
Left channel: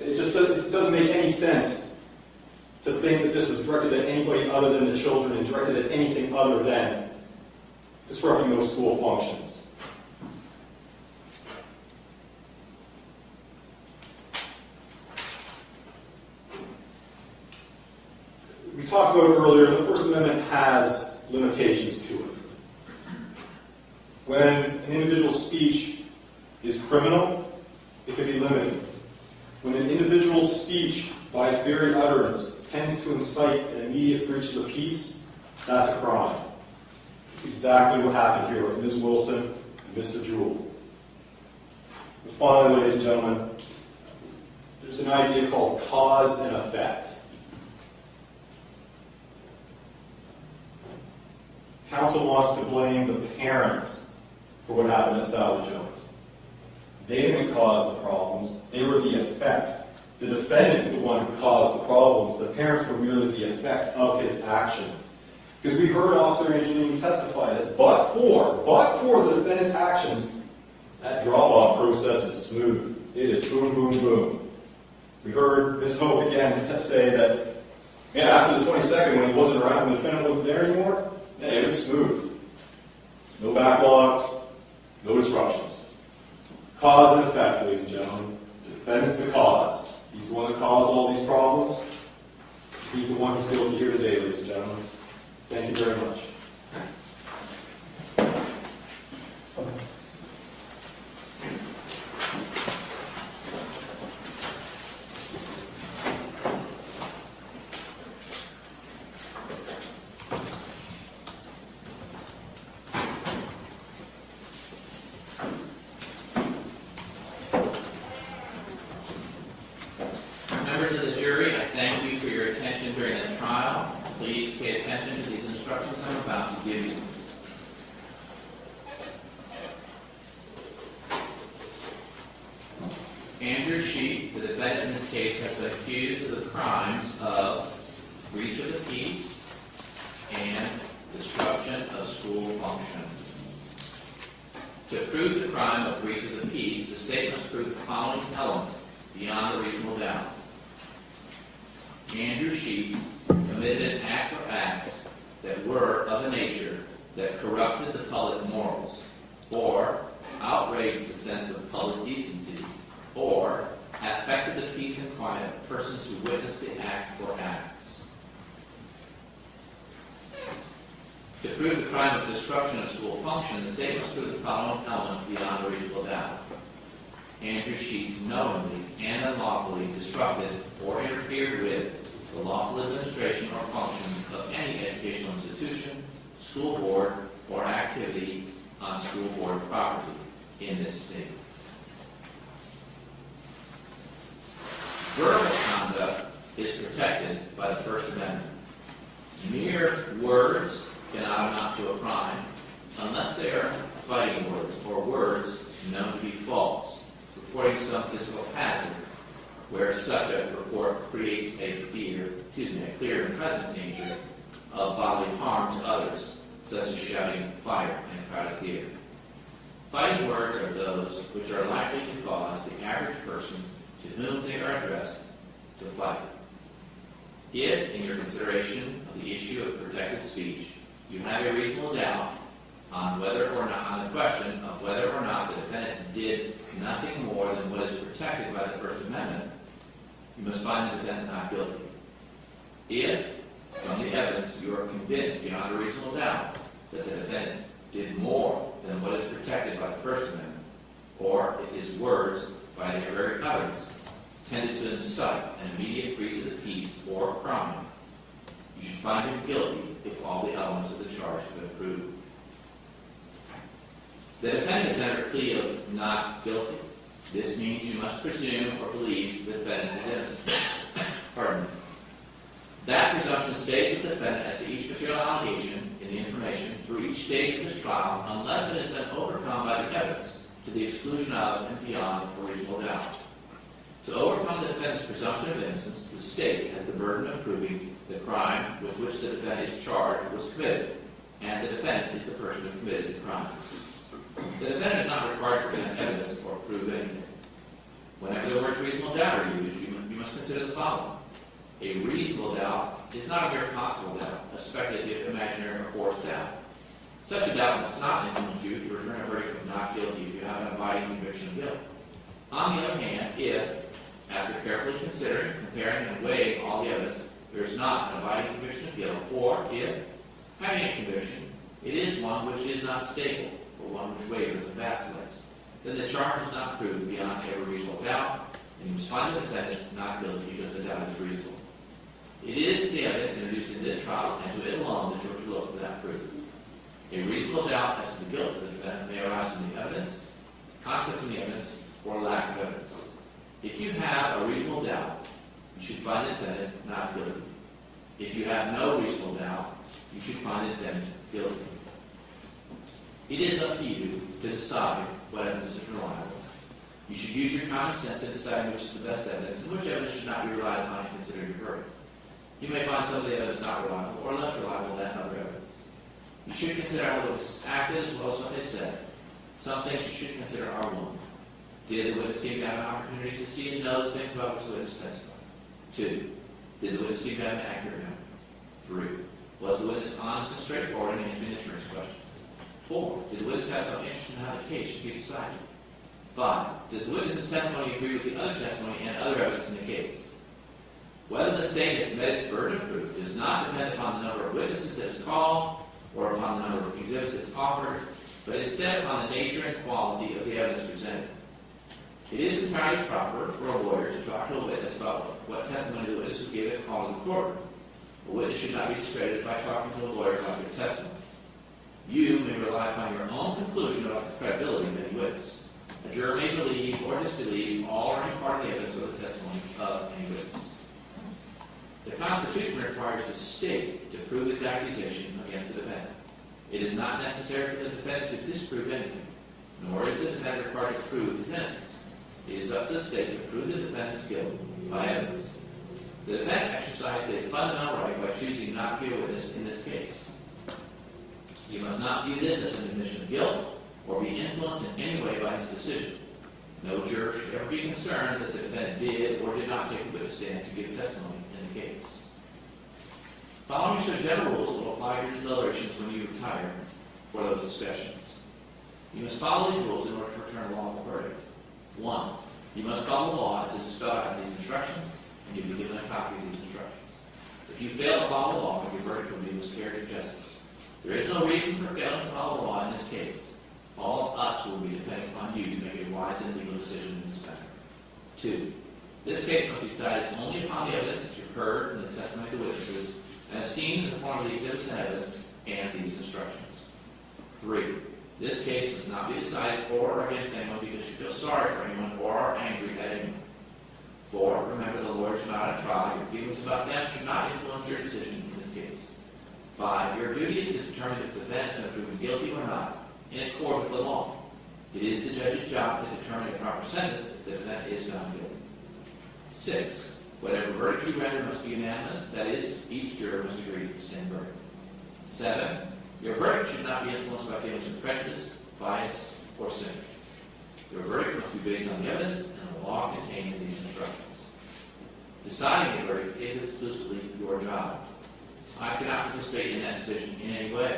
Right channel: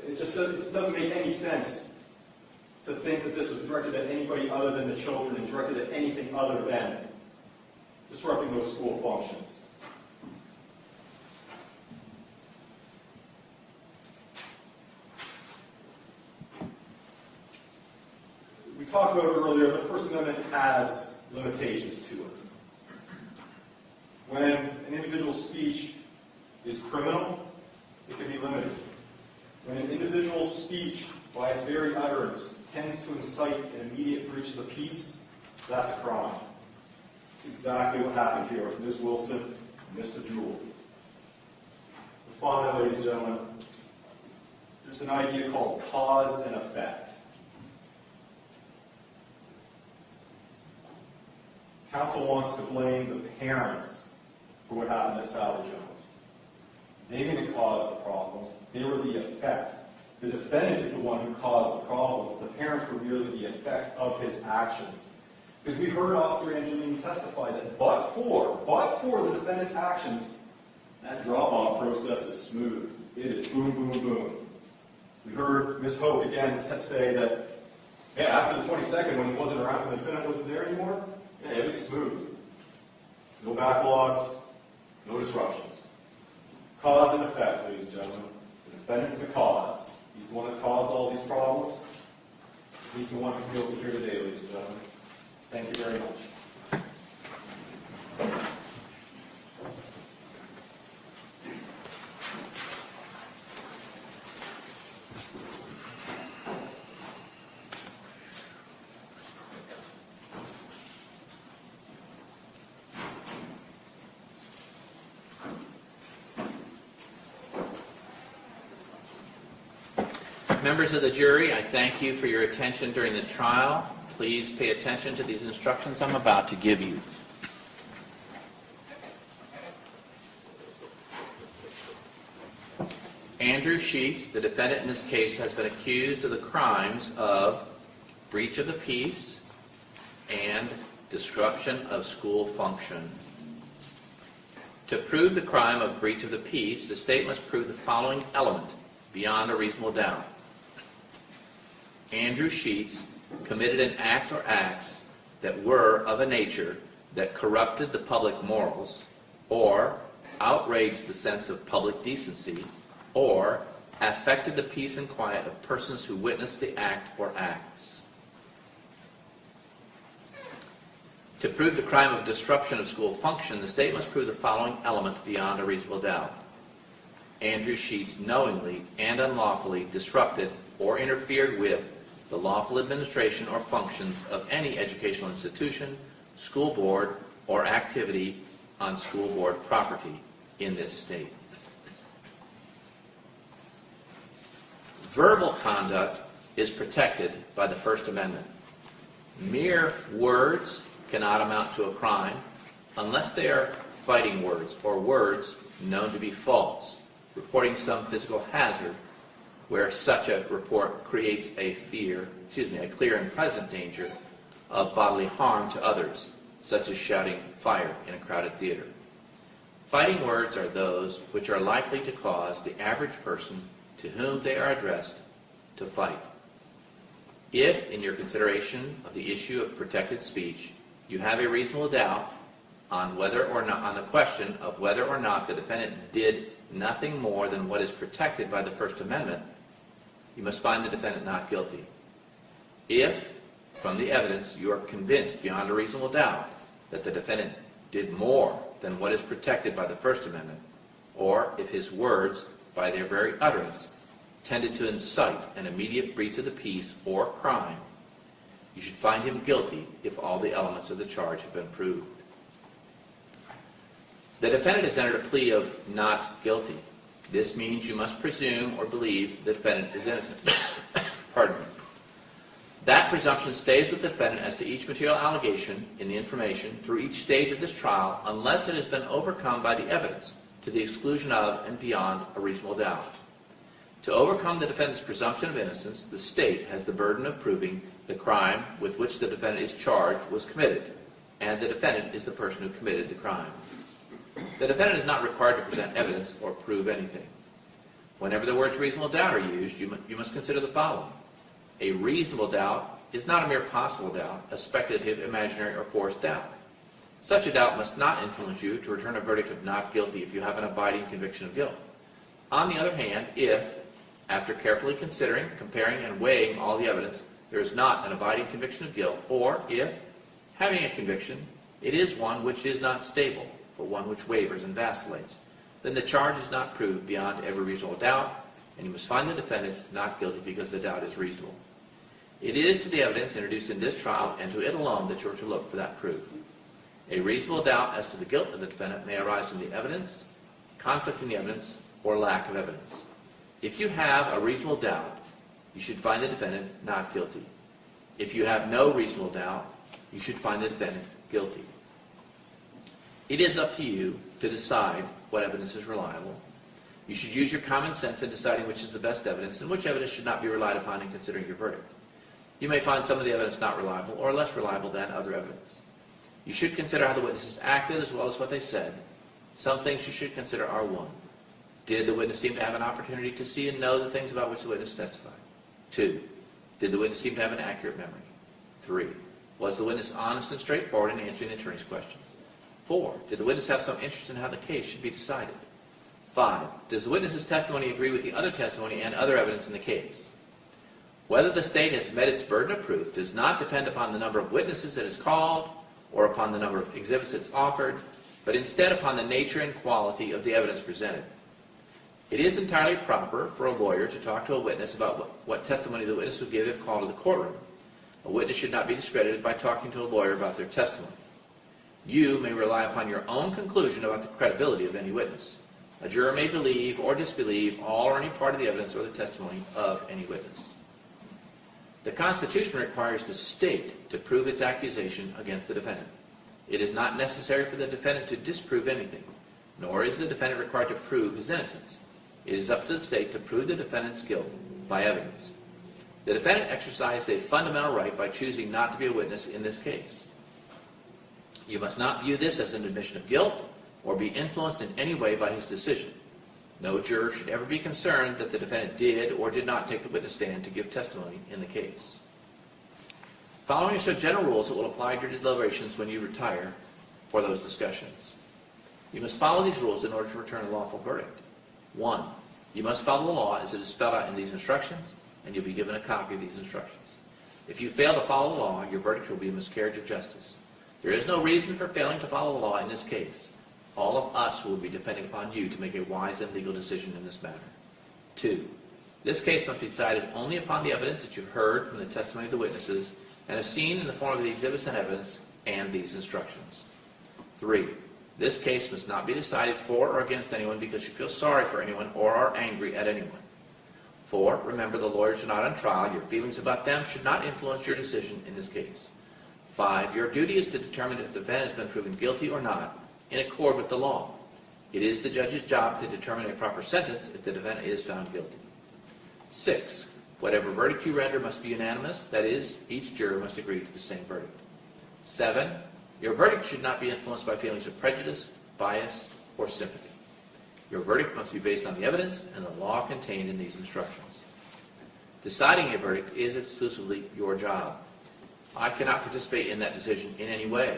It doesn't make any sense to think that this was directed at anybody other than the children and directed at anything other than disrupting those school functions. We talked about it earlier, the First Amendment has limitations to it. When an individual's speech is criminal, it can be limited. When an individual's speech, by its very utterance, tends to incite an immediate breach of the peace, that's a crime. That's exactly what happened here with Ms. Wilson and Mr. Jewell. And finally, ladies and gentlemen, there's an idea called cause and effect. Counsel wants to blame the parents for what happened to Sally Jones. They didn't cause the problems. They were the effect. The defendant is the one who caused the problems. The parents were merely the effect of his actions. Because we heard Officer Angelini testify that but for the defendant's actions, that drop-off process is smooth. It is boom, boom, boom. We heard Ms. Hope again say that, yeah, after the 22nd, when he wasn't around, when the defendant wasn't there anymore, yeah, it was smooth. No backlogs, no disruptions. Cause and effect, ladies and gentlemen. The defendant's the cause. He's the one that caused all these problems. He's the one who's guilty here today, ladies and gentlemen. Thank you very much. Members of the jury, I thank you for your attention during this trial. Please pay attention to these instructions I'm about to give you. Andrew Sheets, the defendant in this case, has been accused of the crimes of breach of the peace and disruption of school function. To prove the crime of breach of the peace, the state must prove the following element beyond a reasonable doubt. Andrew Sheets committed an act or acts that were of a nature that corrupted the public morals, or outraged the sense of public decency, or affected the peace and quiet of persons who witnessed the act or acts. To prove the crime of disruption of school function, the state must prove the following element beyond a reasonable doubt. Andrew Sheets knowingly and unlawfully disrupted or interfered with the lawful administration or functions of any educational institution, school board, or activity on school board property in this state. Verbal conduct is protected by the First Amendment. Mere words cannot amount to a crime unless they are fighting words or words known to be false, reporting some physical hazard where such a report creates a clear and present danger of bodily harm to others, such as shouting fire in a crowded theater. Fighting words are those which are likely to cause the average person to whom they are addressed to fight. If, in your consideration of the issue of protected speech, you have a reasonable doubt on whether or not, on the question of whether or not the defendant did nothing more than what is protected by the First Amendment, you must find the defendant not guilty. If, from the evidence, you are convinced beyond a reasonable doubt that the defendant did more than what is protected by the First Amendment, or if his words, by their very utterance, tended to incite an immediate breach of the peace or crime, you should find him guilty if all the elements of the charge have been proved. The defendant has entered a plea of not guilty. This means you must presume or believe the defendant is innocent. Pardon me. That presumption stays with the defendant as to each material allegation in the information through each stage of this trial unless it has been overcome by the evidence to the exclusion of and beyond a reasonable doubt. To overcome the defendant's presumption of innocence, the state has the burden of proving the crime with which the defendant is charged was committed, and the defendant is the person who committed the crime. The defendant is not required to present evidence or prove anything. Whenever the words reasonable doubt are used, you must consider the following. A reasonable doubt is not a mere possible doubt, a speculative, imaginary, or forced doubt. Such a doubt must not influence you to return a verdict of not guilty if you have an abiding conviction of guilt. On the other hand, if, after carefully considering, comparing, and weighing all the evidence, there is not an abiding conviction of guilt, or if, having a conviction, it is one which is not stable, but one which wavers and vacillates, then the charge is not proved beyond every reasonable doubt, and you must find the defendant not guilty because the doubt is reasonable. It is to the evidence introduced in this trial and to it alone that you are to look for that proof. A reasonable doubt as to the guilt of the defendant may arise from the evidence, conflict in the evidence, or lack of evidence. If you have a reasonable doubt, you should find the defendant not guilty. If you have no reasonable doubt, you should find the defendant guilty. It is up to you to decide what evidence is reliable. You should use your common sense in deciding which is the best evidence and which evidence should not be relied upon in considering your verdict. You may find some of the evidence not reliable or less reliable than other evidence. You should consider how the witnesses acted as well as what they said. Some things you should consider are: 1. Did the witness seem to have an opportunity to see and know the things about which the witness testified? 2. Did the witness seem to have an accurate memory? 3. Was the witness honest and straightforward in answering the attorney's questions? 4. Did the witness have some interest in how the case should be decided? 5. Does the witness's testimony agree with the other testimony and other evidence in the case? Whether the state has met its burden of proof does not depend upon the number of witnesses it has called or upon the number of exhibits it's offered, but instead upon the nature and quality of the evidence presented. It is entirely proper for a lawyer to talk to a witness about what testimony the witness will give if called to the courtroom. A witness should not be discredited by talking to a lawyer about their testimony. You may rely upon your own conclusion about the credibility of any witness. A juror may believe or disbelieve all or any part of the evidence or the testimony of any witness. The Constitution requires the state to prove its accusation against the defendant. It is not necessary for the defendant to disprove anything, nor is the defendant required to prove his innocence. It is up to the state to prove the defendant's guilt by evidence. The defendant exercised a fundamental right by choosing not to be a witness in this case. You must not view this as an admission of guilt or be influenced in any way by his decision. No juror should ever be concerned that the defendant did or did not take the witness stand to give testimony in the case. Following some general rules that will apply to your deliberations when you retire for those discussions. You must follow these rules in order to return a lawful verdict. 1. You must follow the law as it is spelled out in these instructions, and you'll be given a copy of these instructions. If you fail to follow the law, your verdict will be a miscarriage of justice. There is no reason for failing to follow the law in this case. All of us will be depending upon you to make a wise and legal decision in this matter. 2. This case must be decided only upon the evidence that you've heard from the testimony of the witnesses and have seen in the form of the exhibits and evidence and these instructions. 3. This case must not be decided for or against anyone because you feel sorry for anyone or are angry at anyone. 4. Remember, the lawyers are not on trial. Your feelings about them should not influence your decision in this case. 5. Your duty is to determine if the defendant has been proven guilty or not, in accord with the law. It is the judge's job to determine a proper sentence if the defendant is found guilty. 6. Whatever verdict you render must be unanimous. That is, each juror must agree to the same verdict. 7. Your verdict should not be influenced by feelings of prejudice, bias, or sympathy. Your verdict must be based on the evidence and the law contained in these instructions. Deciding a verdict is exclusively your job. I cannot participate in that decision in any way.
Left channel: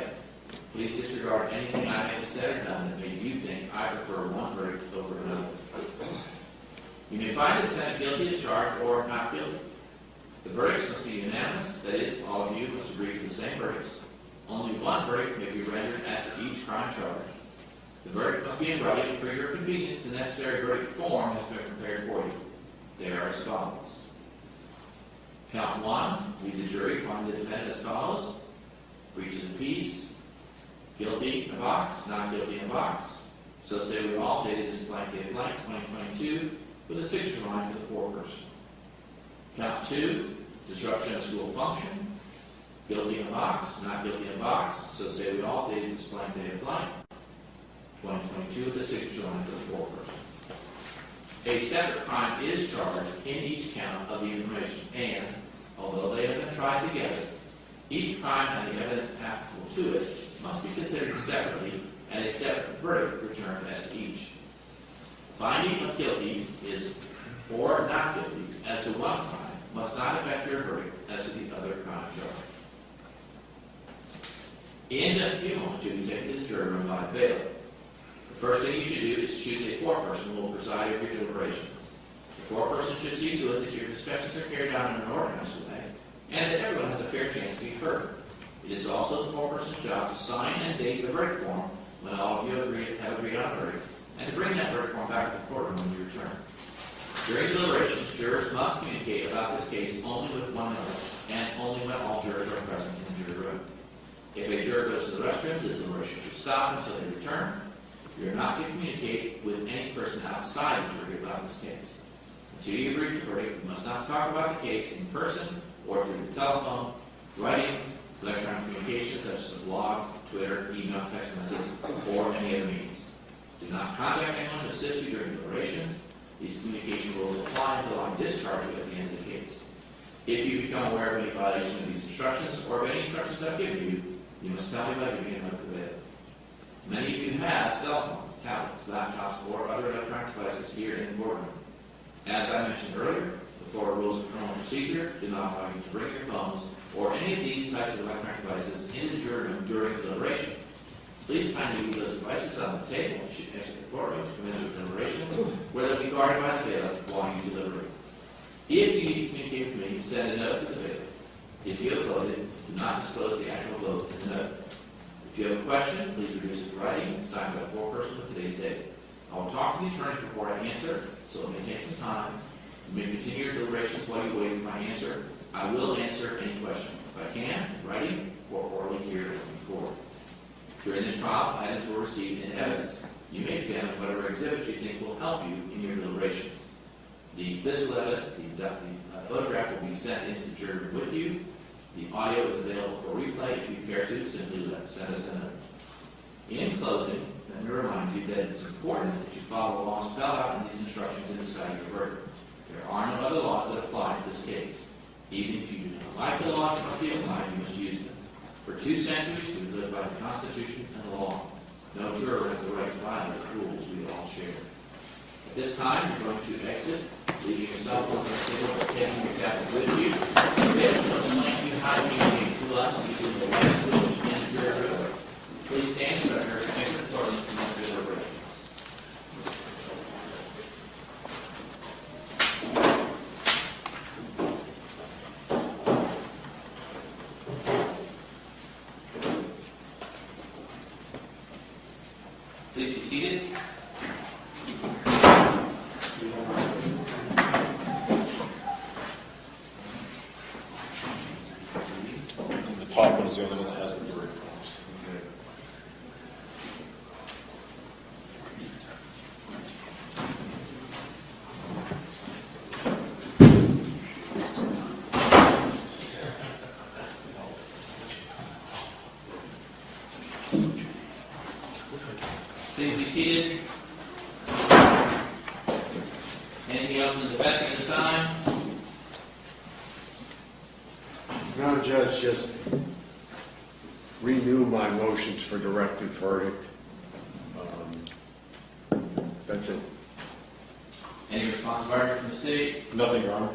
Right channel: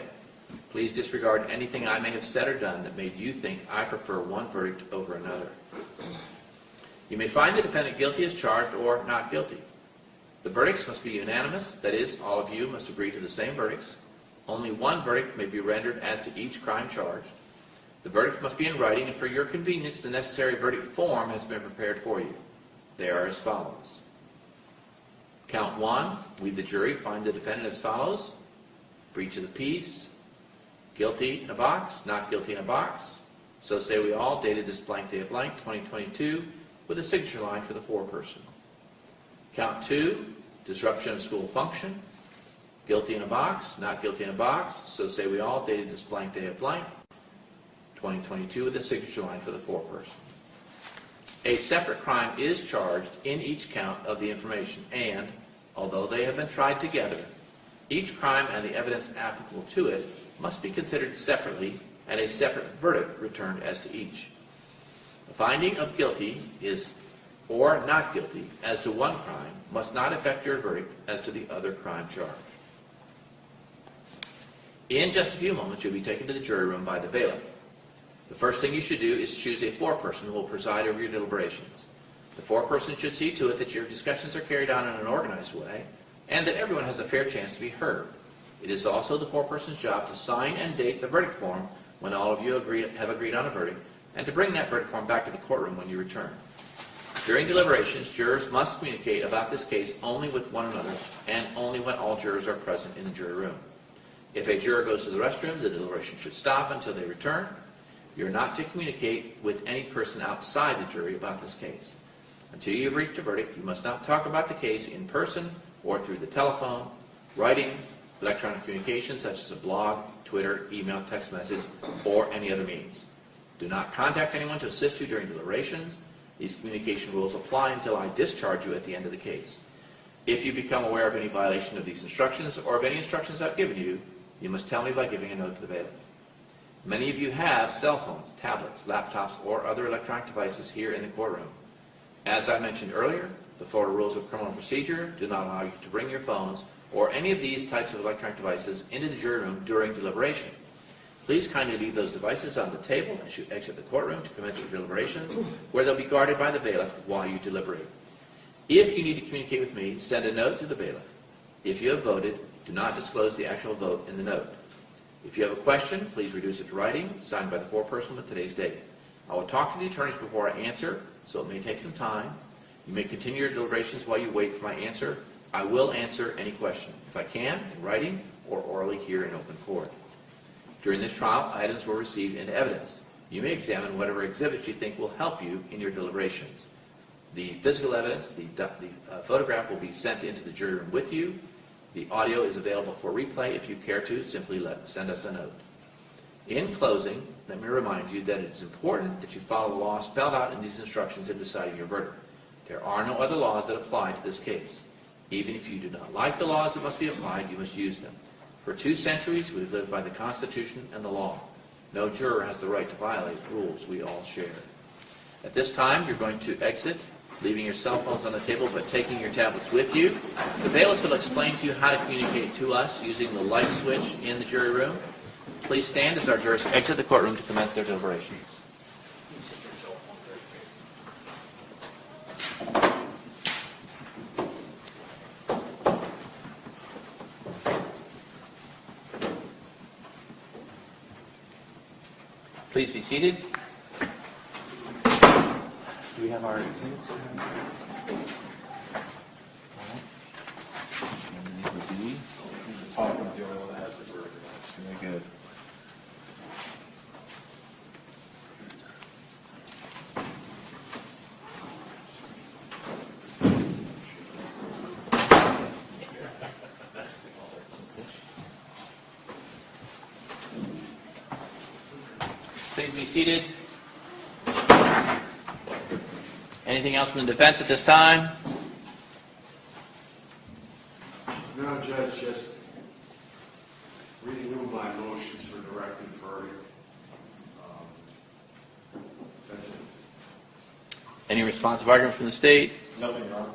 Please disregard anything I may have said or done that made you think I prefer one verdict over another. You may find the defendant guilty as charged or not guilty. The verdicts must be unanimous. That is, all of you must agree to the same verdicts. Only one verdict may be rendered as to each crime charged. The verdict must be in writing, and for your convenience, the necessary verdict form has been prepared for you. They are as follows. Count 1, we the jury find the defendant as follows. Breach of the peace, guilty in a box, not guilty in a box. So say we all, dated this blank day of blank, 2022, with a signature line for the foreperson. Count 2, disruption of school function, guilty in a box, not guilty in a box. So say we all, dated this blank day of blank, 2022, with a signature line for the foreperson. A separate crime is charged in each count of the information, and, although they have been tried together, each crime and the evidence applicable to it must be considered separately and a separate verdict returned as to each. The finding of guilty is or not guilty as to one crime must not affect your verdict as to the other crime charged. In just a few moments, you'll be taken to the jury room by the bailiff. The first thing you should do is choose a foreperson who will preside over your deliberations. The foreperson should see to it that your discussions are carried on in an organized way and that everyone has a fair chance to be heard. It is also the foreperson's job to sign and date the verdict form when all of you have agreed on a verdict, and to bring that verdict form back to the courtroom when you return. During deliberations, jurors must communicate about this case only with one another and only when all jurors are present in the jury room. If a juror goes to the restroom, the deliberation should stop until they return. You're not to communicate with any person outside the jury about this case. Until you've reached a verdict, you must not talk about the case in person or through the telephone, writing, electronic communication such as a blog, Twitter, email, text message, or any other means. Do not contact anyone to assist you during deliberations. These communication rules apply until I discharge you at the end of the case. If you become aware of any violation of these instructions or of any instructions I've given you, you must tell me by giving a note to the bailiff. Many of you have cell phones, tablets, laptops, or other electronic devices here in the courtroom. As I mentioned earlier, the Florida Rules of Criminal Procedure do not allow you to bring your phones or any of these types of electronic devices into the jury room during deliberation. Please kindly leave those devices on the table as you exit the courtroom to commence your deliberations, where they'll be guarded by the bailiff while you deliberate. If you need to communicate with me, send a note to the bailiff. If you have voted, do not disclose the actual vote in the note. If you have a question, please reduce it to writing, signed by the foreperson with today's date. I will talk to the attorneys before I answer, so it may take some time. You may continue your deliberations while you wait for my answer. I will answer any question, if I can, in writing or orally here in open court. During this trial, items were received into evidence. You may examine whatever exhibits you think will help you in your deliberations. The physical evidence, the photograph will be sent into the jury room with you. The audio is available for replay. If you care to, simply send us a note. In closing, let me remind you that it is important that you follow the law spelled out in these instructions in deciding your verdict. There are no other laws that apply to this case. Even if you do not like the laws that must be applied, you must use them. For 2 centuries, we've lived by the Constitution and the law. No juror has the right to violate rules we all share. At this time, you're going to exit, leaving your cell phones on the table, but taking your tablets with you. The bailiff will explain to you how to communicate to us using the light switch in the jury room. Please stand as our jurors exit the courtroom to commence their deliberations. Please be seated. We have our the top one is the only one that has the jury. Very good. Please be seated. Anything else from the defense at this time? No, Judge, just renew my motions for directed verdict. That's it. Any responsive argument from the state? Nothing, Your Honor.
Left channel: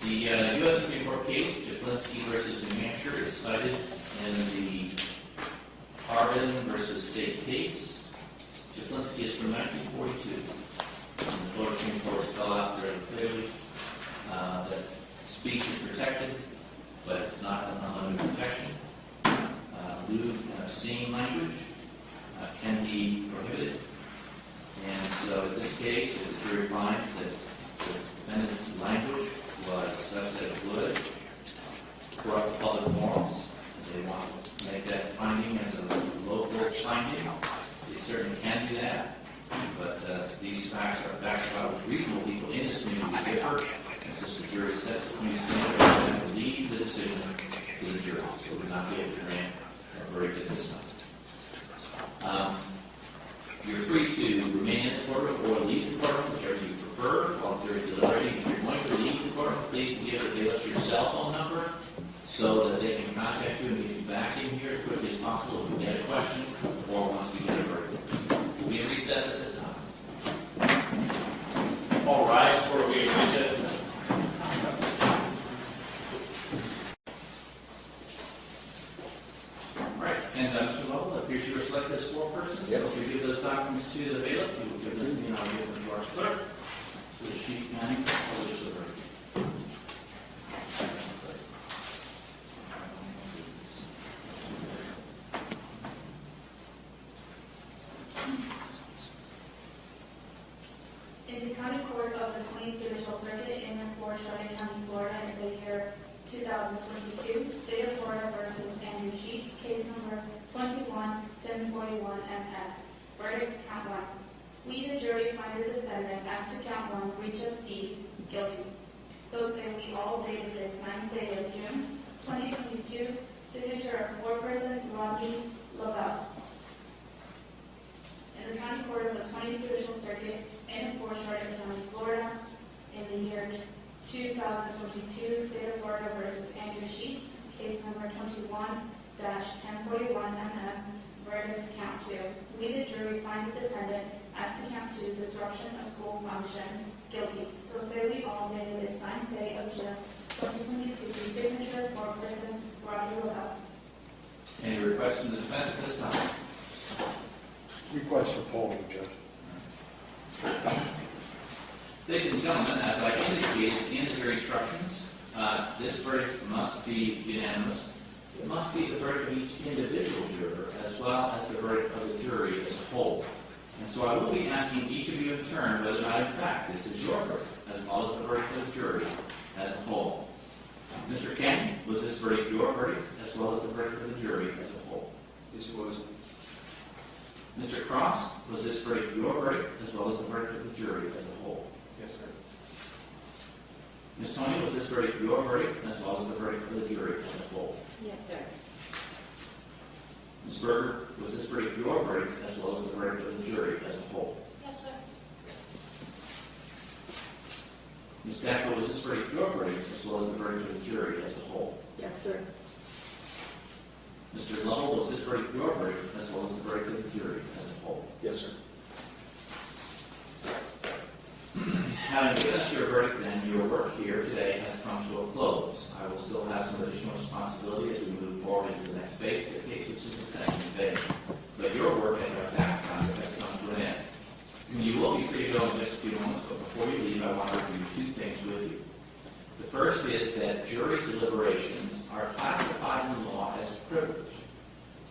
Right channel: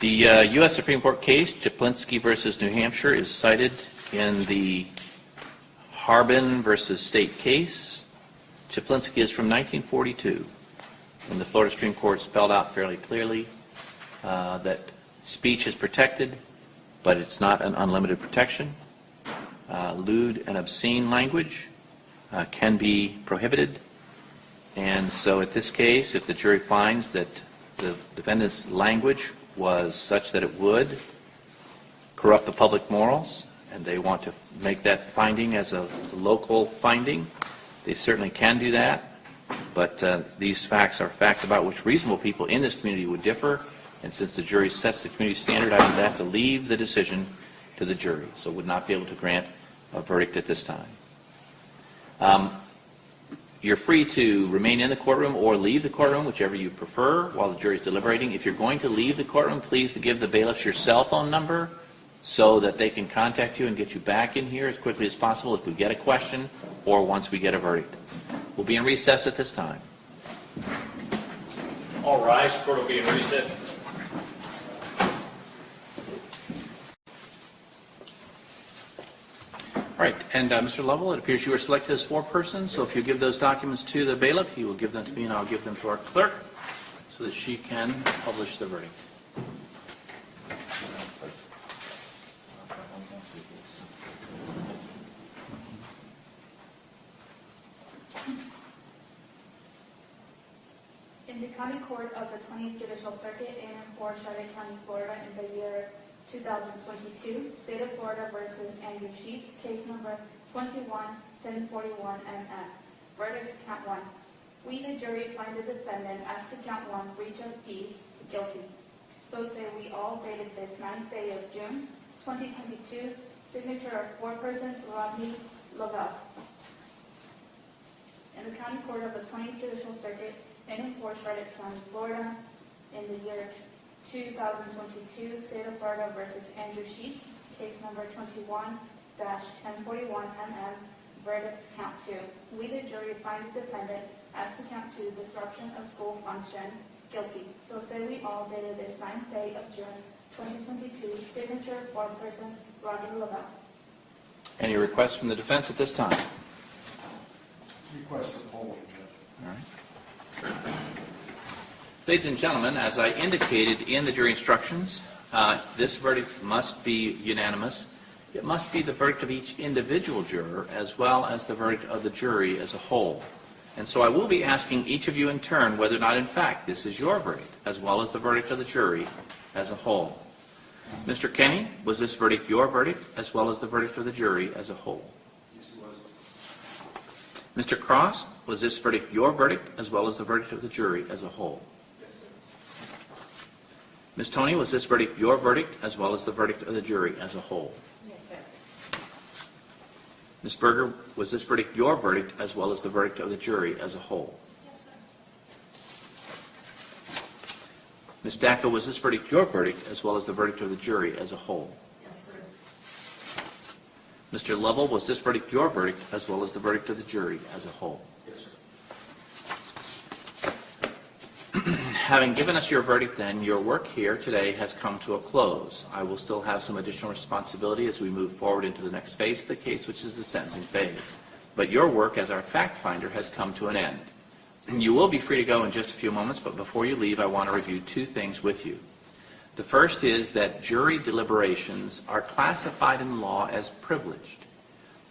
The U.S. Supreme Court case, Czaplinski versus New Hampshire, is cited in the Harbin versus State case. Czaplinski is from 1942, when the Florida Supreme Court spelled out fairly clearly that speech is protected, but it's not an unlimited protection. Lewd and obscene language can be prohibited. And so at this case, if the jury finds that the defendant's language was such that it would corrupt the public morals, and they want to make that finding as a local finding, they certainly can do that. But these facts are facts about which reasonable people in this community would differ, and since the jury sets the community standard, I would have to leave the decision to the jury, so would not be able to grant a verdict at this time. You're free to remain in the courtroom or leave the courtroom, whichever you prefer, while the jury is deliberating. If you're going to leave the courtroom, please give the bailiffs your cell phone number so that they can contact you and get you back in here as quickly as possible if we get a question or once we get a verdict. We'll be in recess at this time. All rise. Court will be in recess. All right, and Mr. Lovell, it appears you were selected as foreperson, so if you give those documents to the bailiff, he will give them to me and I'll give them to our clerk so that she can publish the verdict. In the County Court of the 20th Judicial Circuit in and for Charlotte County, Florida, in the year 2022, State of Florida versus Andrew Sheets, case number 21-1041 MF. Verdict, count 1. We, the jury, find the defendant as to count 1, breach of peace, guilty. So say we all dated this 9th day of June 2022, signature of foreperson Rodney Lavelle. In the County Court of the 20th Judicial Circuit in and for Charlotte County, Florida, in the year 2022, State of Florida versus Andrew Sheets, case number 21-1041 MF, verdict, count 2. We, the jury, find the defendant as to count 2, disruption of school function, guilty. So say we all dated this 9th day of June 2022, signature for person Rodney Lavelle. Any requests from the defense at this time? Request for polling, Judge. All right. Ladies and gentlemen, as I indicated in the jury instructions, this verdict must be unanimous. It must be the verdict of each individual juror as well as the verdict of the jury as a whole. And so I will be asking each of you in turn whether or not, in fact, this is your verdict as well as the verdict of the jury as a whole. Mr. Kenny, was this verdict your verdict as well as the verdict of the jury as a whole? Yes, it was. Mr. Cross, was this verdict your verdict as well as the verdict of the jury as a whole? Yes, sir. Ms. Tony, was this verdict your verdict as well as the verdict of the jury as a whole? Yes, sir. Ms. Berger, was this verdict your verdict as well as the verdict of the jury as a whole? Yes, sir. Ms. Dacko, was this verdict your verdict as well as the verdict of the jury as a whole? Yes, sir. Mr. Lovell, was this verdict your verdict as well as the verdict of the jury as a whole? Yes, sir. Having given us your verdict, then, your work here today has come to a close. I will still have some additional responsibility as we move forward into the next phase of the case, which is the sentencing phase. But your work as our fact finder has come to an end. You will be free to go in just a few moments, but before you leave, I want to review two things with you. The The first is that jury deliberations are classified in the law as privileged.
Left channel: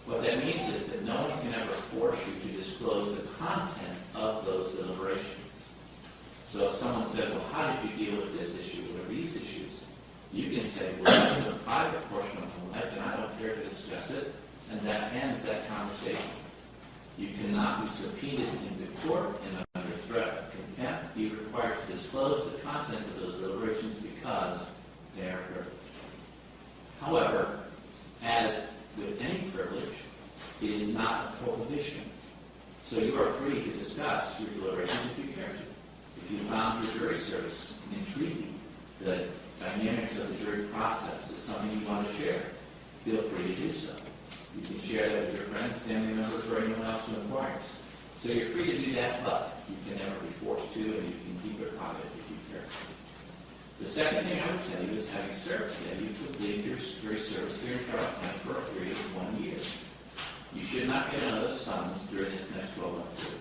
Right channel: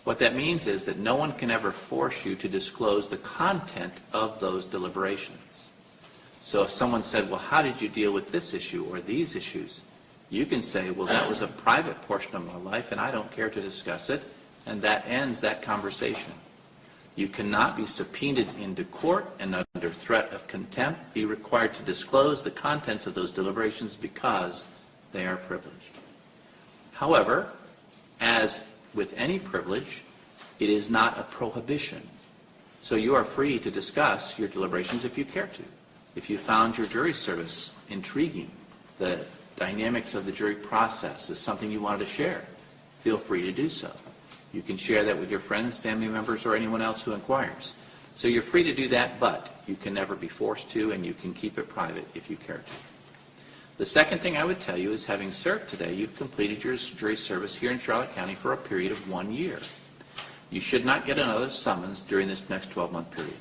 What that means is that no one can ever force you to disclose the content of those deliberations. So if someone said, well, how did you deal with this issue or these issues? You can say, well, that was a private portion of my life and I don't care to discuss it, and that ends that conversation. You cannot be subpoenaed into court and under threat of contempt be required to disclose the contents of those deliberations because they are privileged. However, as with any privilege, it is not a prohibition. So you are free to discuss your deliberations if you care to. If you found your jury service intriguing, the dynamics of the jury process is something you wanted to share, feel free to do so. You can share that with your friends, family members, or anyone else who inquires. So you're free to do that, but you can never be forced to, and you can keep it private if you care to. The second thing I would tell you is, having served today, you've completed your jury service here in Charlotte County for a period of 1 year. You should not get another summons during this next 12-month period.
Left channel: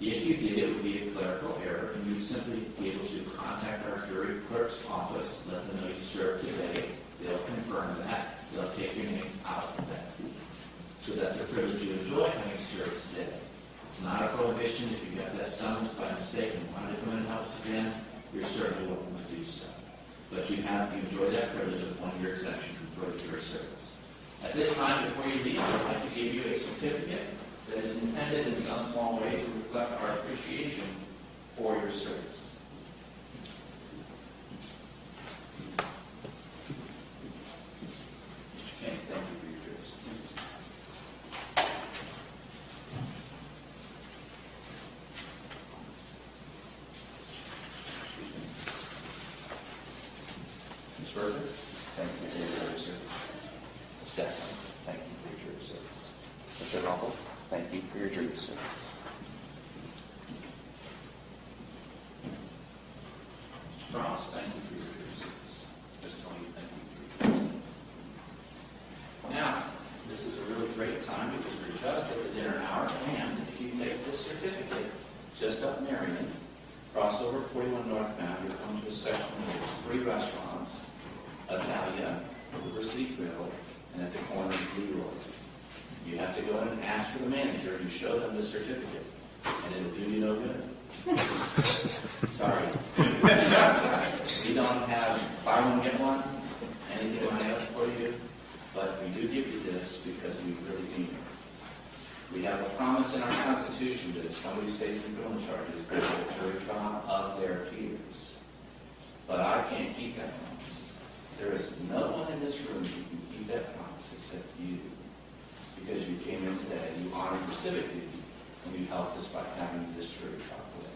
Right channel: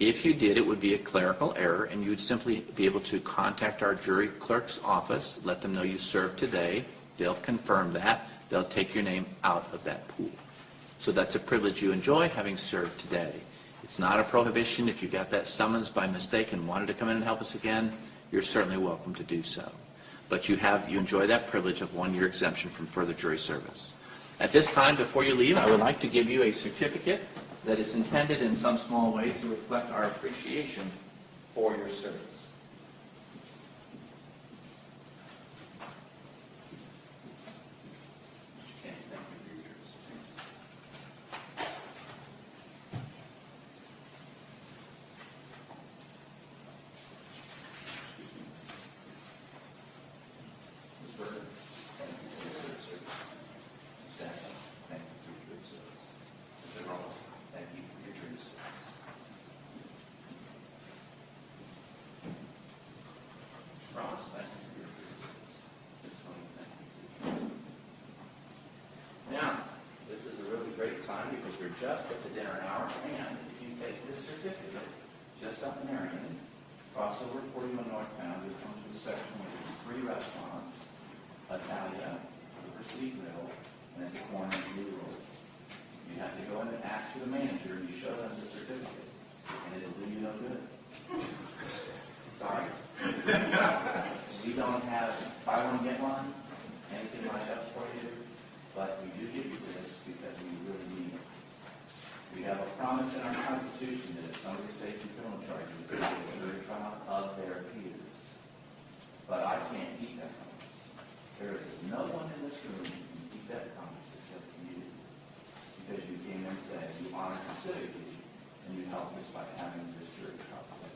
If you did, it would be a clerical error, and you would simply be able to contact our jury clerk's office, let them know you served today. They'll confirm that. They'll take your name out of that pool. So that's a privilege you enjoy, having served today. It's not a prohibition. If you got that summons by mistake and wanted to come in and help us again, you're certainly welcome to do so. But you enjoy that privilege of 1 year exemption from further jury service. At this time, before you leave, I would like to give you a certificate that is intended in some small way to reflect our appreciation for your service. Okay, thank you for your service. Ms. Berger, thank you for your jury service. Ms. Jackson, thank you for your jury service. Mr. Rumble, thank you for your jury service. Mr. Ross, thank you for your jury service. Ms. Tony, thank you for your jury service. Now, this is a really great time because we're just at the dinner hour, and if you take this certificate just up Marion, cross over 41 northbound, you'll come to a section where there's 3 restaurants, Alyea, Publicity Grill, and at the corner of Leroy's. You have to go in and ask for the manager. You show them the certificate, and it'll do you no good. Sorry. We don't have buy one, get one, anything I have for you, but we do give you this because we really mean it. We have a promise in our Constitution that if somebody's facing criminal charges, they get a jury trial of their peers. But I can't keep that promise. There is no one in this room who can keep that promise except you. Because you came in today, you honored your civic duty, and you helped us by having this jury trial today.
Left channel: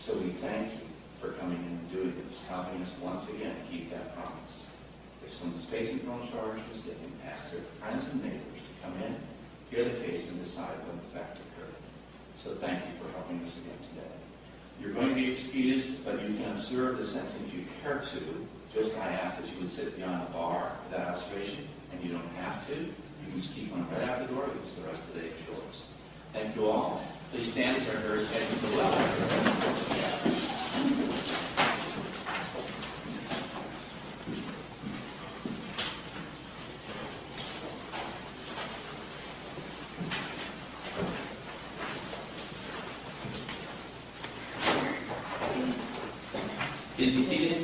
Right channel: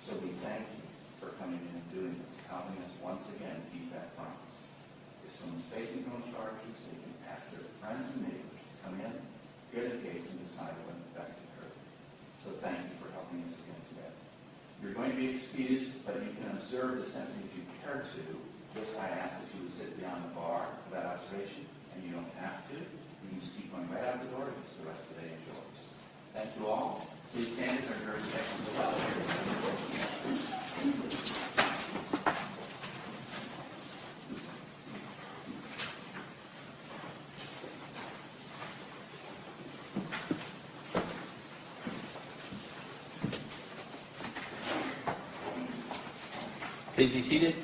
So we thank you for coming in and doing this, helping us once again keep that promise. If someone's facing criminal charges, they can ask their friends and neighbors to come in, hear the case, and decide when the fact occurred. So thank you for helping us again today. You're going to be excused, but you can observe the sentencing if you care to. Just I ask that you would sit beyond the bar for that observation, and you don't have to. You can just keep one right out the door because the rest of the day is yours. Thank you all. Please stand as our very scheduled to allow. Please be seated.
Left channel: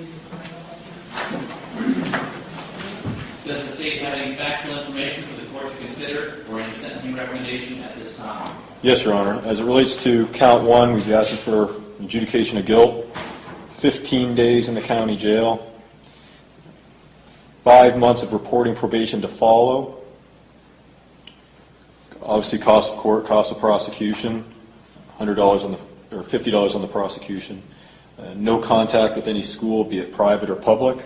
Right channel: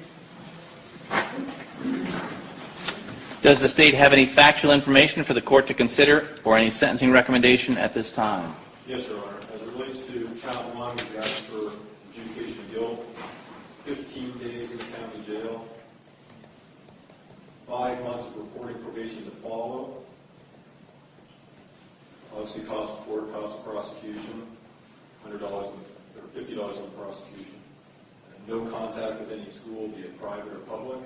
Does the state have any factual information for the court to consider or any sentencing recommendation at this time? Yes, Your Honor. As it relates to count 1, we've asked for adjudication of guilt, 15 days in the county jail, 5 months of reporting probation to follow, obviously cost of court, cost of prosecution, $100 on the, or $50 on the prosecution, no contact with any school, be it private or public.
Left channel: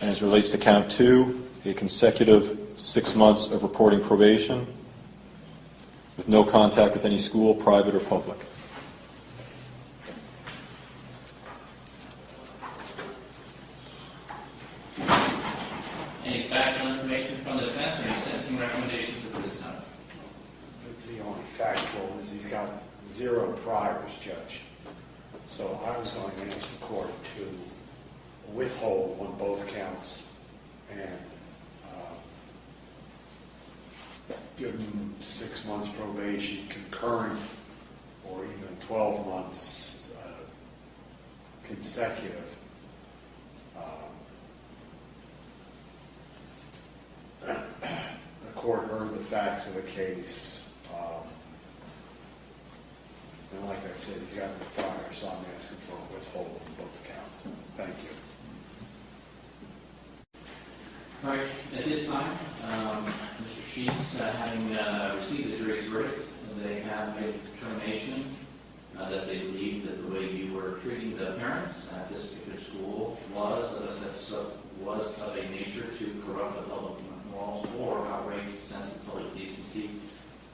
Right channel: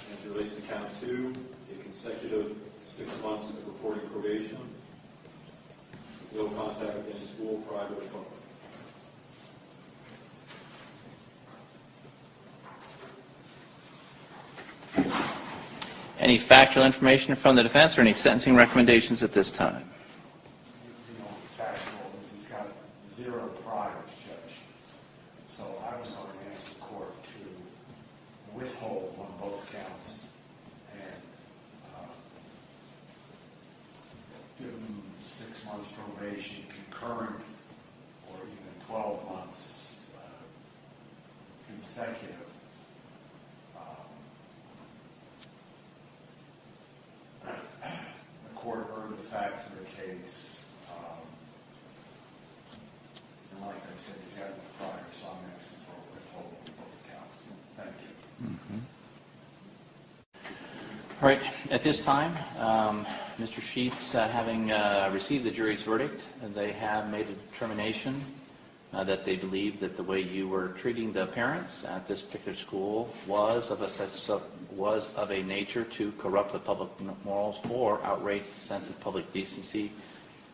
And as it relates to count 2, a consecutive 6 months of reporting probation with no contact with any school, private or public. Any factual information from the defense or any sentencing recommendations at this time? The only factual is he's got 0 priors, Judge. So I was going to ask the court to withhold on both counts and give them 6 months probation concurrent or even 12 months consecutive. The court heard the facts of the case. And like I said, he's got no prior, so I'm asking for a withhold on both counts. Thank you. All right, at this time, Mr. Sheets, having received the jury's verdict, they have made a determination that they believe that the way you were treating the parents at this particular school was of a nature to corrupt the public morals or outrage the sense of public decency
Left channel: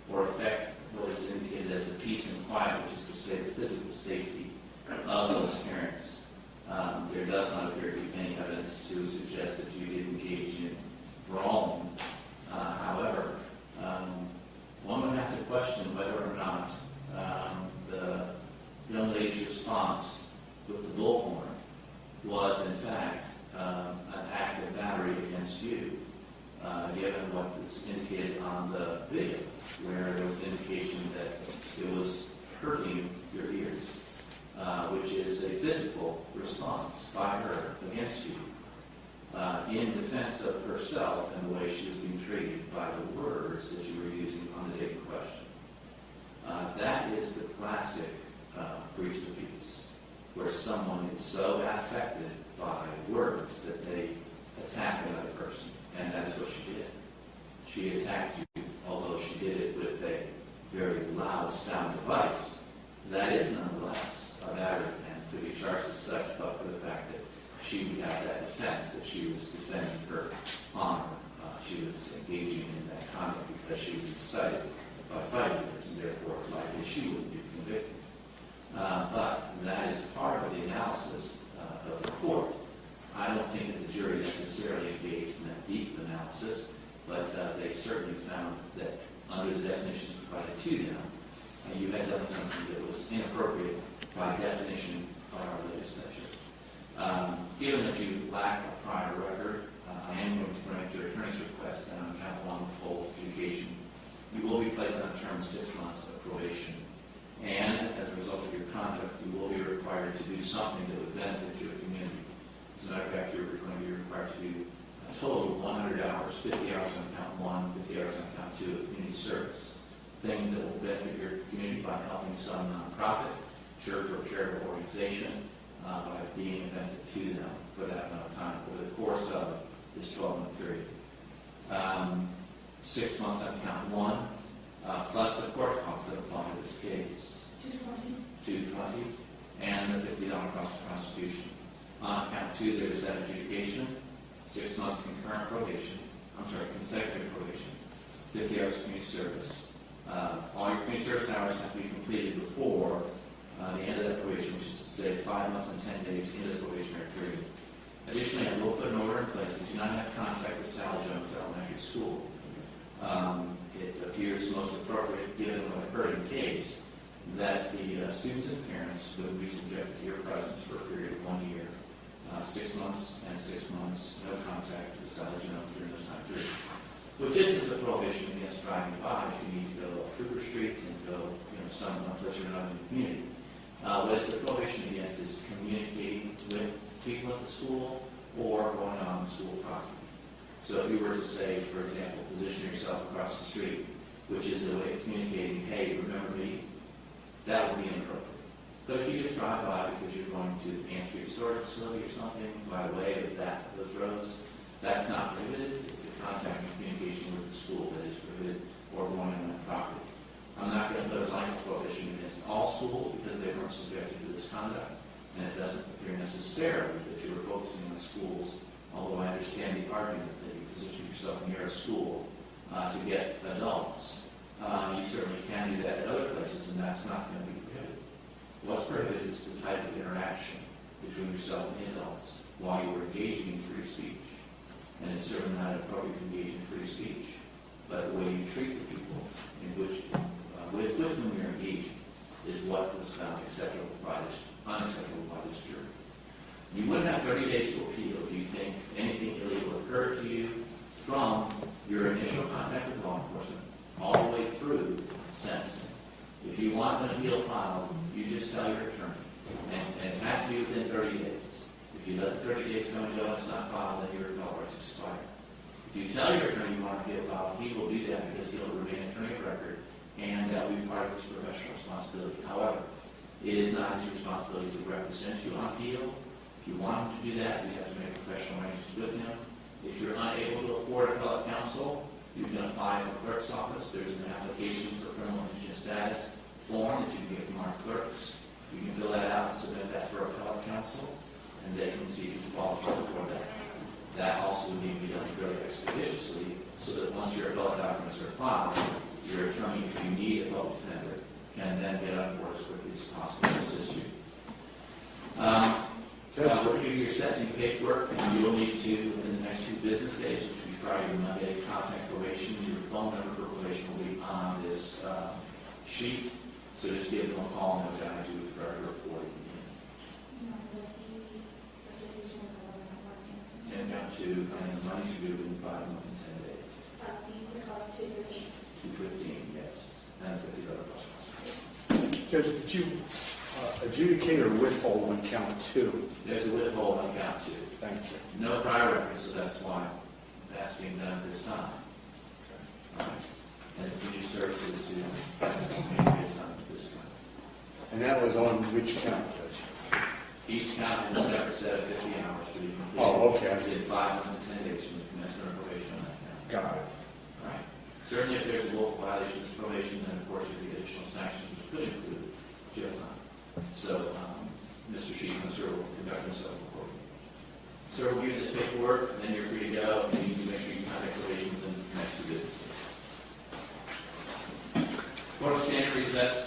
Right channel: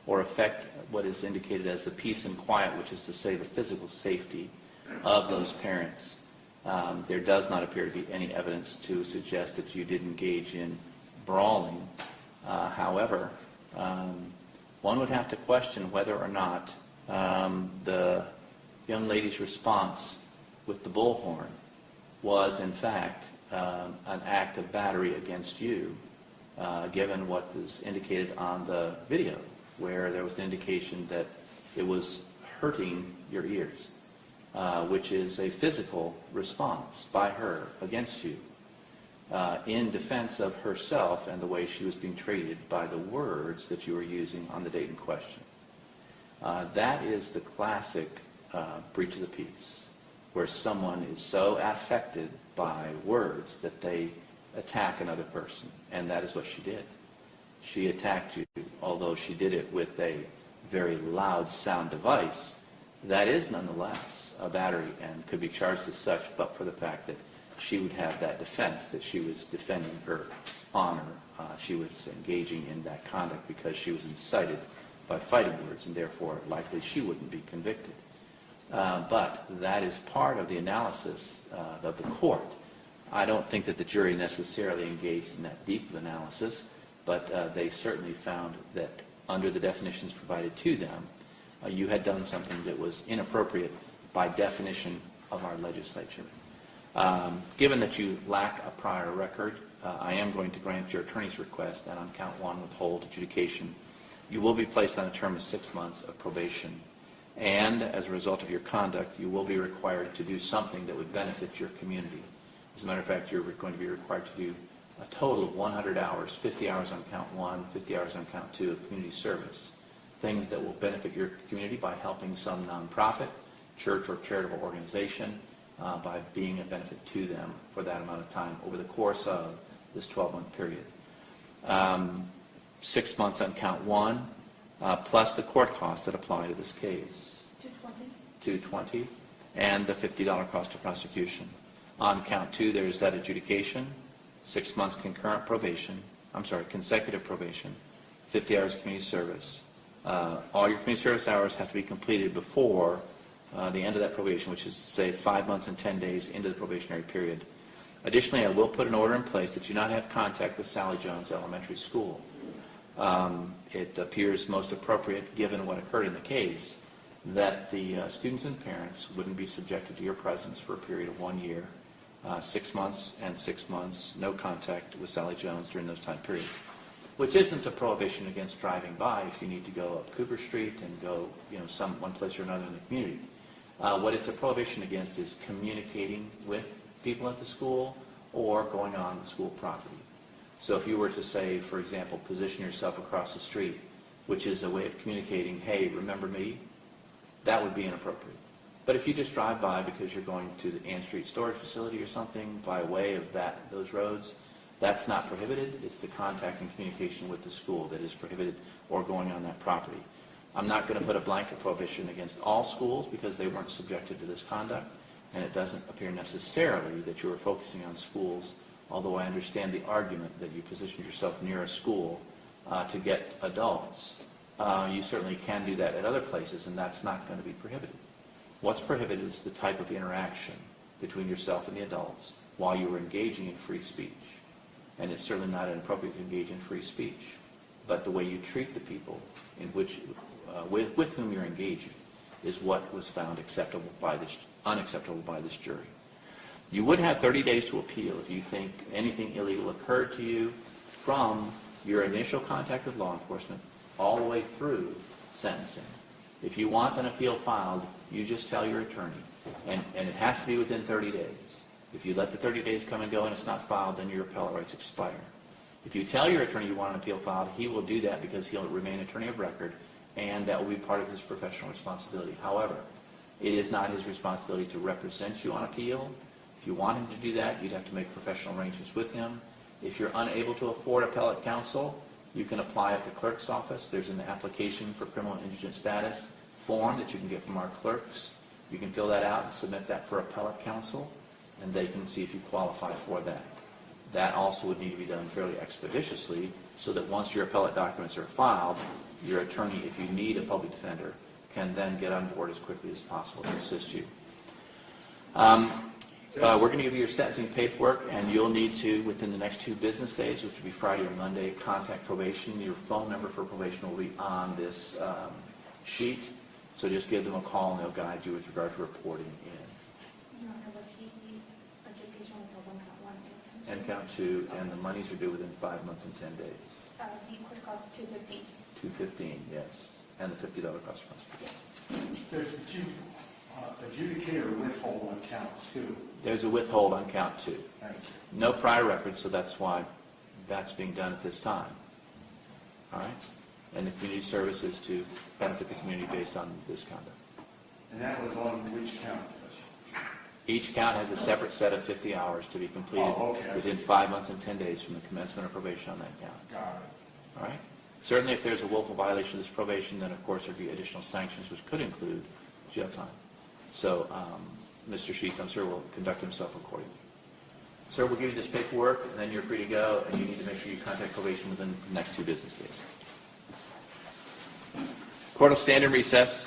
or affect what is indicated as the peace and quiet, which is to say the physical safety of those parents. There does not appear to be any evidence to suggest that you did engage in brawling. However, one would have to question whether or not the young lady's response with the bullhorn was, in fact, an act of battery against you, given what was indicated on the video, where there was an indication that it was hurting your ears. Which is a physical response by her against you in defense of herself and the way she was being treated by the words that you were using on the date in question. That is the classic breach of the peace, where someone is so affected by words that they attack another person, and that is what she did. She attacked you, although she did it with a very loud sound device. That is nonetheless a battery and could be charged as such, but for the fact that she would have that defense, that she was defending her honor. She was engaging in that conduct because she was incited by fighting words, and therefore likely she wouldn't be convicted. But that is part of the analysis of the court. I don't think that the jury necessarily engaged in that deep analysis, but they certainly found that under the definitions provided to them, you had done something that was inappropriate by definition of our legislature. Given that you lack a prior record, I am going to grant your attorney's request and on count one withhold adjudication. You will be placed on a term of 6 months of probation, and as a result of your conduct, you will be required to do something that would benefit your community. As a matter of fact, you're going to be required to do a total of 100 hours, 50 hours on count one, 50 hours on count two of community service. Things that will benefit your community by helping some nonprofit, church, or charitable organization by being a benefit to them for that amount of time over the course of this 12-month period. 6 months on count one, plus the court costs that apply to this case. $220, and the $50 cost of prosecution. On count two, there is that adjudication, 6 months concurrent probation, consecutive probation, 50 hours of community service. All your community service hours have to be completed before the end of that probation, which is to say 5 months and 10 days into the probationary period. Additionally, I will put an order in place that you not have contact with Sally Jones Elementary School. It appears most appropriate, given what occurred in the case, that the students and parents wouldn't be subjected to your presence for a period of 1 year, 6 months and 6 months, no contact with Sally Jones during those time periods. Which isn't a prohibition against driving by if you need to go up Cougar Street and go, one place or another in the community. What it's a prohibition against is communicating with people at the school or going on school property. So if you were to say, for example, position yourself across the street, which is a way of communicating, hey, remember me, that would be inappropriate. But if you just drive by because you're going to the Ann Street storage facility or something by way of those roads, that's not prohibited. It's the contact and communication with the school that is prohibited or going on that property. I'm not going to put a blanket prohibition against all schools because they weren't subjected to this conduct, and it doesn't appear necessarily that you are focusing on schools, although I understand the argument that you position yourself near a school to get adults. You certainly can do that at other places, and that's not going to be prohibited. What's prohibited is the type of interaction between yourself and the adults while you were engaging in free speech. And it's certainly not inappropriate to engage in free speech, but the way you treat the people in which, with whom you're engaging is what was found unacceptable by this jury. You would have 30 days to appeal if you think anything illegal occurred to you from your initial contact with law enforcement all the way through sentencing. If you want an appeal filed, you just tell your attorney, and it has to be within 30 days. If you let the 30 days come and go and it's not filed, then your appellate rights expire. If you tell your attorney you want an appeal filed, he will do that because he'll remain attorney of record, and that will be part of his professional responsibility. However, it is not his responsibility to represent you on appeal. If you want him to do that, you'd have to make professional arrangements with him. If you're unable to afford appellate counsel, you can apply at the clerk's office. There's an application for criminal indigent status form that you can get from our clerks. You can fill that out and submit that for appellate counsel, and they can see if you qualify for that. That also would need to be done fairly expeditiously, so that once your appellate documents are filed, your attorney, if you need a public defender, can then get on board as quickly as possible to assist you. We're going to give you your sentencing paperwork, and you'll need to, within the next 2 business days, which will be Friday or Monday, contact probation. Your phone number for probation will be on this sheet, so just give them a call and they'll guide you with regard to reporting in. And count 2, and the monies are due within 5 months and 10 days. The court costs $215. $215, yes, and the $50 cost. Judge, did you adjudicate or withhold on count 2? There's a withhold on count 2. Thank you. No prior record, so that's why that's being done at this time. All right? And the community service is to benefit the community based on this conduct. And that was on which count, Judge? Each count has a separate set of 50 hours to be completed. Oh, okay. Within 5 months and 10 days from the commencement of probation on that count. Got it. All right? Certainly, if there's a willful violation of this probation, then of course there would be additional sanctions, which could include jail time. So, Mr. Sheets, I'm sure, will conduct himself accordingly. Sir, we'll give you this paperwork, and then you're free to go, and you need to make sure you contact probation within the next 2 business days. Court will stand in recess.